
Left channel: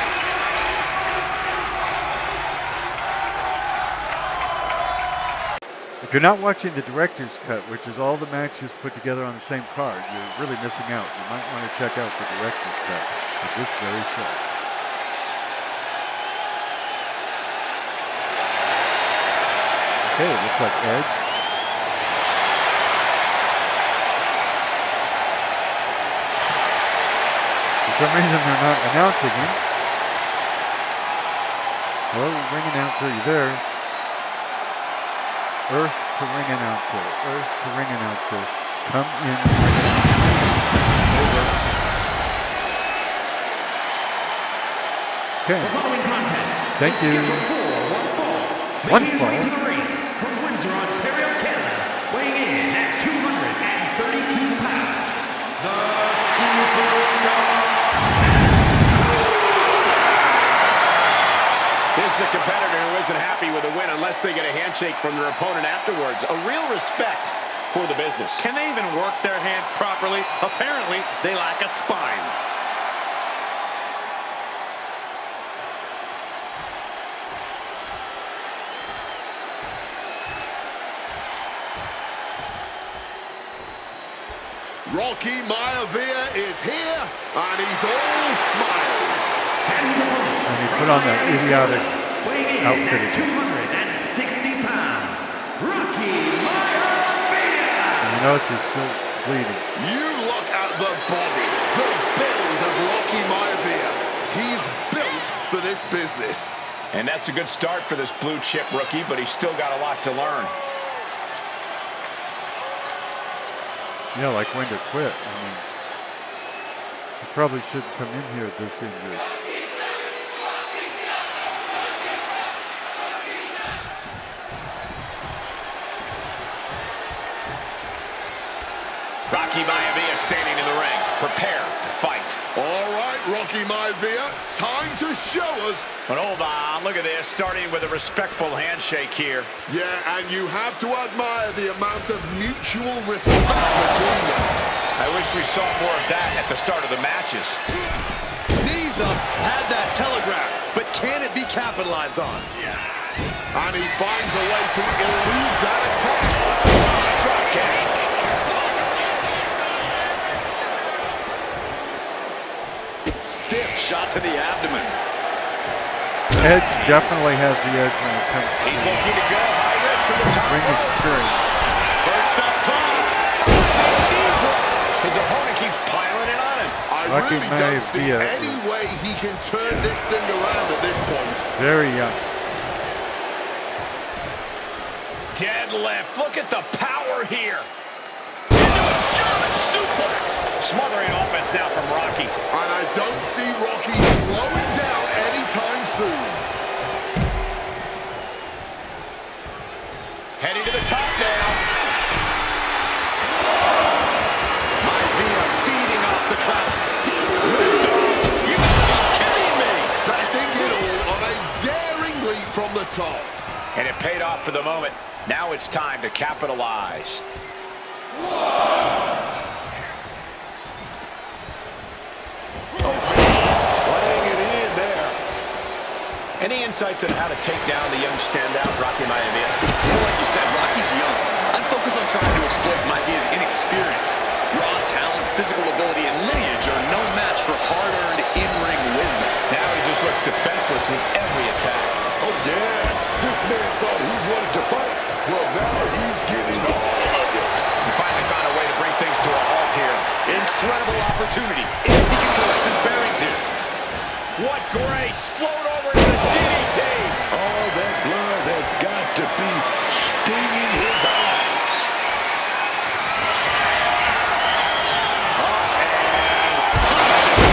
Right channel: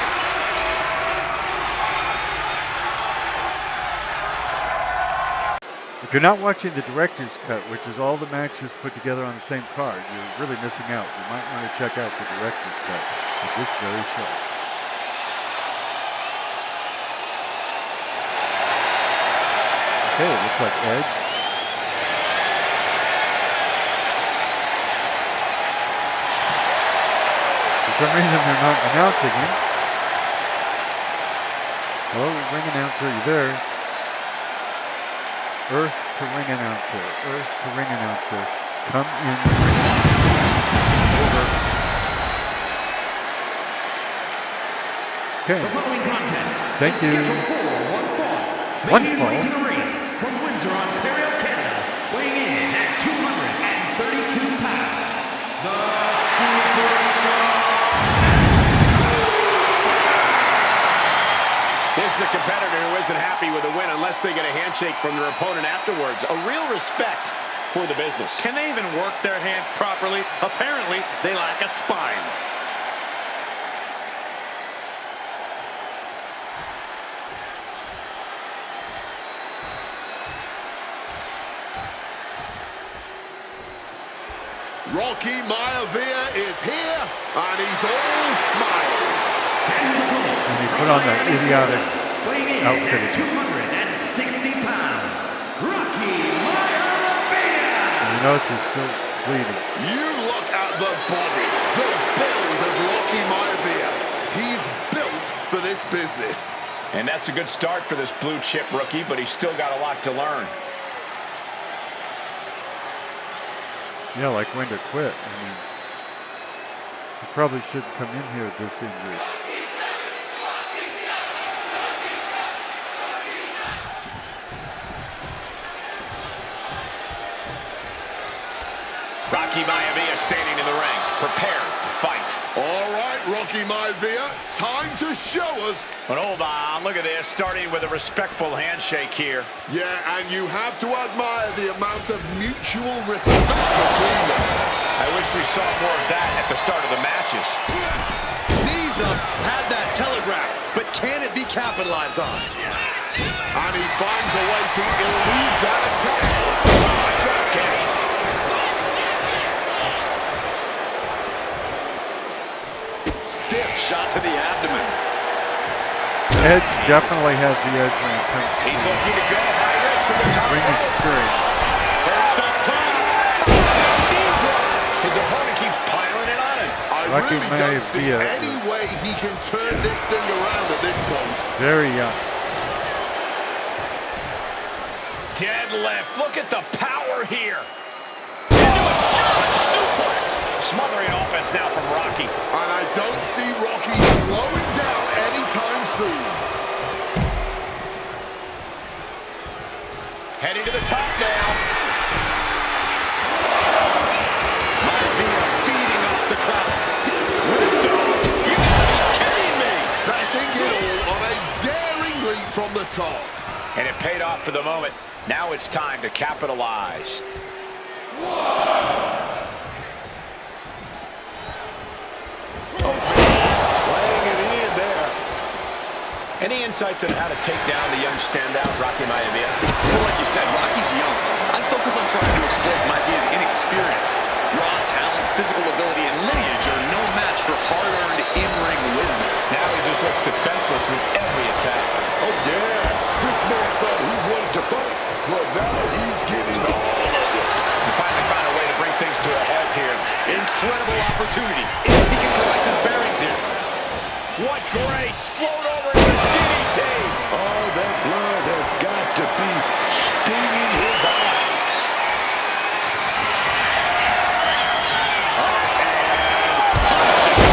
If you're not watching the director's cut, which is all the matches put together on the same card, you're really missing out. You might want to check out the director's cut of this very show. Okay, it looks like Edge. For some reason, they're not announcing him. Hello, ring announcer, are you there? Earth to ring announcer. Earth to ring announcer. Come in. Over. Okay. The following contest Thank is you. scheduled for one fall. One Making his fall? way to the ring from Windsor, Ontario, Canada, weighing in at 232 pounds, the Superstar. This is a competitor who isn't happy with a win unless they get a handshake from their opponent afterwards. A real respect for the business. Can they even work their hands properly? Apparently, they lack a spine. Rocky Maivia is here, and he's all smiles. And his opponent, And he from put on that Miami, idiotic Florida, weighing in outfit at again. 260 pounds, Rocky Maivia. And you notice he's still bleeding. You look at the body, the build of Rocky Maivia. He's built for this business. And that's a good start for this blue chip rookie, but he's still got a lot to learn. Yeah, like when to quit. I mean, he probably shouldn't come in here with this injury. Rocky Maivia standing in the ring, prepared to fight. All right, Rocky Maivia, time to show us. But hold on, look at this, starting with a respectful handshake here. Yeah, and you have to admire the amount of mutual respect between them. I wish we saw more of that at the start of the matches. Knees up, had that telegraphed, but can it be capitalized on? And he finds a way to elude that attack. Drop kick. Stiff shot to the abdomen. Edge definitely has the edge when it comes to He's looking to go high risk from the top ring rope. experience. Perched up top. Knee drop. His opponent keeps piling it on him. I Rocky really don't see Maivia any way he can turn this thing around at this point. Very young. Deadlift. Look at the power here. Into a German suplex. Smothering offense now from Rocky. And I don't see Rocky slowing down anytime soon. Heading to the top now. Maivia feeding off the crowd. Lift off. You gotta be kidding me. Betting it all on a daring leap from the top. And it paid off for the moment. Now it's time to capitalize. Laying it in there. Any insights on how to take down the young standout, Rocky Maivia? Well, like you said, Rocky's young. I'd focus on trying to exploit Maivia's inexperience. Raw talent, physical ability, and lineage are no match for hard-earned in-ring wisdom. Now he just looks defenseless with every attack. Oh, yeah. This man thought he wanted to fight. Well, now he's getting all of it. He finally found a way to bring things to a halt here. Incredible opportunity if he can collect his bearings here. What grace! Float over to the DDT! All that blood has got to be stinging his eyes. Up and punching.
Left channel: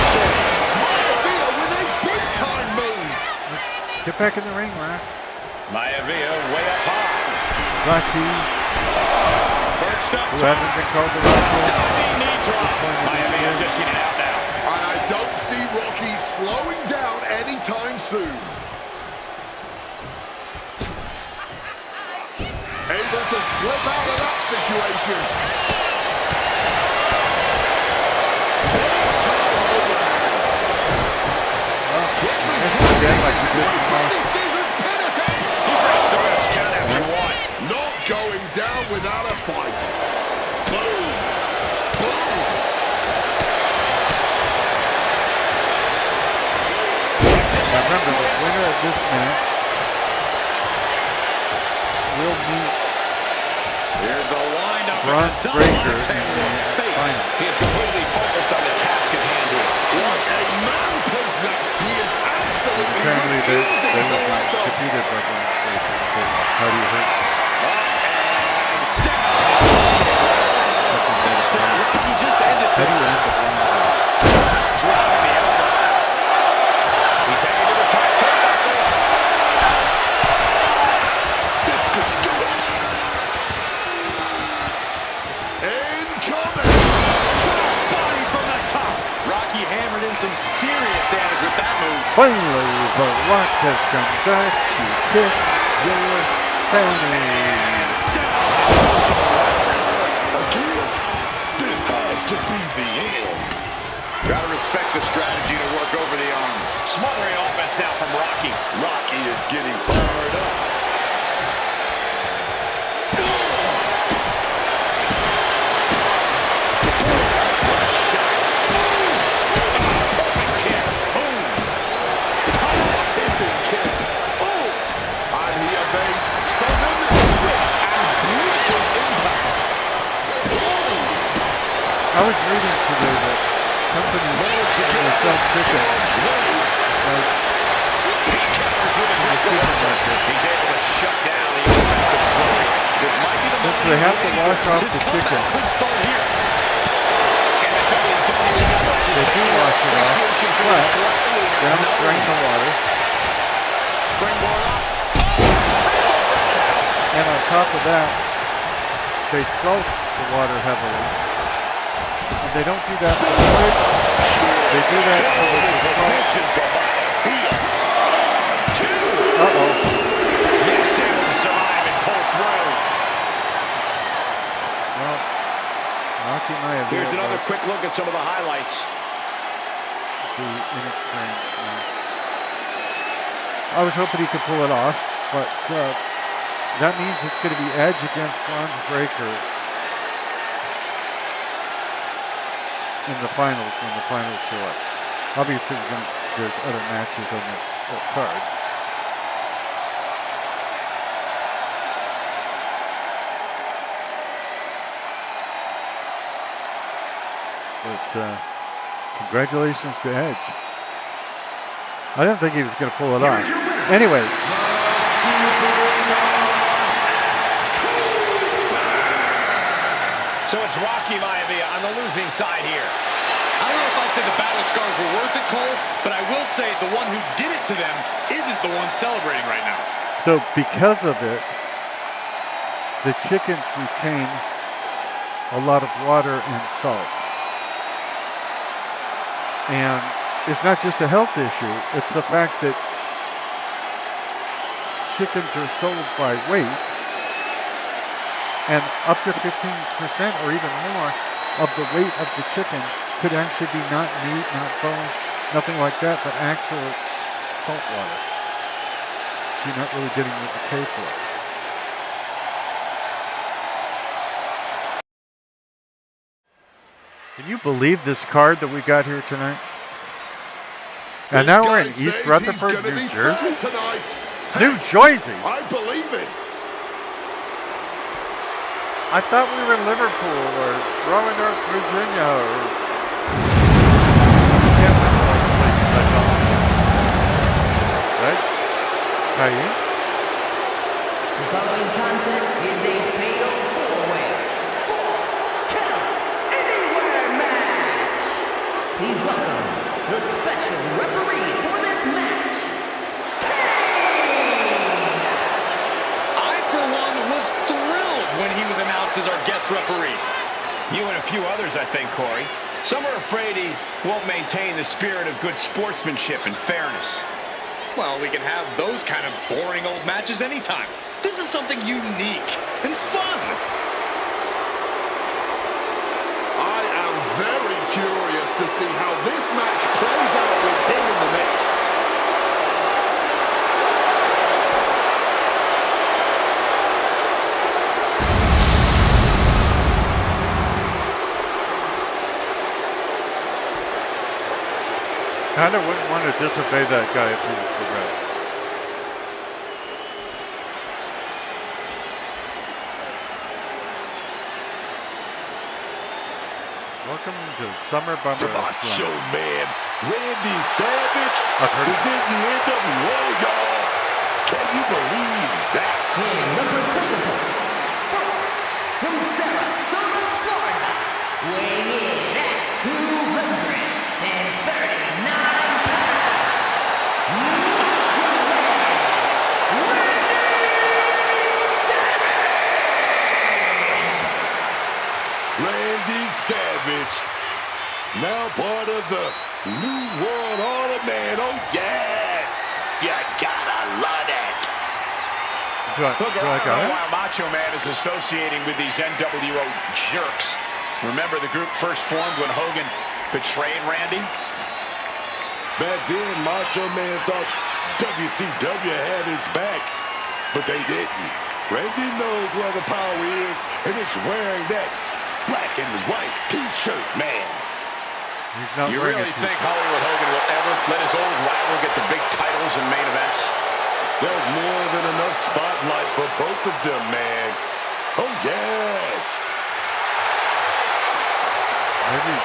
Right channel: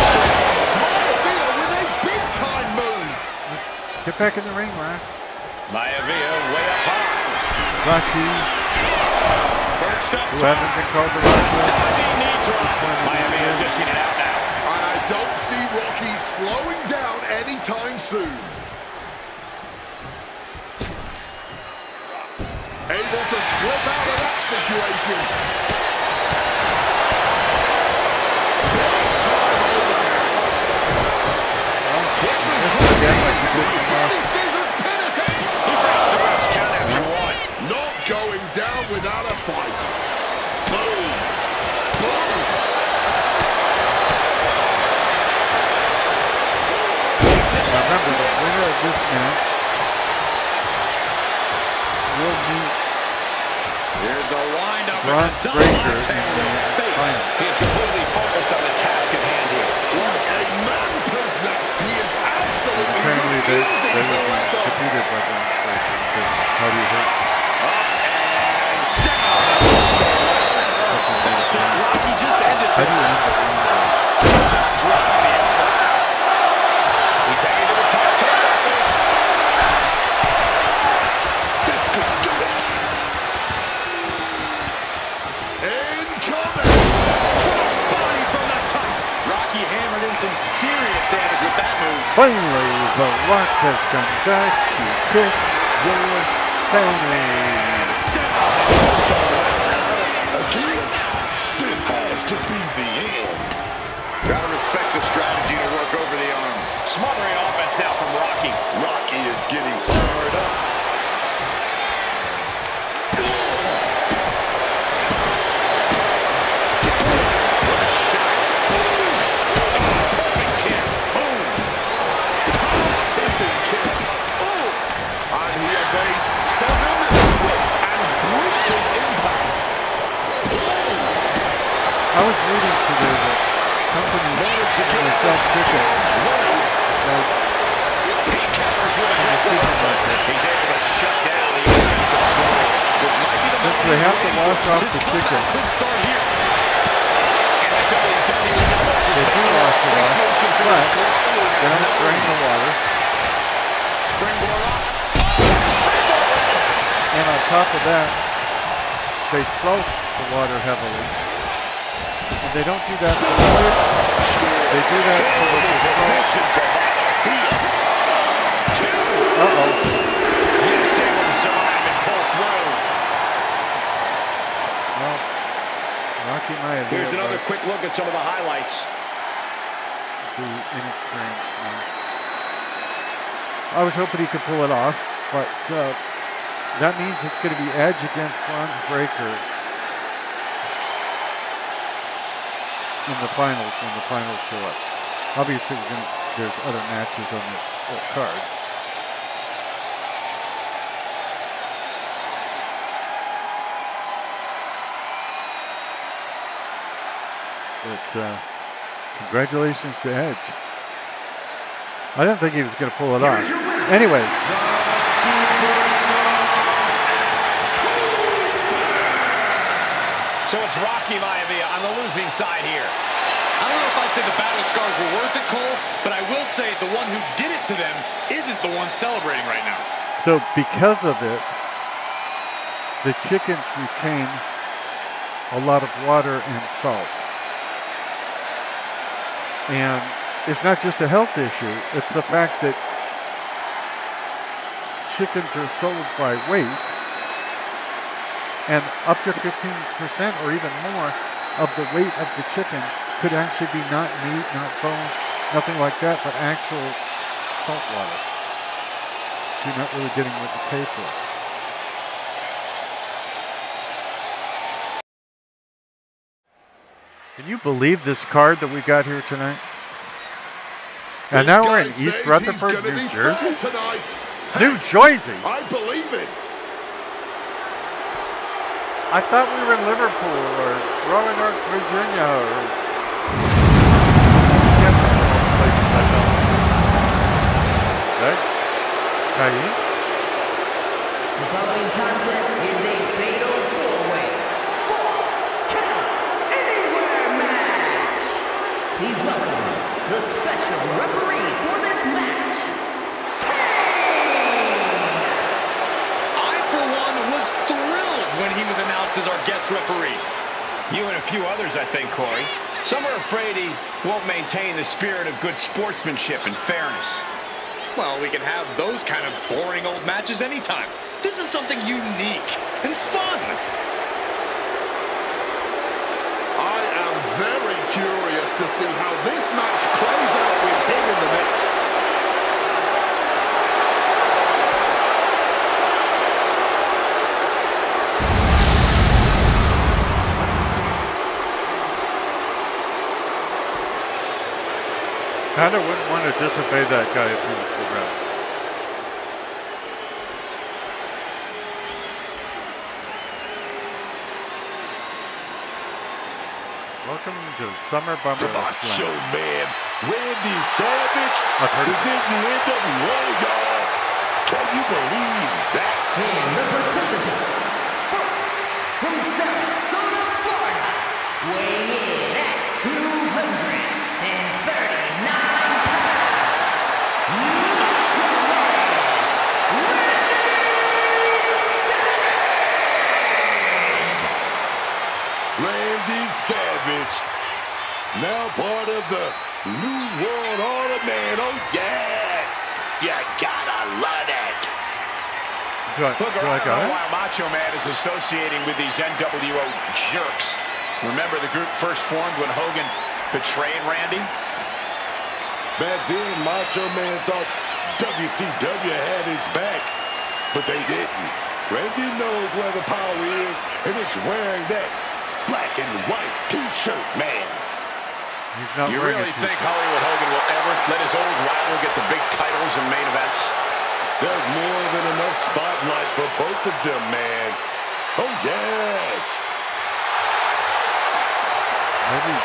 Maivia with a big-time move. Get back in the ring, Rock. Maivia way up high. Rocky, Perched up who top. hasn't been called the Rocky. Diving knee drop. Maivia dishing it out now. And I don't see Rocky slowing down anytime soon. Able to slip out of that situation. Big time overhand. Quickly crosses into a Bloody Scissors pin attempt. He breaks the ref's count after one. Not going down without a fight. Boom. Boom. Now remember, the winner of this match will meet Here's the windup. Bronze Breaker in the face. final. He is completely focused on the task at hand here. Like a man possessed, he is absolutely Apparently they refusing will to be let up. defeated by Bronze Breaker. Because how do you hurt? Up and down. That's it. Rocky just ended How do you things. end the Bronze Breaker? Driving the elbow. He's heading to the top turnbuckle. This could do it. Incoming. Cross body from the top. Rocky hammered in some serious damage with that move. Finally, The Rock has come back to kick your fanny. Again, this has to be the end. Gotta respect the strategy to work over the arm. Smothering offense now from Rocky. Rocky is getting fired up. What a shot. Perfect kick. Boom. Hard hitting kick. Oh. And he evades sudden, swift, and brutal impact. Oh. I was reading today that companies that sell chicken, like He covers with a in the quick reversal. supermarket, He's able to shut down the offensive flurry. This might be the since moment they he's have to waiting wash for. off His the comeback chicken, could start here. And the WWE Network's they do wash it off, appreciation for but these gladiators. they don't drain the water. Springboard up. Oh, springboard roundhouse. And on top of that, they salt the water heavily. And they don't do that for the quick. They do that so that the salt. Uh-oh. He's able to survive and pull through. Well, Rocky Maivia Here's another was quick look at some of the highlights. the inexperienced one. I was hoping he could pull it off, but that means it's going to be Edge against Bronze Breaker in the finals when the finals show up. Obviously, there's other matches on this card. But congratulations to Edge. I didn't think he was going to pull it off. Anyway, So it's Rocky Maivia on the losing side here. I don't know if I'd say the battle scars were worth it, Cole, but I will say the one who did it to them isn't the one celebrating right now. so because of it, the chickens retain a lot of water and salt. And it's not just a health issue, it's the fact that chickens are sold by weight, and up to 15% or even more of the weight of the chicken could actually be not meat, not bone, nothing like that, but actual salt water. So you're not really getting what you pay for. Can you believe this card that we got here tonight? And now we're in East Rutherford, New Jersey? Tonight. New Jersey? I believe it. I thought we were in Liverpool or Roanoke, Virginia, or I can't remember all the places I thought we were. Right? Caillou? The following contest is a fatal four-way, Falls Count Anywhere match. Please welcome the special referee for this match, Kane! I, for one, was thrilled when he was announced as our guest referee. You and a few others, I think, Corey. Some are afraid he won't maintain the spirit of good sportsmanship and fairness. Well, we can have those kind of boring old matches anytime. This is something unique and fun. I am very curious to see how this match plays out with him in the mix. Kind of wouldn't want to disobey that guy if he was the ref. Welcome to Summer Bummer The Macho Slam. Man, Randy Savage, I've heard is in the NWO, y'all. Can you believe that? And the participants. First, from Sarasota, Florida, weighing in at 239 pounds, Macho Man, Randy Savage, now part of the New World Order, man. Oh, yes. You gotta love it. Booker, Do I I don't got know it? why Macho Man is associating with these NWO jerks. Remember the group first formed when Hogan betrayed Randy? Back then, Macho Man thought WCW had his back, but they didn't. Randy knows where the power is, and it's wearing that black and white T-shirt, man. He's not You wearing really a think t-shirt. Hollywood Hogan will ever let his old rival get the big titles and main events? There's more than enough spotlight for both of them, man. Oh, yes. Maybe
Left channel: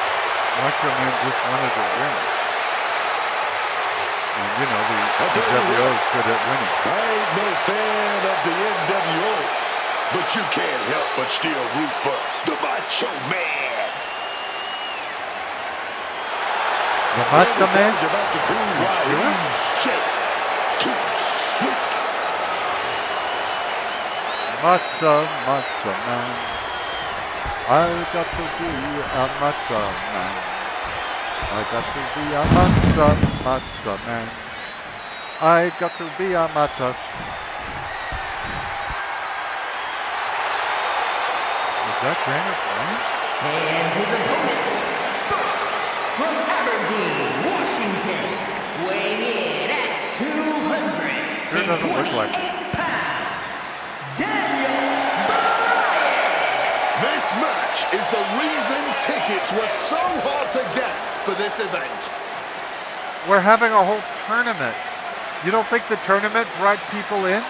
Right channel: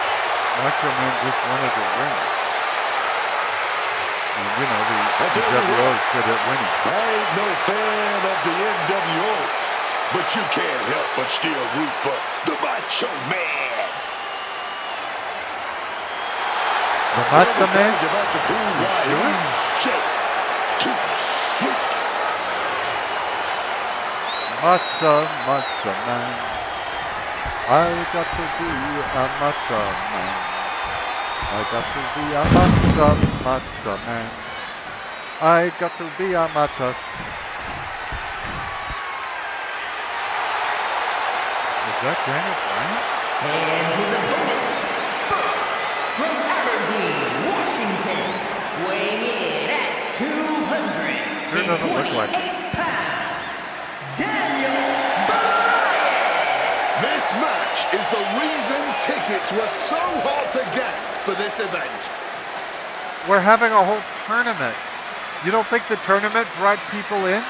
Macho Man just wanted to win. And you know, the tell you WO what. is good at winning. I ain't no fan of the NWO, but you can't help but still root for the Macho Man. The Macho Man? Randy Savage about to prove why sure? he's just too sweet. Macho Man. I got to be a Macho Man. I got to be a Macho Man. I got to be a Macho. Is that Daniel Bryan? and his opponents. First, from Aberdeen, Washington, weighing in at Sure doesn't look like 228 it. pounds, Daniel Bryan. This match is the reason tickets were so hard to get for this event. We're having a whole tournament. You don't think the tournament brought people in?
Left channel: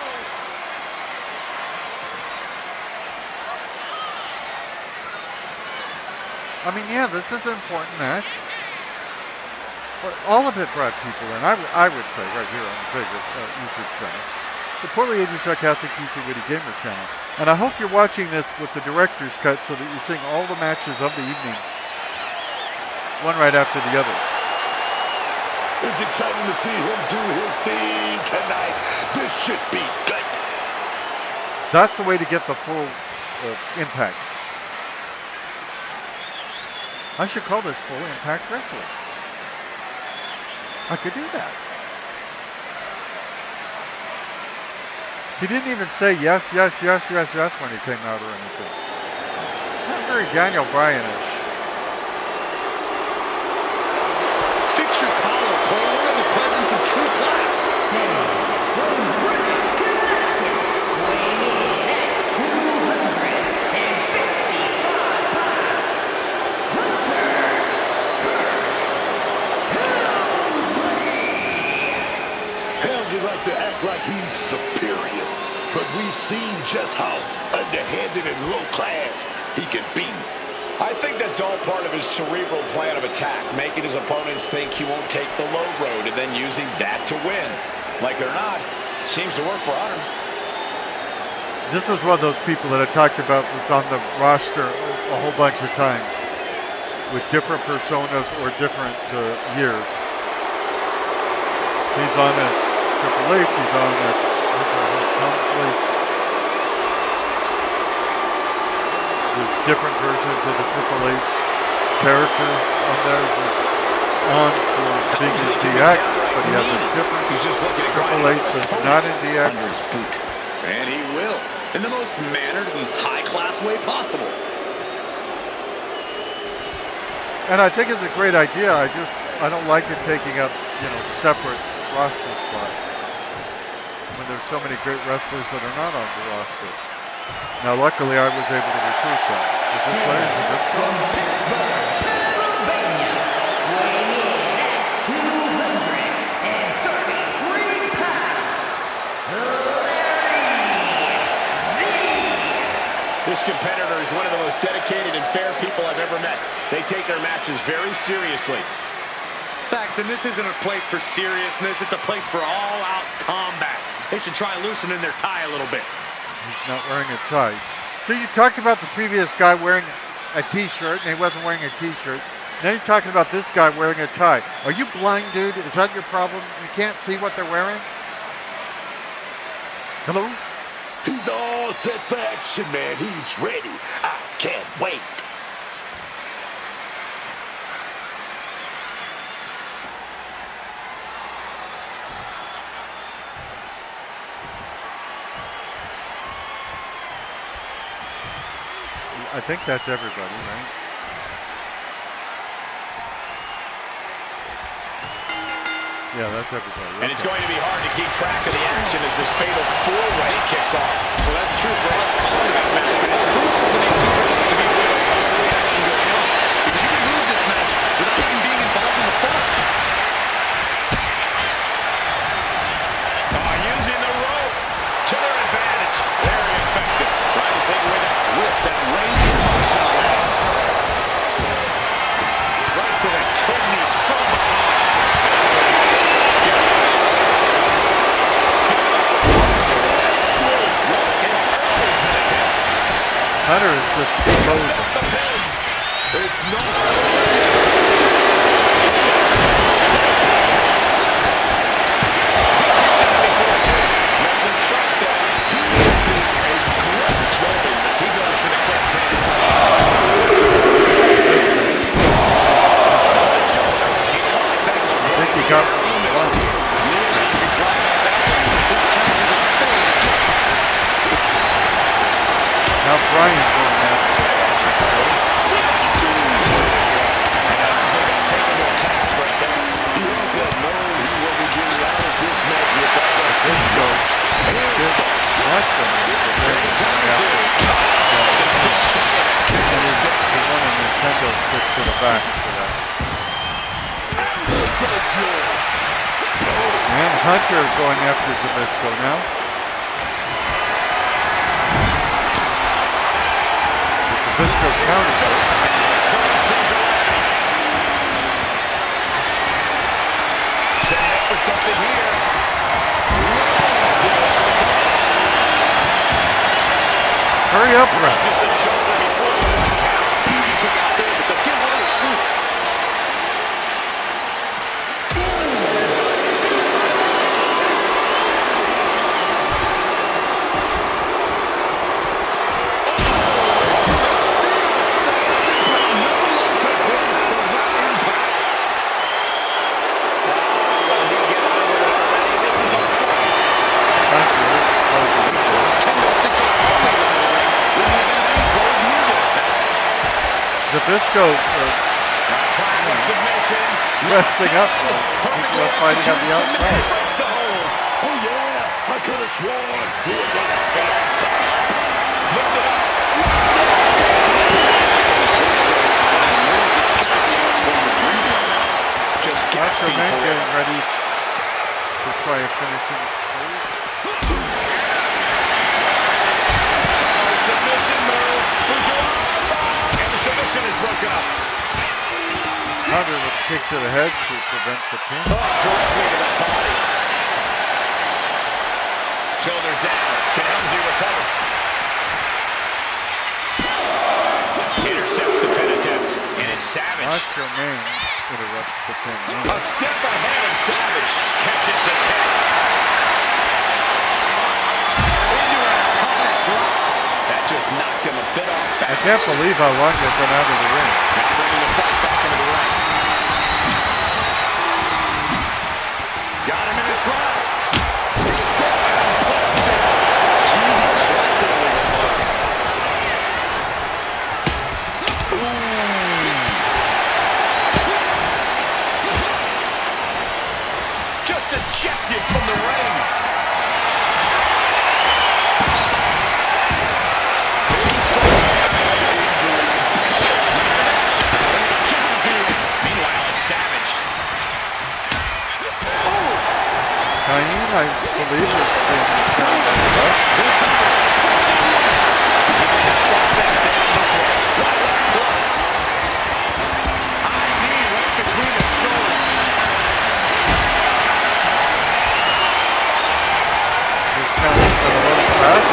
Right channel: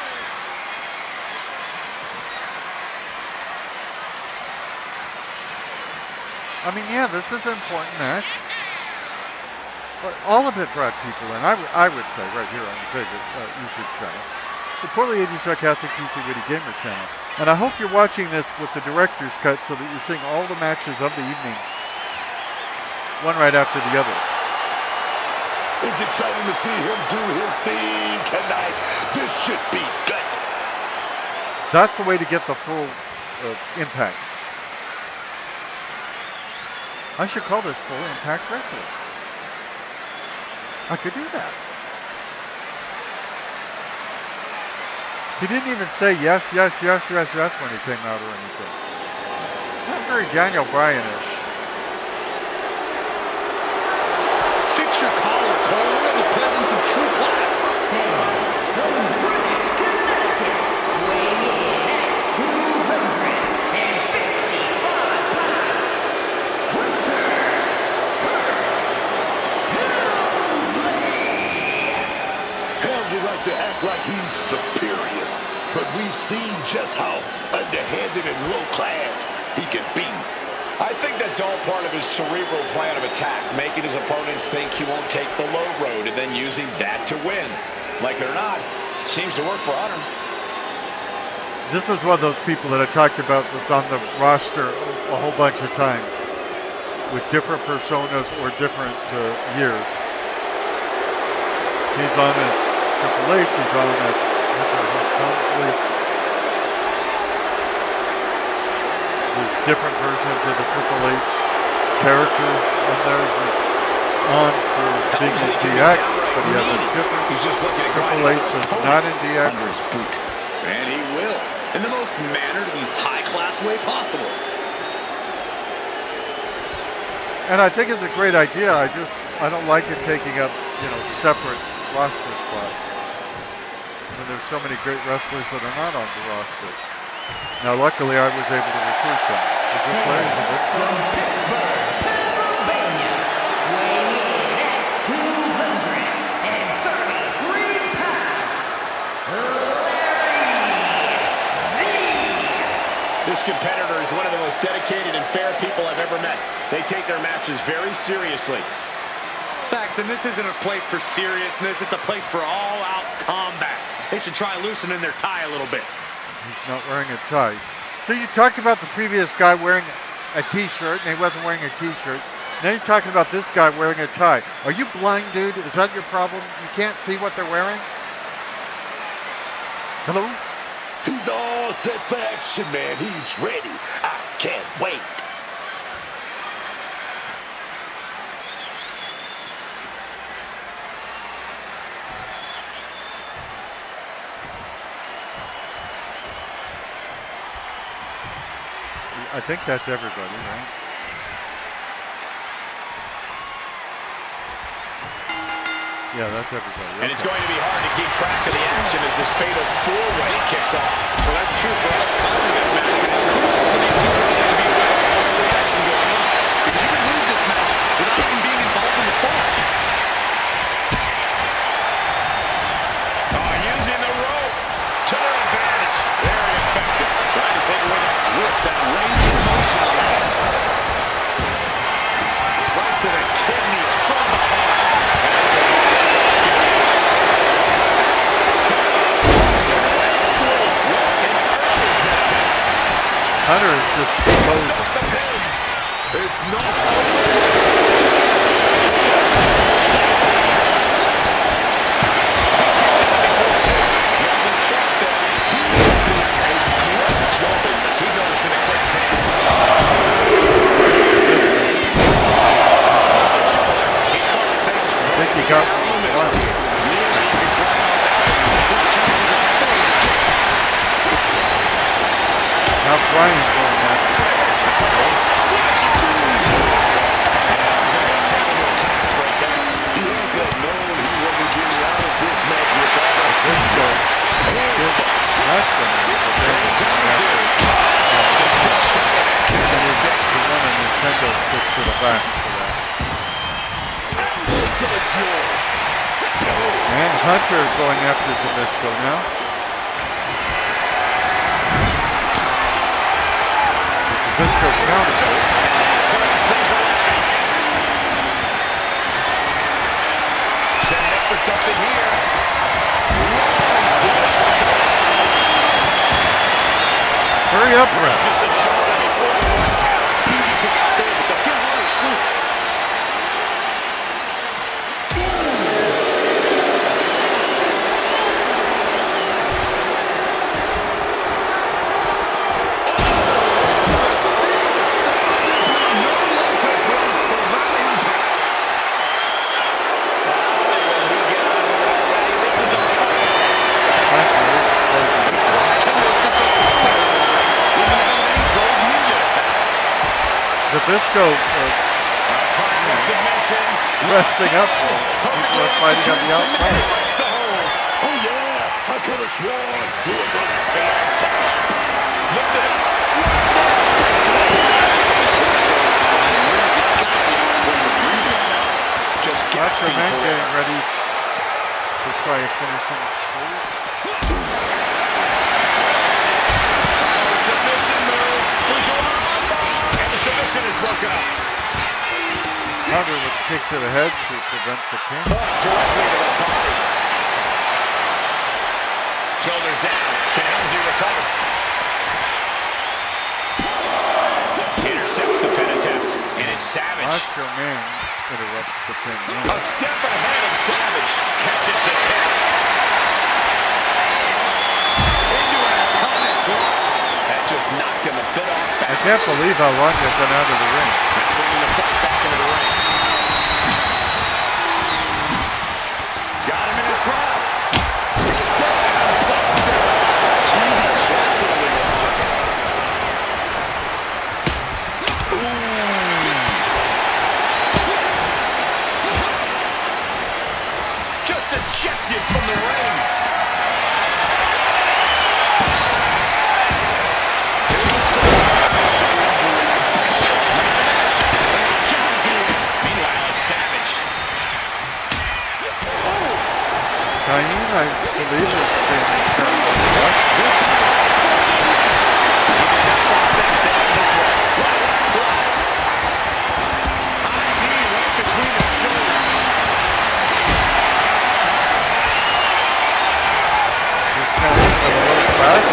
I mean, yeah, this is an important match. But all of it brought people in, I would say, right here on the favorite YouTube channel. The Poorly Aged Sarcastic PC Witty Gamer channel. And I hope you're watching this with the director's cut so that you're seeing all the matches of the evening, one right after the other. It's exciting to see him do his thing tonight. This should be good. That's the way to get the full impact. I should call this Full Impact Wrestling. I could do that. He didn't even say yes, yes, yes, yes, yes when he came out or anything. Not very Daniel Bryan-ish. Fix your collar, Cole. We're in the presence of true class. And from Greenwich, Connecticut, weighing in at 255 pounds, Hunter Hurst Helmsley. Helms like to act like he's superior, but we've seen just how underhanded and low class he can be. I think that's all part of his cerebral plan of attack, making his opponents think he won't take the low road and then using that to win. Like it or not, seems to work for Hunter. This is one of those people that I talked about that's on the roster a whole bunch of times with different personas or different years. He's on as Triple H, he's on as Helmsley. There's different versions of the Triple H character on there. on for being in DX, but he has a different He's just looking at Triple H that's not in DX. under his boot. And he will, in the most mannered and high-class way possible. And I think it's a great idea. I don't like it taking up, separate roster spots when there's so many great wrestlers that are not on the roster. Now, luckily, I was able to recruit them. Is this Larry Zbyszko? From Pittsburgh, Pennsylvania, weighing in at 233 pounds, This competitor is one of the most dedicated and fair people I've ever met. They take their matches very seriously. Saxton, this isn't a place for seriousness. It's a place for all-out combat. They should try loosening their tie a little bit. He's not wearing a tie. So you talked about the previous guy wearing a T-shirt, and he wasn't wearing a T-shirt. Now you're talking about this guy wearing a tie. Are you blind, dude? Is that your problem? You can't see what they're wearing? Hello? He's all set for action, man. He's ready. I can't wait. I think that's everybody, right? Yeah, that's everybody. And it's going to be hard to keep track of the action as this fatal four-way kicks off. Well, that's true for us calling this match, but it's crucial for these superstars to be aware of all the action going on. Because you can lose this match without even being involved in the fall. Using the rope to their advantage. Very effective. Trying to take away that grip, that range of motion on that. Right to the kidneys from behind. Hunter is just closing. It's not over yet. Nothing sharp there. He is doing a great job in that. He goes for the quick pin. On the shoulder. He's calling things I think he got one. Nearly you can drive out that one. This count is as full as it gets. Now Brian's going after it. He had to have known he wasn't getting out of this match without a big bumps. That's He won a Nintendo stick to the back for that. Elbow to the jaw. And Hunter going after Zbyszko now. Zbyszko counters it. Turns things around. Setting up for something here. Hurry up, Brett. This is the shoulder before the 1 count. Easy kick out there, but they'll get harder soon. To the steel step, simply no later place for that impact. Will he get on with it already? This is a fight. Hunter closing. Of course, kendo sticks are always in the ring in the event of any rogue ninja attacks. Zbyszko Triangle submission. resting up while people are fighting on the outside. Breaks the hold. Oh, yeah. I could have sworn we were going to see a tap. Lift it up. Attacks on his torso, on his ribs. It's got to be hard for him to breathe right now. Just Macho gasping Man for getting air. ready to try a finishing hold. Submission move. Fujiwara. And the submission is broken up. Hunter with a kick to the head to prevent the pin. Directly to the body. Shoulders down. Can Helmsley recover? Intercepts the pin attempt. And it's Savage. Macho Man interrupts the pin. A step ahead of Savage. Catches the kick. Into an atomic drop. That just knocked him a bit off I balance. can't believe how long they've been out of the ring. Now bringing the fight back into the ring. Got him in his grasp. Kicked it and popped it. Jeez, that's going to leave a mark. Just ejected from the ring. Insult and injury. Man of the match. That's gotta be it. Meanwhile, it's Savage. Cain, I believe, is being turned on the left. He did not want that down this way. Wow, what a club. High knee right between the shoulders. He's counting for the little crash.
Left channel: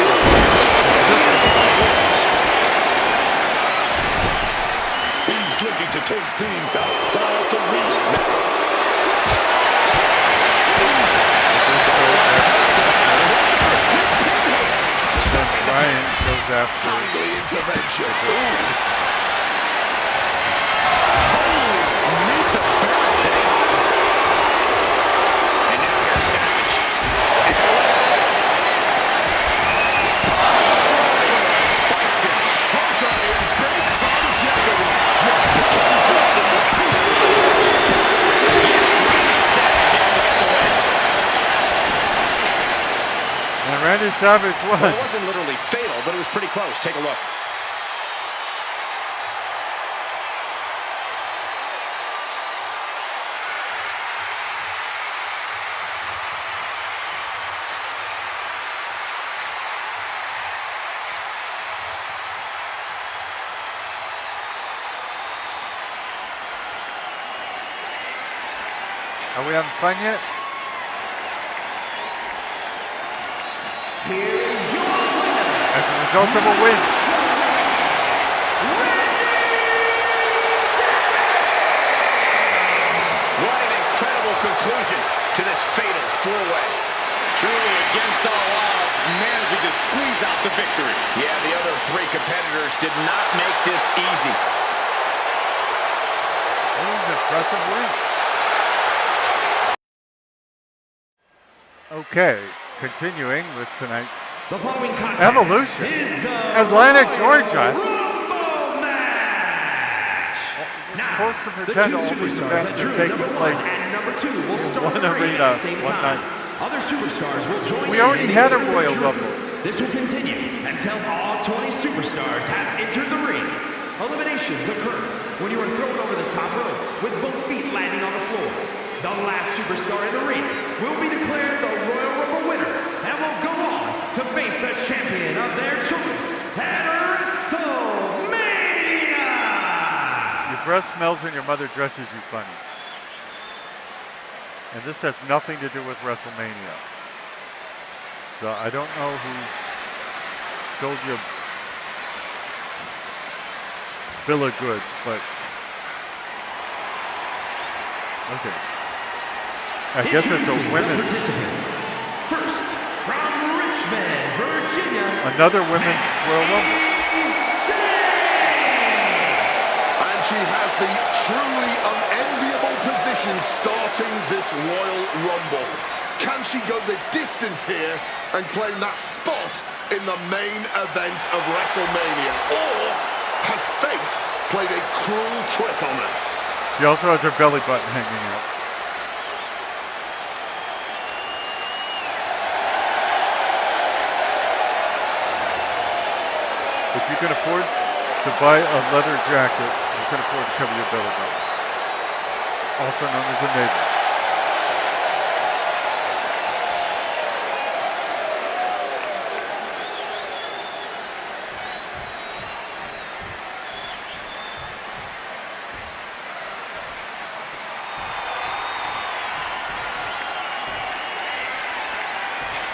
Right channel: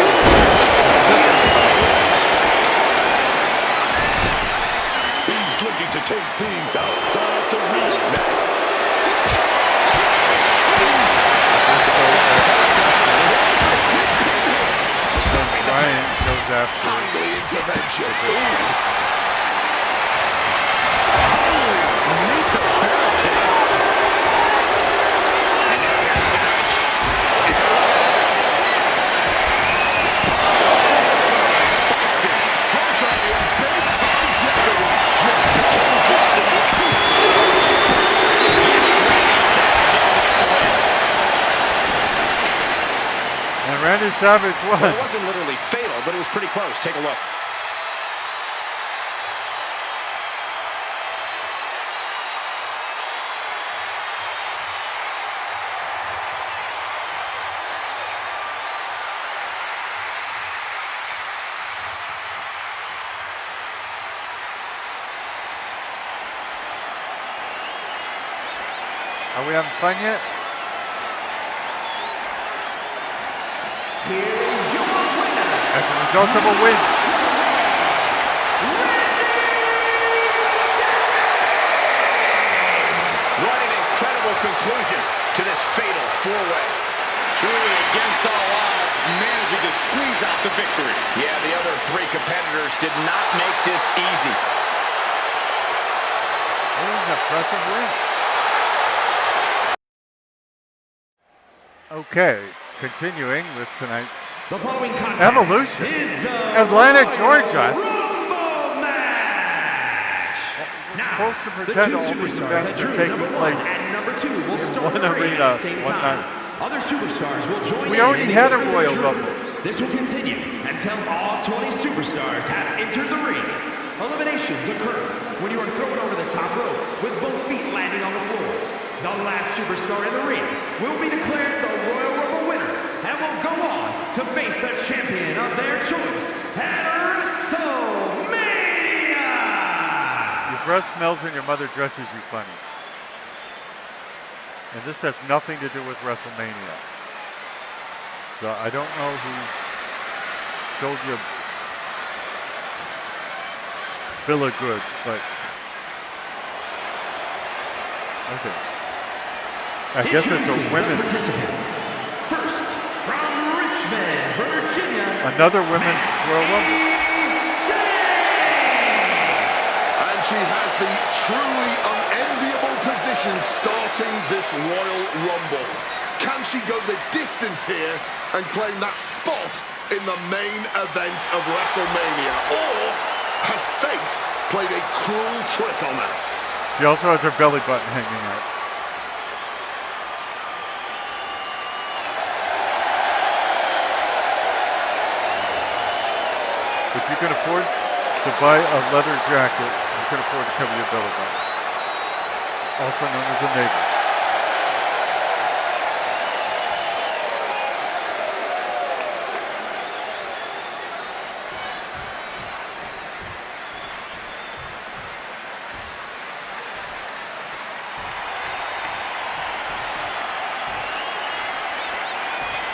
He's looking to take things outside the ring now. Ryan goes after Timely intervention. Holy, meet the barricade. And now here's Savage. And look at this. Spiked it. Hunter in big time jeopardy. Yes, Randy Savage in with the win. And Randy Savage Well, won. it wasn't literally fatal, but it was pretty close. Take a look. Are we having fun yet? Here is your winner, As a result of a win. What an incredible conclusion to this fatal four-way. Truly against all odds, managing to squeeze out the victory. Yeah, the other three competitors did not make this easy. It was an impressive win. Okay, continuing with tonight's The following contest Evolution. is the Atlanta, Royal Georgia. Rumble match. We're Now, supposed to the pretend two all these superstars events that are drew taking number one place and number two will in start one the ring arena, at the same one time. night. Other superstars will join We in already in the had a order they Royal drew. Rumble. This will continue until all 20 superstars have entered the ring. Eliminations occur when you are thrown over the top rope with both feet landing on the floor. The last superstar in the ring will be declared the Royal Rumble winner and will go on to face the champion of their choice at WrestleMania! Your breath smells and your mother dresses you funny. And this has nothing to do with WrestleMania. So I don't know who sold you a bill of goods, but okay. I guess it's a Introducing the women, participants. First, from Richmond, Virginia, another women's Royal Rumble. And she has the truly unenviable position starting this Royal Rumble. Can she go the distance here and claim that spot in the main event of WrestleMania? Or has fate played a cruel trick on her? She also has her belly button hanging out. If you can afford to buy a leather jacket, you can afford to cover your belly button. Also known as a navel.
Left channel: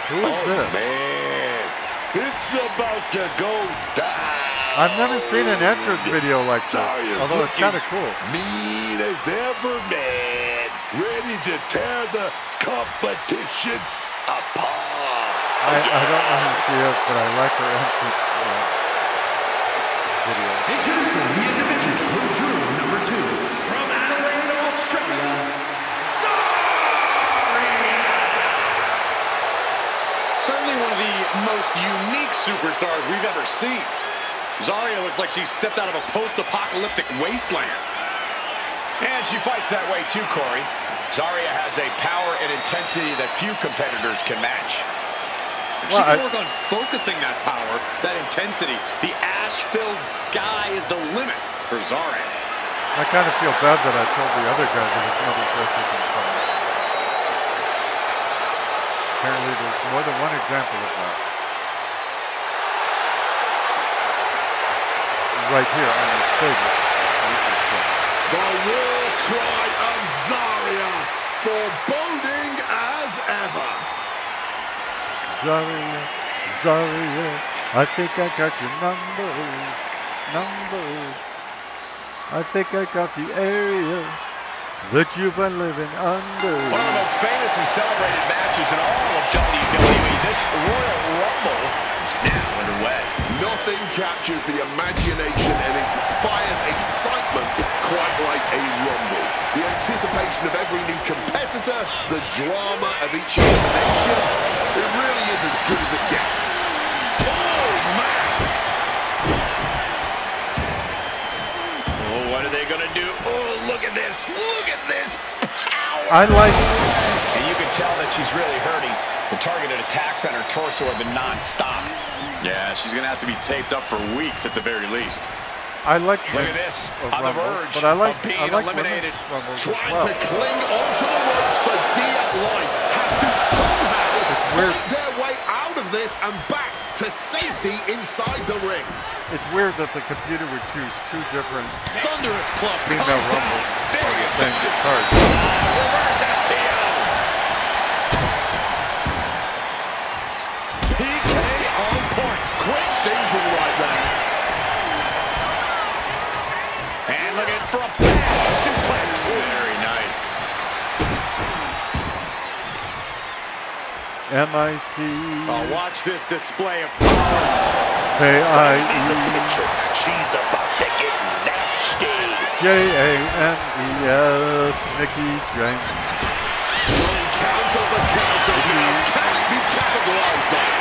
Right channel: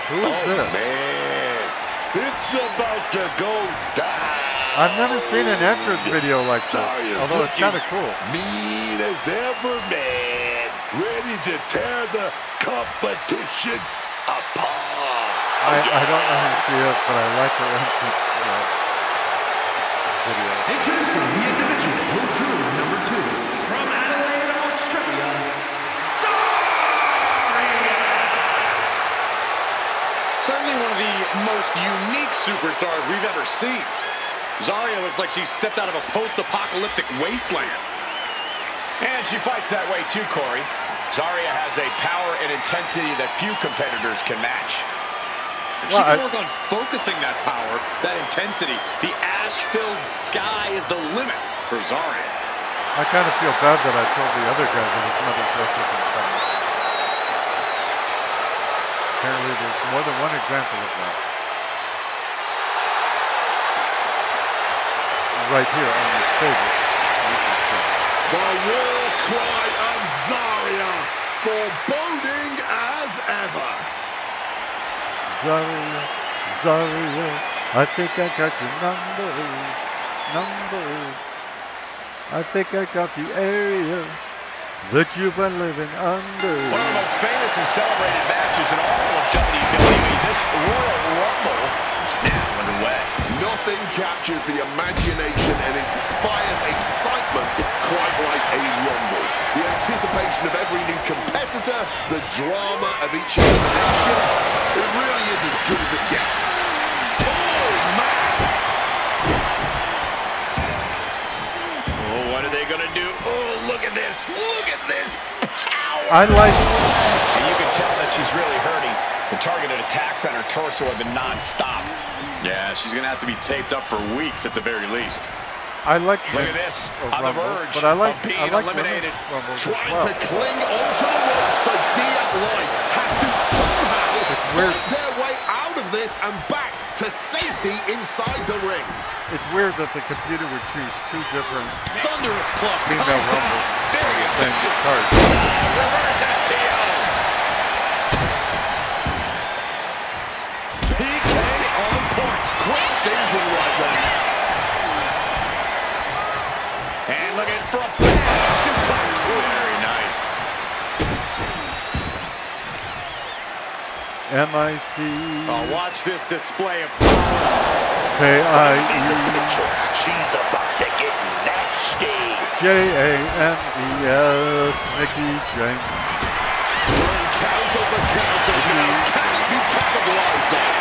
Who is this? Man, it's about to go down. I've never seen an entrance video like this, Zarya's although it's kind of looking cool. Mean as ever, man. Ready to tear the competition apart. I don't know who she is, but I like her entrance video. Introducing the individual who drew number two from Adelaide, Australia, Zarya! Certainly one of the most unique superstars we've ever seen. Zarya looks like she stepped out of a post-apocalyptic wasteland. And she fights that way too, Corey. Zarya has a power and intensity that few competitors can match. She can work on focusing that power, that intensity. The ash-filled sky is the limit for Zarya. I kind of feel bad that I told the other guy that his mother dresses in color. Apparently there's more than one example of that. Right here on this favorite YouTube channel. The war cry of Zarya, foreboding as ever. Zarya, Zarya, I think I got your number. I think I got the area that you've been living under. One of the most famous and celebrated matches in all of WWE. This Royal Rumble is now underway. Nothing captures the imagination and inspires excitement quite like a Rumble. The anticipation of every new competitor, the drama of each elimination, it really is as good as it gets. Oh, man! Oh, what are they going to do? Oh, look at this. Look at this power. I like... And you can tell that she's really hurting. The targeted attacks on her torso have been non-stop. Yeah, she's going to have to be taped up for weeks at the very least. I like Look at this, on the Rumbles, verge but I like, of being I like eliminated. Rumbles as Trying well. to cling onto the ropes for dear life, has to somehow fight their way out of this and back to safety inside the ring. It's weird that the computer would choose two different Thunderous Club female comes down. Rumbles on Very the same effective. card. Reverse STO. PK on point. Quick thinking right there. And looking for a back suplex. Very nice. M-I-C... Oh, watch this display of power. K-I-E... She's about to get nasty. J-A-M-E-S... Mickey James. Going counter for counter now. Can it be capitalized on?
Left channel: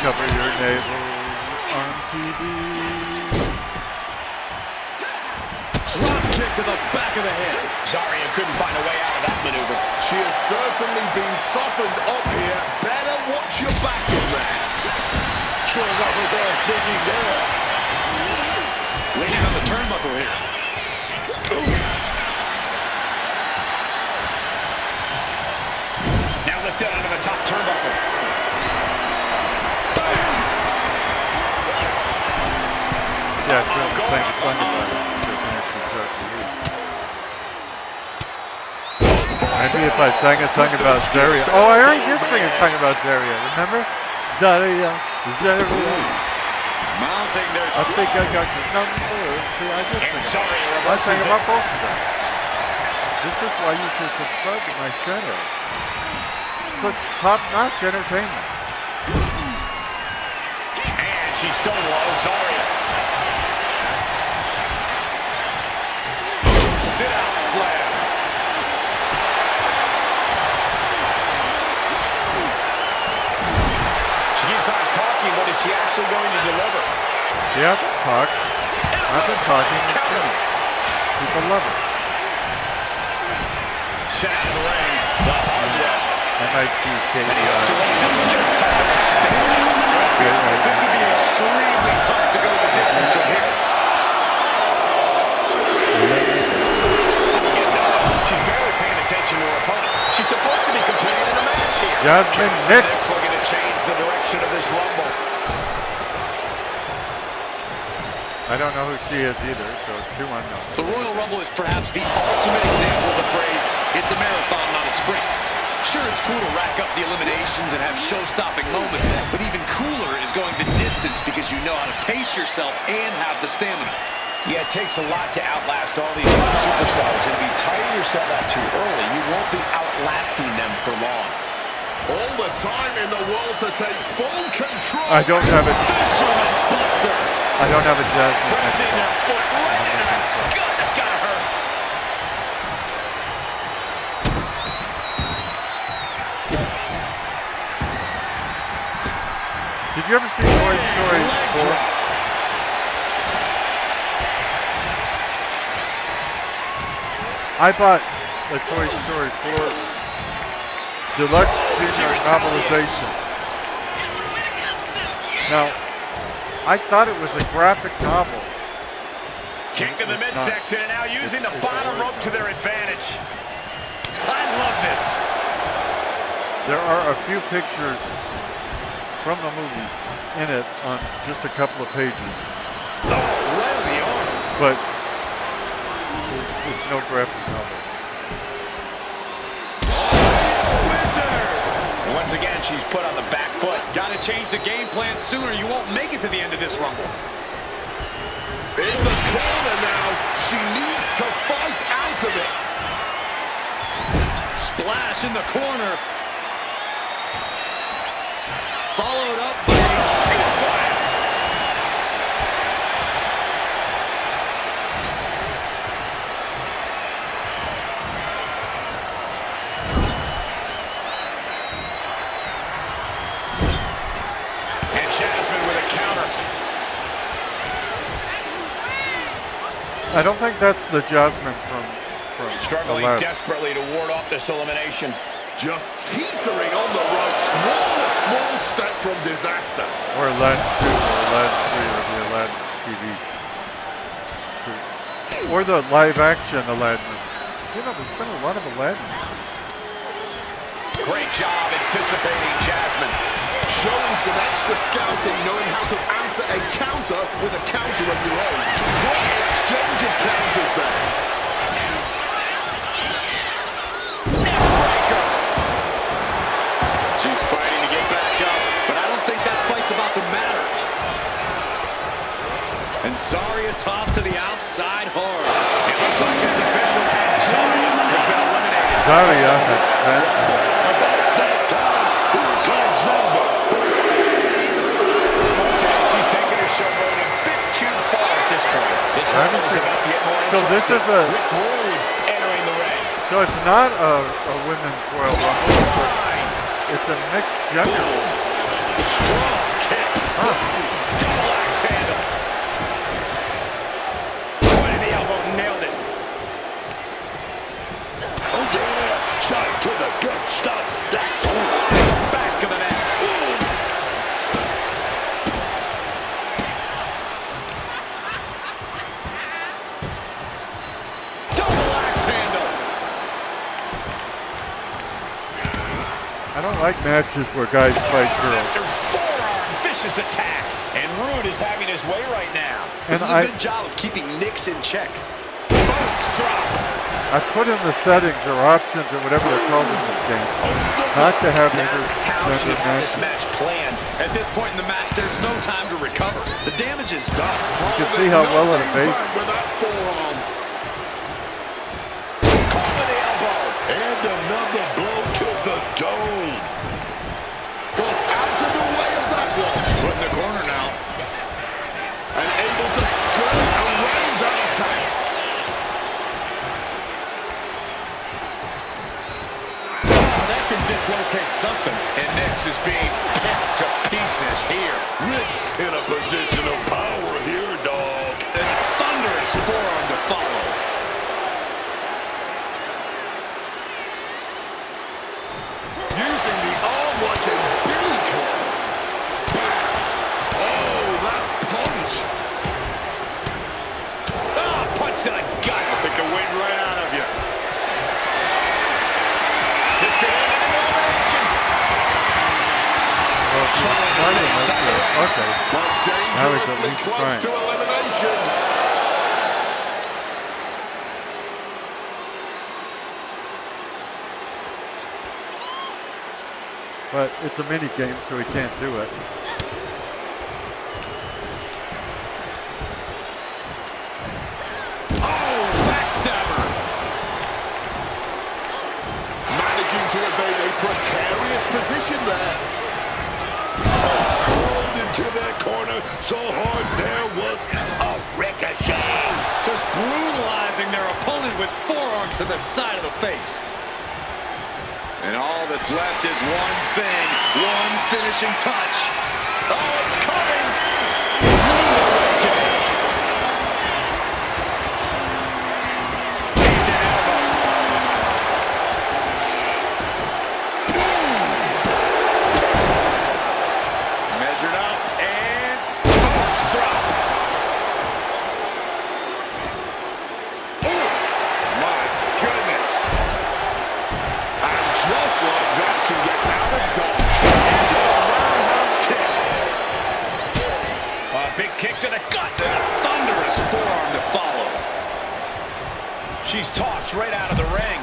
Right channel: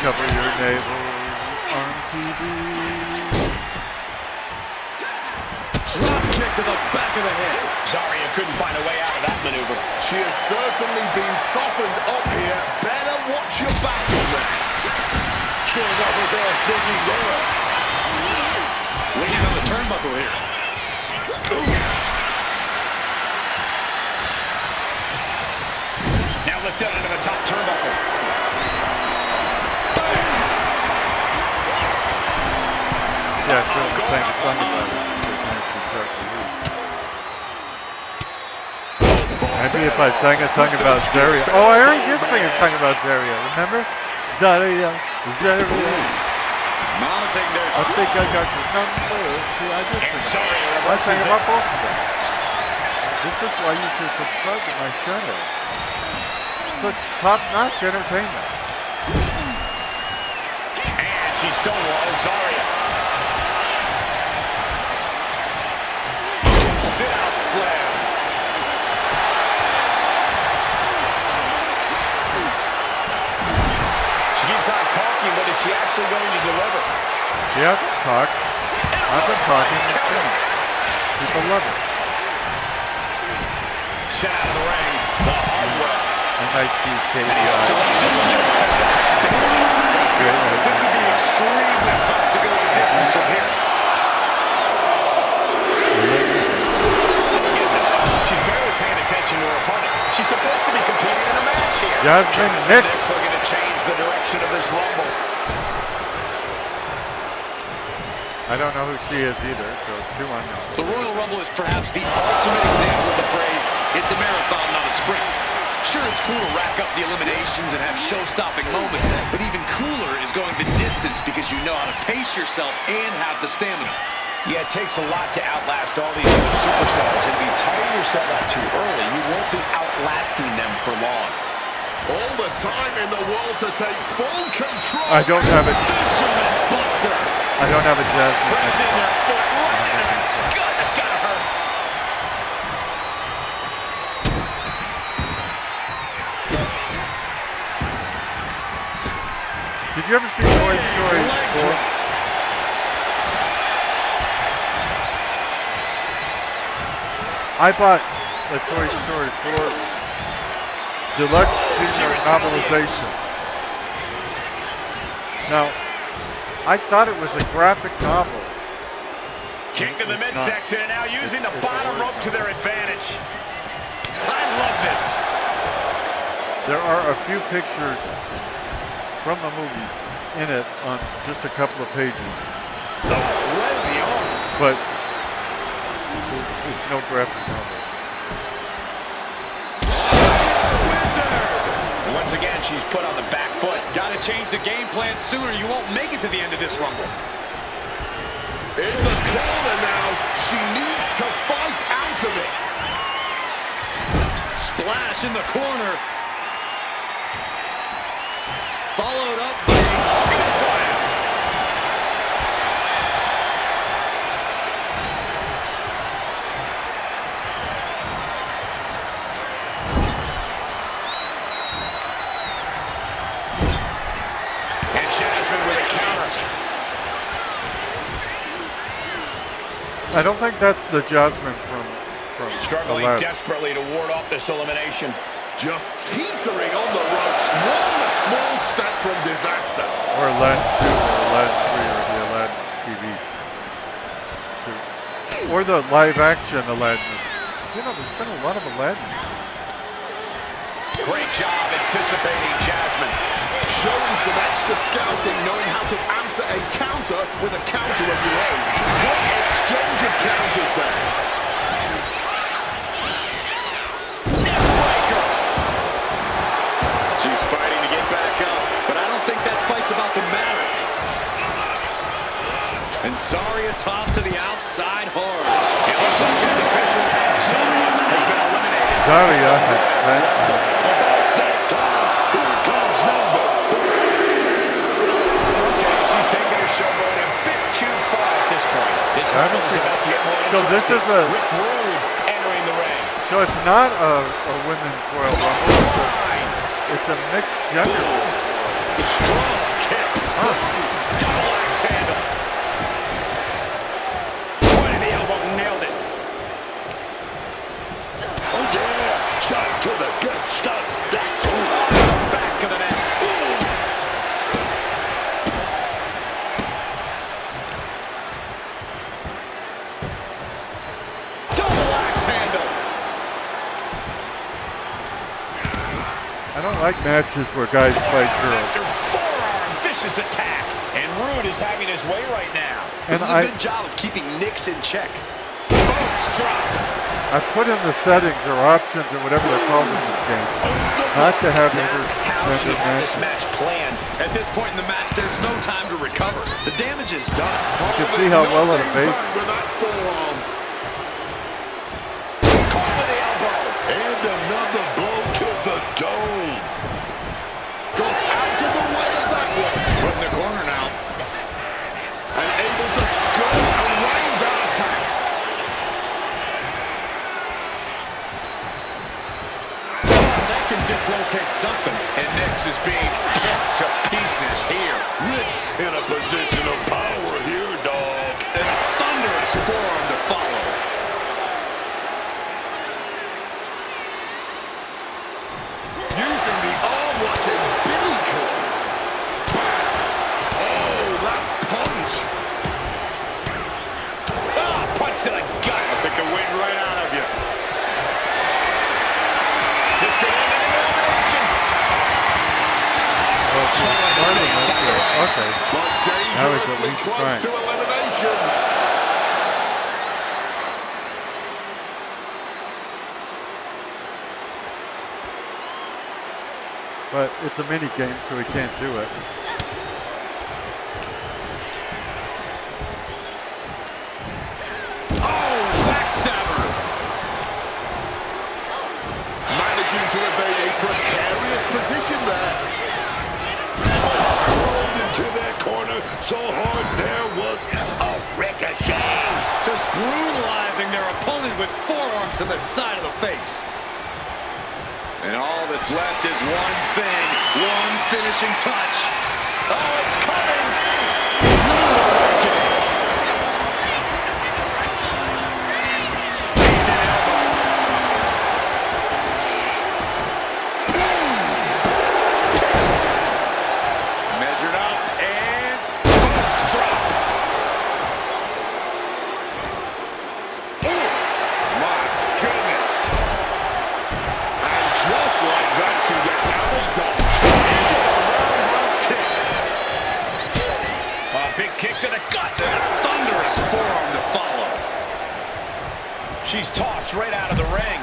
Cover your navel on TV. Drop kick to the back of the head. Zarya couldn't find a way out of that maneuver. She has certainly been softened up here. Better watch your back in there. Sure enough, her fast digging there. Leaning on the turnbuckle here. Now lifted onto the top turnbuckle. Yeah, it's really playing fun about it. Maybe if I sang a song about Zarya. Oh, I already did sing a song about Zarya, remember? Zarya, Zarya. Mounting their... I think I got your number. See, I did And sing it. Zarya I reverses sang it. about both of them. This is why you should subscribe to my channel. Such top-notch entertainment. And she stonewalls Zarya. Sit-out slam. She keeps on talking, but is she actually going to deliver? Yeah, I can talk. I've been talking and singing. People love it. Sent out of the ring the hard way. M-I-C-K-E-I. So this is just set the next stage. Let's be honest, this would be extremely tough to go the distance from here. I don't get this. She's barely paying attention to her opponent. She's supposed to be competing in a match here. Jasmine Nix. Looking to change the direction of this Rumble. I don't know who she is either, so two unknown. The Royal Rumble is perhaps the ultimate example of the phrase, it's a marathon, not a sprint. Sure, it's cool to rack up the eliminations and have show-stopping moments, but even cooler is going the distance because you know how to pace yourself and have the stamina. Yeah, it takes a lot to outlast all these other superstars. And if you tire yourself out too early, you won't be outlasting them for long. All the time in the world to take full control. I don't have it. Fisherman Buster. I don't have a Jasmine Nix Pressing song. their foot right into that gut. That's got to hurt. Did you ever see Toy Story 4? I bought the Toy Story 4 Deluxe Junior novelization. Now, I thought it was a graphic novel. Kick to the midsection and now using the bottom rope to their advantage. I love this. There are a few pictures from the movie in it on just a couple of pages. Oh, right on the arm. But it's no graphic novel. And once again, she's put on the back foot. Got to change the game plan sooner. You won't make it to the end of this Rumble. In the corner now. She needs to fight out of it. Splash in the corner. Followed up by a scoop slam. And Jasmine with a counter. I don't think that's the Jasmine from Struggling Aladdin. desperately to ward off this elimination. Just teetering on the ropes. One small step from disaster. Or Aladdin 2 or Aladdin 3 or the Aladdin TV. Or the live action Aladdin. You know, there's been a lot of Aladdin. Great job anticipating Jasmine. Showing some extra scouting, knowing how to answer a counter with a counter of your own. Great exchange of counters there. Neckbreaker. She's fighting to get back up, but I don't think that fight's about to matter. And Zarya tossed to the outside hard. It looks like it's official. Zarya has been eliminated. Zarya has been. About that time, here comes number 4. Okay, she's taking her showboat a bit too far at this point. This I haven't rumble is seen- about to get more So this interesting. is a- With Rude entering the ring. So it's not a women's Royal Rumble. Line. It's a mixed gender. Strong kick. Huh. Double axe handle. Point of the elbow, nailed it. Oh yeah, shot to the gut, stop, stack. On the back of the neck. Double axe handle. I don't like matches where guys fight girls. After forearm, vicious attack. And Rude is having his way right now. And This is a good job of keeping Nix in check. First drop. I put in the settings or options or whatever they're called in this game not to have Now, how she intergender had this matches. match planned. At this point in the match, there's no time to recover. The damage is done. You can see how well it Nothing evades. back with that forearm. Caught with the elbow. And another blow to the dome. Got out of the way of that one. Put in the corner now. And able to skirt around that attack. That can dislocate something. And Nix is being picked to pieces here. Rich in a position of power here, dog. And a thunderous forearm to follow. Using the arm like a billy club. Bam! Oh, that punch. Ah, punch to the gut. I'll take the wind right out of you. This could end in an elimination. Well, if Struggling to you're stay smart inside the enough, ring. okay. But Now he's at dangerously least close trying. to elimination. But it's a mini game, so he can't do it. Oh, backstabber. Managing to evade a precarious position there. Rolled into that corner so hard there was a ricochet. Just brutalizing their opponent with forearms to the side of the face. And all that's left is one thing, one finishing touch. Oh, it's coming. Rude awakening. And an elbow. Measured up and first drop. Oh, my goodness. And just like that, she gets out of dodge. Into the roundhouse kick. A big kick to the gut and a thunderous forearm to follow. She's tossed right out of the ring.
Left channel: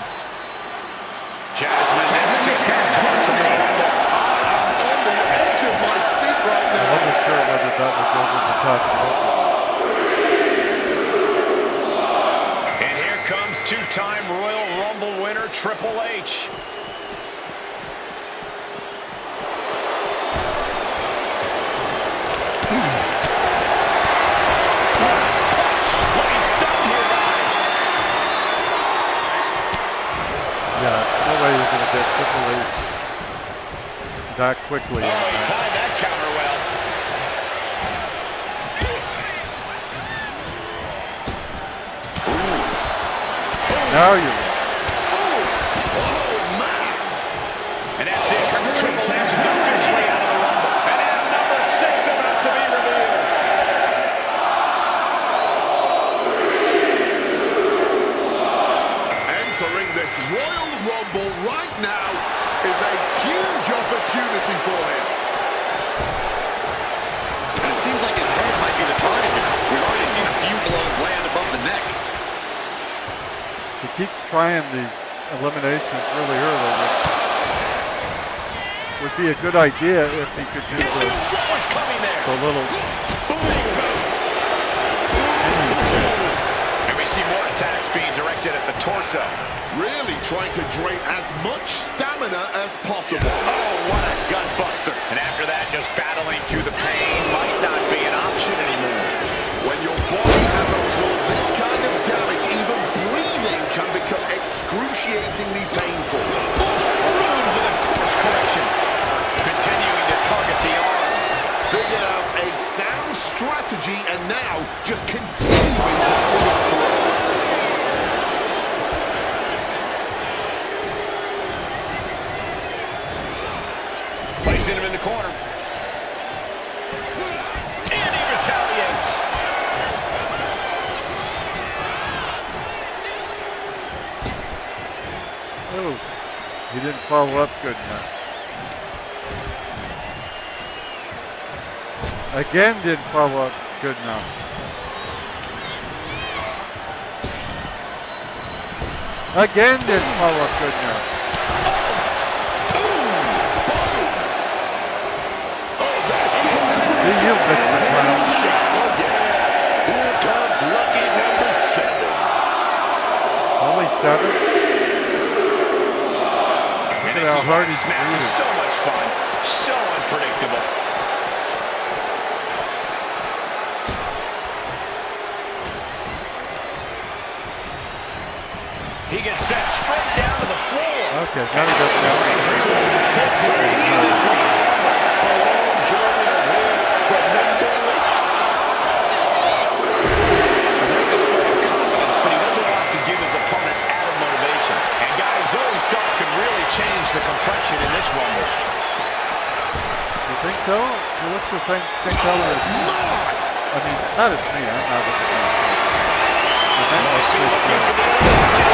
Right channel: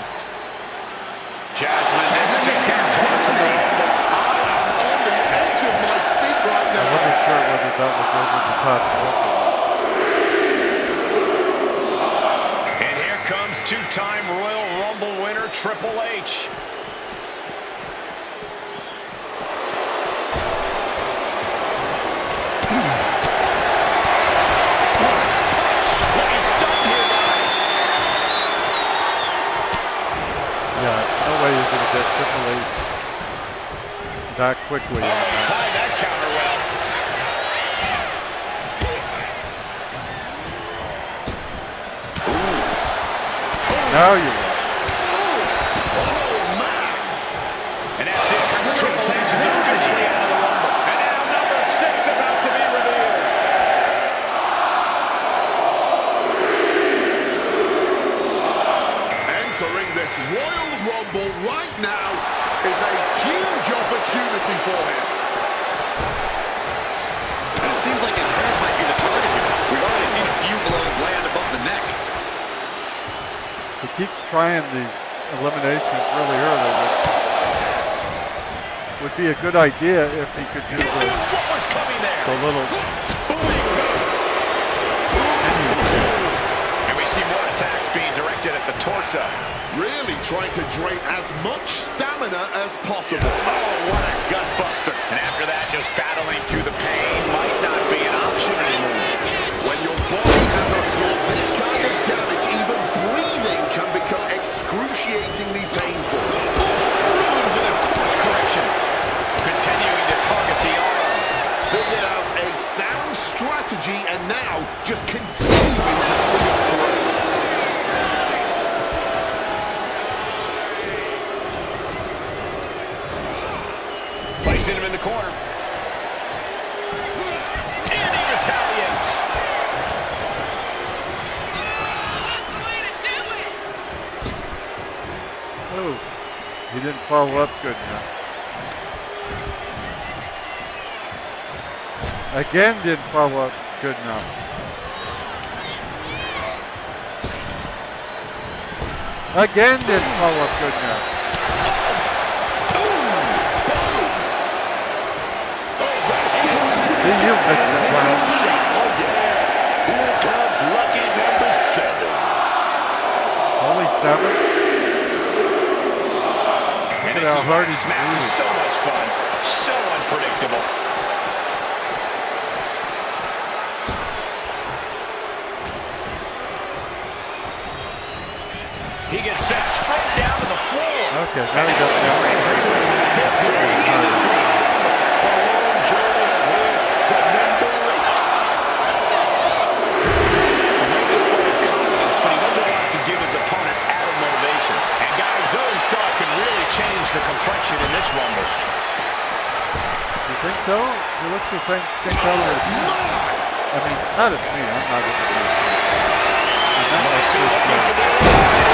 Jasmine Nix just got tossed from the Rumble. I am on the edge of my seat right I now. wasn't sure whether that was over the top rope or not. And here comes two-time Royal Rumble winner Triple H. Punch! Looking stunned here, guys. Yeah, no way you're going to get Triple H that quickly. Oh, he timed that counter well. Now you're right. Oh, man. And that's it. Triple H is officially out of the Rumble. And now number 6 about to be revealed. Entering this Royal Rumble right now is a huge opportunity for him. And it seems like his head might be the target here. We've already seen a few blows land above the neck. He keeps trying these eliminations really early, which would be a good idea if he could do What was coming there? the little Booing goes. And we see more attacks being directed at the torso. Really trying to drain as much stamina as possible. Oh, what a gut buster. And after that, just battling through the pain might not be an option anymore. When your body has absorbed this kind of damage, even breathing can become excruciatingly painful. Rude with a course correction. Continuing to target the arm. Figured out a sound strategy and now just continuing to see it through. Placing him in the corner. And he retaliates. Oh, he didn't follow up good enough. Again, didn't follow up good enough. Again, didn't follow up good enough. Do you, Mr. Clown? Oh, yeah. Here comes lucky number 7. Only 7? And Look at how hard he's this match is breathing. so much fun. So unpredictable. He gets sent straight down to the floor. Okay, now he got down. History in this Royal Rumble. A long journey ahead for number 8. A great display of confidence, but he doesn't want to give his opponent added motivation. And guys, Zoe Stark could really change the complexion in this Rumble. You think so? She looks the same skin color as me. I mean, not as me. I'm not looking at me. I meant like Might be Chris looking for Jones. the elimination.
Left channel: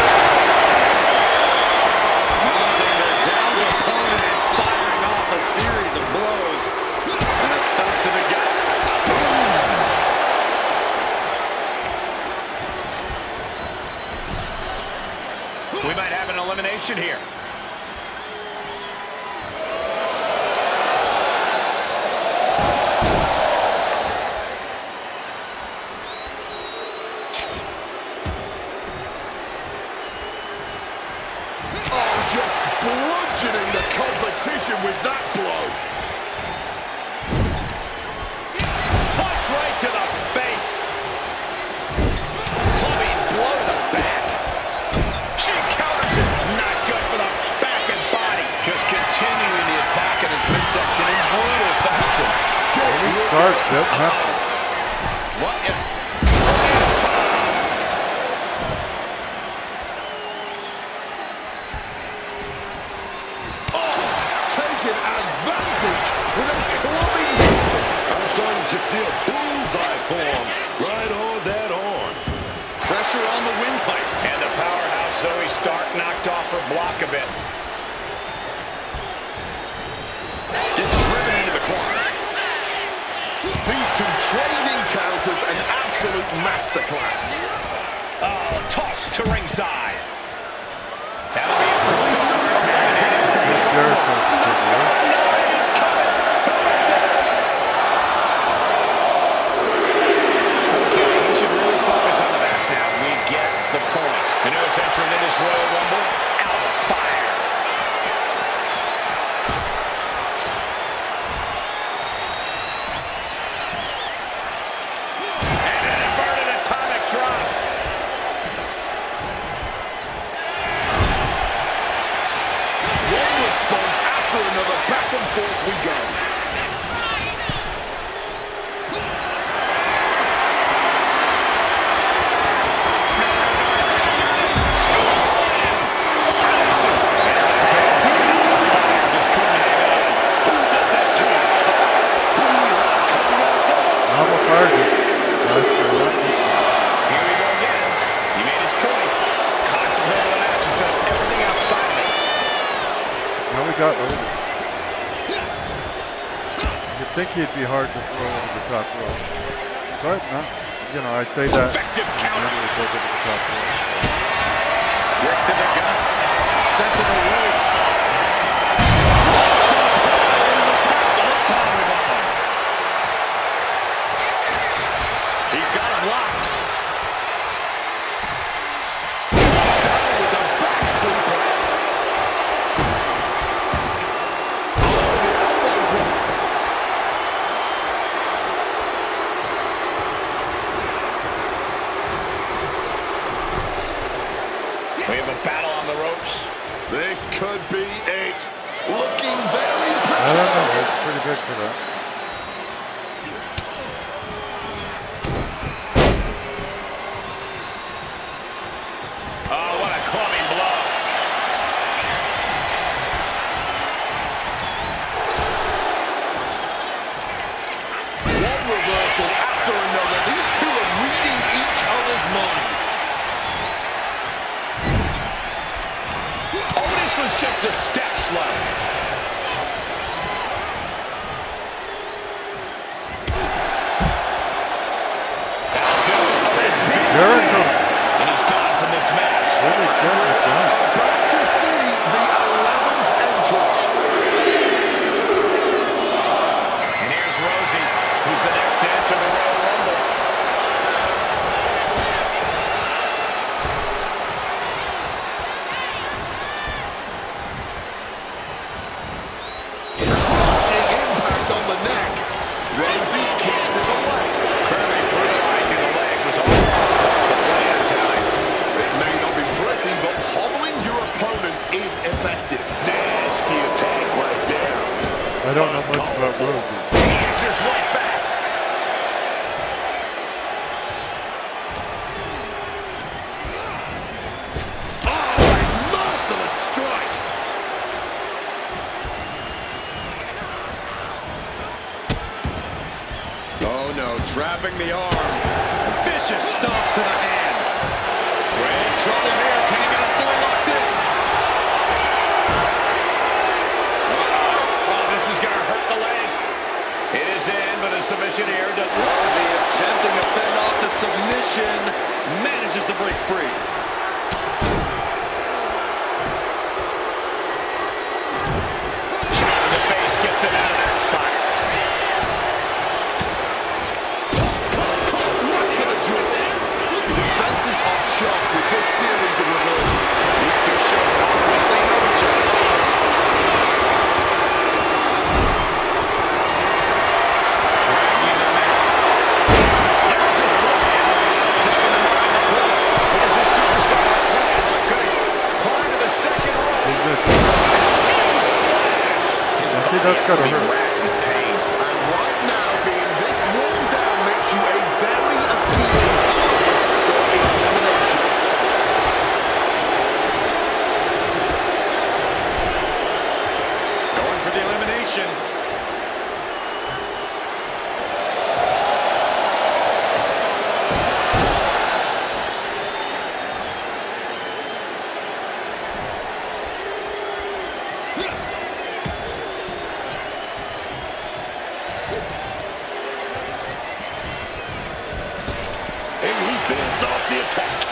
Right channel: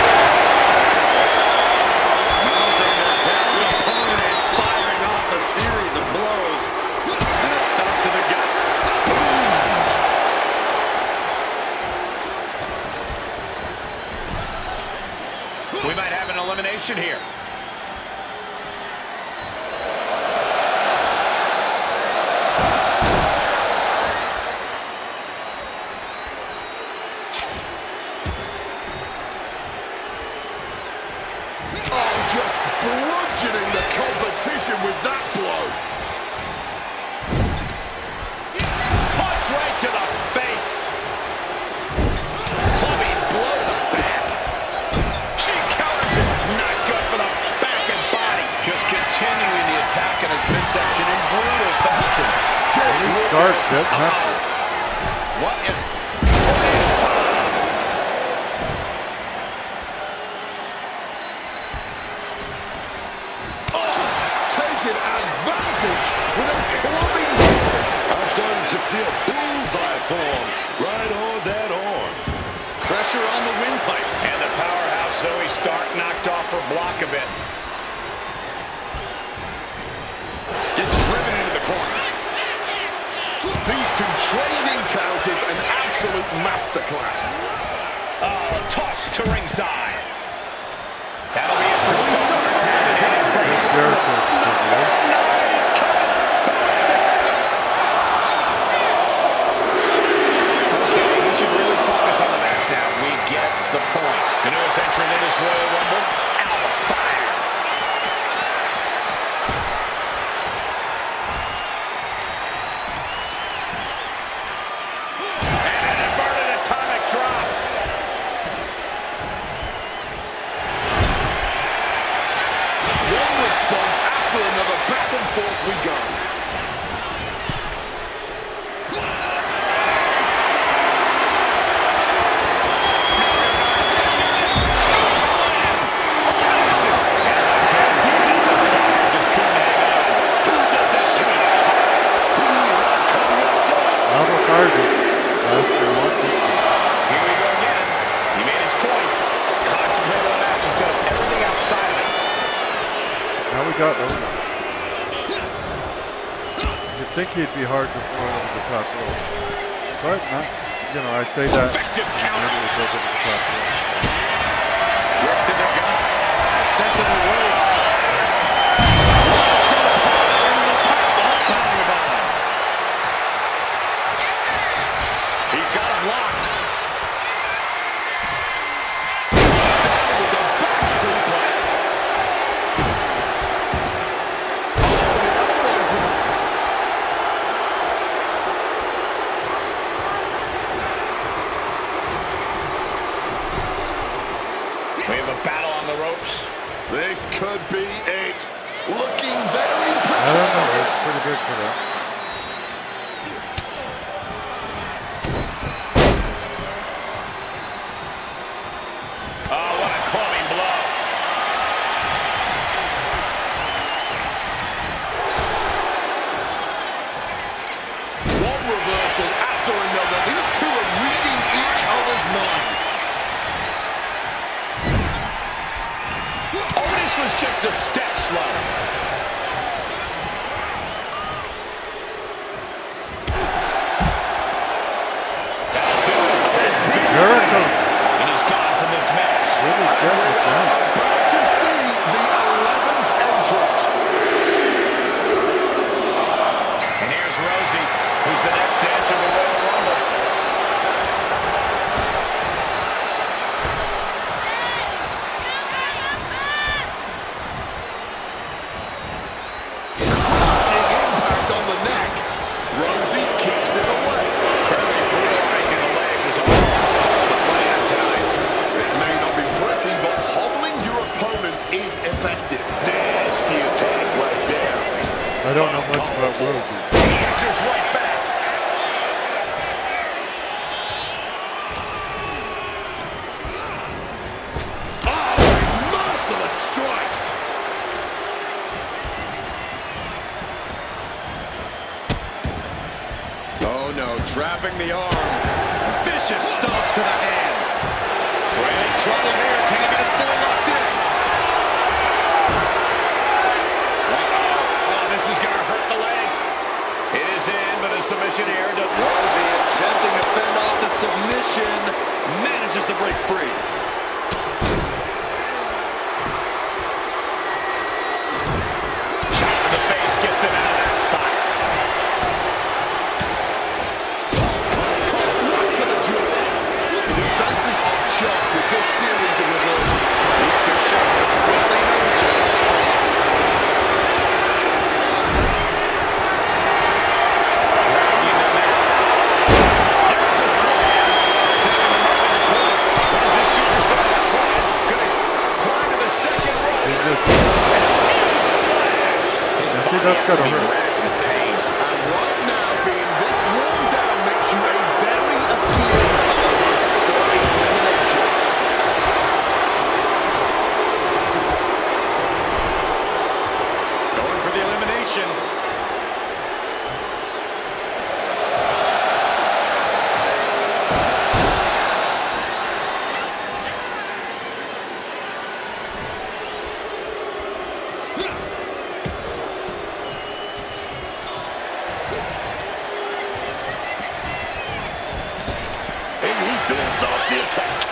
Mounting their downed opponent and firing off a series of blows. And a stop to the gut. We might have an elimination here. Oh, just bludgeoning the competition with that blow. Punch right to the face. Clubbing blow to the back. She counters it. Not good for the back and body. Just continuing the attack in his midsection in brutal fashion. Start, doesn't have to. What if tornado bomb? Oh, taking advantage with a clubbing blow. I'm starting to feel bullseye form right on that arm. Pressure on the windpipe. And the powerhouse Zoe Stark knocked off her block a bit. It's driven into the corner. These two trading counters, an absolute masterclass. Oh, toss to ringside. That'll be it for Stark. Eliminated from the Jericho Rumble. still there. Number 9 is coming. Who is it? Okay, he should really focus on the match now. We get the point. The newest entrant in this Royal Rumble, Alba Fire. And an inverted atomic drop. One response after another, back and forth we go. Alba fired it. Last for one victory. Here we go again. He made his point. Concentrate on the match instead of everything outside of it. Now we got Otis. You'd think he'd be hard to throw over the top rope. But not, you know, I'd say that. Effective counter. Never would go over the top rope. Kick to the gut. Sent to the ropes. He's got him locked. Down with the back suplex. Oh, the elbow drop. We have a battle on the ropes. This could be it. Looking very I don't know. It's precarious. pretty big for that. Oh, what a clubbing blow. One reversal after another. These two are reading each other's minds. Otis was just a step slow. That'll do it. This is big. Jericho And he's gone from this match. really getting it done. About to see the 11th entrant. And here's Rosie, who's the next to enter the Royal Rumble. Crushing impact on the neck. Rosie keeps it away. Clearly brutalizing the leg was all part of the plan tonight. It may not be pretty, but hobbling your opponents is effective. Nasty attack right there. I don't know much about Rosie. He answers right back. Oh, a merciless strike. Oh no, trapping the arm. Vicious stomps to the hand. We're in trouble here. Can he get it fully locked in? Uh-oh. Oh, this is going to hurt the legs. It is in, but a submission here. Rosie attempting to fend off the submission. Manages to break free. Shot in the face gets him out of that spot. Right to the jaw. Defenses are sharp with this series of reversals. These two show how well they know each other. Dragging them out. There's a slam. Setting them up in the corner. What does this superstar have planned? Going to climb to the second rope. He's good. Huge splash. His See, body that's has gotta to be hurt. racked with pain. And right now, elimination. And he fends off the attack.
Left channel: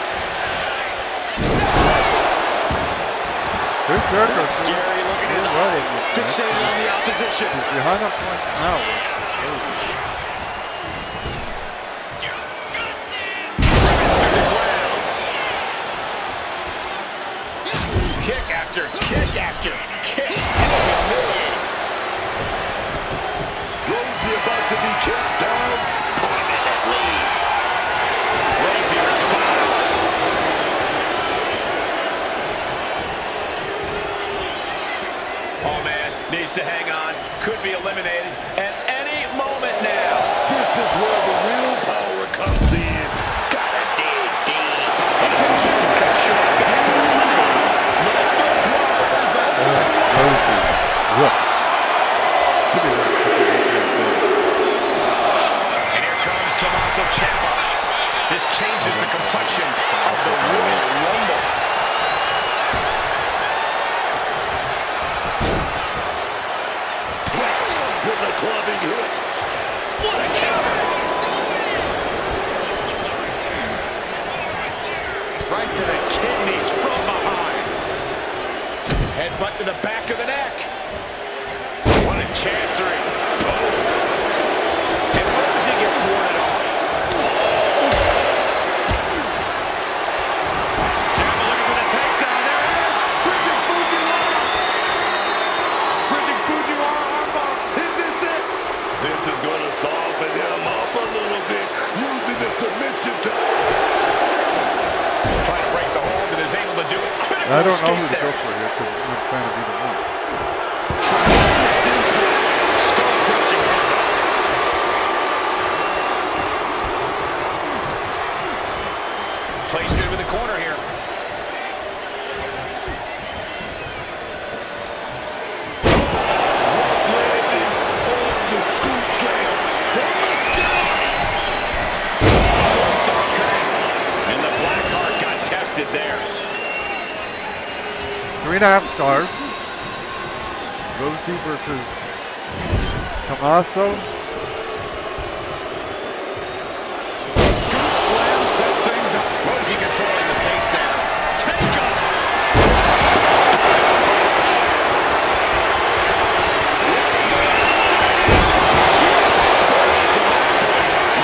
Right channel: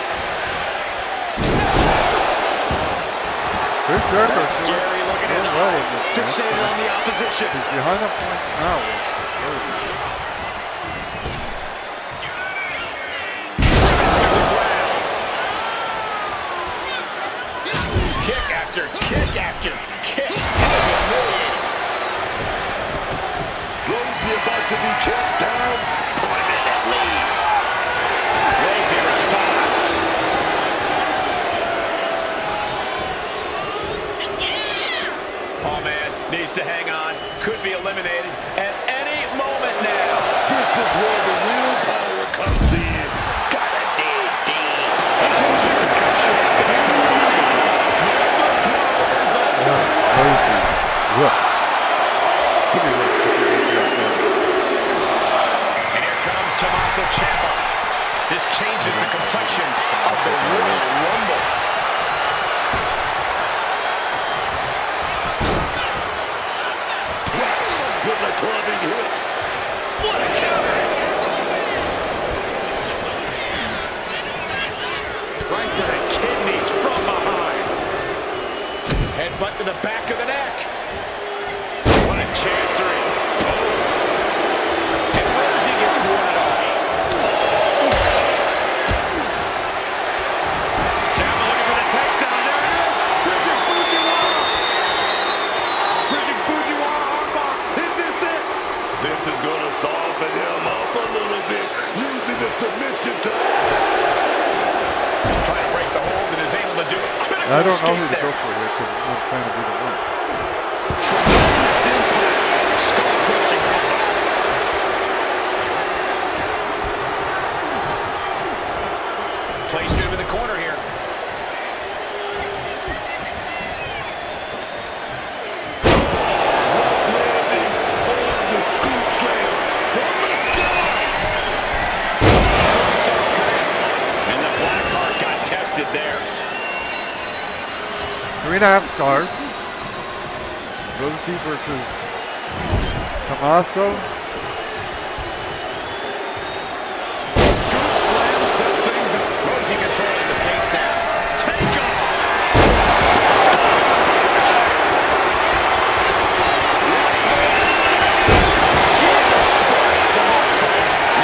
Chris Jericho's That scary look in his doing well eyes, in this match. fixated on the opposition. He's behind on points now with Rosie. Driven to the ground. Kick after kick after kick. Humiliating. Rosie about to be kept down. Pointing that lead. Rosie responds. Oh man, needs to hang on. Could be eliminated at any moment now. This is where the real power comes in. Gotta dig deep. And it was just a cut short back to the line. Number 12 is on the way. Rosie. Look. Could be worse. And here comes Tommaso Ciampa. This changes the complexion of the Royal Rumble. With a clubbing hit. What a counter! Right to the kidneys from behind. Headbutt to the back of the neck. What a chancery. Oh. And Rosie gets warded off. Ciampa looking for the takedown. There it is. Bridging Fujiwara. Bridging Fujiwara armbar. Is this it? This is going to soften him up a little bit, using the submission to... Trying to break the hold and is able to do it. Critical I don't know who escape to go there. for here because I'm not trying to be the one. Tremendous impact. Skull-crushing headbutt. Placed him in the corner here. landing on the scoop slam from the sky. Saw connects. And the Blackheart got tested there. 3.5 stars. Rosie versus Tommaso. Scoop slam sets things up. Rosie controlling the pace now. Take off. What's more to say? She spares the motor.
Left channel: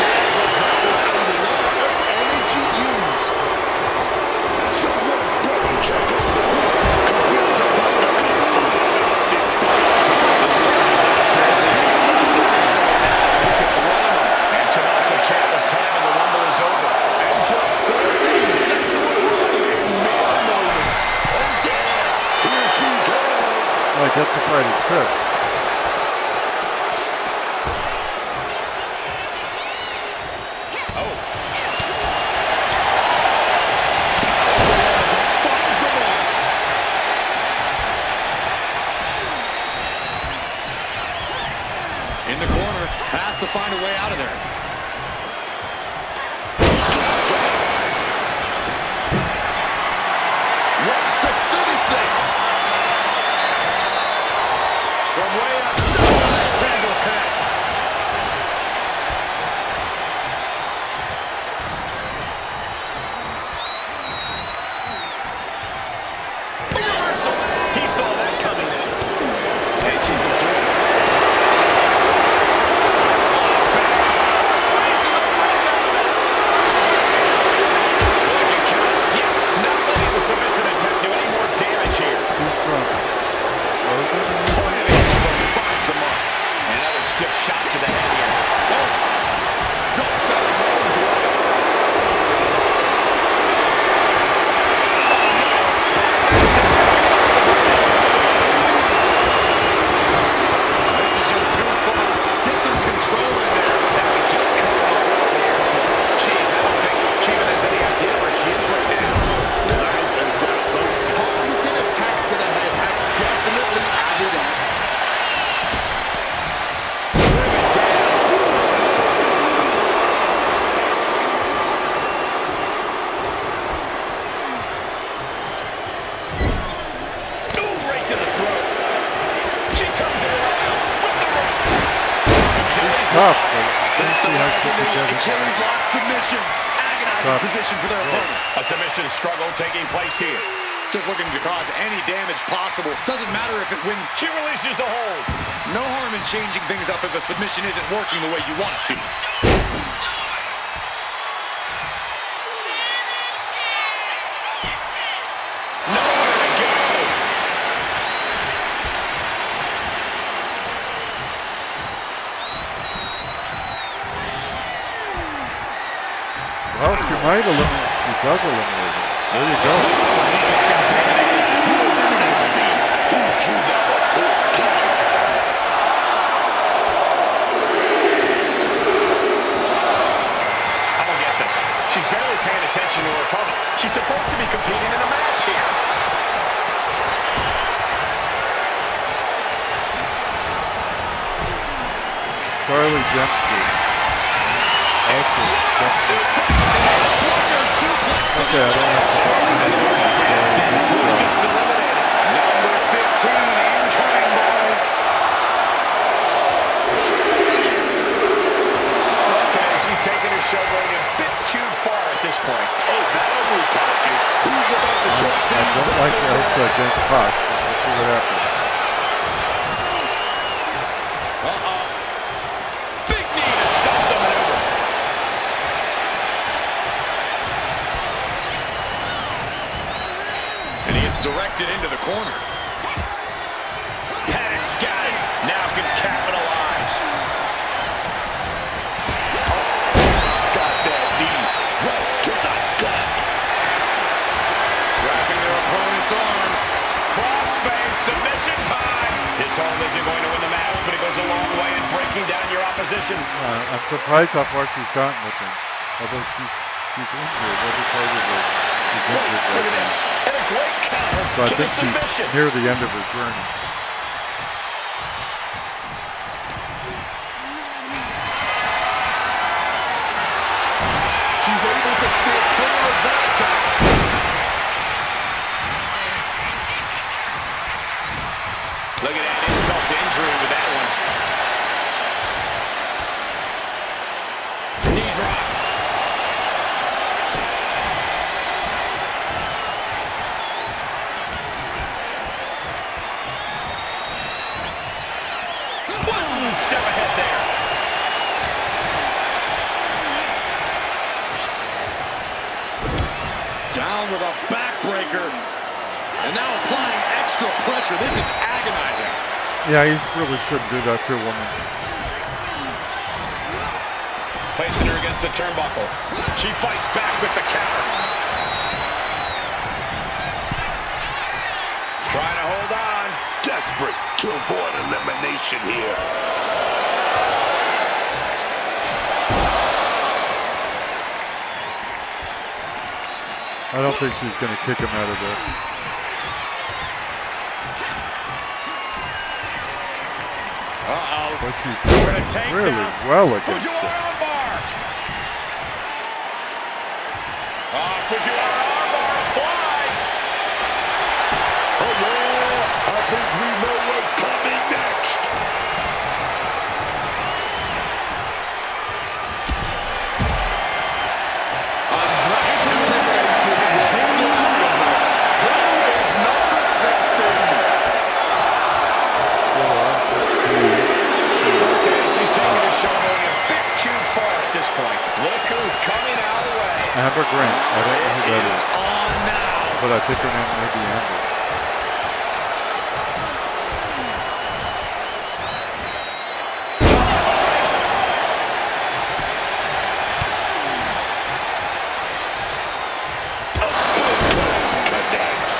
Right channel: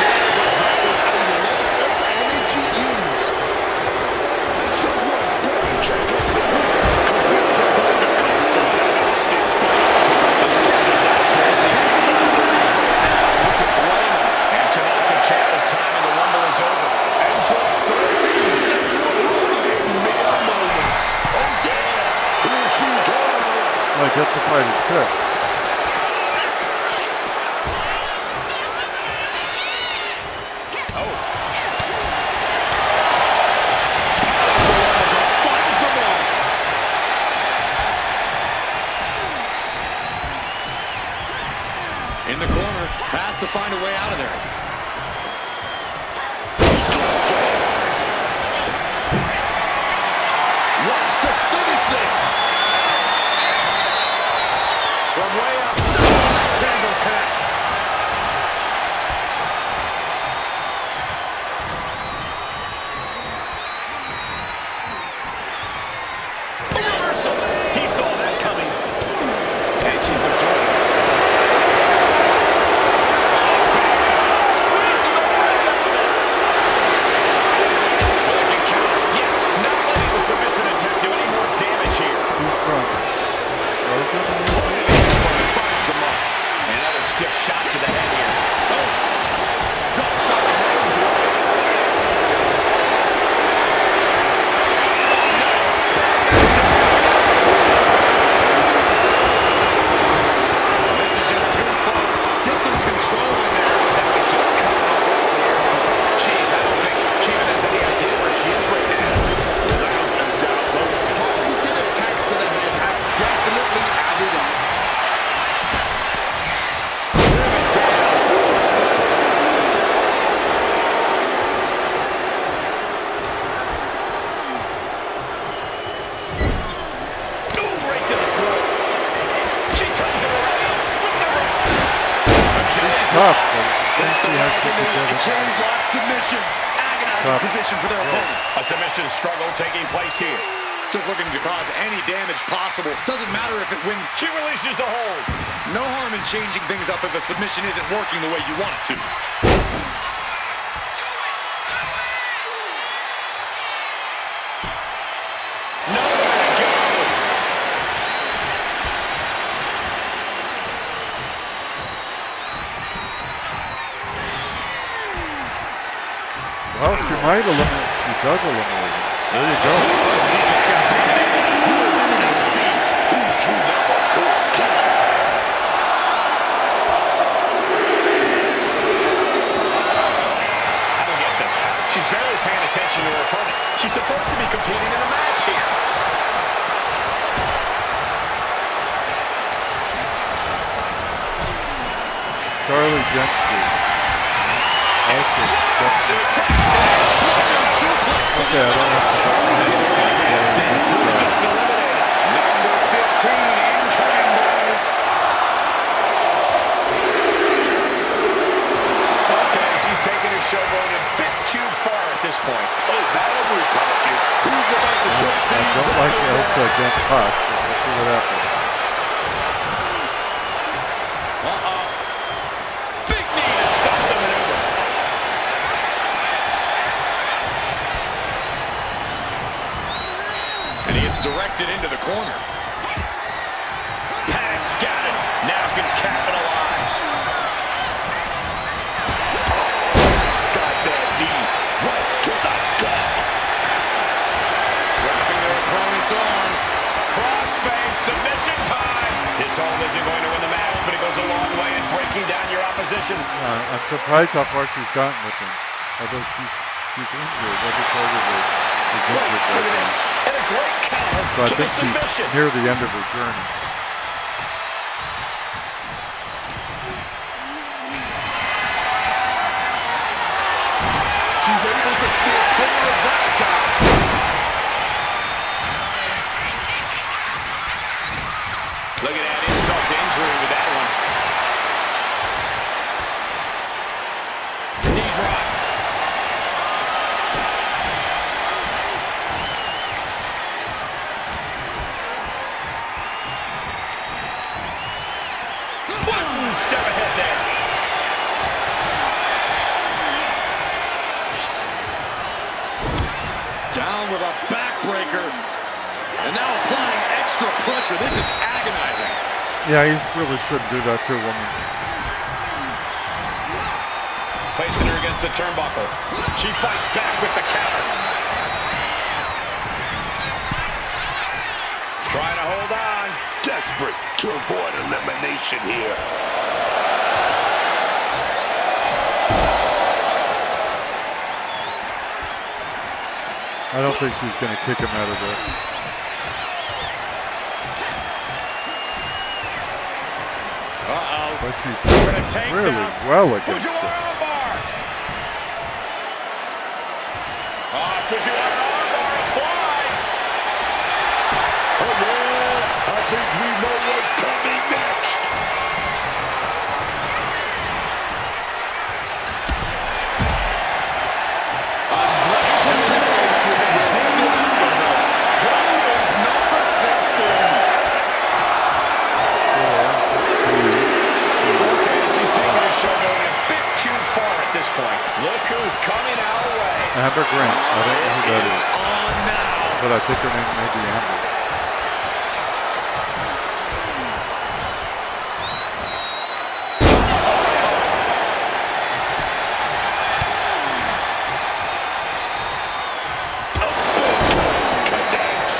Yeah, but that was a lot of energy used. Someone better check on the roof, because it's about to come flying off this place. The crowd is absolutely thunderously now. Who could blame him? And Tommaso Ciampa's time in the Rumble is over. Entrant 13 set to arrive in mere moments. Oh yeah, here she comes. Well, I get the fighting trick. Oh, Finds the mark. In the corner, has to find a way out of there. Wants to finish this. From way up, nice handle connects. a reversal. He saw that coming. And she's absorbed. Squeeze the right out of there. Will it get countered? Yes. Not letting the submission attempt do any more damage here. Who's from? Rosen? Pointed the elbow, finds the mark. Another stiff shot to the head here. Oh, ducks out of harm's way. This is just too far. Get some control in there. That was just cutting off all the airflow. Jeez, I don't think she even has any idea where she is right now. Without a doubt, those targeted attacks to the head have definitely added up. tough, but I think It's the she has leg to into the together. Achilles lock submission. Agonizing Tough. position for their opponent. A submission struggle taking place here. Just looking to cause any damage possible. Doesn't matter if it wins. She releases the hold. No harm in changing things up if a submission isn't working the way you want it to. Nowhere to go. Well, she might eliminate. She does eliminate it. There you go. She just got eliminated. We're about to see who drew number 14. I don't get this. She's barely paying attention to her opponent. She's supposed to be competing in a match here. Charlie Dempsey. Okay, I don't have to talk about it. Just eliminated. Number 15 incoming, boys. Okay, she's taking her showboat a bit too far at this point. Oh, now we're talking. Who's about to shut I things don't up? like Elsa against Pac, but we'll see what happens. Uh-oh. Big knee to stop the maneuver. And he gets directed into the corner. Panic scouted. Now can capitalize. Got that knee right to the gut. Trapping their opponent's arm. Crossface submission time. This hold isn't going to win the match, but it goes a long way in breaking down your opposition. I'm surprised how far she's gotten with him. Although she's injured. Every part of her is Wait, injured look right at this. now. And a great counter So I to the think submission. she's near the end of her journey. She's able to steer clear of that attack. Look at that insult to injury with that one. Knee drop. Boom! Step ahead there. Down with a backbreaker. And now applying extra pressure. This is agonizing. Yeah, he really shouldn't do that to a woman. Placing her against the turnbuckle. She fights back with the counter. Trying to hold on. Desperate to avoid elimination here. I don't think she's going to kick him out of there. Uh-oh. But she's We're doing gonna take really down well against Fujiwara him. armbar. Fujiwara armbar applied. Oh, yeah. I think we know what's coming next. Elimination will still happen though. Who is number 16? Okay, she's taking her showboat a bit too far at this point. Look who's coming our way. Amber Grant. I don't know who that It is is. on now. But I think her name may be Amber. Connects.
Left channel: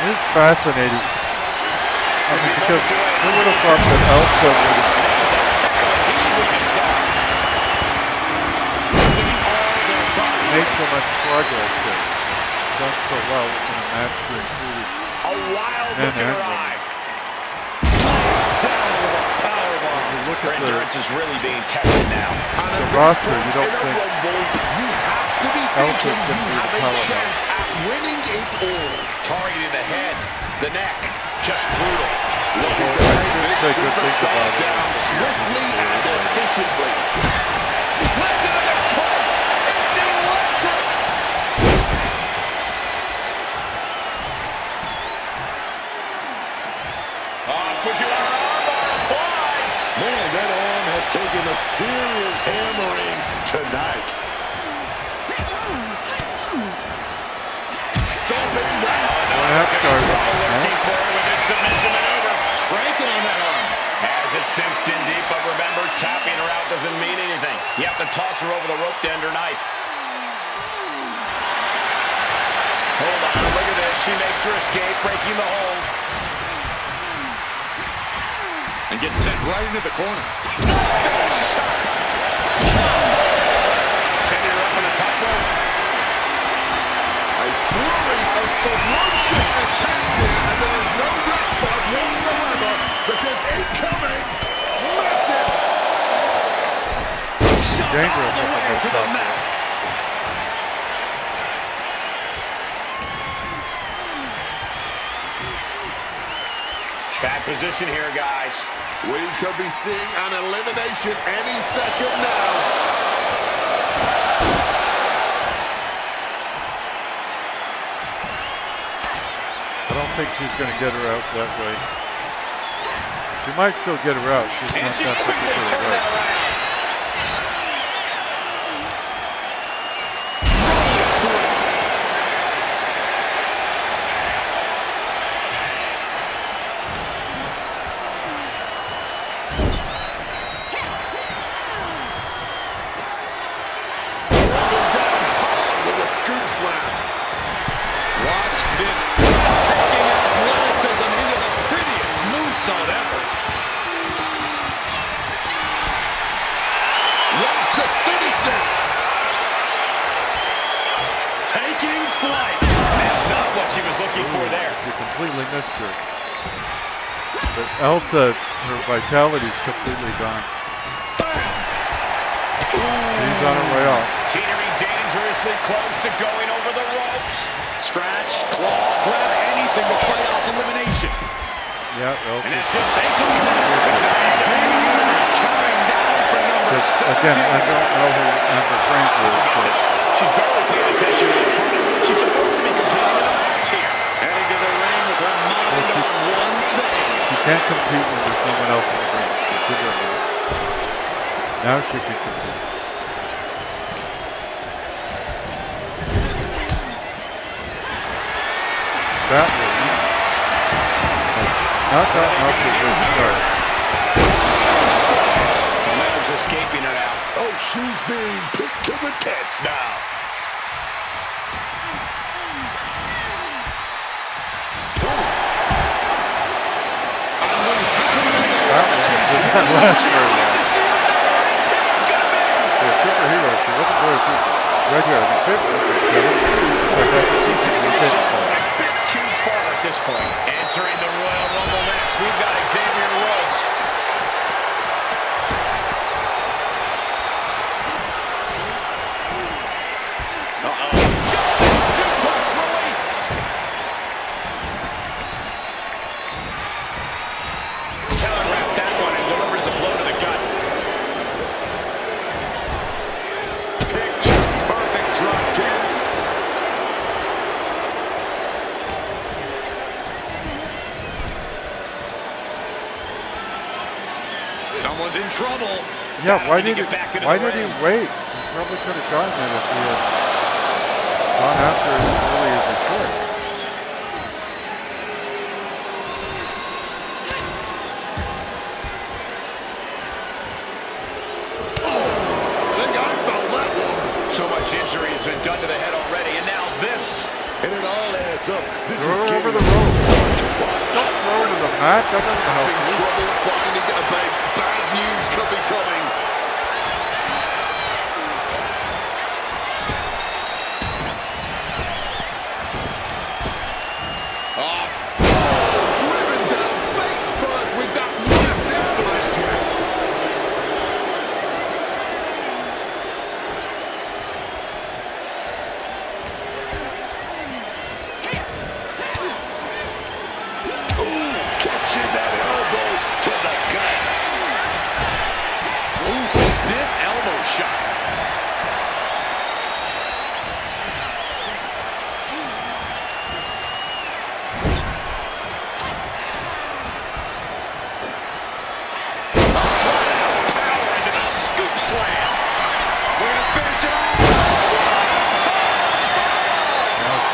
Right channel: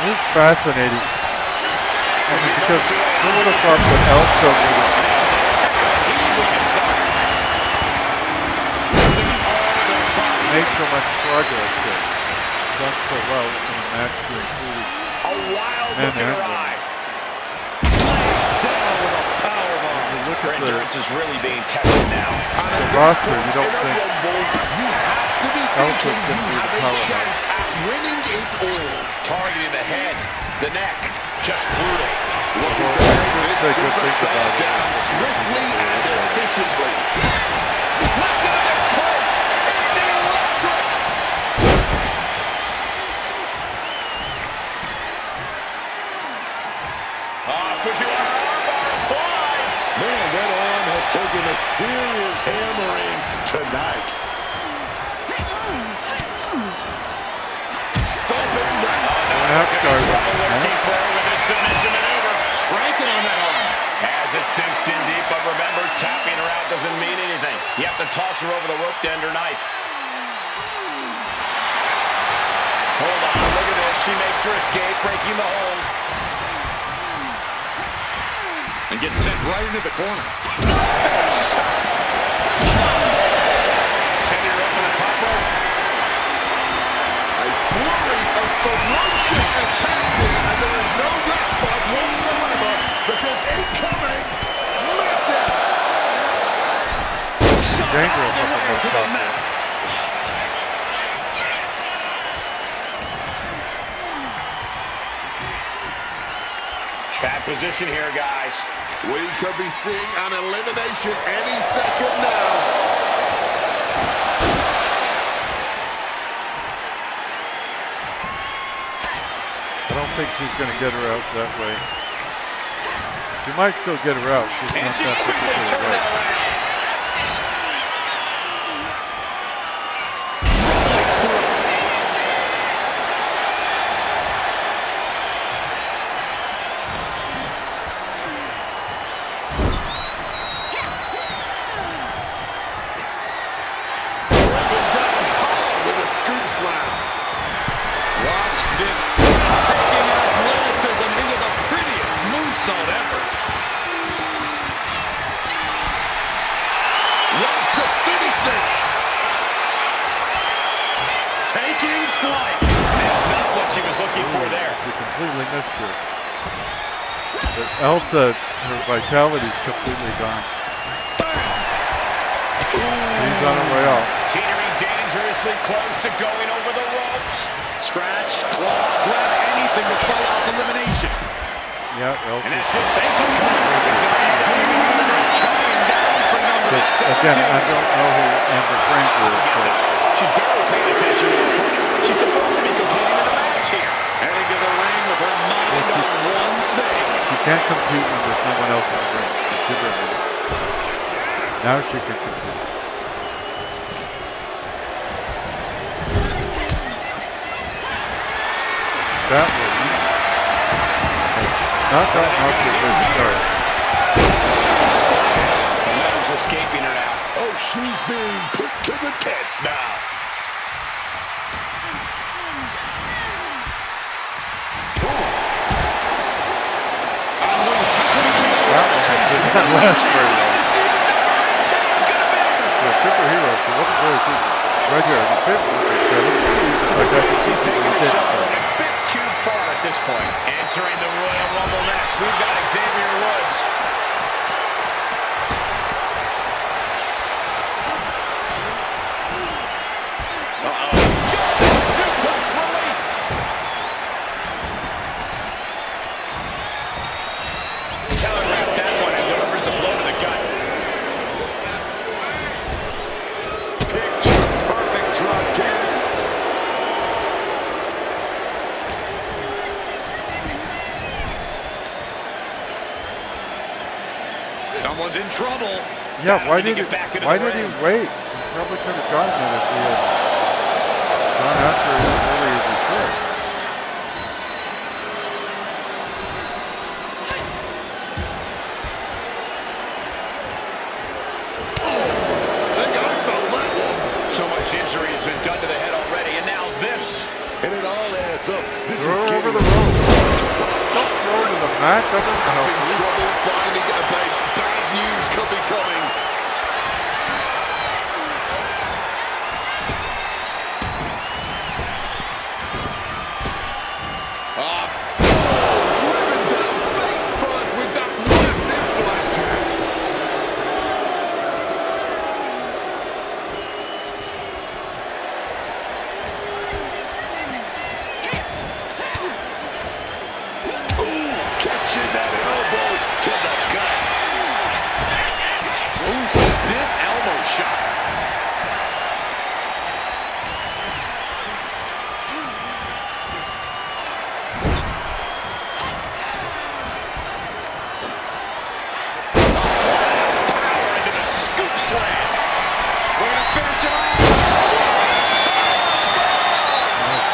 This is fascinating. I mean, because who would have thought that Elsa would have made so much progress here, done so well in a match that included A wild men look in and her women. eye. Down with a powerbomb. You look Her at the endurance is really being tested now. And at this roster, you point don't in a think Rumble, you have to be Elsa's thinking gonna you be the have a powerhouse. chance at winning it all. Targeting the head, the neck. just brutal. Looking to take this superstar down swiftly and efficiently. Listen to this place. It's electric. Fujiwara armbar applied. Man, that arm has taken a serious hammering tonight. Stopping that. Looking for her with this submission maneuver. Cranking on that arm. As it sinks in deep, but remember, tapping her out doesn't mean anything. You have to toss her over the rope to end her night. Hold on, look at this. She makes her escape, breaking the hold. And gets sent right into the corner. Finish shot. Sending her up on the top rope. A flurry of ferocious attacks here, and there is no respite whatsoever because incoming, massive. Shot all the way to the mat. Bad position here, guys. We could be seeing an elimination any second now. I don't think she's going to get her out that way. She might still get her out, just And not she that quickly particular turned way. that around. Driven down hard with a scoop slam. Watch this breathtaking athleticism into the prettiest moonsault ever. Wants to finish this. Taking flight. That's not what she was looking for there. She completely missed her. But Elsa, her vitality's completely gone. She's on her way out. Teetering dangerously close to going over the ropes. Scratch, claw, grab anything to fight off elimination. Yeah, And Elsa's that's it. Thanks for coming. The WWE Universe counting down for number just, 17. again, I don't know who Amber Frank is, Look so at this. She's barely paying attention to her opponent. She's supposed to be competing in a match here. Heading to the ring with her mind on one thing. she can't compete when there's no one else in the ring. So give her a minute. Now she can compete. That will not gotten off to a good start. Momentum's escaping her now. Oh, she's being put to the test now. That one did not last very long. For a superhero, she wasn't very super. Right here, I mean, She's taking the show a bit too far at this point. Entering the Royal Rumble next, we've got Xavier Woods. German suplex released. Telegraphed that one and delivers a blow to the gut. Picture perfect drop kick. Someone's in trouble. Yeah, why did Battling to he get back into the ring. wait? He probably could have gotten it if he had gone after it as early as he could. I think I felt that one. So much injury has been done to the head already, and now this. And it all adds up. This Throw is her over getting the rope. Don't throw her to the mat. That doesn't help Having you. trouble finding a base. Bad news could be coming. Driven down face first with that massive flapjack.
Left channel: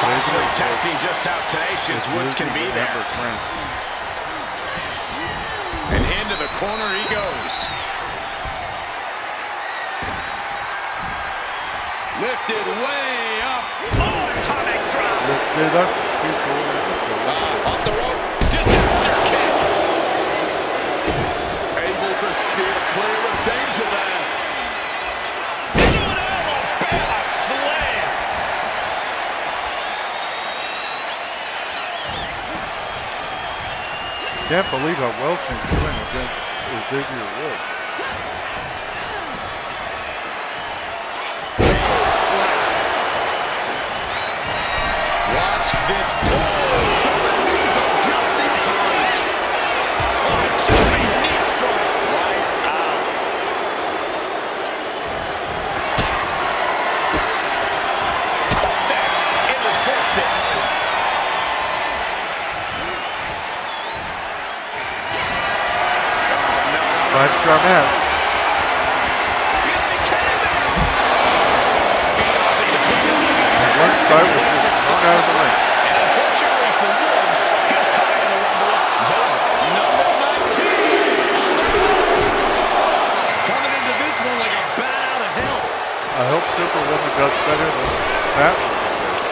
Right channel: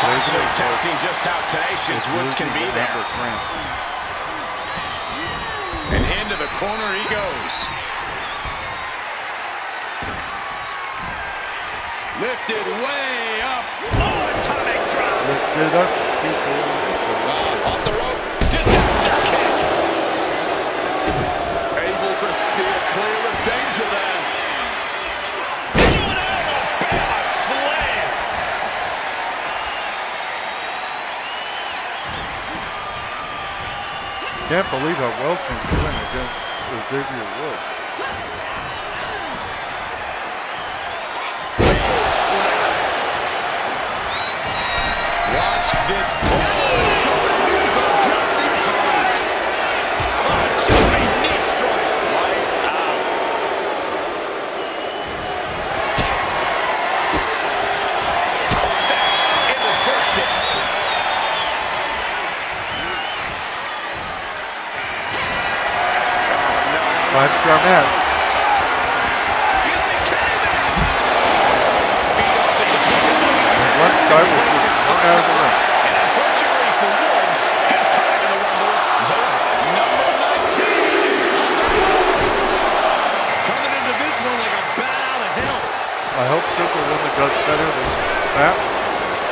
Possibly testing just how tenacious Woods can be there. And into the corner he goes. Lifted way up. Oh, atomic drop. Lifted up. Off the rope. Disaster kick. Able to steer clear of danger there. Into an Alabama slam. Can't believe how well she's doing against Xavier Woods. Watch this. The knees up just in time. Oh, jumping knee strike. Lights out. Caught that and reversed it. Oh, no. 5-star match. You gotta be kidding me. Feet off the defender. And 1 star was just thrown out of the ring. And unfortunately for Woods, his time in the Rumble is over. Number 19 on the road. Coming into this one like a bat out of hell. I hope Superwoman does better than Batwoman did.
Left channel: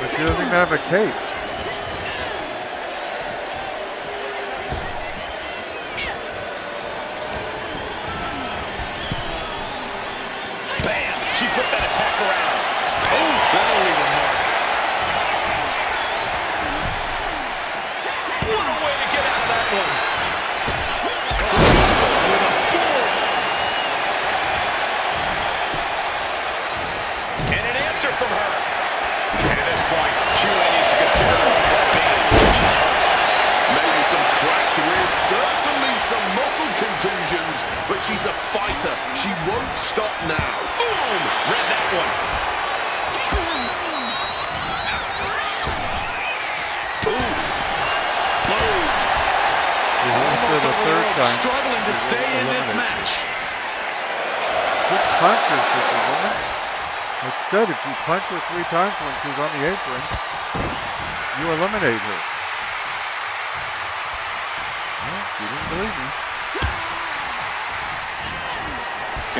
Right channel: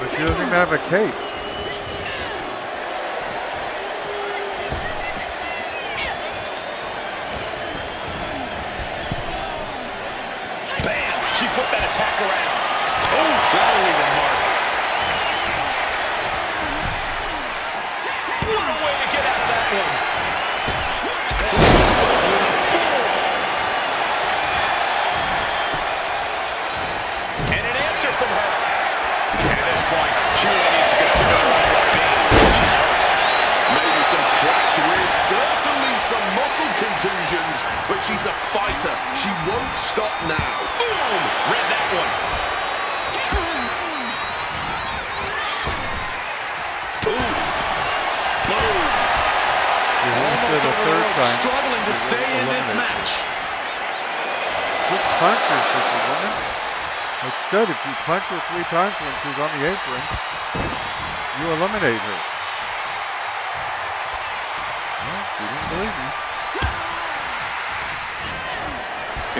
But she doesn't even have a cape. Bam! She flipped that attack around. Oh, that'll leave a mark. What a way to get out of that one. With a forearm. And an answer from her. And at this point, she really needs to consider her own well-being. She's hurt. Maybe some cracked ribs, certainly some muscle contusions, but she's a fighter. She won't stop now. Boom! Read that one. Boom. Boom. For the third time. Struggling to stay in this eliminated. match. Good puncher, Superwoman. Like I said, if you punch her 3 times when she's on the apron, you eliminate her. Well, you didn't believe me.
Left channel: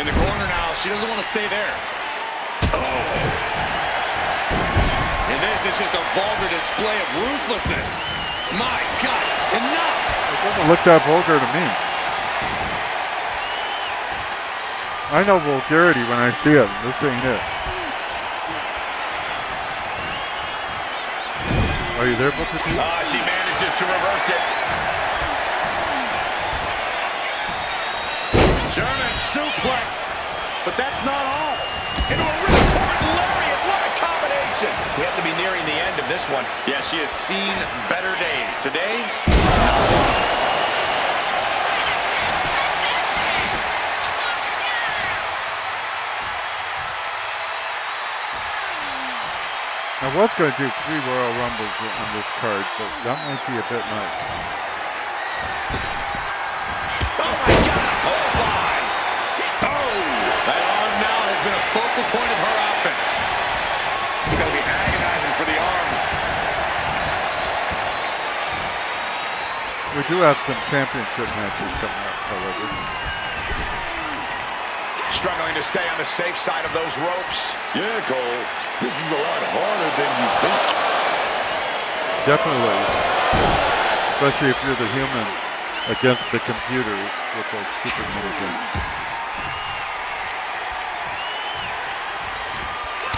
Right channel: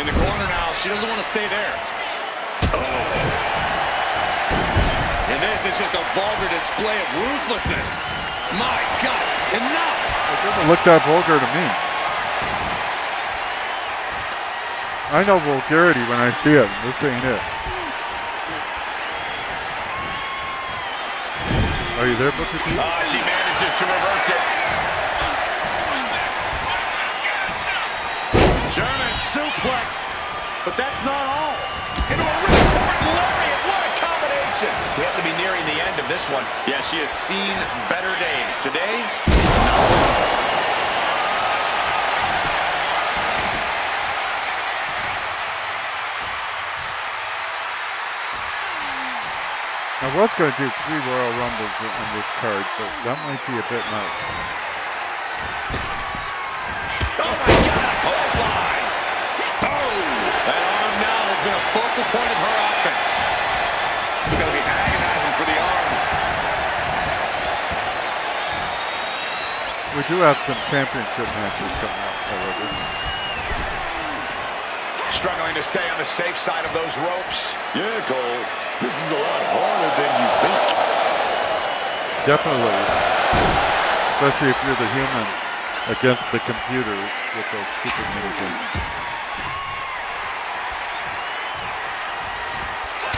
In the corner now. She doesn't want to stay there. Oh. And this is just a vulgar display of ruthlessness. My God, enough! It doesn't look that vulgar to me. I know vulgarity when I see it. This ain't it. Are you there, Booker T? She manages to reverse it. German suplex, but that's not all. Into a ripcord lariat. What a combination. We have to be nearing the end of this one. Yeah, she has seen better days. Today, not one. I was going to do 3 Royal Rumbles on this card, but that might be a bit much. Oh my God, a clothesline. Oh! That arm now has been a focal point of her offense. It's going to be agonizing for the arm. We do have some championship matches coming up, however. Struggling to stay on the safe side of those ropes. Yeah, Cole. This is a lot harder than you think. Definitely. Especially if you're the human against the computer with those stupid minigames.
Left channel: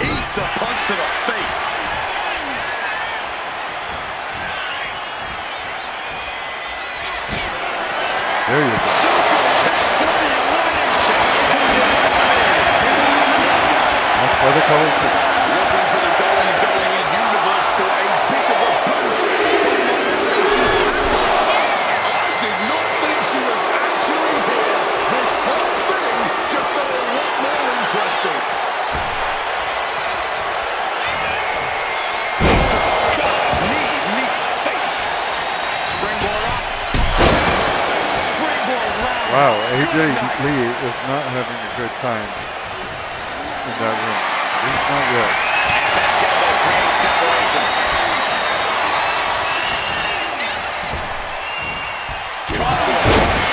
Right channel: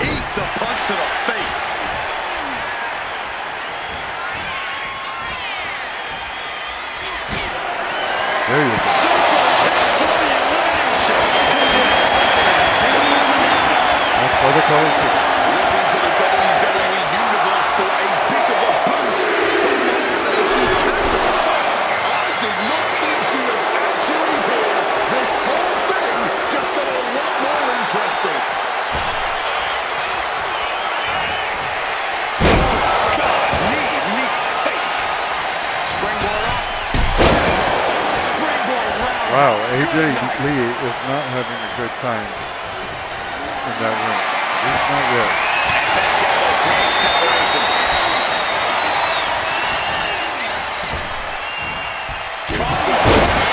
Eats a punch to the face. There you go. Super kick for the elimination. That's why they call it super. Looking to the WWE Universe for a bit of a boost. Some might say she's pandering. I did not think she was actually here. This whole thing just got a lot more interesting. God, knee meets face. Springboard up. Springboard round. Wow, AJ Lee is not having a good time in that ring. Not yet. And back elbow creates separation. Caught with a punch.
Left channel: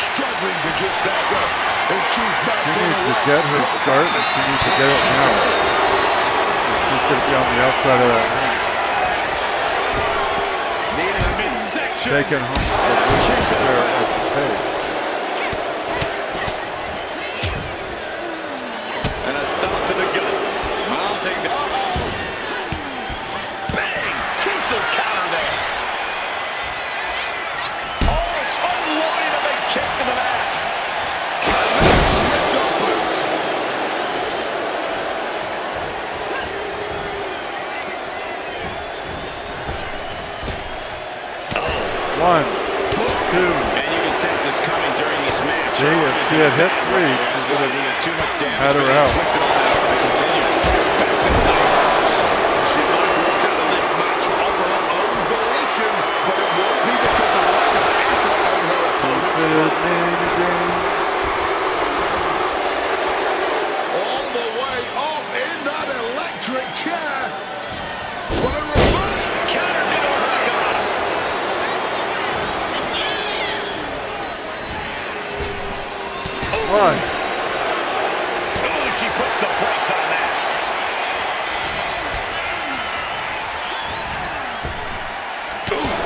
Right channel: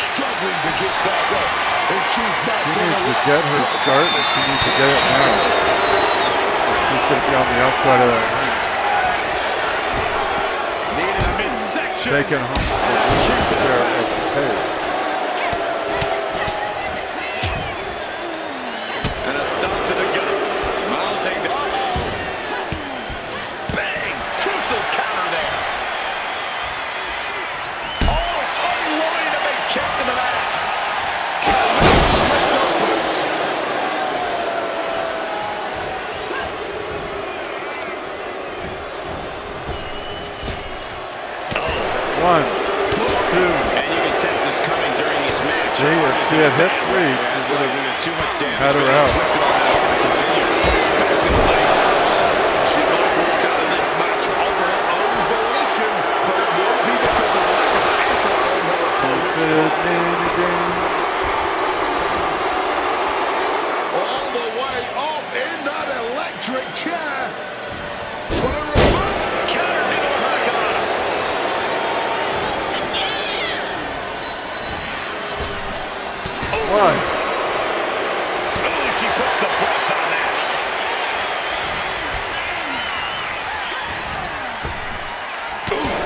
Struggling to get back up. And she's not She going needs to to get her start, and she needs to get it now. Or she's going to be on the outside of that ring. Needed a midsection. Taking home the losing share of the pay. And a stomp to the gut. Mounting the... Bang! Crucial counter there. Oh, unloading a big kick to the back. Connects with the boot. One, two. And you can sense this coming during these matches. See, if she had hit three, It's she would like have too much damage had her being out. inflicted on that arm to continue. Back to the layers. She might walk out of this match of her own volition, but it won't be because of lack of effort on her opponent's part. All the way up in that electric chair. But a reverse Counters into a hurricane. One, Ooh, she puts the brakes on that.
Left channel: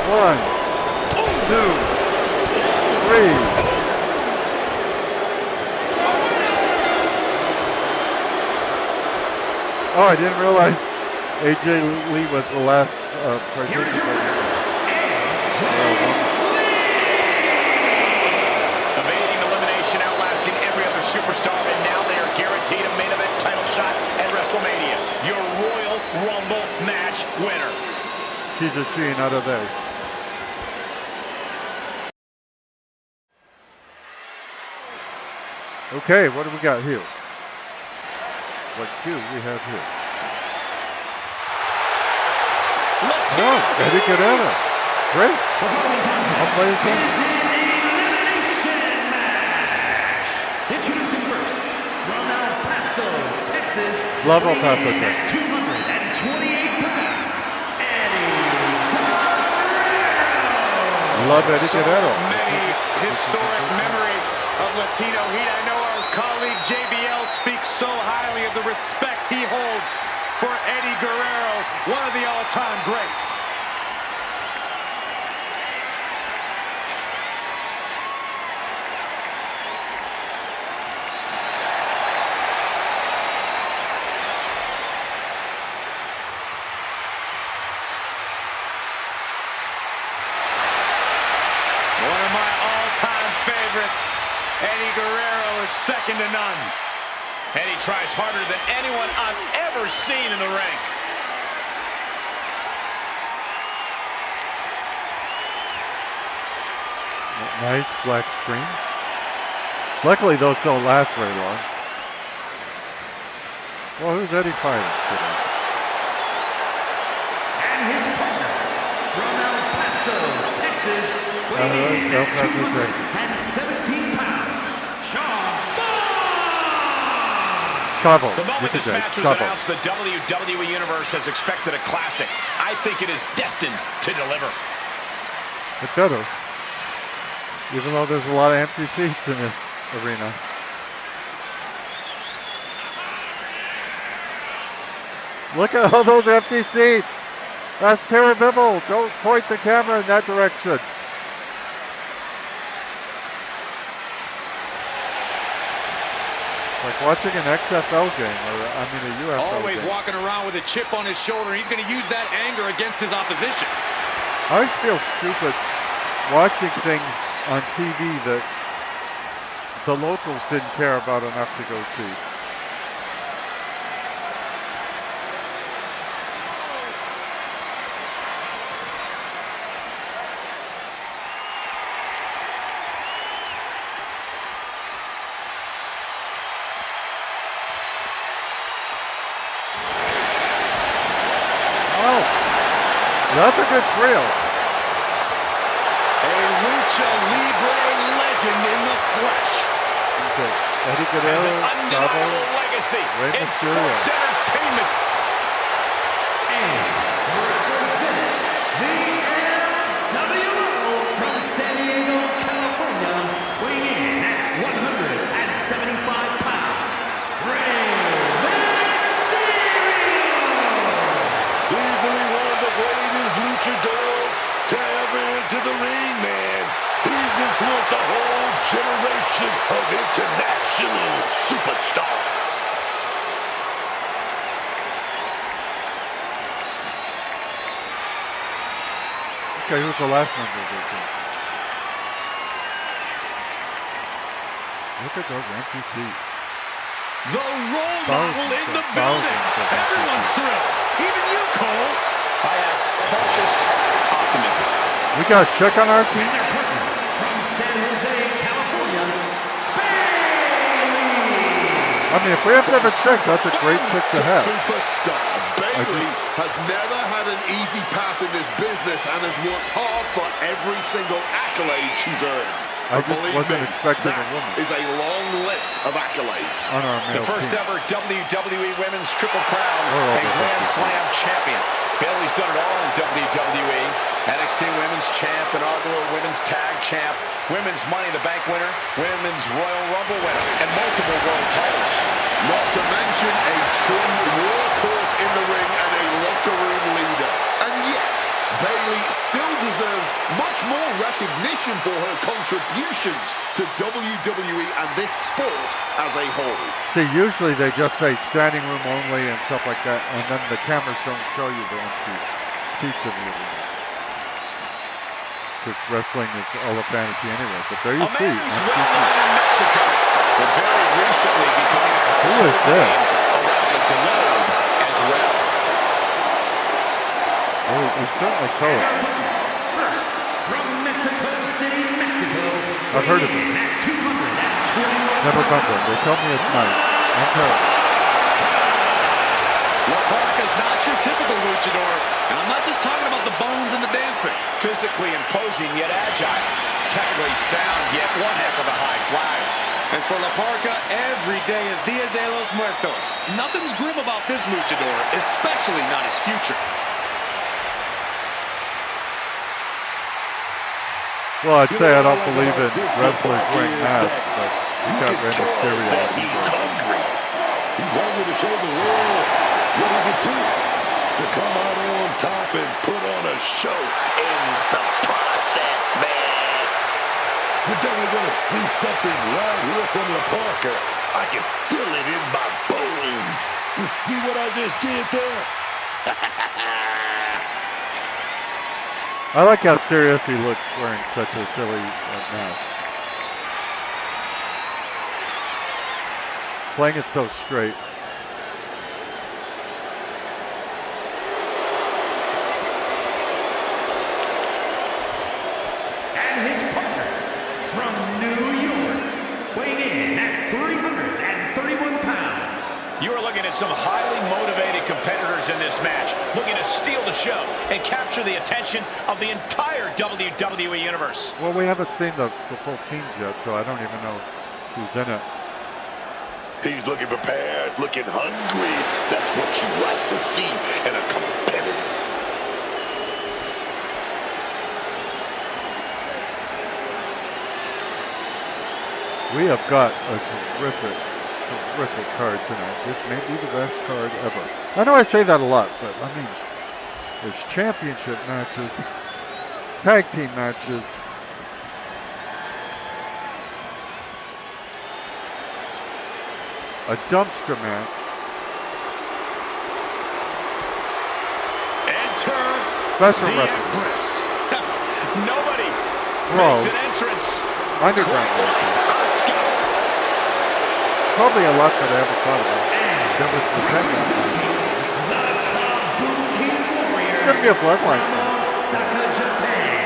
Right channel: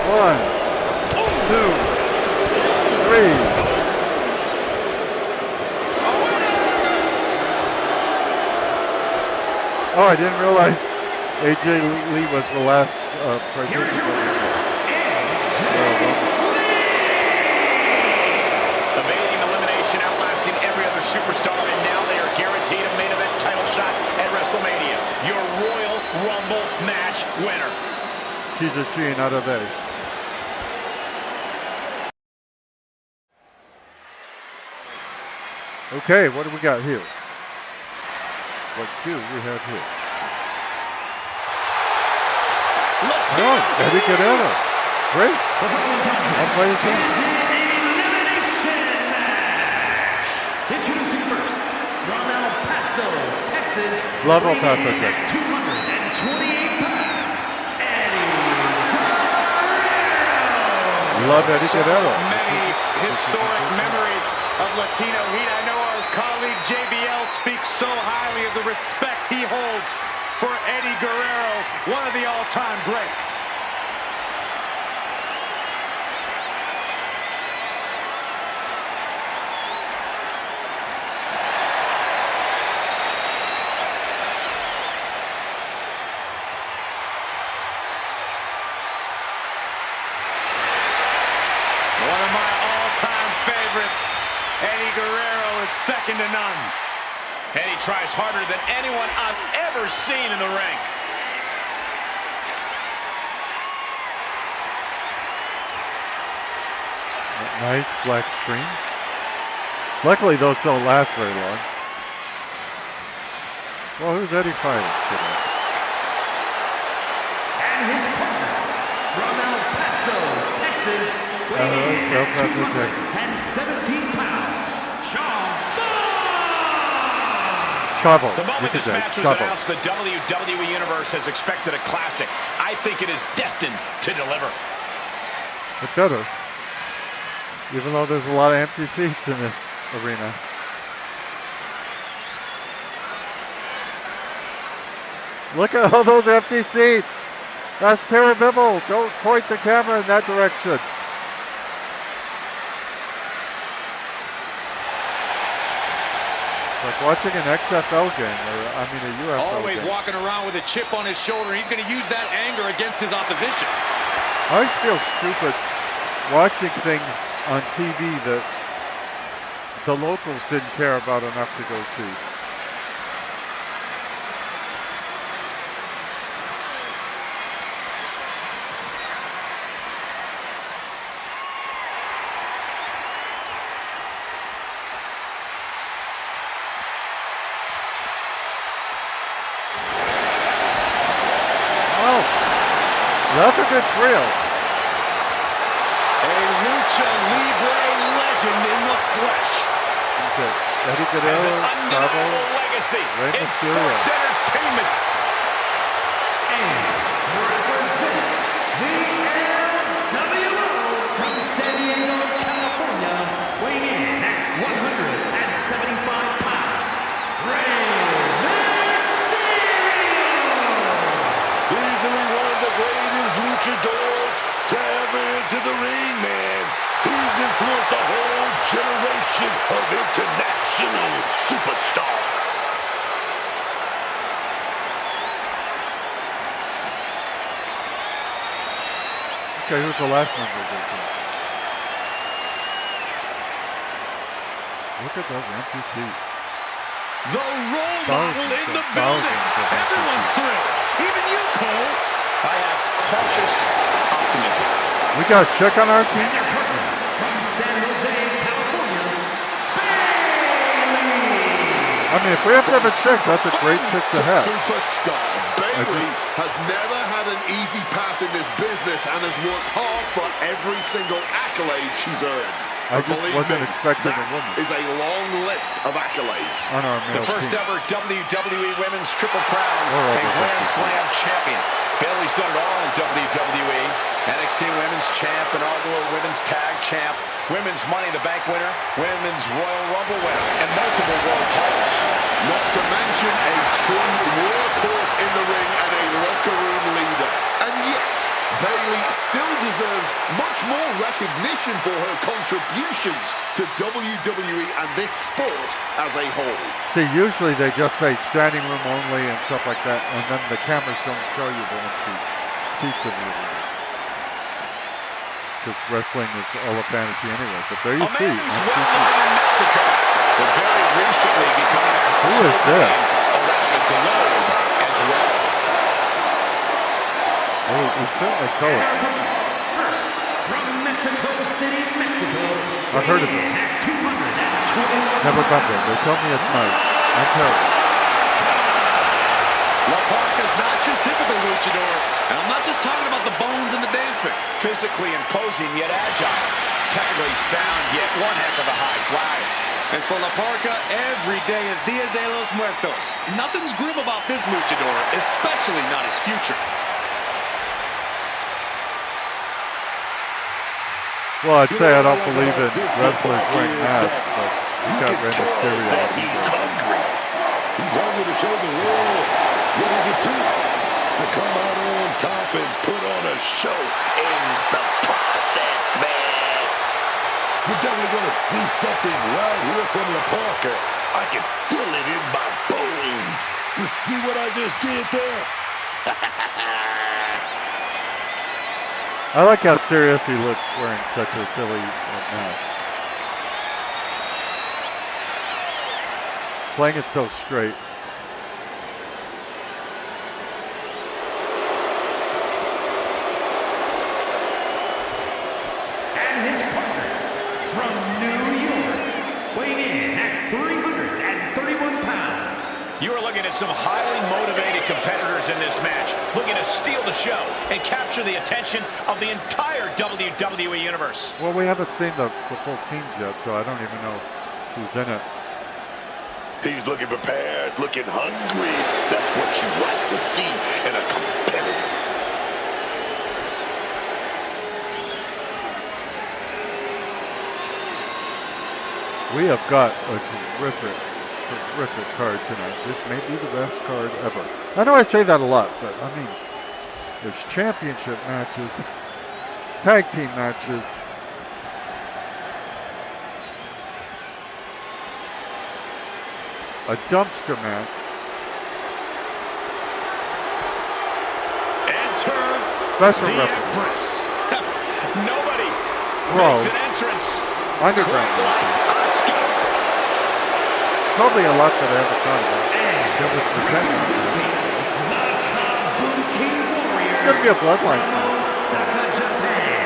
one, two, three. Oh, I didn't realize AJ Lee was the last participant. Well, Evading elimination, outlasting every other superstar, and now they are guaranteed a main event title shot at WrestleMania. Your Royal Rumble match winner. she's a she, not a they. Okay, what do we got here? What do we have here? Oh, Eddie Guerrero. Great. The following contest I'll play it too. is an elimination match. Introducing first, from El Paso, Texas. Love El weighing Paso, in at Texas. 228 pounds, Eddie Guerrero. Love Eddie So Guerrero. many historic memories of Latino heat. I know our colleague JBL speaks so highly of the respect he holds for Eddie Guerrero, one of the all-time greats. One of my all-time favorites. Eddie Guerrero is second to none. Eddie tries harder than anyone I've ever seen in the ring. Nice black screen. Luckily, those don't last very long. Well, who's Eddie fighting today? And his partners from El Paso, Texas, El weighing in at Paso, Texas. 217 pounds, Sean Chavo. The You moment could this say match was Chavo. announced, the WWE Universe has expected a classic. I think it is destined to deliver. It better. Even though there's a lot of empty seats in this arena. Look at all those empty seats. That's terrible. Don't point the camera in that direction. Like watching an XFL game, or I mean a UFL Always game. walking around with a chip on his shoulder. He's going to use that anger against his opposition. I always feel stupid watching things on TV that the locals didn't care about enough to go see. Oh, that's a good trio. A Lucha Libre legend in the flesh. Okay. Eddie has Guerrero, an undeniable legacy Rey in Mysterio. sports entertainment. And representing the LWO from San Diego, California, weighing in at 175 pounds, Rey Mysterio! Easily one of the greatest luchadors to ever enter the ring, man. He's influenced a whole generation of international superstars. Okay, who's the last member of the team? Look at those empty seats. The role model in the building. Everyone's thrilled. Even you, Cole. I have cautious optimism. We got a check on our team? And their partner from San Jose, California, Bailey! I mean, if we have to have a check, that's a great check to have. Superstar Bailey has never had an easy path in this business and has worked hard for every single accolade she's earned. I just believe wasn't me, expecting a that woman is a long list of accolades. on our male The first team. ever WWE Women's Triple Crown We're over and Grand 50. Slam champion. Bayley's done it all in WWE. NXT Women's Champ, inaugural Women's Tag Champ, Women's Money in the Bank winner, Women's Royal Rumble winner, and multiple world titles. Not to mention a true workhorse in the ring and a locker room leader. And yet, Bailey still deserves much more recognition for her contributions to WWE and this sport as a whole. See, usually they just say standing room only and stuff like that, and then the cameras don't show you the empty seats in the arena. Because wrestling is all a fantasy anyway. But there you A see. man who's empty well known seats. in Mexico, but very recently becoming a Who household is this? name around the globe as well. Oh, we certainly call And it. our opponents, first from Mexico City, Mexico, I've heard of weighing in at 221 Never pounds. been there. They tell me it's nice and terrible. La Parca's not your typical luchador, and I'm not just talking about the bones and the dancing. Physically imposing yet agile. Technically sound yet one heck of a high flyer. And for La Parca, every day is Dia de los Muertos. Nothing's grim about this luchador, especially not his future. Well, I'd say I don't what I like believe in about this wrestlers wearing is masks, that but you you got can Rey tell Mysterio. that he's hungry. He's hungry to show the world what he can do. To come out on top and put on a show in the process, man. We're definitely going to see something right here from La Parca. I can feel it in my bones. You see what I just did there? I like how serious he looks wearing such a silly mask. Playing it so straight. And his partners from New York, weighing in at 331 pounds. You are looking at some highly motivated competitors in this match, looking to steal the show and capture the attention of the entire WWE Universe. Well, we haven't seen the full teams yet, so I don't even know who's in it. He's looking prepared, looking hungry. That's what you like to see in a competitor. We have got a terrific card tonight. This may be the best card ever. I know I say that a lot, but I mean, there's championship matches, tag team matches, a dumpster match, Enter special the referee, Empress. Nobody Brawls. makes an entrance underground quite like matches. Asuka. Probably a lot that I haven't thought about. There was the tag match. The Kabuki Warriors. It's gonna be a bloodline from match. Osaka, Japan.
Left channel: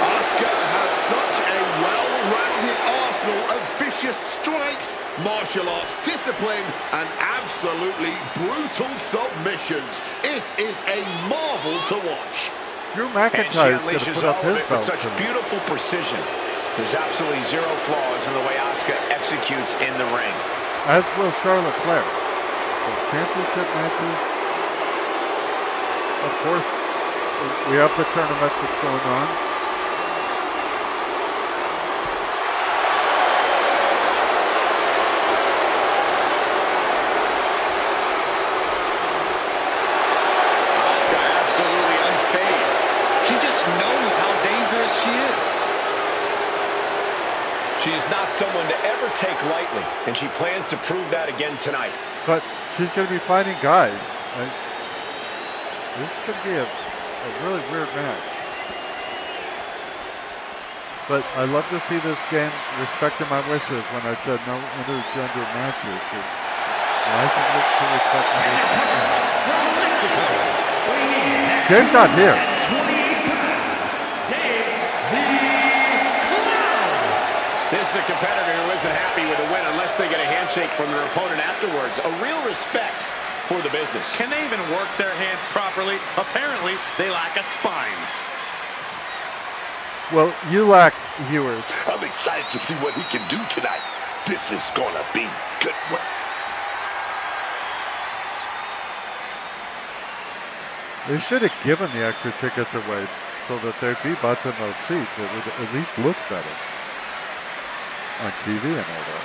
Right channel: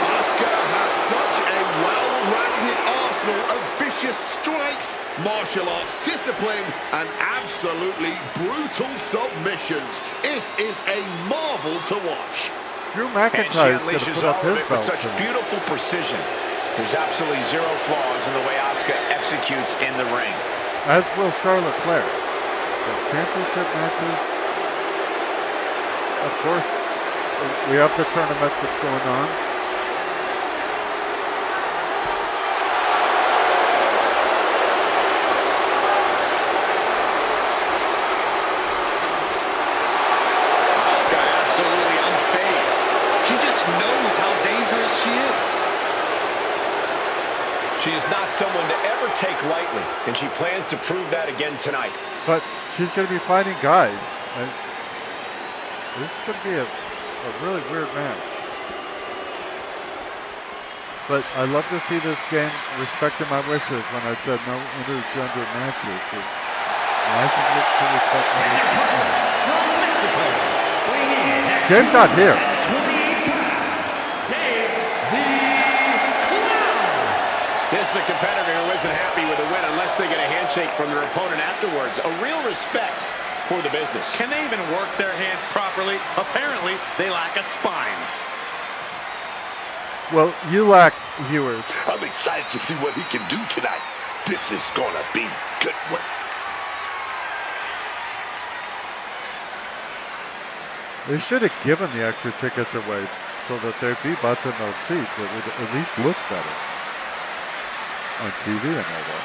Asuka has such a well-rounded arsenal of vicious strikes, martial arts discipline, and absolutely brutal submissions. It is a marvel to watch. Drew And she McIntyre's going to unleashes put up all of his it with belt such tonight. beautiful precision. There's absolutely zero flaws in the way Asuka executes in the ring. As will Charlotte Flair. The championship matches. Of course, we have the tournament that's going on. Asuka absolutely unfazed. She just knows how dangerous she is. She is not someone to ever take lightly, and she plans to prove that again tonight. But she's going to be fighting guys. This is going to be a really weird match. But I love to see this game respecting my wishes when I said no intergender matches. I should look to respect my And their partner from Mexico, weighing in at Dave's not here. 28 pounds, Dave the Clown. This is a competitor who isn't happy with a win unless they get a handshake from their opponent afterwards. A real respect for the business. Can they even work their hands properly? Apparently, they lack a spine. Well, you lack viewers. I'm excited to see what he can do tonight. This is gonna be good work. They should have given the extra tickets away so that there'd be butts in those seats. It would at least look better on TV and all that.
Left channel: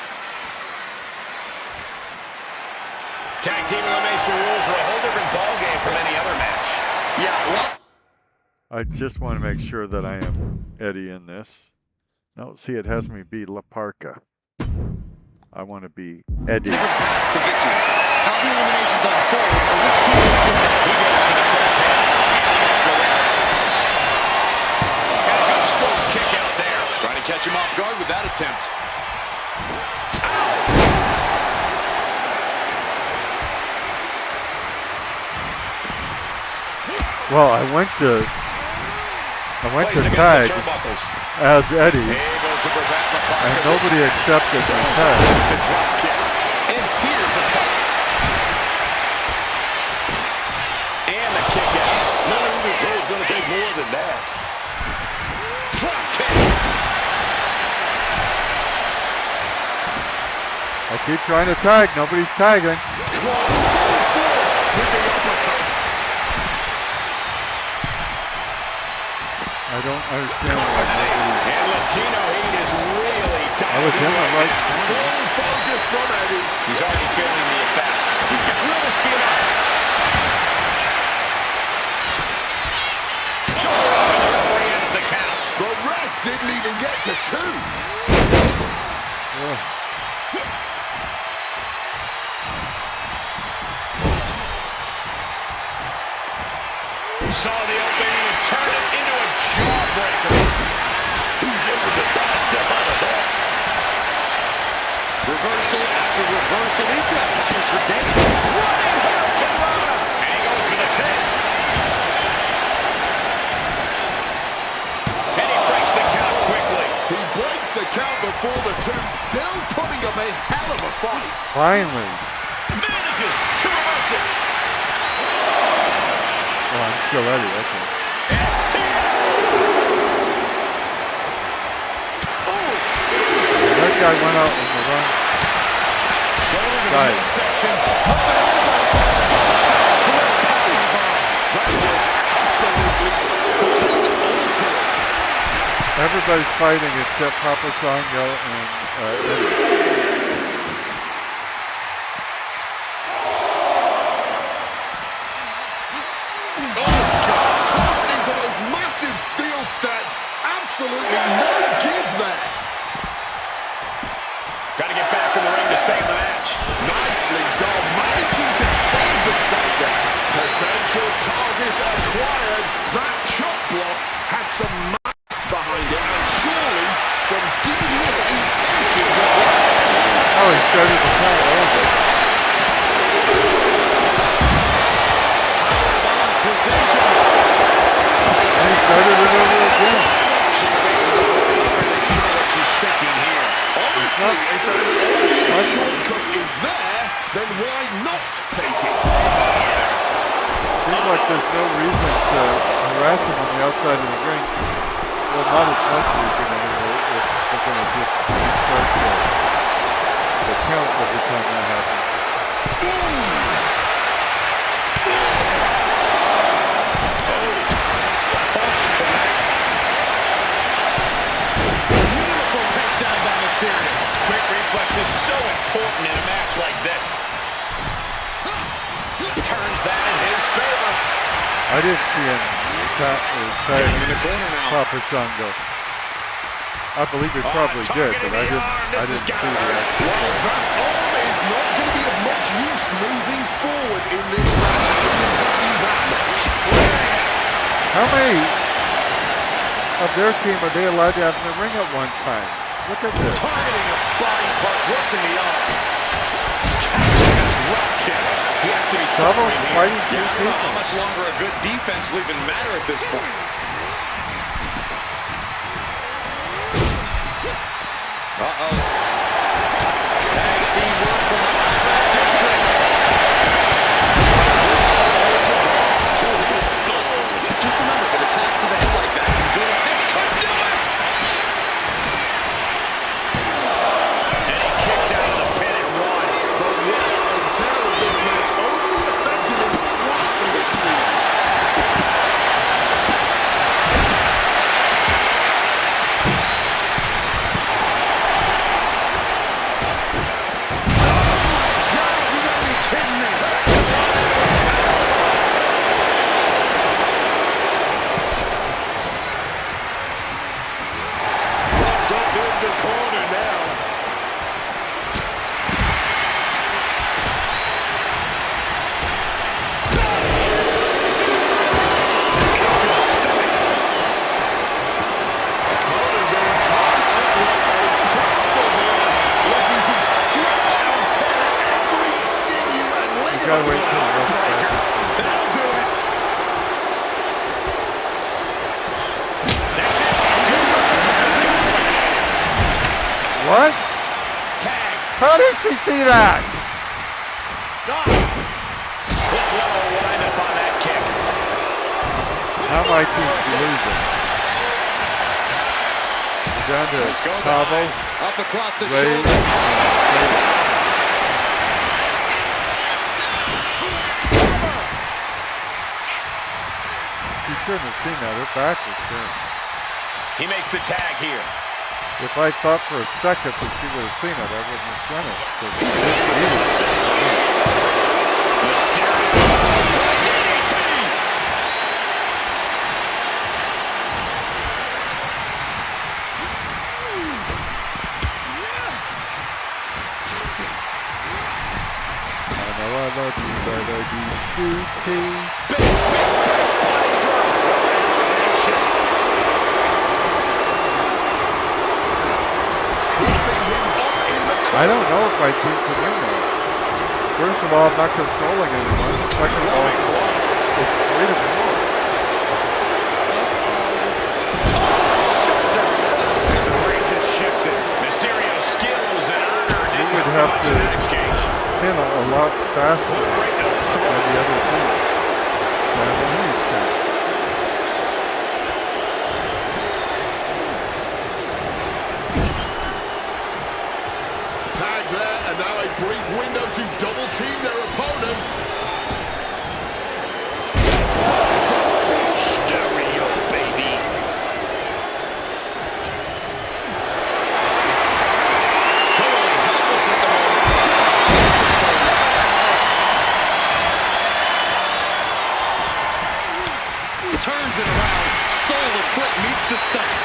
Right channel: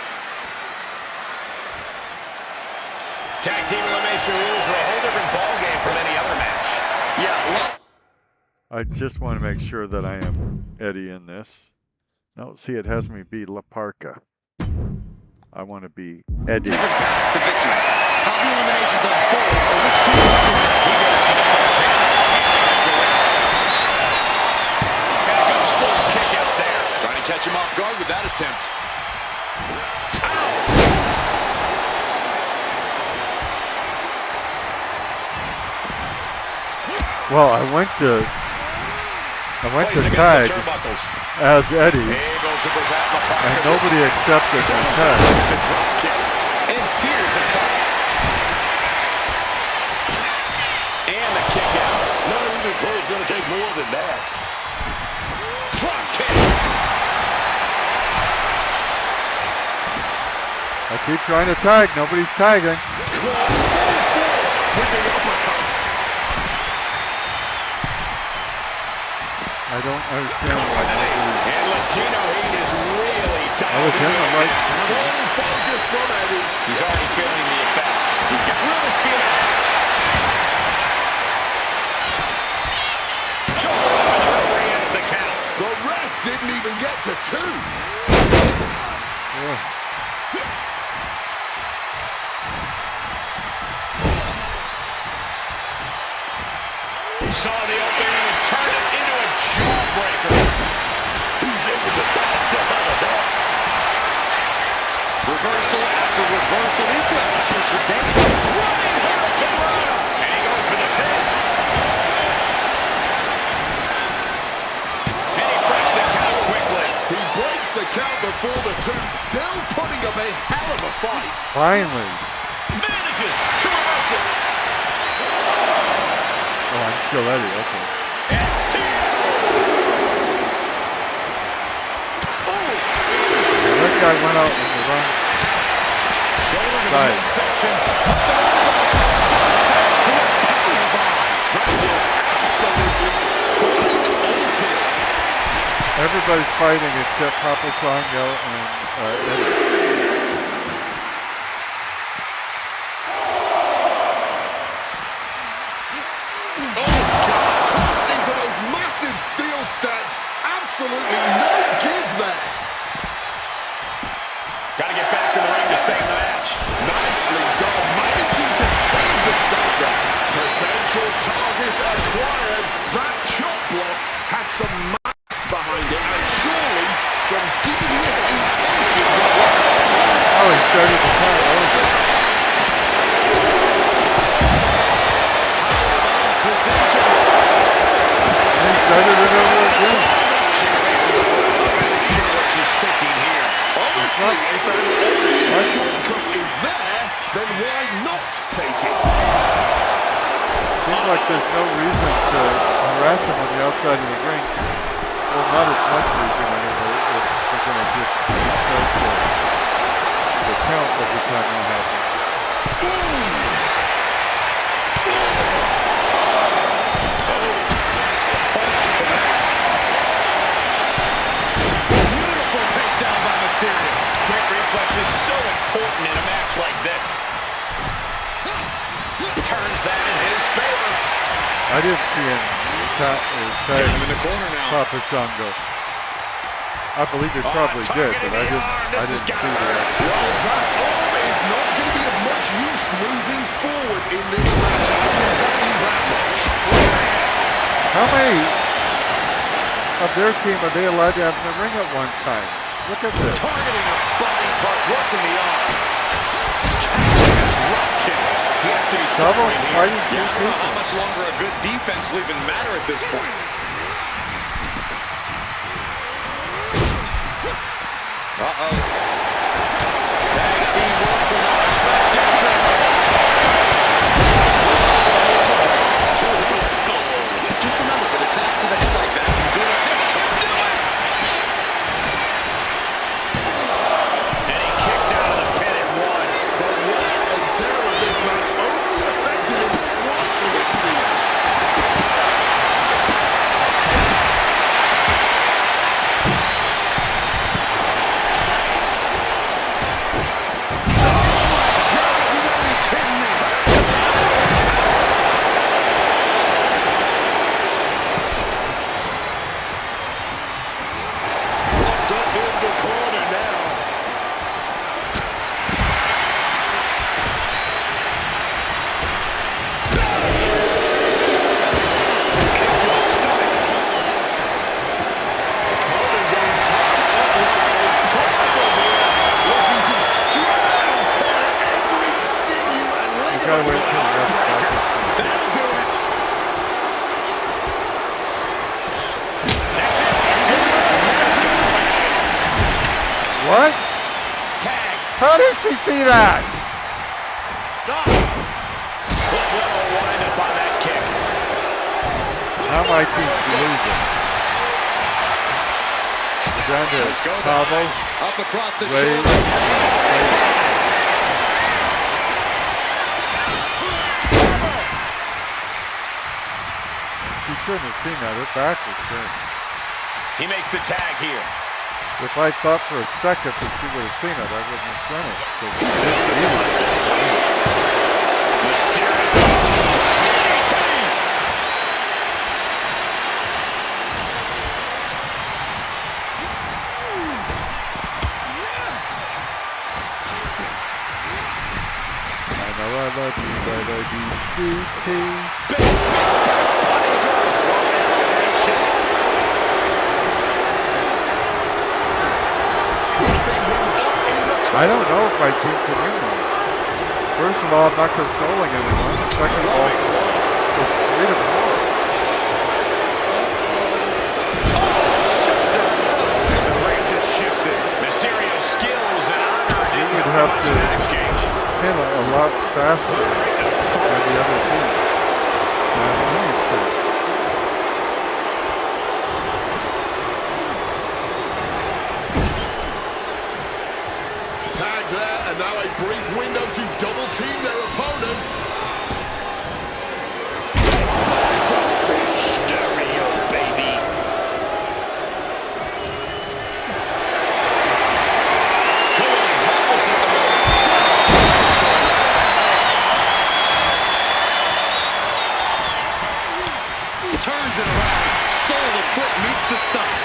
Tag team elimination rules are a whole different ballgame from any other match. Yeah, I just want to make sure that I am Eddie in this. No, see, it has me be La Parca. I want to be Eddie. different paths to victory. How the eliminations unfold, or which team wins the match. He goes to the front pin. And a good strong kick out there. Trying to catch him off guard with that attempt. Well, I went to Place against tag the turnbuckles. as Eddie, Able to prevent La Parca's and nobody attack. accepted my Throws tag. out the drop kick. And here's a cover. And the kick out. None of these pros gonna take more than that. Drop kick. I keep trying to tag, nobody's tagging. Full force with the uppercut. I don't understand why nobody. And Latino Heat is really I was in the right corner. Full focus from Eddie. He's already feeling the effects. He's got room to speed up. Shoulder up and the referee ends the count. The ref didn't even get to 2. Ugh. Saw the opening and turned it into a jawbreaker. He was able to sidestep out of that. Reversal after reversal. These two have counters for days. Running Hurricane Rana. And he goes for the pin. And he breaks the count quickly. He breaks the count before the 2, still putting up a hell of a fight. Finally. Manages to reverse it. Oh, I'm still Eddie, okay. STO. Yeah, that guy went out in the wrong Shoulder to the side. midsection. Up and over. Sunset flip powerbomb. That was absolutely spine altering. Everybody's fighting except Papa Sango and Eddie. Tossed into those massive steel steps. Absolutely no give there. Got to get back in the ring to stay in the match. Nicely done. Managing to save himself there. Potential target acquired. That chop block had some mass behind it and surely some devious intentions as well. Oh, he started the count over. Powerbomb position. And he started it over again. She releases the hold. I'm not really sure what she's thinking here. Honestly, if an obvious shortcut is there, then why not take it? Seems like there's no reason to harass him on the outside of the ring. Well, not as much reason anyway. If they're going to just restart the count every time that happens. Punch connects. Beautiful takedown by Mysterio. Quick reflex is so important in a match like this. Turns that in his favor. I didn't see him tag in the corner now. Papa Shango. I believe he probably did, but I didn't see that. Well, that arm is not going to be of much use moving forward in this match. I can tell you that much. How many of their team are they allowed to have in the ring at one time? Look at this. Targeting a body part, working the arm. Catching a drop kick. He has to be Double fighting two I don't know how people. much longer a good defense will even matter at this point. Uh-oh. Tag team work from the Iraq District. To the skull. Just remember that attacks to the head like that can build up. This could do it! And he kicks out of the pin at one. The wear and tear of this match only affected him slightly, it seems. Locked up in the corner now. Kick to the stomach. Opponent getting tied up like a pretzel here, looking to stretch and tear every sinew and You gotta wait ligament. till the rest back. That'll do it. That's it. What? Tag. How did she see that? What a wind up on that kick. Now my team's losing. We're down to Let's go Cabo, by. Up across the Ray, shoulders. She shouldn't have seen that. Her back was turned. He makes the tag here. If I thought for a second that she would have seen it, I wouldn't have done it. 'Cause she didn't see it. Mysterio. DDT. I know I love you, but I do too. Big body drop. What an elevation. Keeping him up in the corner. I don't know if my team can win though. First of all, I'm not controlling anyone. Second of all, it's 3-4. Shoulder first. The range has shifted. Mysterio skills and honor didn't would help have much in to- that exchange. Pin a lot faster Right to the than throat. the other team. That makes sense. Tag there, and now a brief window to double team their opponent. Mysterio, baby. Totally helpless at the moment. Turns it around. Sole of foot meets the stomach.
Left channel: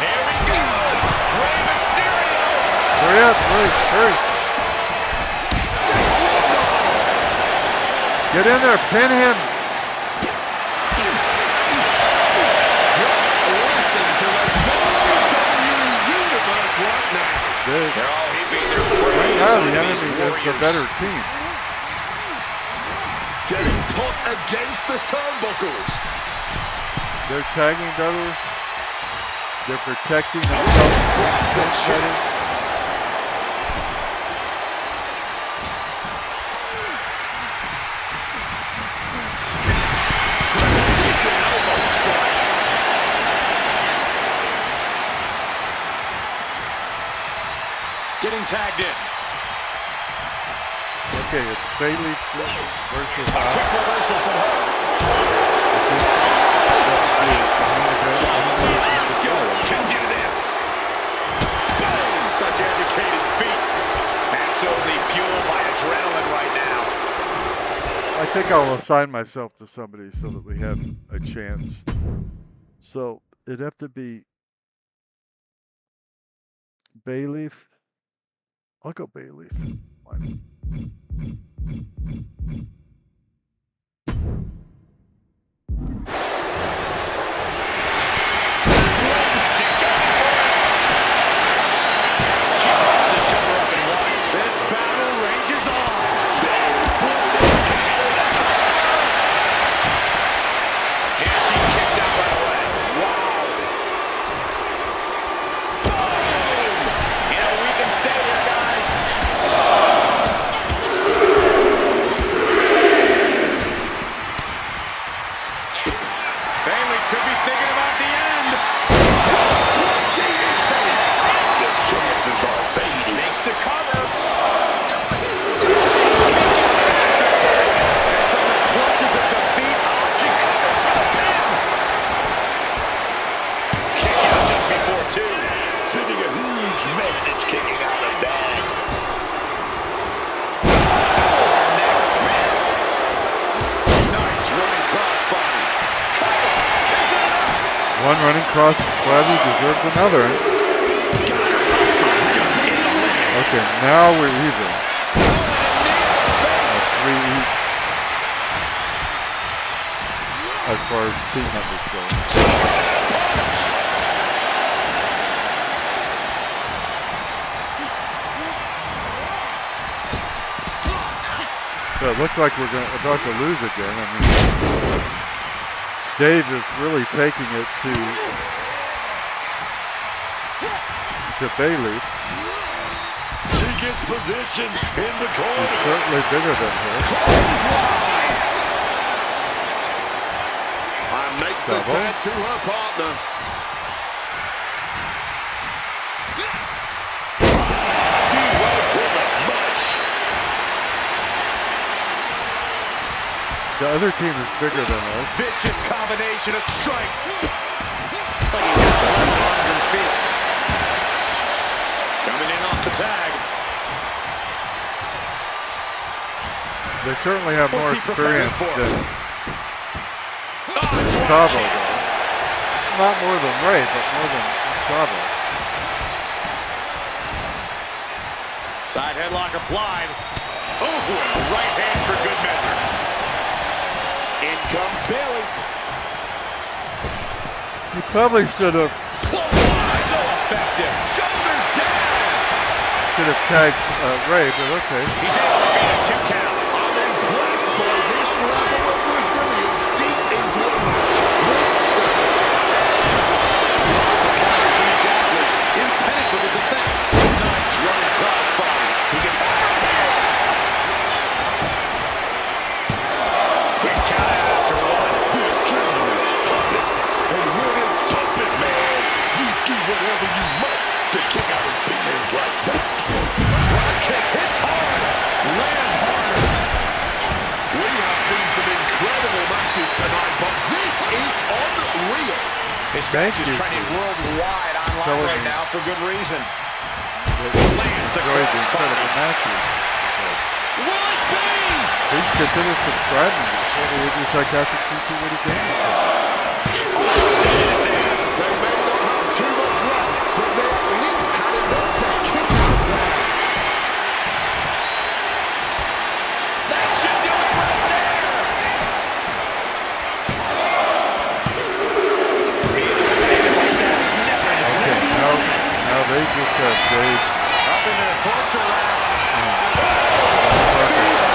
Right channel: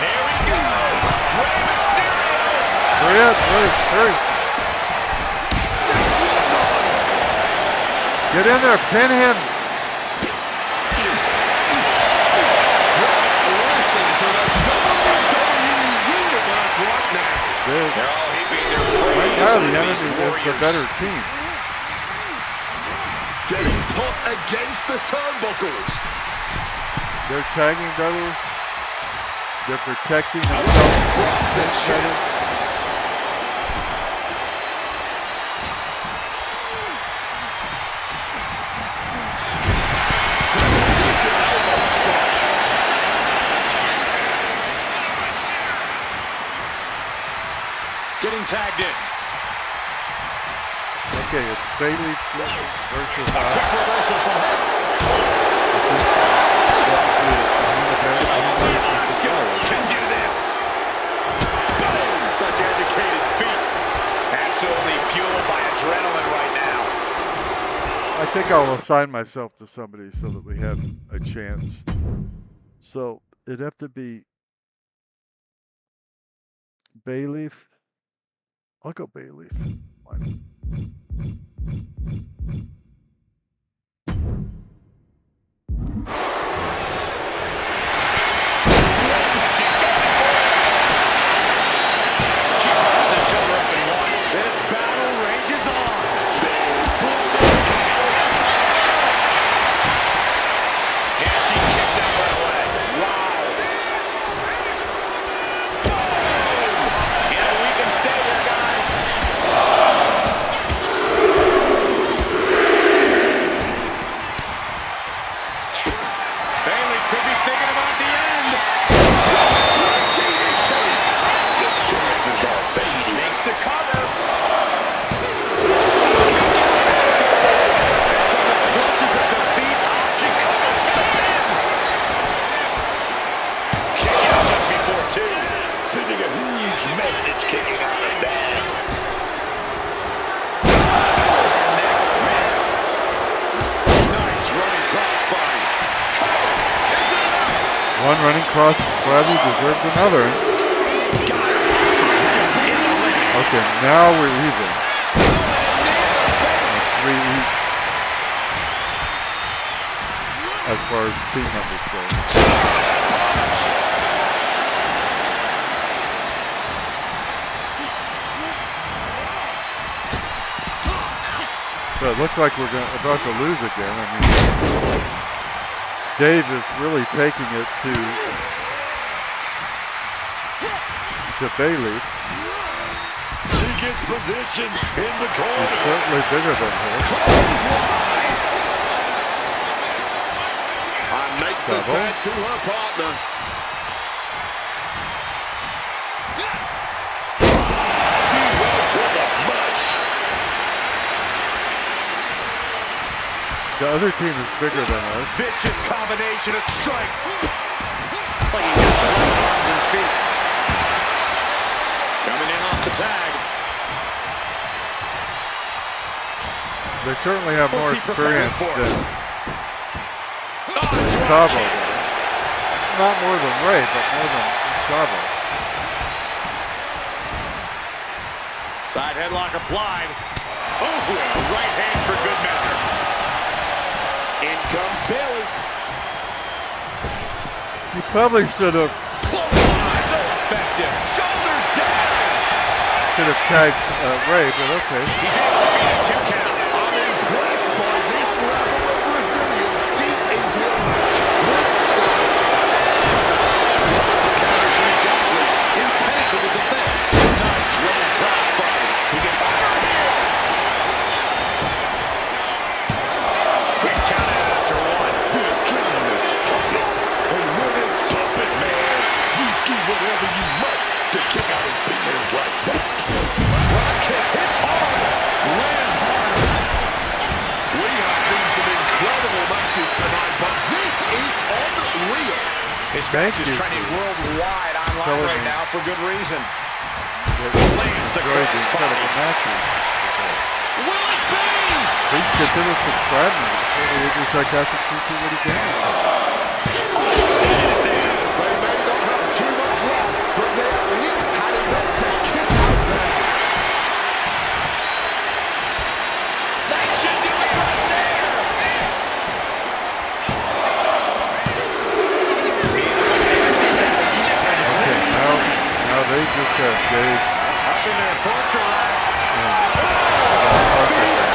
Here we go. Rey Mysterio. Hurry up, hurry. 619. Get in there, pin him. Just listen to the WWE Universe right now. They're all heaping their praise Right now, on the these enemy is warriors. the better team. Getting put against the turnbuckles. They're tagging better. They're protecting Across themselves. the chest. getting tagged in. Okay, it's Bailey versus A quick reversal from her. Only Asuka can do this. Boom! Such educated feet. Absolutely fueled by adrenaline right now. I think I'll assign myself to somebody so that we have a chance. So it'd have to be Bayleaf. I'll go Bayleaf. Fine. She's going for it. She pops the shoulder up and one. This battle rages on. And she kicks out right away. Wow. Boom! You know, we can stay here, guys. Bailey could be thinking about the end. Asuka's chances are fading. Makes the cover. And from the clutches of defeat, Asuka covers for the pin. Kick out just before two. Sending a huge message kicking out of that. Nice running crossbody. Cover. Is it enough? One running cross body deserves another. Guys, Asuka is eliminated. Okay, now we're even. Face. Three each. As far as team members go. Punch. So it looks like we're about to lose again. I mean, Dave is really taking it to Bailey. She gets position in the He's corner. certainly bigger than her. Clothesline. And makes the Double. tag to her partner. He went to the mush. The other team is bigger than us. Vicious combination of strikes. Like he's got 11 arms and feet. Coming in off the tag. They certainly have more What's he preparing experience for? than Drop Chavo kick. does. Not more than Ray, but more than Chavo. Side headlock applied. Oh, and a right hand for good measure. In comes Bailey. You probably should have Clothesline. So effective. Shoulders down. tagged Ray, but okay. He's able to beat a 2 count. I'm impressed by this level of resilience deep into a match. Looks stunning. Lots of counters from each athlete. Impenetrable defense. Nice running crossbody. He can cover here. Quick count out after one. The adrenaline is pumping. And when it's pumping, man, you do whatever you must to kick out opinions like that. Drop kick hits hard. Lands harder. We have seen some incredible matches tonight, but this is unreal. This Thank match is you trending for worldwide online telling right me. now for good reason. Lands the enjoyed the crossbody. incredible matches. Will it be? Please consider subscribing to the 48 Sarcastic CC Witty Gaming Channel. Almost ended it there. They may not have too much left, but they at least had enough to kick out there. That should do it right there. Being eliminated like that is never an Okay, now they just got Dave. Up into the torture rack. Perfect.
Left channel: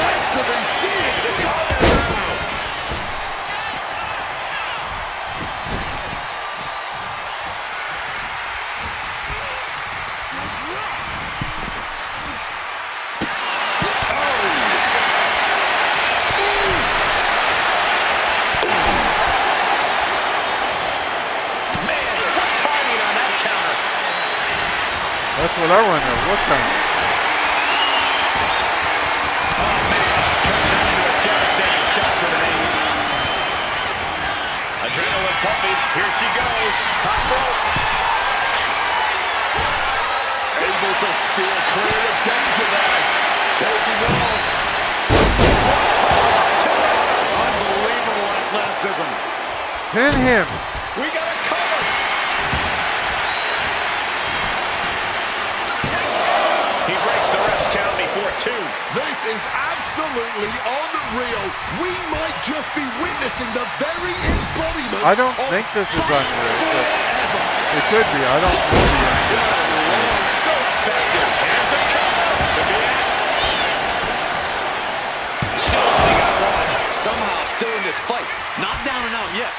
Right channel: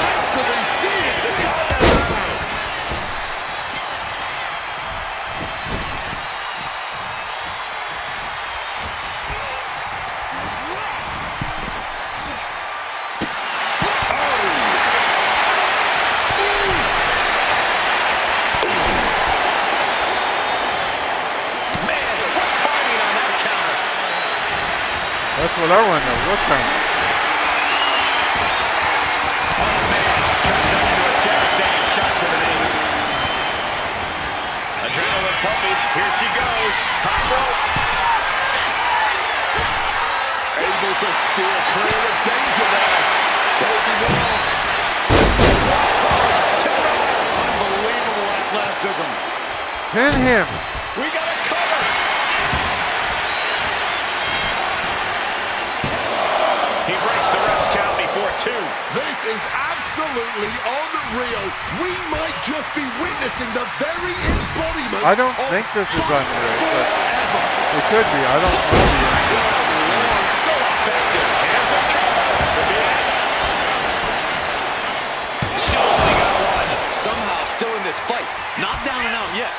Has to be seen. Man, what timing on that counter. That's what I want to know. What time? Oh, man. Turns that into a devastating shot to the knee. Adrenaline pumping. Here she goes. Top rope. Able to steer clear of danger there. Taking off. Unbelievable athleticism. Pin him. We got a cover. He breaks the ref's count before 2. This is absolutely unreal. We might just be witnessing the very embodiment I don't of think this is fight unreal, but forever. it could be. I don't know the answer. So effective. Here's a cover. Could be it. Still only got 1. Somehow still in this fight. Not down and out yet.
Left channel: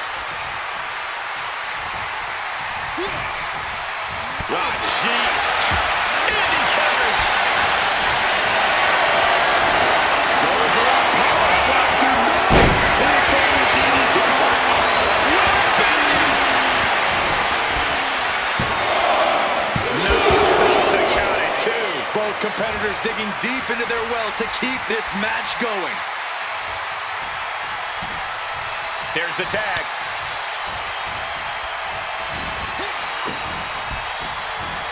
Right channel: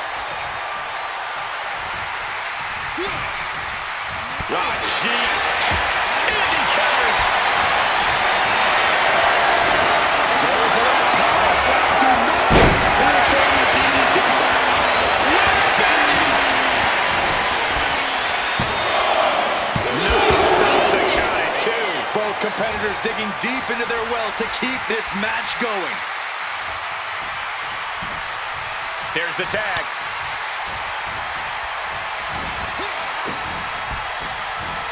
Oh, jeez. And he counters. Going for that power slam to no. Big body DDT. No, stops the count at 2. Both competitors digging deep into their well to keep this match going. There's the tag.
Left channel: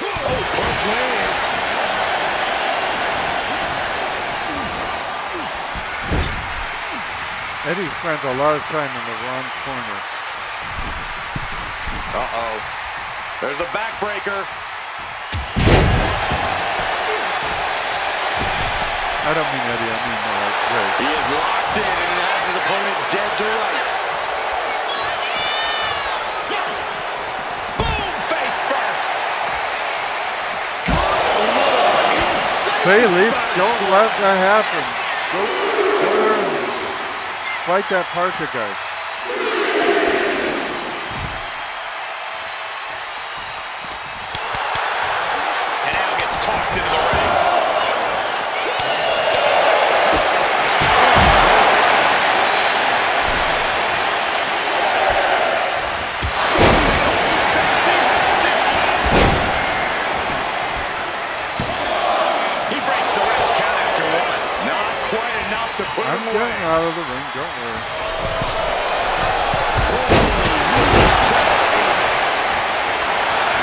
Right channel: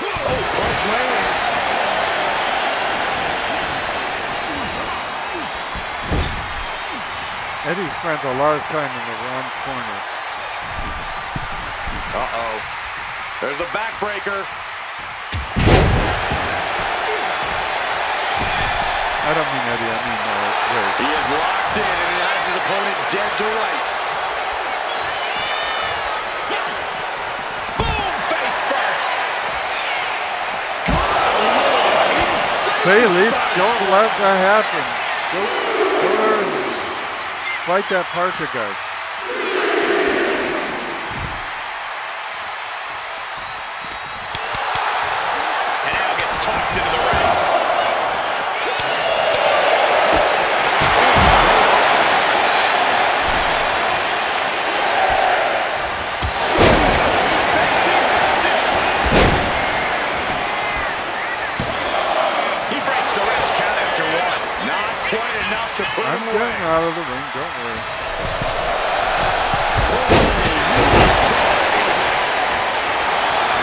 Oh, punch lands. Eddie spends a lot of time in the wrong corner. Uh-oh. There's the backbreaker. I don't mean Eddie, I mean Ray. He is locked in and has his opponent dead to rights. Boom! Face first. Insane Bailey, Spanish don't fly. let that happen. Go there and fight that Parker guy. And now gets tossed into the ring. He breaks the ref's count after 1. Not quite enough to put I'm him away. getting out of the ring, don't worry.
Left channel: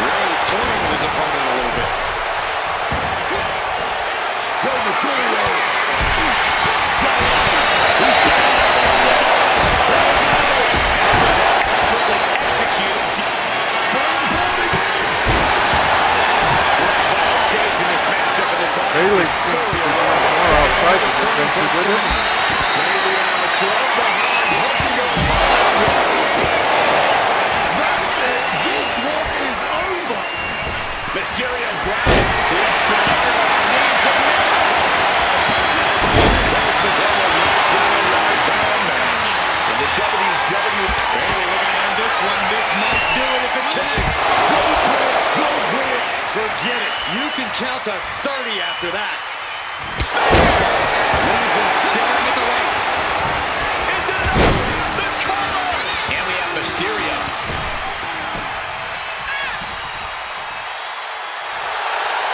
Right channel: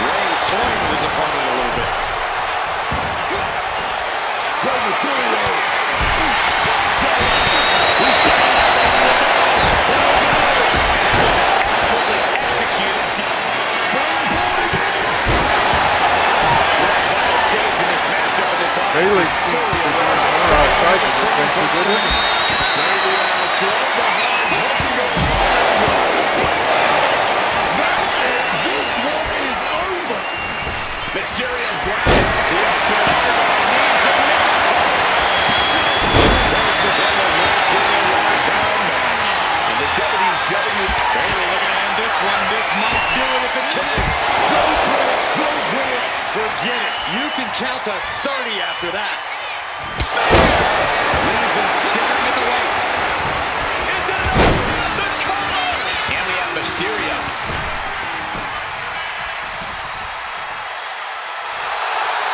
Ray toying with his opponent a little bit. Expertly executed. Springboarding in. We're at final stage in this matchup, and this offense Bailey is seems to fully be aware doing of the more outside than she did in. Bailey now from behind, holding on. That's it. This one is over. Mysterio grounded. The ultimate underdog needs a miracle. This has become a once-in-a-lifetime match. And the WWE... Bailey looking to end this one. This might do it if it connects. Forget it. You can count to 30 after that. Leaves him staring at the lights. Is it enough? The cover! And we have Mysterio.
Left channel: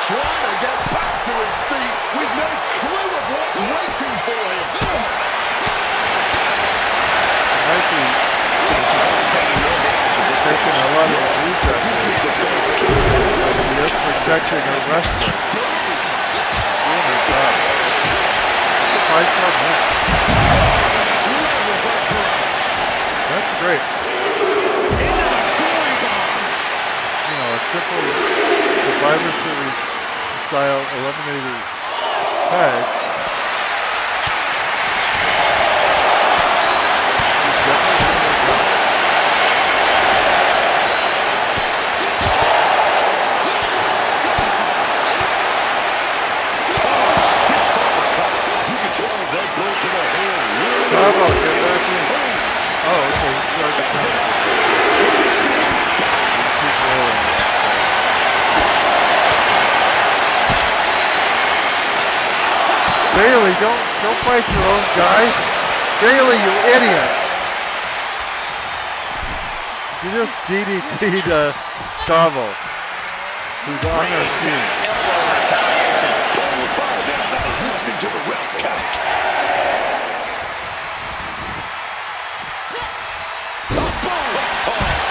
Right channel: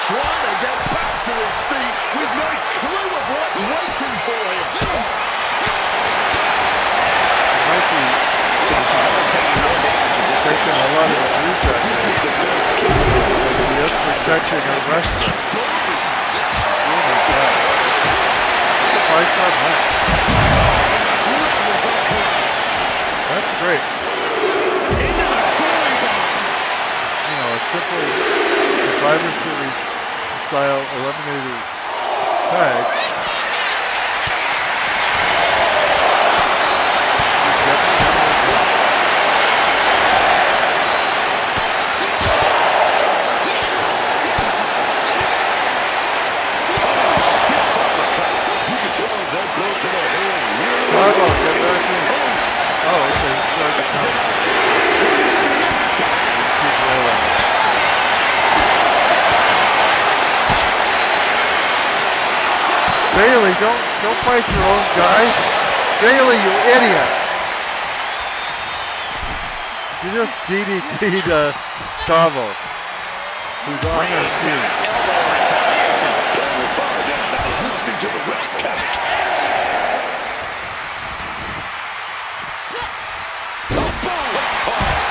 Trying to get back to his feet with no clue of what's waiting for him. Might be taking a lot of abuse out This there. is the best case in this. He is protecting a wrestler. Doing her job. It's a 5-star match. That's great. Into the gory bomb. You know, a simple Survivor Series style eliminator tag. He's definitely doing her job. You can tell that blow to the head really Bravo, get back in. Oh, okay. He starts to count. Let's keep rolling. Bailey, don't fight your own guy. Bailey, you idiot. You just DDT'd Savo. who's on their team. Elbow retaliation. We're far now listening to the ref's count.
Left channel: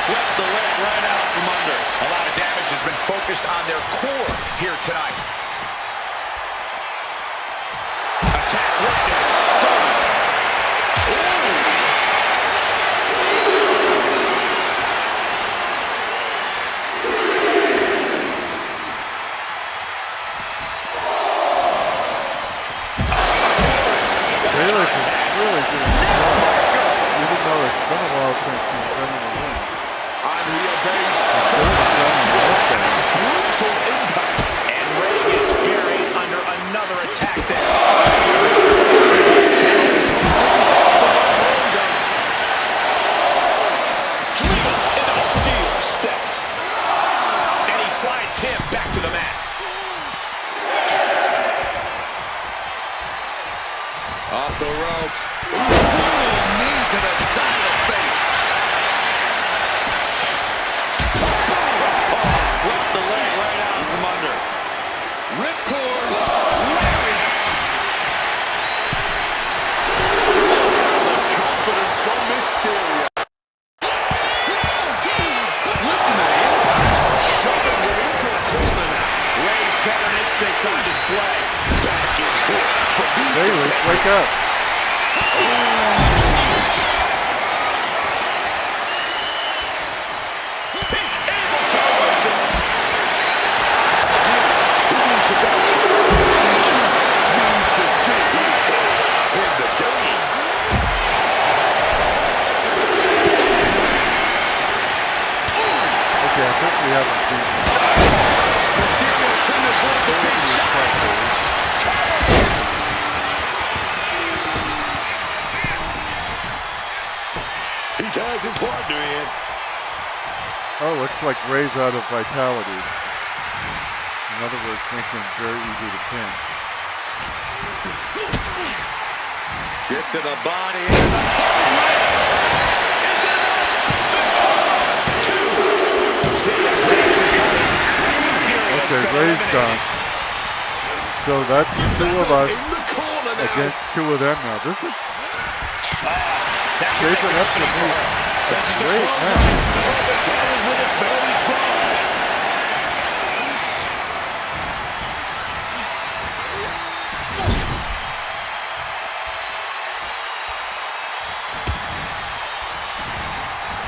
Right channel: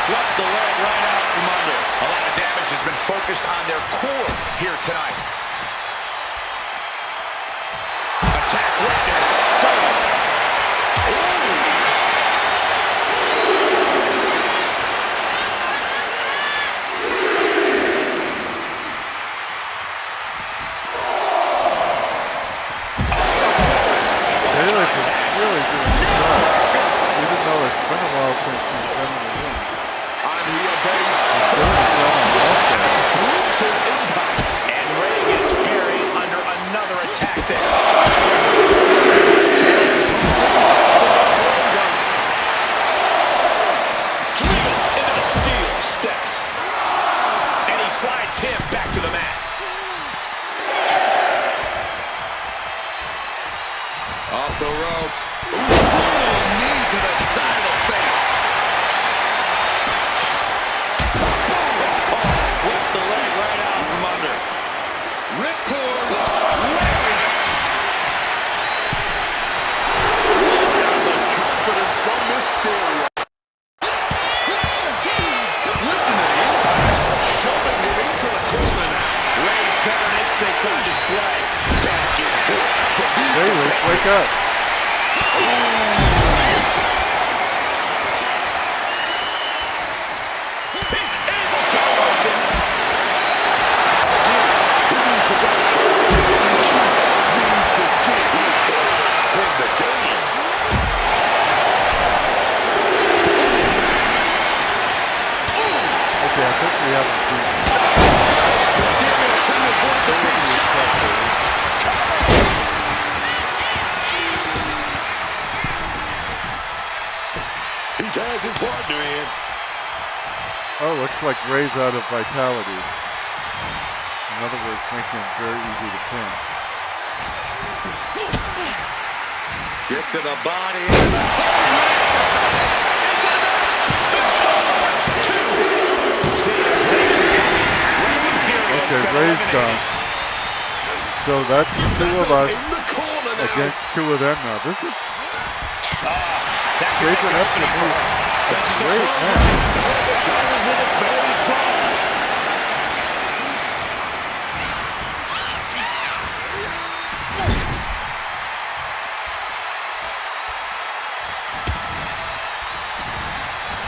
Swept the leg right out from under. A lot of damage has been focused on their core here tonight. Attack right in the sternum. Baylor is really doing his job. Even though it's been a while since he's been in the ring. And he evades Doing his job on the outside. brutal impact. And Ray gets buried under another attack there. Tough things out for much longer. Driven into the steel steps. And he slides him back to the mat. Off the ropes. Brutal knee to the side of the face. Oh, swept the leg right out from under. Ripcord. Lariat. Look at the confidence from Mysterio. Listen to the impact. Shoving him into the corner now. Ray's veteran instincts on display. Back and forth. But these Baylor, wake up. He's able to reverse it. He needs to go. Needs to get his head in the game. Okay, I think we haven't seen Mysterio couldn't avoid the big shot. He tagged his partner in. Oh, looks like Ray's out of vitality. In other words, making him very easy to pin. Kick to the body. And the Okay, Ray's gone. So that's two of us in the corner now. against two of them now. This is That could shaping make up it to opening be for her. a great match. With its belly spine.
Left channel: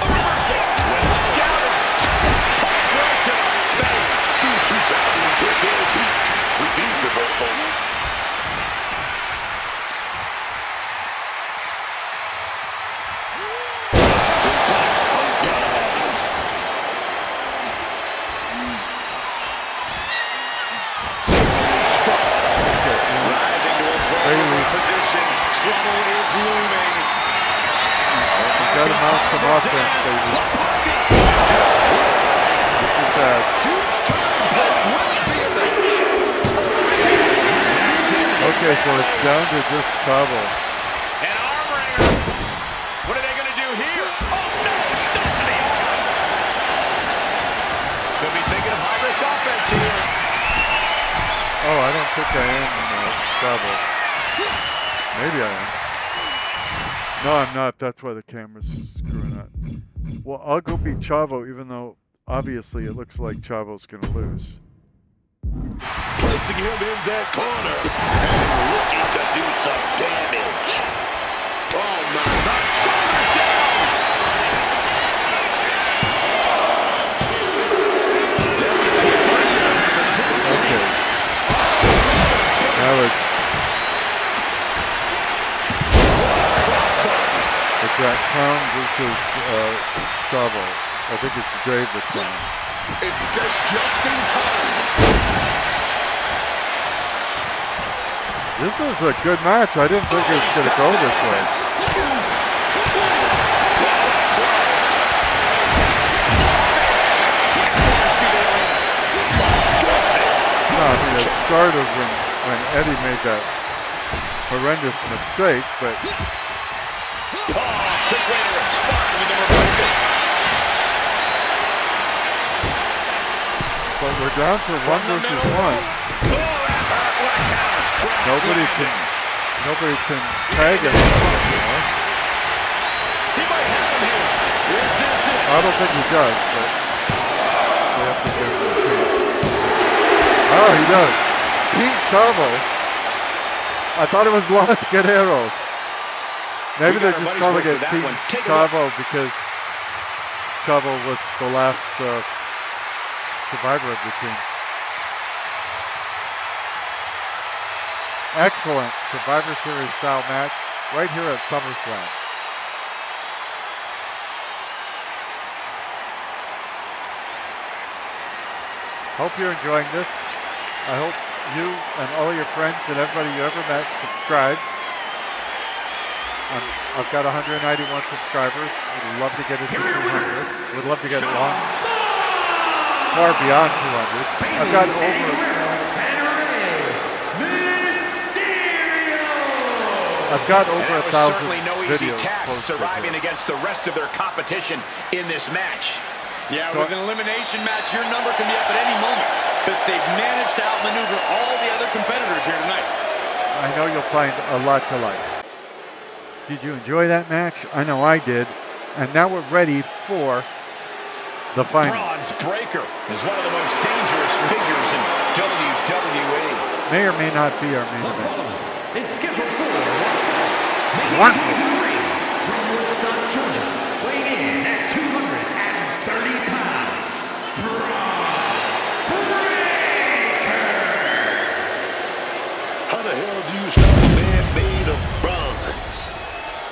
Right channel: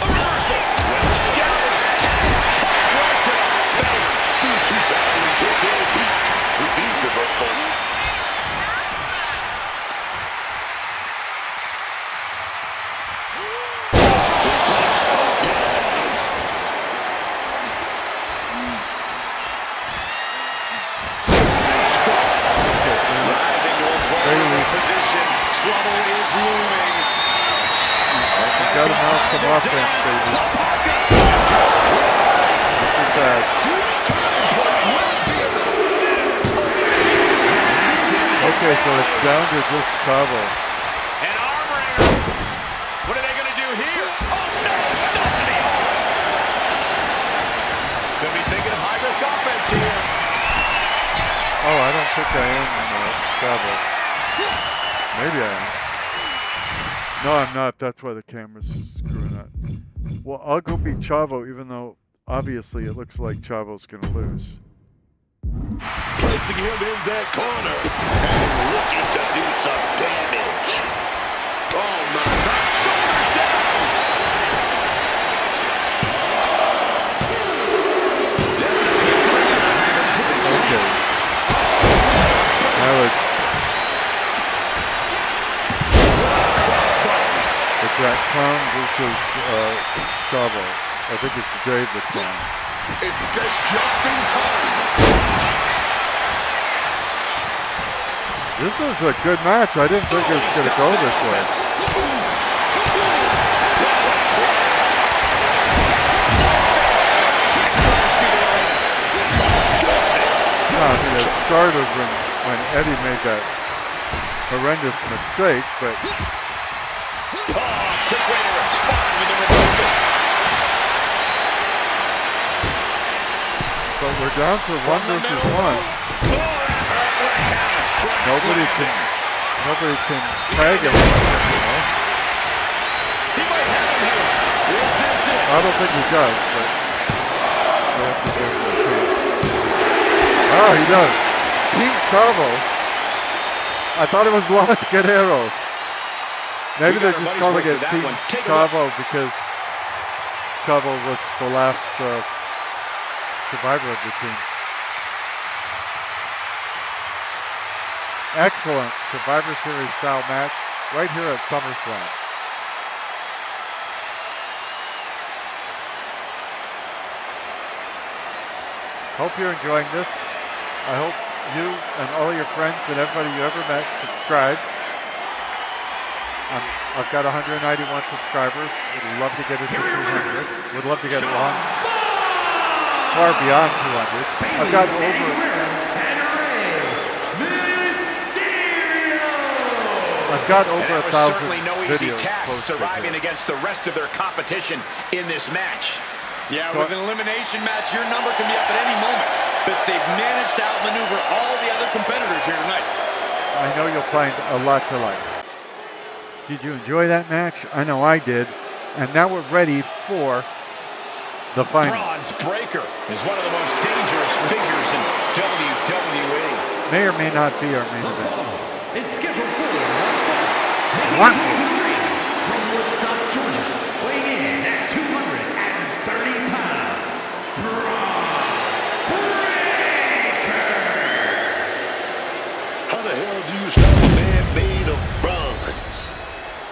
Reversal. Well scouted. Punch right to the face. These two battling to their heat with these reversals. Suplex. Oh, yes. rising to a vulnerable Bayley. position. Trouble is looming. Got him out some offense, baby. This is bad. Huge turning point. Will it be enough? Okay, so it's down to just Chavo. An arm wringer. What are they going to do here? Oh no! Stop to the arm. Could be thinking of high-risk offense here. Oh, I don't think I am Chavo. Maybe I am. No, I'm not. That's why the camera's screwing up. Well, I'll go beat Chavo, even though obviously it looks like Chavo's going to lose. Placing him in that corner and looking to do some damage. Oh my God. Shoulders down. Definitely organizing the night to clean. Okay. Now it's that Clown versus Chavo. I think it's Dave the Clown. Escape just in time. This is a good match. I didn't think it was going to go this way. No, I mean, it started when Eddie made that horrendous mistake, but Quick way to respond with the reversal. but we're down to 1 versus 1. Nobody can tag it anymore. He might have him here. Is this it? I don't think he does, but they have to give him a chance. Oh, he does. Team Chavo. I thought it was Los Guerreros. Maybe they're just calling it Team Chavo because Chavo was the last survivor of the team. Excellent Survivor Series style match right here at SummerSlam. Hope you're enjoying this. I hope you and all your friends and everybody you ever met subscribes. I've got 191 subscribers. Would love to get it to 200. Would love to get it long, far beyond 200. I've got over. I've got over 1,000 certainly no easy videos task posted surviving here. against the rest of their competition in this match. Yeah, with an elimination match, your number can be up at any moment. But they've managed to outmaneuver all the other competitors here tonight. I know you'll find a lot to like. Did you enjoy that match? I know I did. And now we're ready for the final. Bronze Breaker is one of the most dangerous figures in WWE. May or may not be our main event. Is scheduled for one fall. Making One his way to the ring from Woodstock, Georgia, weighing in at 230 pounds, Bronze Breaker. How the hell do you stop a man made of bronze?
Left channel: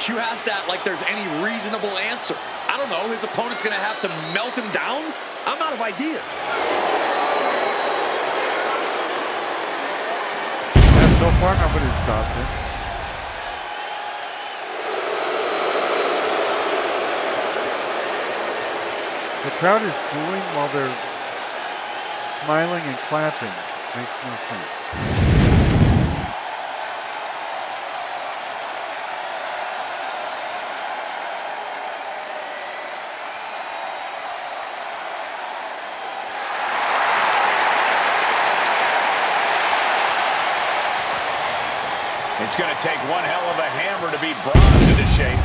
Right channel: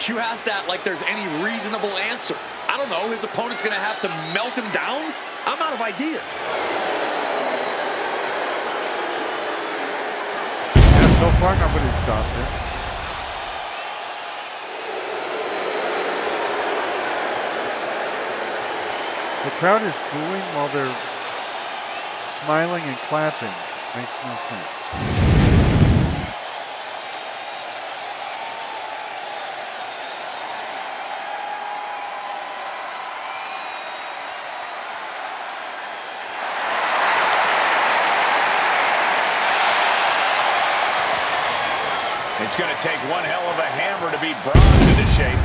You ask that like there's any reasonable answer. I don't know, his opponent's gonna have to melt him down? I'm out of ideas. So far, nobody's stopped it. The crowd is booing while they're smiling and clapping. Makes no sense. It's going to take one hell of a hammer to beat Bronze into shape.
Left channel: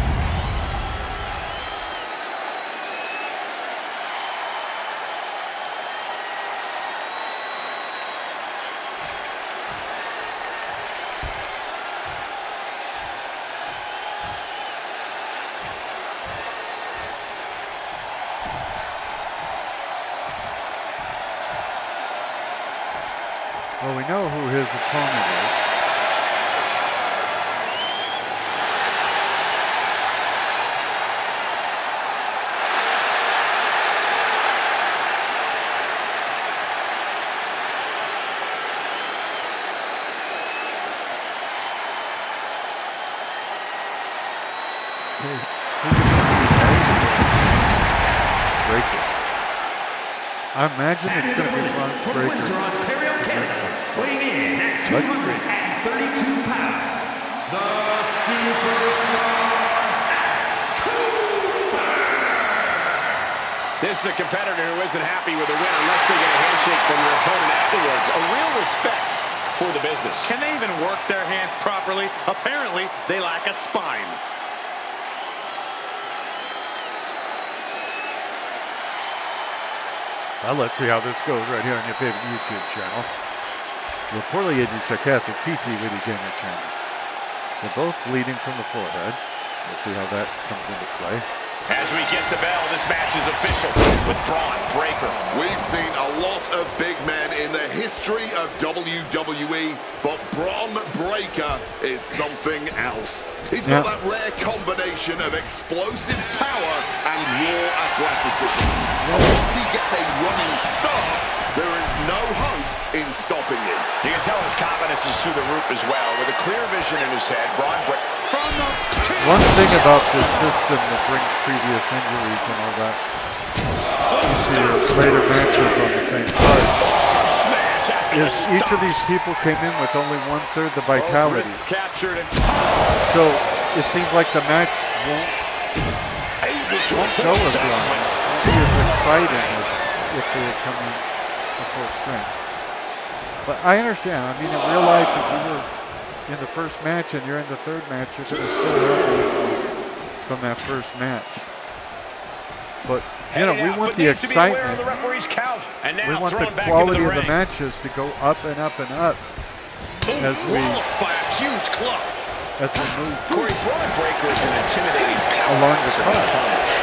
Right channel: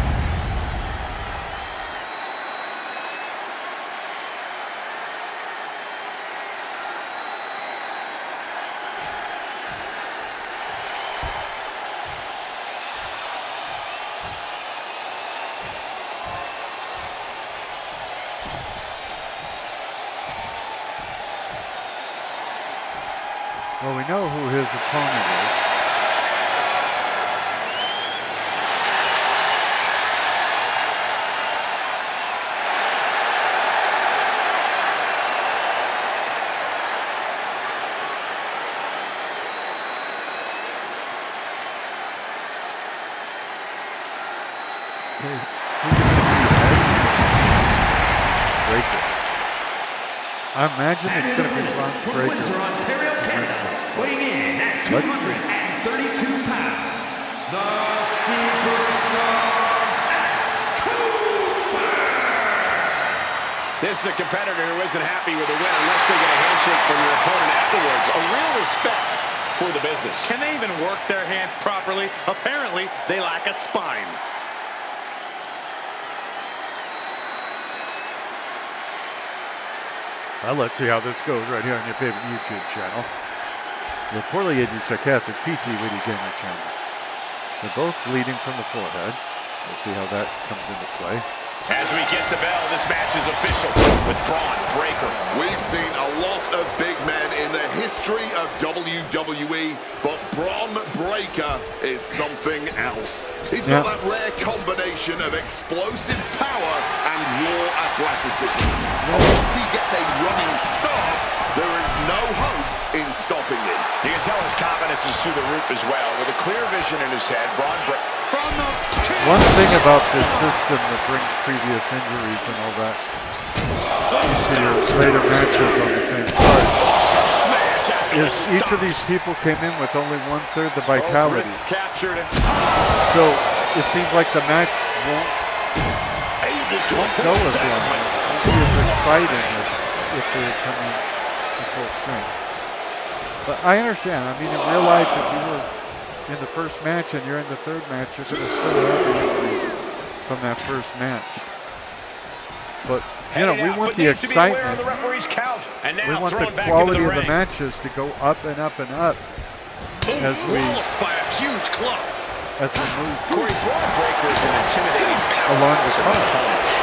Well, we know who his opponent is. Who's it going to be? Breaker. I imagine it's going to be Bronze from Breaker. Windsor, Ontario, Canada, weighing in at 232 pounds, the Superstar Cooper. This is a competitor who isn't happy with a win unless they get a handshake from their opponent afterwards. A real respect for the business. Can they even work their hands properly? Apparently, they lack a spine. Well, let's see how this goes right here on your favorite YouTube channel. The poorly aged Sarcastic PC Witty Gamer channel. They're both bleeding from the forehead. We'll see how that comes into play. As we get the bell, this match is official with Bronze Breaker. We've seen a lot of big men in the history of WWE, but Bron Breakker is something else. He's got that rare combination of explosive power and raw athleticism. And once he gets a running start, there is no hope in stopping him. You can tell his confidence is through the roof as well. With a clear vision in his head, Bron Breakker. From the One thing about this system that brings previous injuries and all that into your later matches on the same card is each of these people came in with only 1/3 the vitality. Captured and So it seems like the match won't go as long. Won't be as exciting as if they had come in at full strength. But I understand. I mean, in real life, if you were in the first match and you're in the third match, you're going to still have the injuries from that first match. But, you know, we want the excitement. We want the quality of the matches to go up and up and up as we move Corey, Braun Breaker is an intimidating power along the card.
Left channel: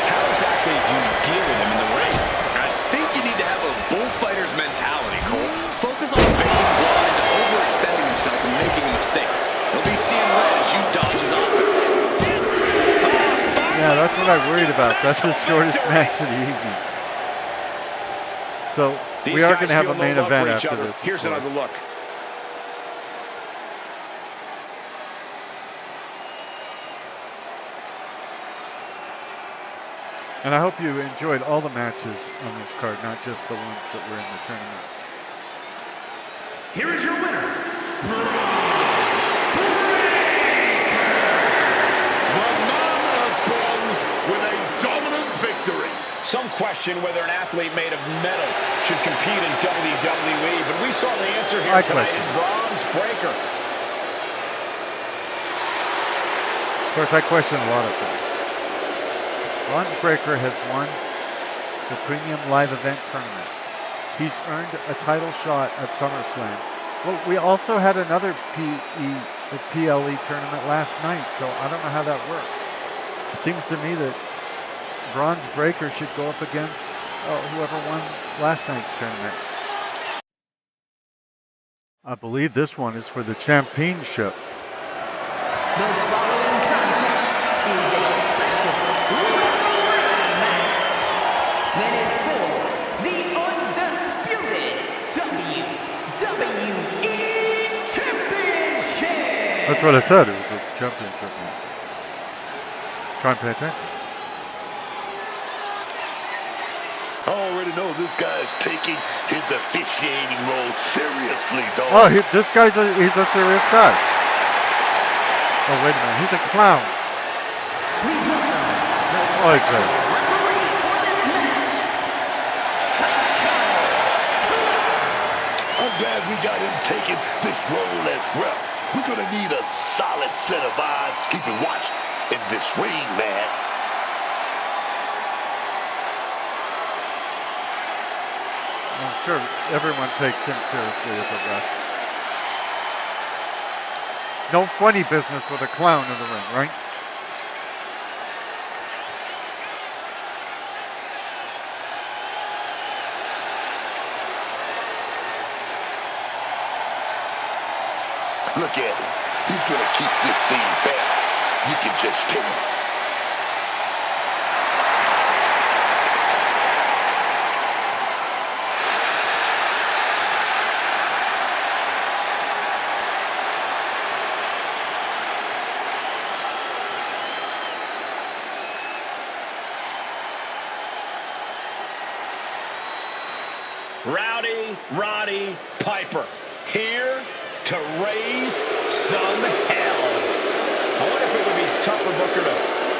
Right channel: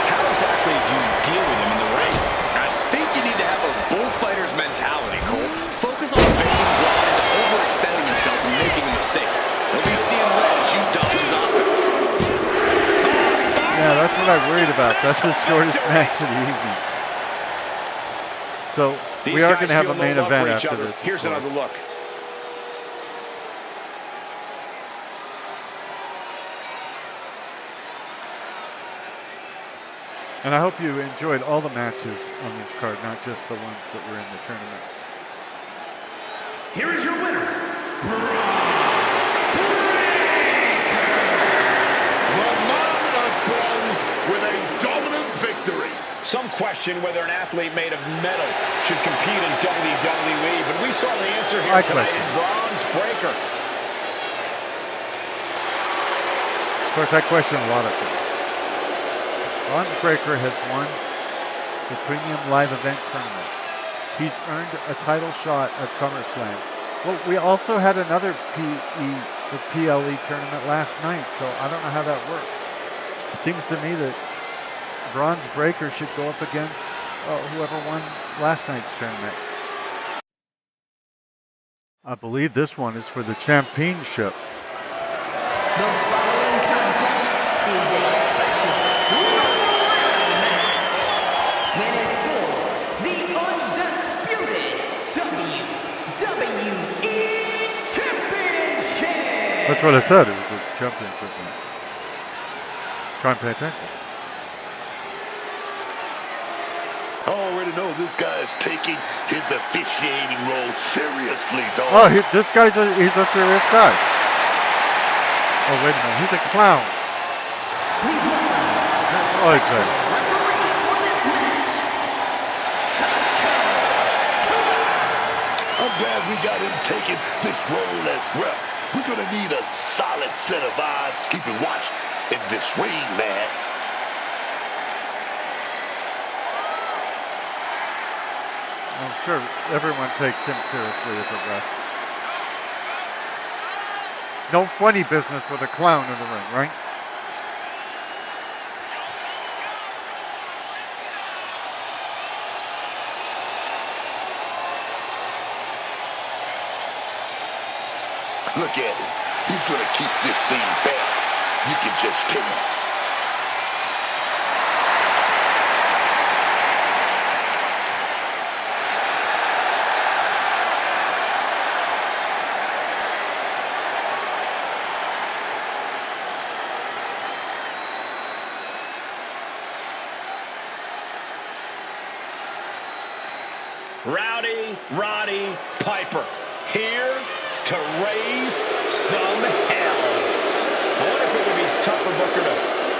How exactly do you deal with him in the ring? I think you need to have a bullfighter's mentality, Cole. Focus on baiting Braun into overextending himself and making a mistake. He'll be seeing red as you dodge his offense. Yeah, that's what I worried about. That's the shortest match of the evening. So we are going to have a main event after this. Here's another look. And I hope you enjoyed all the matches on this card, not just the ones that were in the tournament. Here is your winner, Braun The man of bronze with a dominant victory. Some question whether an athlete made of metal should compete in WWE, but we saw the answer here tonight in Braun Breaker. Of course, I question a lot of things. Braun Breaker has won the Premium Live Event Tournament. He's earned a title shot at SummerSlam. Well, we also had another PLE tournament last night, so I don't know how that works. It seems to me that Braun Breaker should go up against whoever won last night's tournament. I believe this one is for the championship. The following contest is a special referee match that is for the undisputed WWE Championship. That's what I said. It was a championship match. Try and pay attention. I already know this guy's taking his officiating role seriously, dog. Oh, this guy's he's a serious guy. Oh, wait a minute. He's a clown. Please welcome the Okay. referee for this match. I'm glad we got him taking this role as ref. We're going to need a solid set of eyes keeping watch in this ring, man. I'm sure everyone takes him seriously as a ref. No funny business with a clown in the ring, right? Look at him. He's going to keep this thing fair. You can just tell. Roddy Piper, here to raise some hell. I wonder if it would be tougher, Booker, to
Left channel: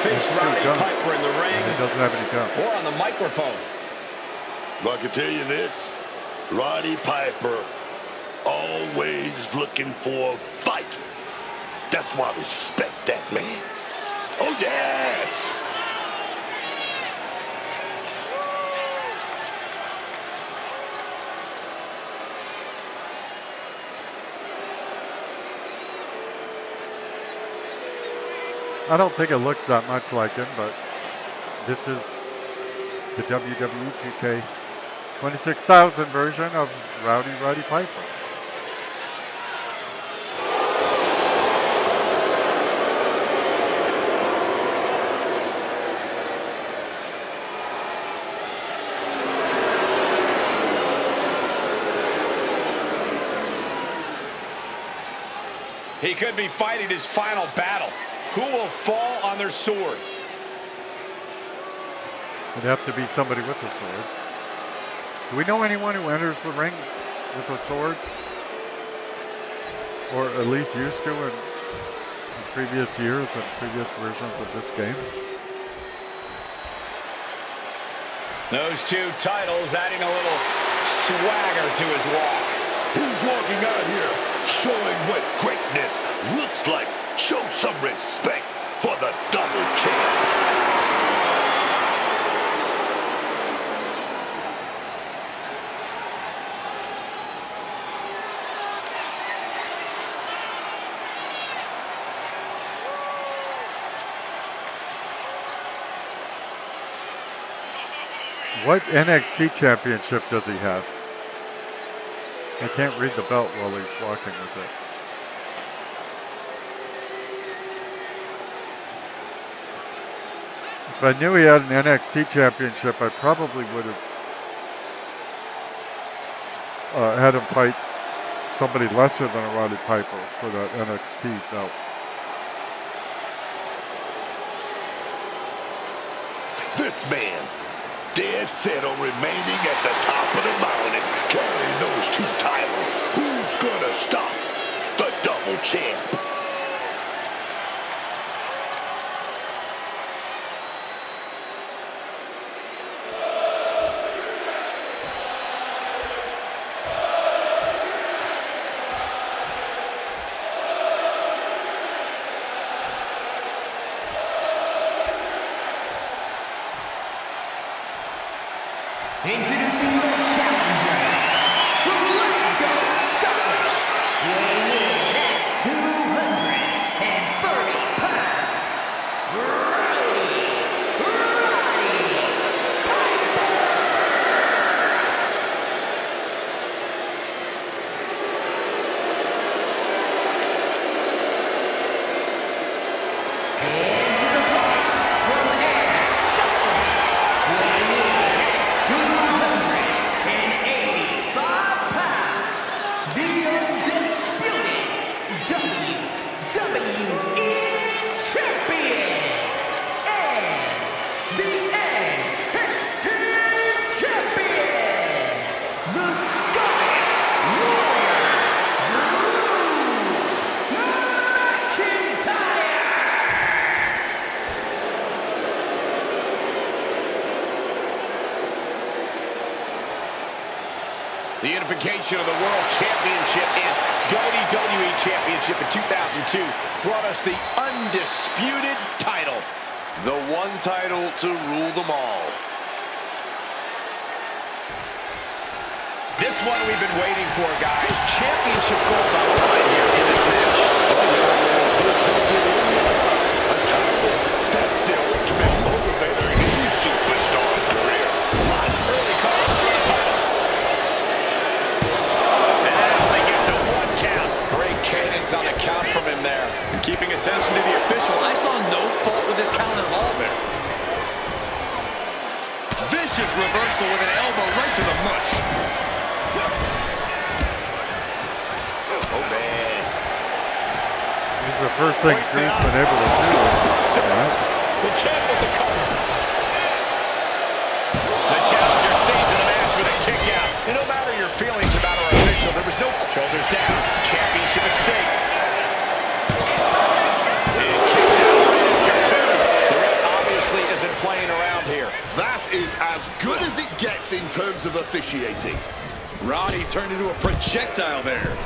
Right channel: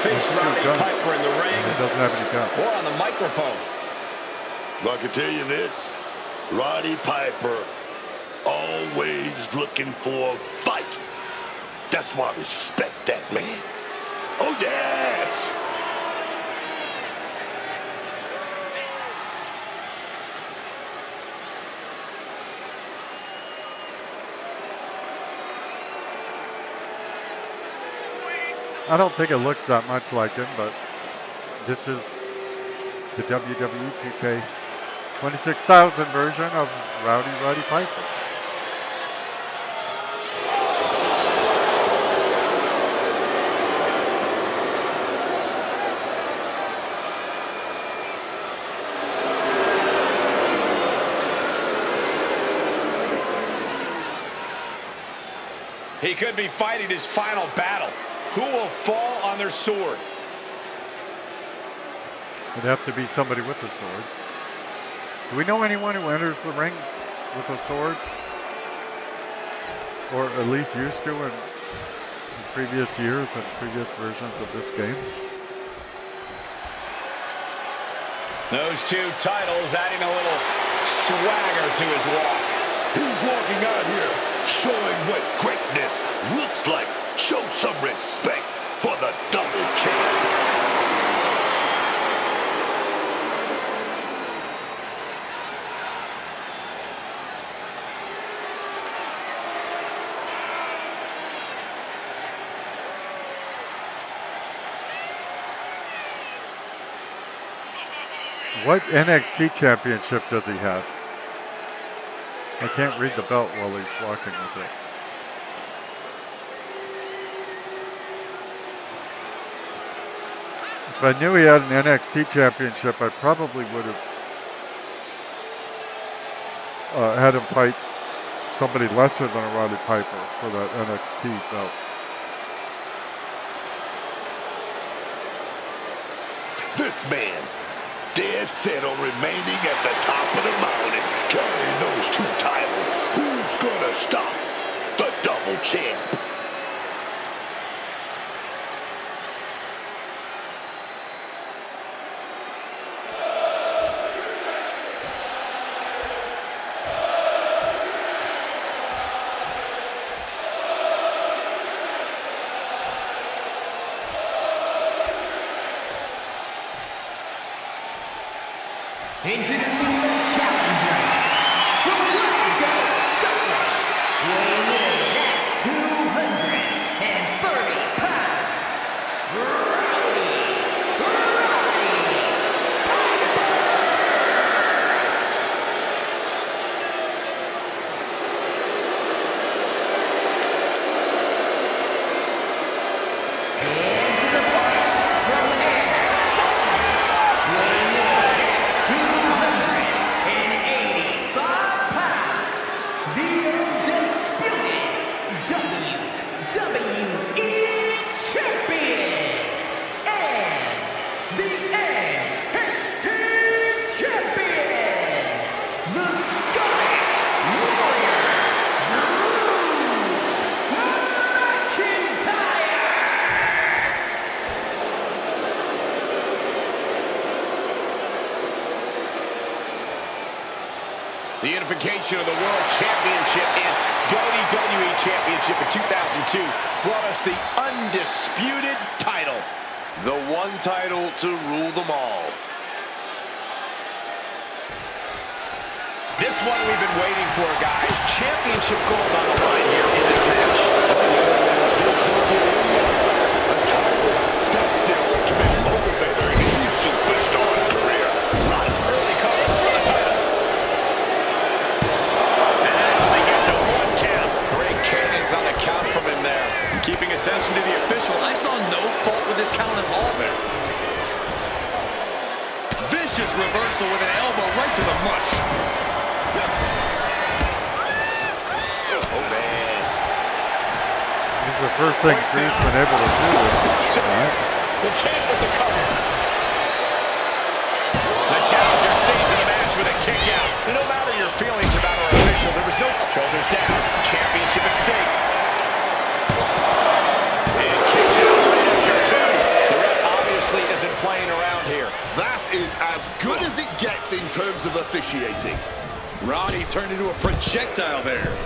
face Roddy Piper in the ring He doesn't have any gun. or on the microphone. Well, I can tell you this. Roddy Piper, always looking for a fight. That's why I respect that man. Oh, yes! I don't think it looks that much like him, but this is the WWE 2K 26,000 version of Roddy Piper. He could be fighting his final battle. Who will fall on their sword? It'd have to be somebody with a sword. Do we know anyone who enters the ring with a sword? Or at least used to in previous years and previous versions of this game? Those two titles adding a little swagger to his walk. He's walking out here showing what greatness looks like. Show some respect for the double champ. What NXT championship does he have? I can't read the belt while he's walking with it. If I knew he had an NXT championship, I probably would have had him fight somebody lesser than a Roddy Piper for that NXT belt. This man, dead set on remaining at the top of the mountain, carrying those two titles. Who's gonna stop the double champ? Introducing the challenger from Glasgow, Scotland, weighing in at 230 pounds, Roddy Piper. And his opponent from Ayr, Scotland, weighing in at 285 pounds, the undisputed WWE Champion and the NXT Champion, the Scottish Warrior, Drew McIntyre. The unification of the World Championship and WWE Championship in 2002 brought us the undisputed title. The one title to rule them all. This one we've been waiting for, guys. Championship gold on the line here in this match. A title that's the ultimate motivator in any superstar's career. Lots Early cover for the title. And they get to one count. Great cadence on the count from him there. And keeping attention to the official, I saw no fault with his count at all there. Vicious reversal with an elbow right to the mush. Oh, man. It's the first thing Drew's been able to do. The champ with the cover. The challenger stays in the match with a kick out. And no matter your feelings about our official, there was no shoulders down. Championship at stake. And kicks out right after two. The ref obviously isn't playing around here. That is as good as it gets in terms of officiating. Roddy turned into a projectile there.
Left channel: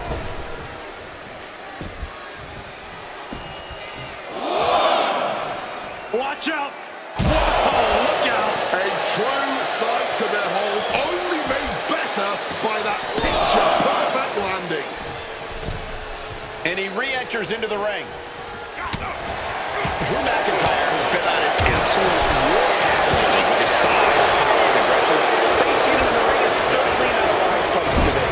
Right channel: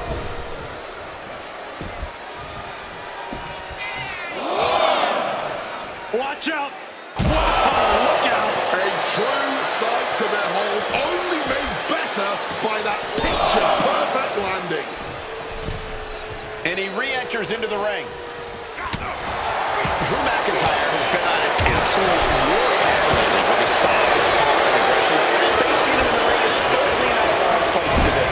Watch out! Whoa, look out! A true sight to behold, only made better by that picture-perfect landing. And he re-enters into the ring. Drew McIntyre has been on an absolute warpath lately with his size, power, and aggression. Facing him in the ring is certainly not a wise place to be.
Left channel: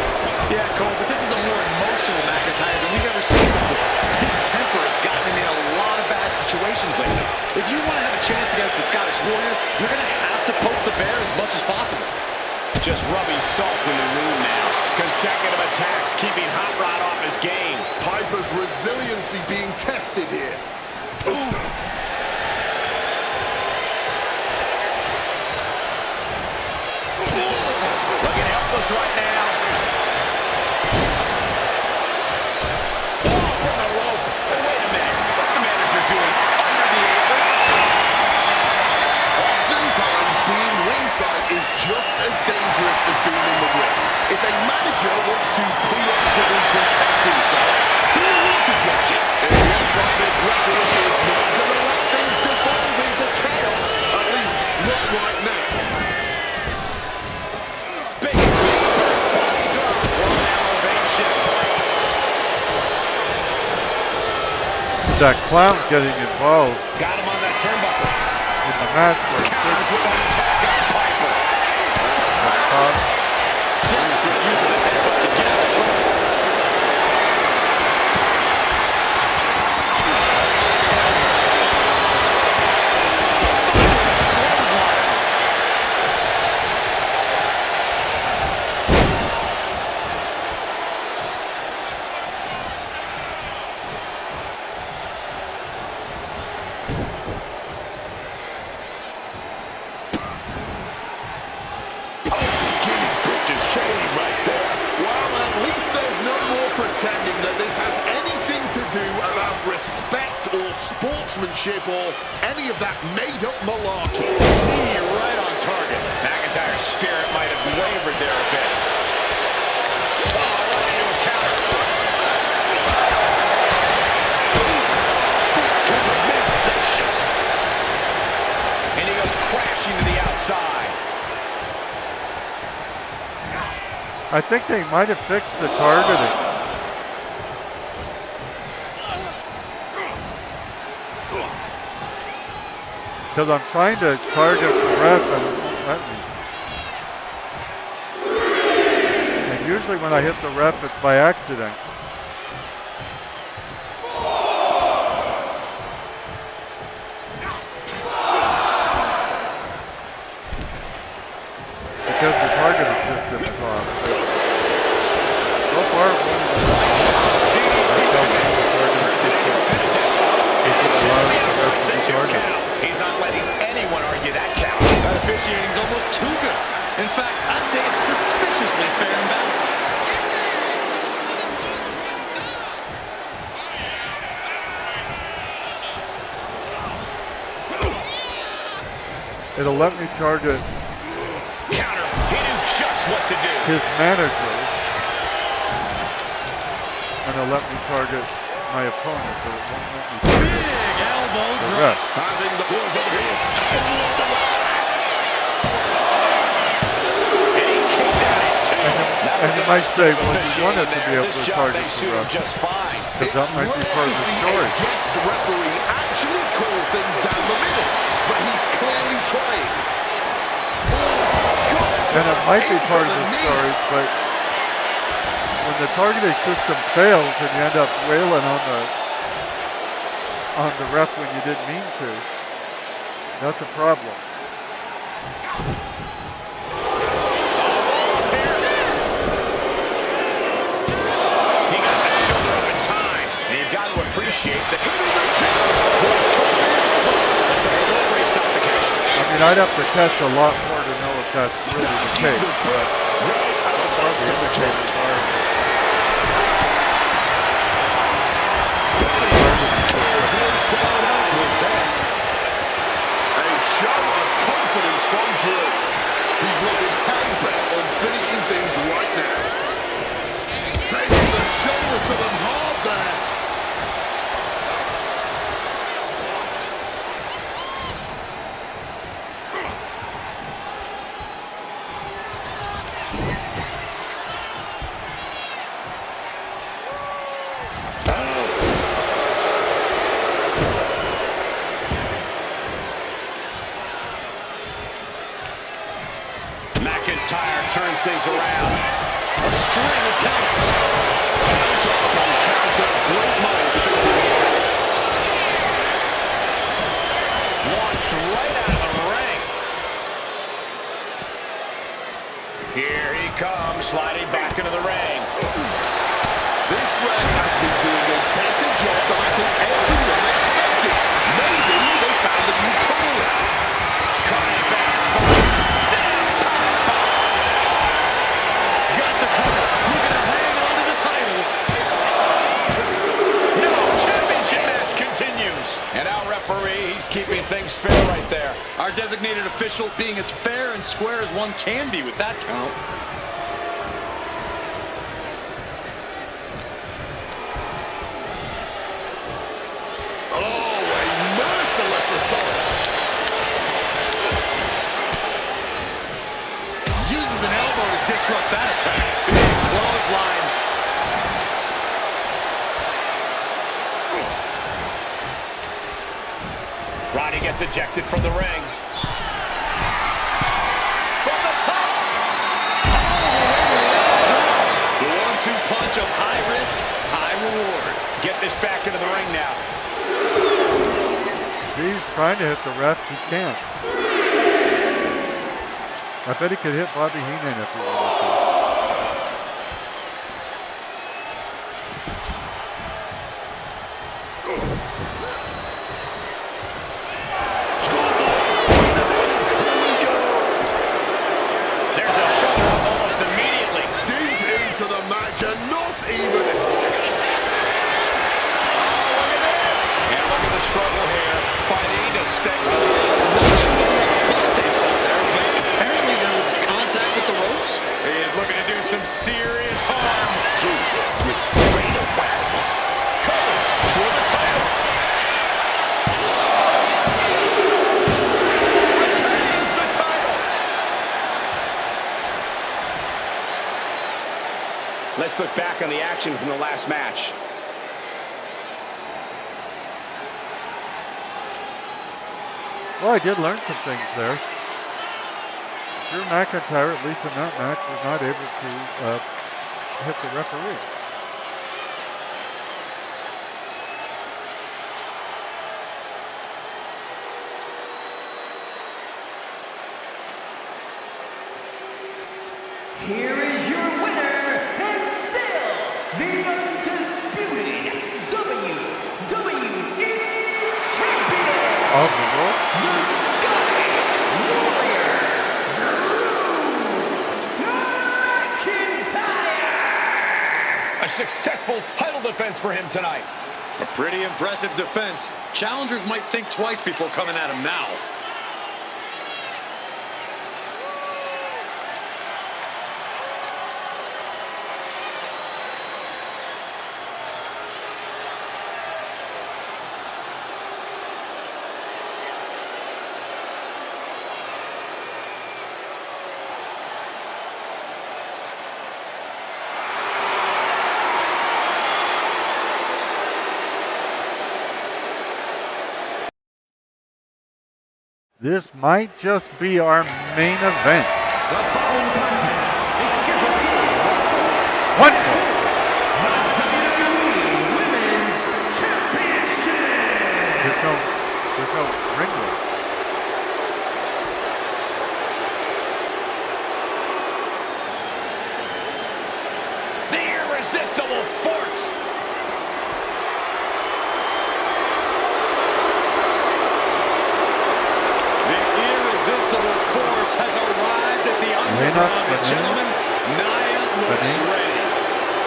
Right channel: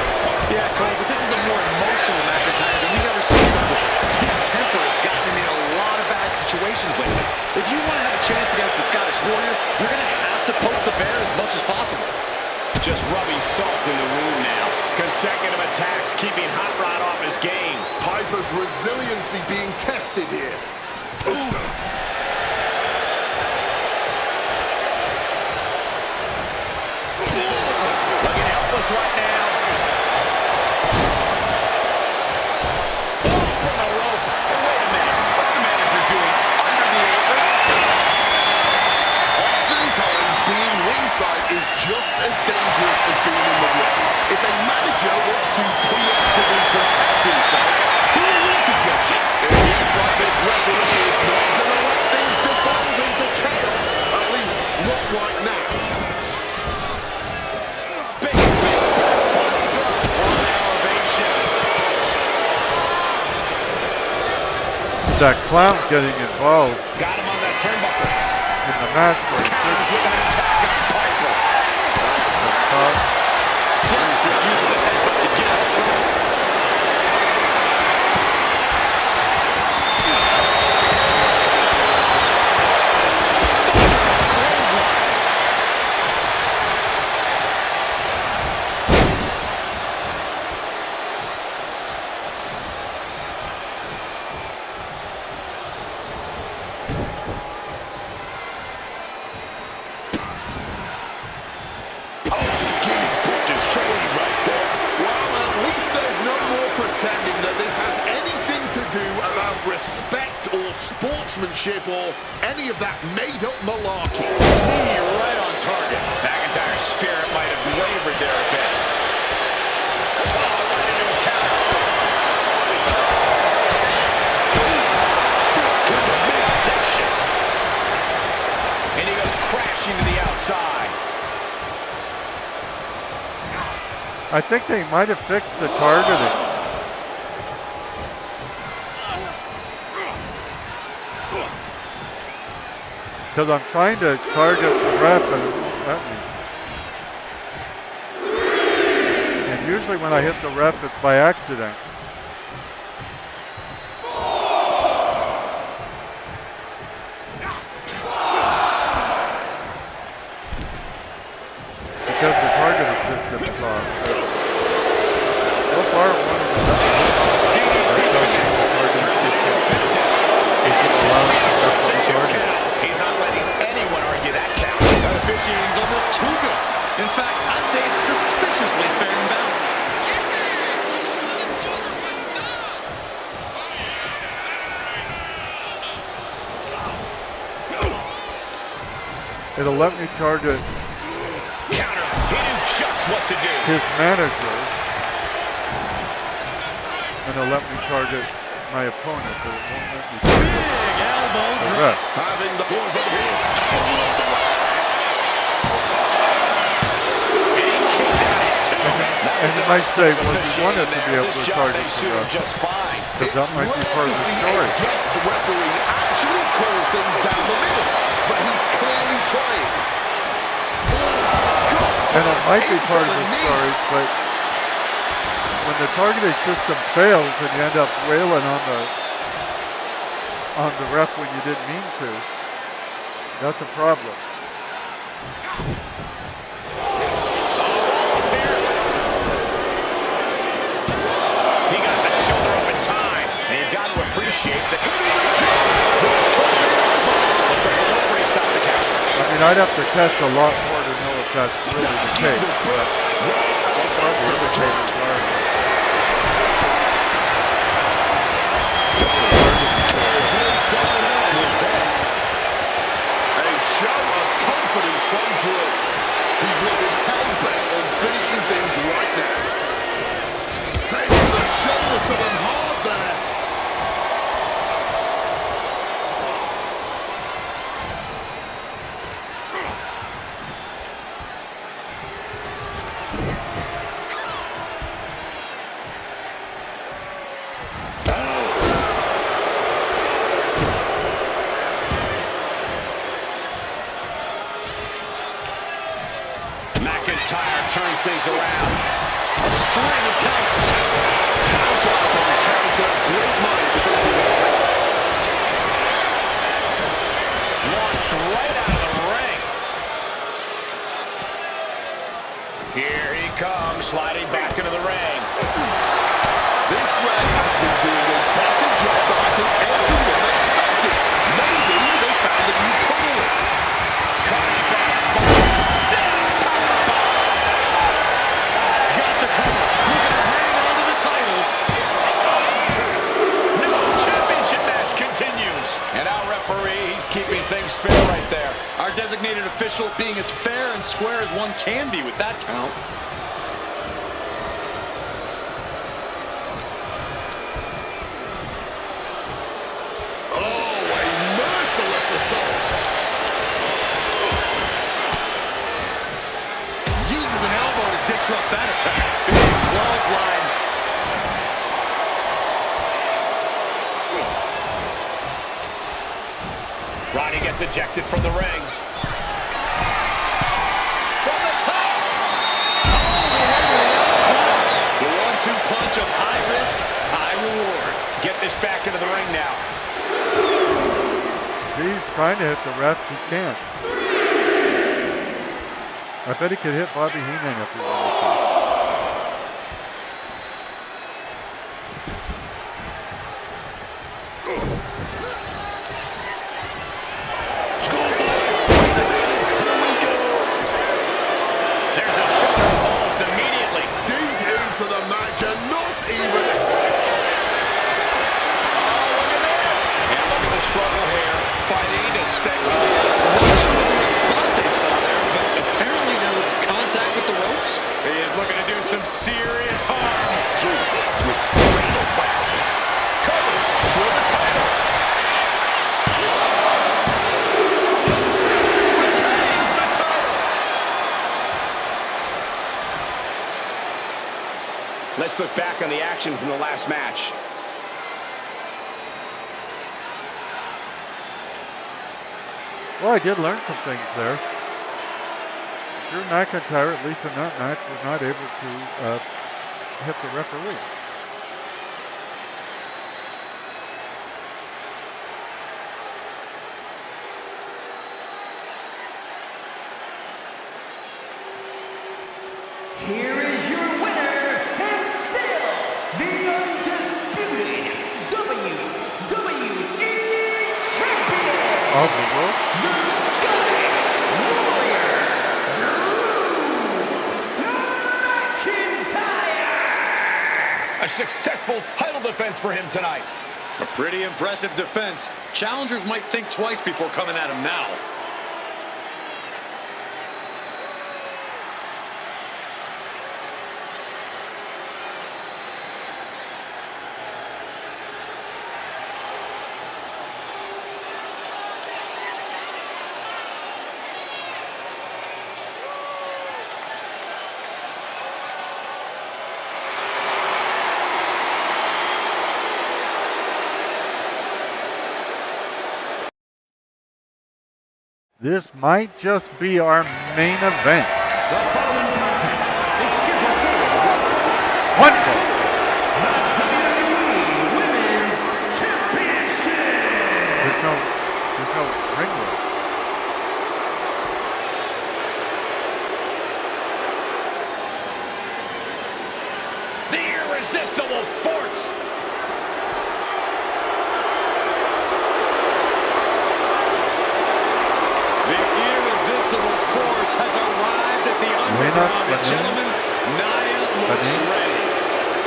Yeah, Cole, but this is a more emotional McIntyre than we've ever seen before. His temper has gotten him in a lot of bad situations lately. If you want to have a chance against the Scottish Warrior, you're going to have to poke the bear as much as possible. Just rubbing salt in the wound now. Consecutive attacks keeping Hot Rod off his game. Piper's resiliency being tested here. Ooh. Looking helpless right now. Ball from the rope. And wait a minute. What's the manager doing under the apron? Oftentimes being ringside is just as dangerous as being in the ring. If a manager wants to preemptively protect himself, who are we to judge it? It looks like this referee is not going to let things devolve into chaos, at least not right now. Big body drop. One elevation. That clown getting involved Got him on that turnbuckle. in the match where he Counters with an attack on Piper. Desperate use of the headbutt to get out of trouble. Thunderous clothesline. Pretending that this has anything to do about respect or sportsmanship or any of that made-up malarkey. Knee right on target. McIntyre's spirit might have wavered there a bit. Oh, right into a counter. To the midsection. And he goes crashing to the outside. I think they might have fixed the targeting. Because I'm trying to target the ref and it won't let me. And usually when I hit the ref, it's by accident. Because the targeting system is off. But so far, it won't even let me hit the targeting system. It's allowing the ref to be targeted. He's not letting anyone argue that count. That officiating's almost too good. In fact, I'd say it's suspiciously fair and balanced. It'll let me target Counter. He knew just what to do. his manager, and it'll let me target my opponent, but it won't let me target Big elbow the drop. ref. Having the ball for the win. And he kicks out at two. That And was you a might nice say, bit of well, you want it to officiating be there. able This to job target may the suit him ref. just fine. Because that might be Rare part to of the see story. a guest referee actually call things down the middle, but he's clearly trying. And it might be part of the story, but when the targeting system fails and you end up wailing on the ref when you didn't mean to, that's a problem. He got the shoulder up in time. And you've got to appreciate that. Looks like a rope break stopped the count. I mean, I'd have to catch a lot more to know if that's really the case, but so far the indicators are that the targeting system. A show of confidence from Drew. He's looking hell-bent on finishing things right now. Taking the shoulder to them hard there. McIntyre turns things around. A string of counters. Counter upon counter. Great minds thinking alike. Launched right out of the ring. Here he comes, sliding back into the ring. This ref has been doing a better job than I think everyone expected. Maybe they found a new calling. Cutting back spot. Zap, powerbomb. Got the cover. Looking to hang on to the title. No, championship match continues. And our referee, he's keeping things fair right there. Our designated official being as fair and square as one can be with that count. Oh, a merciless assault. Uses an elbow to disrupt that attack. Big clothesline. Ronnie gets ejected from the ring. From the top. All the way to the outside. The 1-2 punch of high risk, high reward. Get this back into the ring now. He's trying to hit the ref. He can't. I bet he could hit Bobby Heenan if he wanted to. There's a shoulder up almost immediately. Deep into the match and not even... Oh, look at this. And look at the struggle here. Fighting to stay. Not sure what the ref thought they saw there, but apparently there was contact with the ropes. He is looking to do some serious harm. Drew with great awareness. Covered for the title. Retains the title. Let's look back on the action from the last match. Well, I did learn some things there. Drew McIntyre, at least in that match, was not able to hit the referee. Here is your winner, and still the undisputed WWE Champion, Of the world? the Scottish Warrior, Drew McIntyre! A successful title defense for him tonight. A pretty impressive defense. Challengers might think twice before coming at him now. This might just be our main event. The following contest is scheduled for One fall. the WWE Women's Championship. There's no ring ropes. The irresistible force. The irresistible force has arrived at the underground. And gentlemen, Nia looks ready.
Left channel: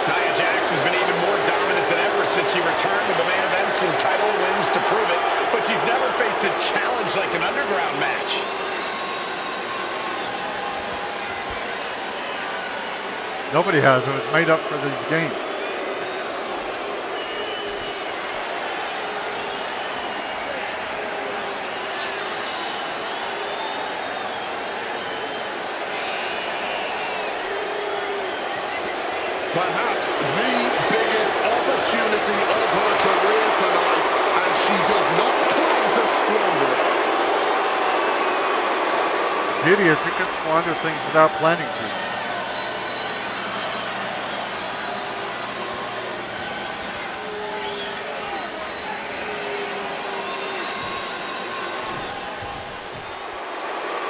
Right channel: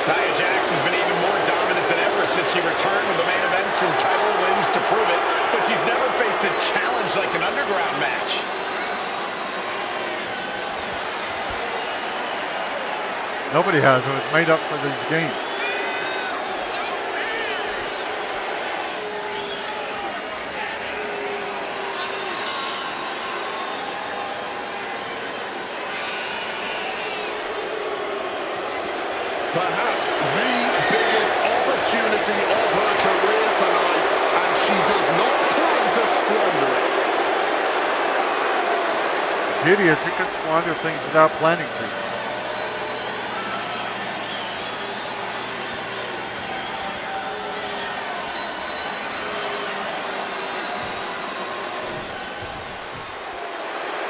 Nia Jax has been even more dominant than ever since she returned to the main events and title wins to prove it, but she's never faced a challenge like an underground match. Nobody has. It was made up for these games. Perhaps the biggest opportunity of her career tonight, and she does not plan to squander it. The beauty is you can squander things without planning to.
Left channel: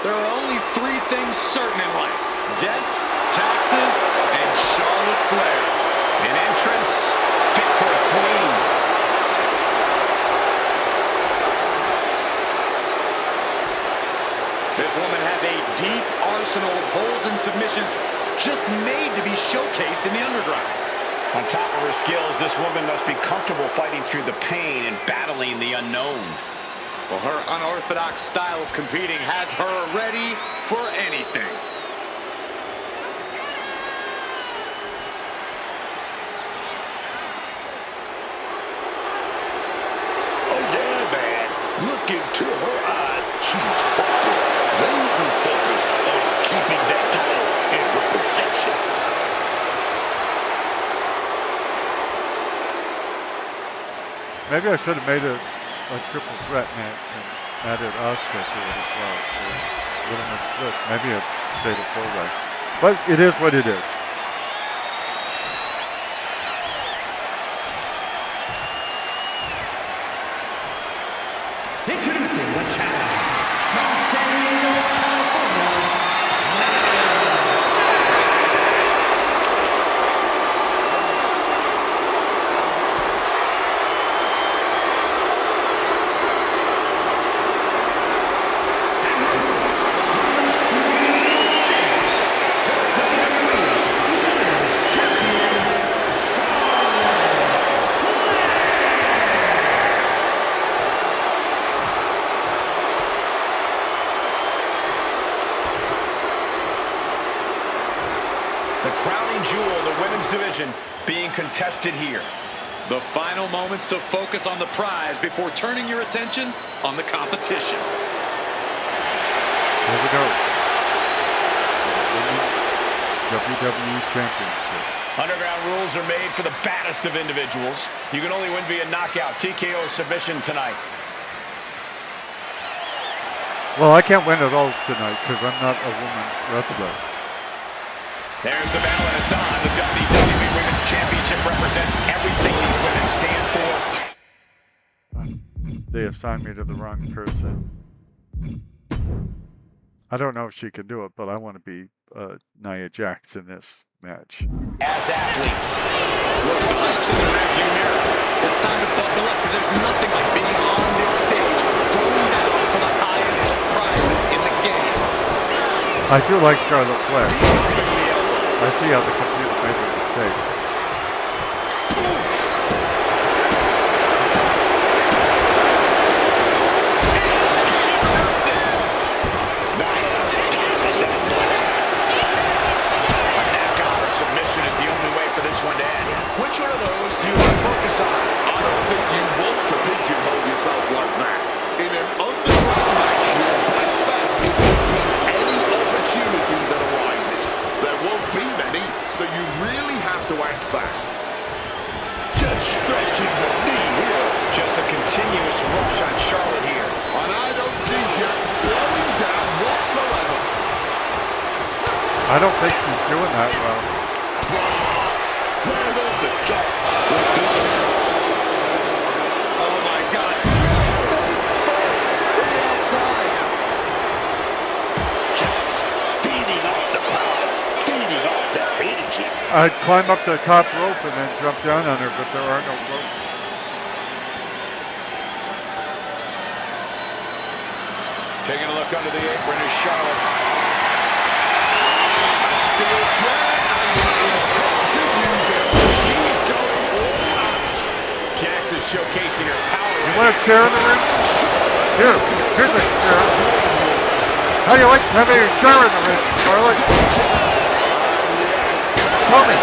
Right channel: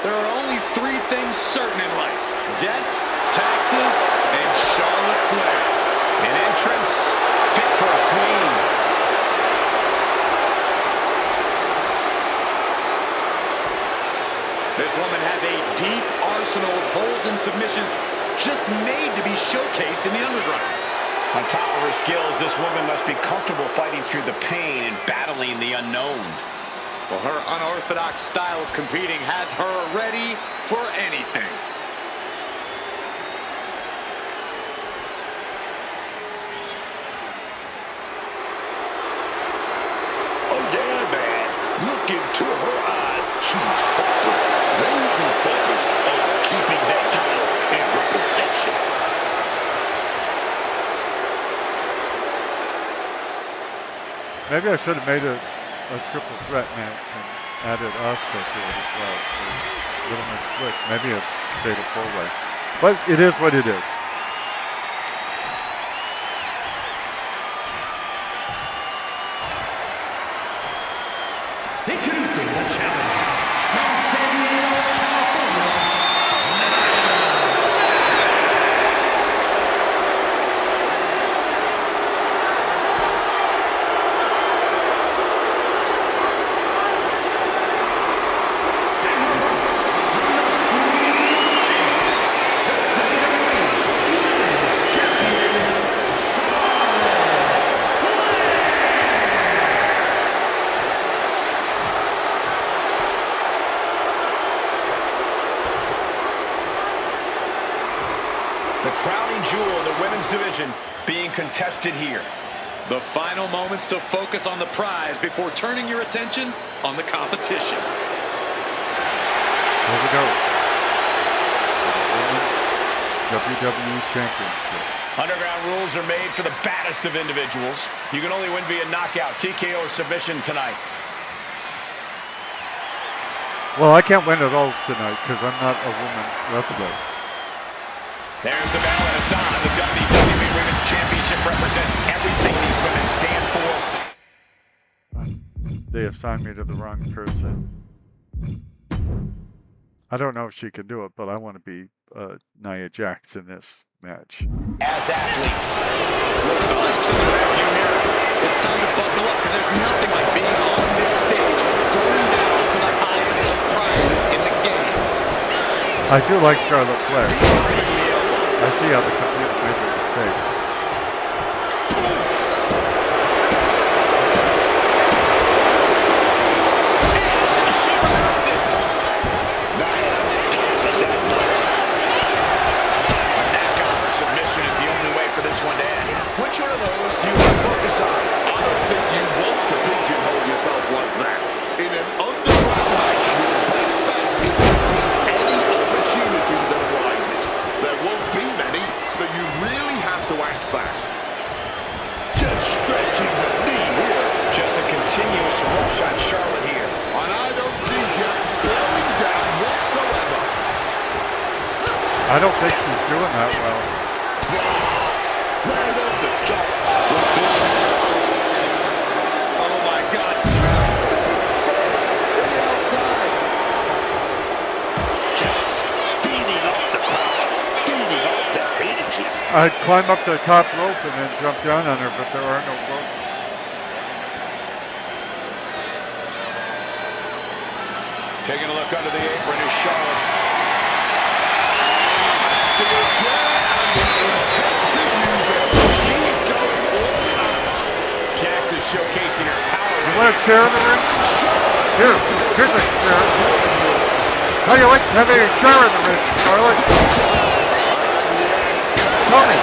There are only three things certain in life: death, taxes, and Charlotte Flair. An entrance fit for a queen. This woman has a deep arsenal of holds and submissions just made to be showcased in the underground. On top of her skills, this woman must be comfortable fighting through the pain and battling the unknown. Well, her unorthodox style of competing has her ready for anything. Oh yeah, man. Look into her eyes. She's focused, laser focused on keeping that title in her possession. Maybe I should have made a triple threat match and added Asuka to it as well. Or Little Miss Bliss. Maybe a fatal four-way. But it is what it is. Introducing the challenger from San Diego, California, Nia and her opponent from the Queen City, the WWE Women's Champion, Charlotte Flair. The crowning jewel of the women's division being contested here. The final moments to focus on the prize before turning your attention on the competition. Here we go. The Women's WWE Championship. Underground rules are made for the baddest of individuals. You can only win via knockout, TKO, or submission tonight. Well, I can't win at all tonight because I'm not a woman wrestler. There's the bell, and it's on. The WWE Women's Championship represents everything these women stand for. They assigned me to the wrong person. I don't know if she can do it, but I want to be Nia Jax in this match. As athletes, Look, the hype's in the rearview mirror. It's time to buckle up because there's nothing like being on this stage, thrown down for the highest of prizes in the game. I do like Charlotte Flair. I see how the computer made a mistake. she reversed it. Nia, times that one. A knockout or submission is the only way for this one to end. Which one of those do you want to focus on? I don't think you want to pigeonhole yourself like that. In an underground match, your best bet is to seize any opportunity that arises. There won't be many, so you really have to act fast. Just stretching the knee here. Just a continuous rush on Charlotte here. And I don't see Jack slowing down whatsoever. I don't think she's doing that well. Right on the jaw. Oh my God. Face first to the outside. Jax feeding off the crowd, feeding off their energy. I'd climb up the top rope and then jump down on her, but there are no ropes. Taking a look under the apron is Charlotte. A steel chair and the intent to use it. She's going all out. Jax is showcasing her power. You want a chair in the ring? Here's a chair. How do you like having a chair in the ring, Charlotte? Tell me.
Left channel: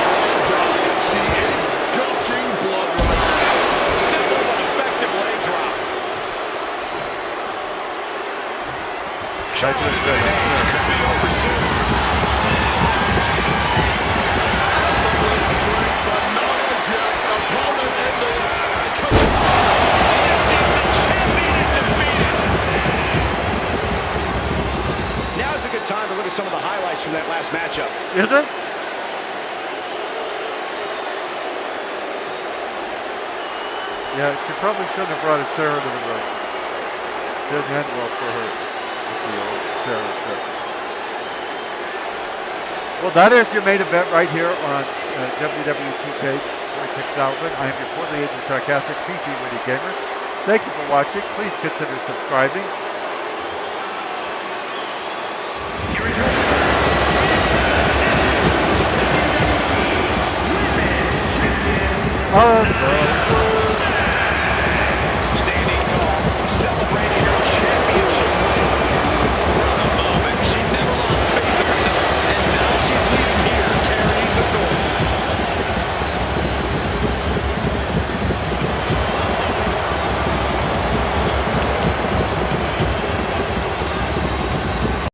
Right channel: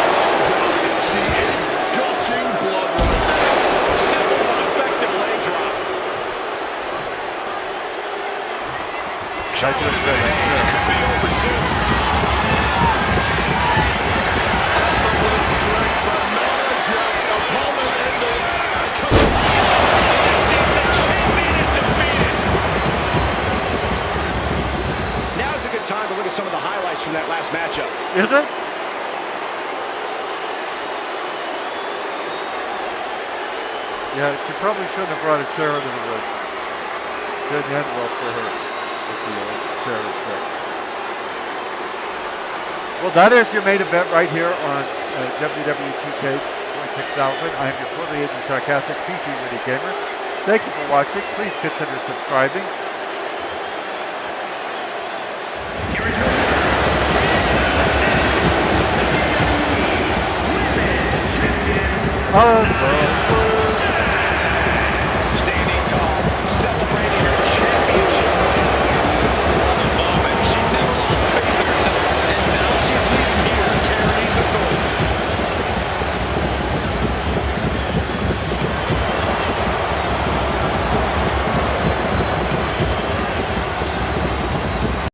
Guys, she is gushing blood right now. Simple but effective leg drop. Charlotte is in age. Could be over soon. Effortless strength for Nia Jax. Opponent in the air. Come on. The champion is defeated. Now's a good time to look at some of the highlights from that last matchup. Is it? Yeah, she probably shouldn't have brought a chair into the ring. Didn't end well for her with the old chair effect. Well, that is your main event right here on WWE 2K 26000. I am your poorly aged sarcastic PC Witty gamer. Thank you for watching. Please consider subscribing. Here is your WWE Women's Champion, Of the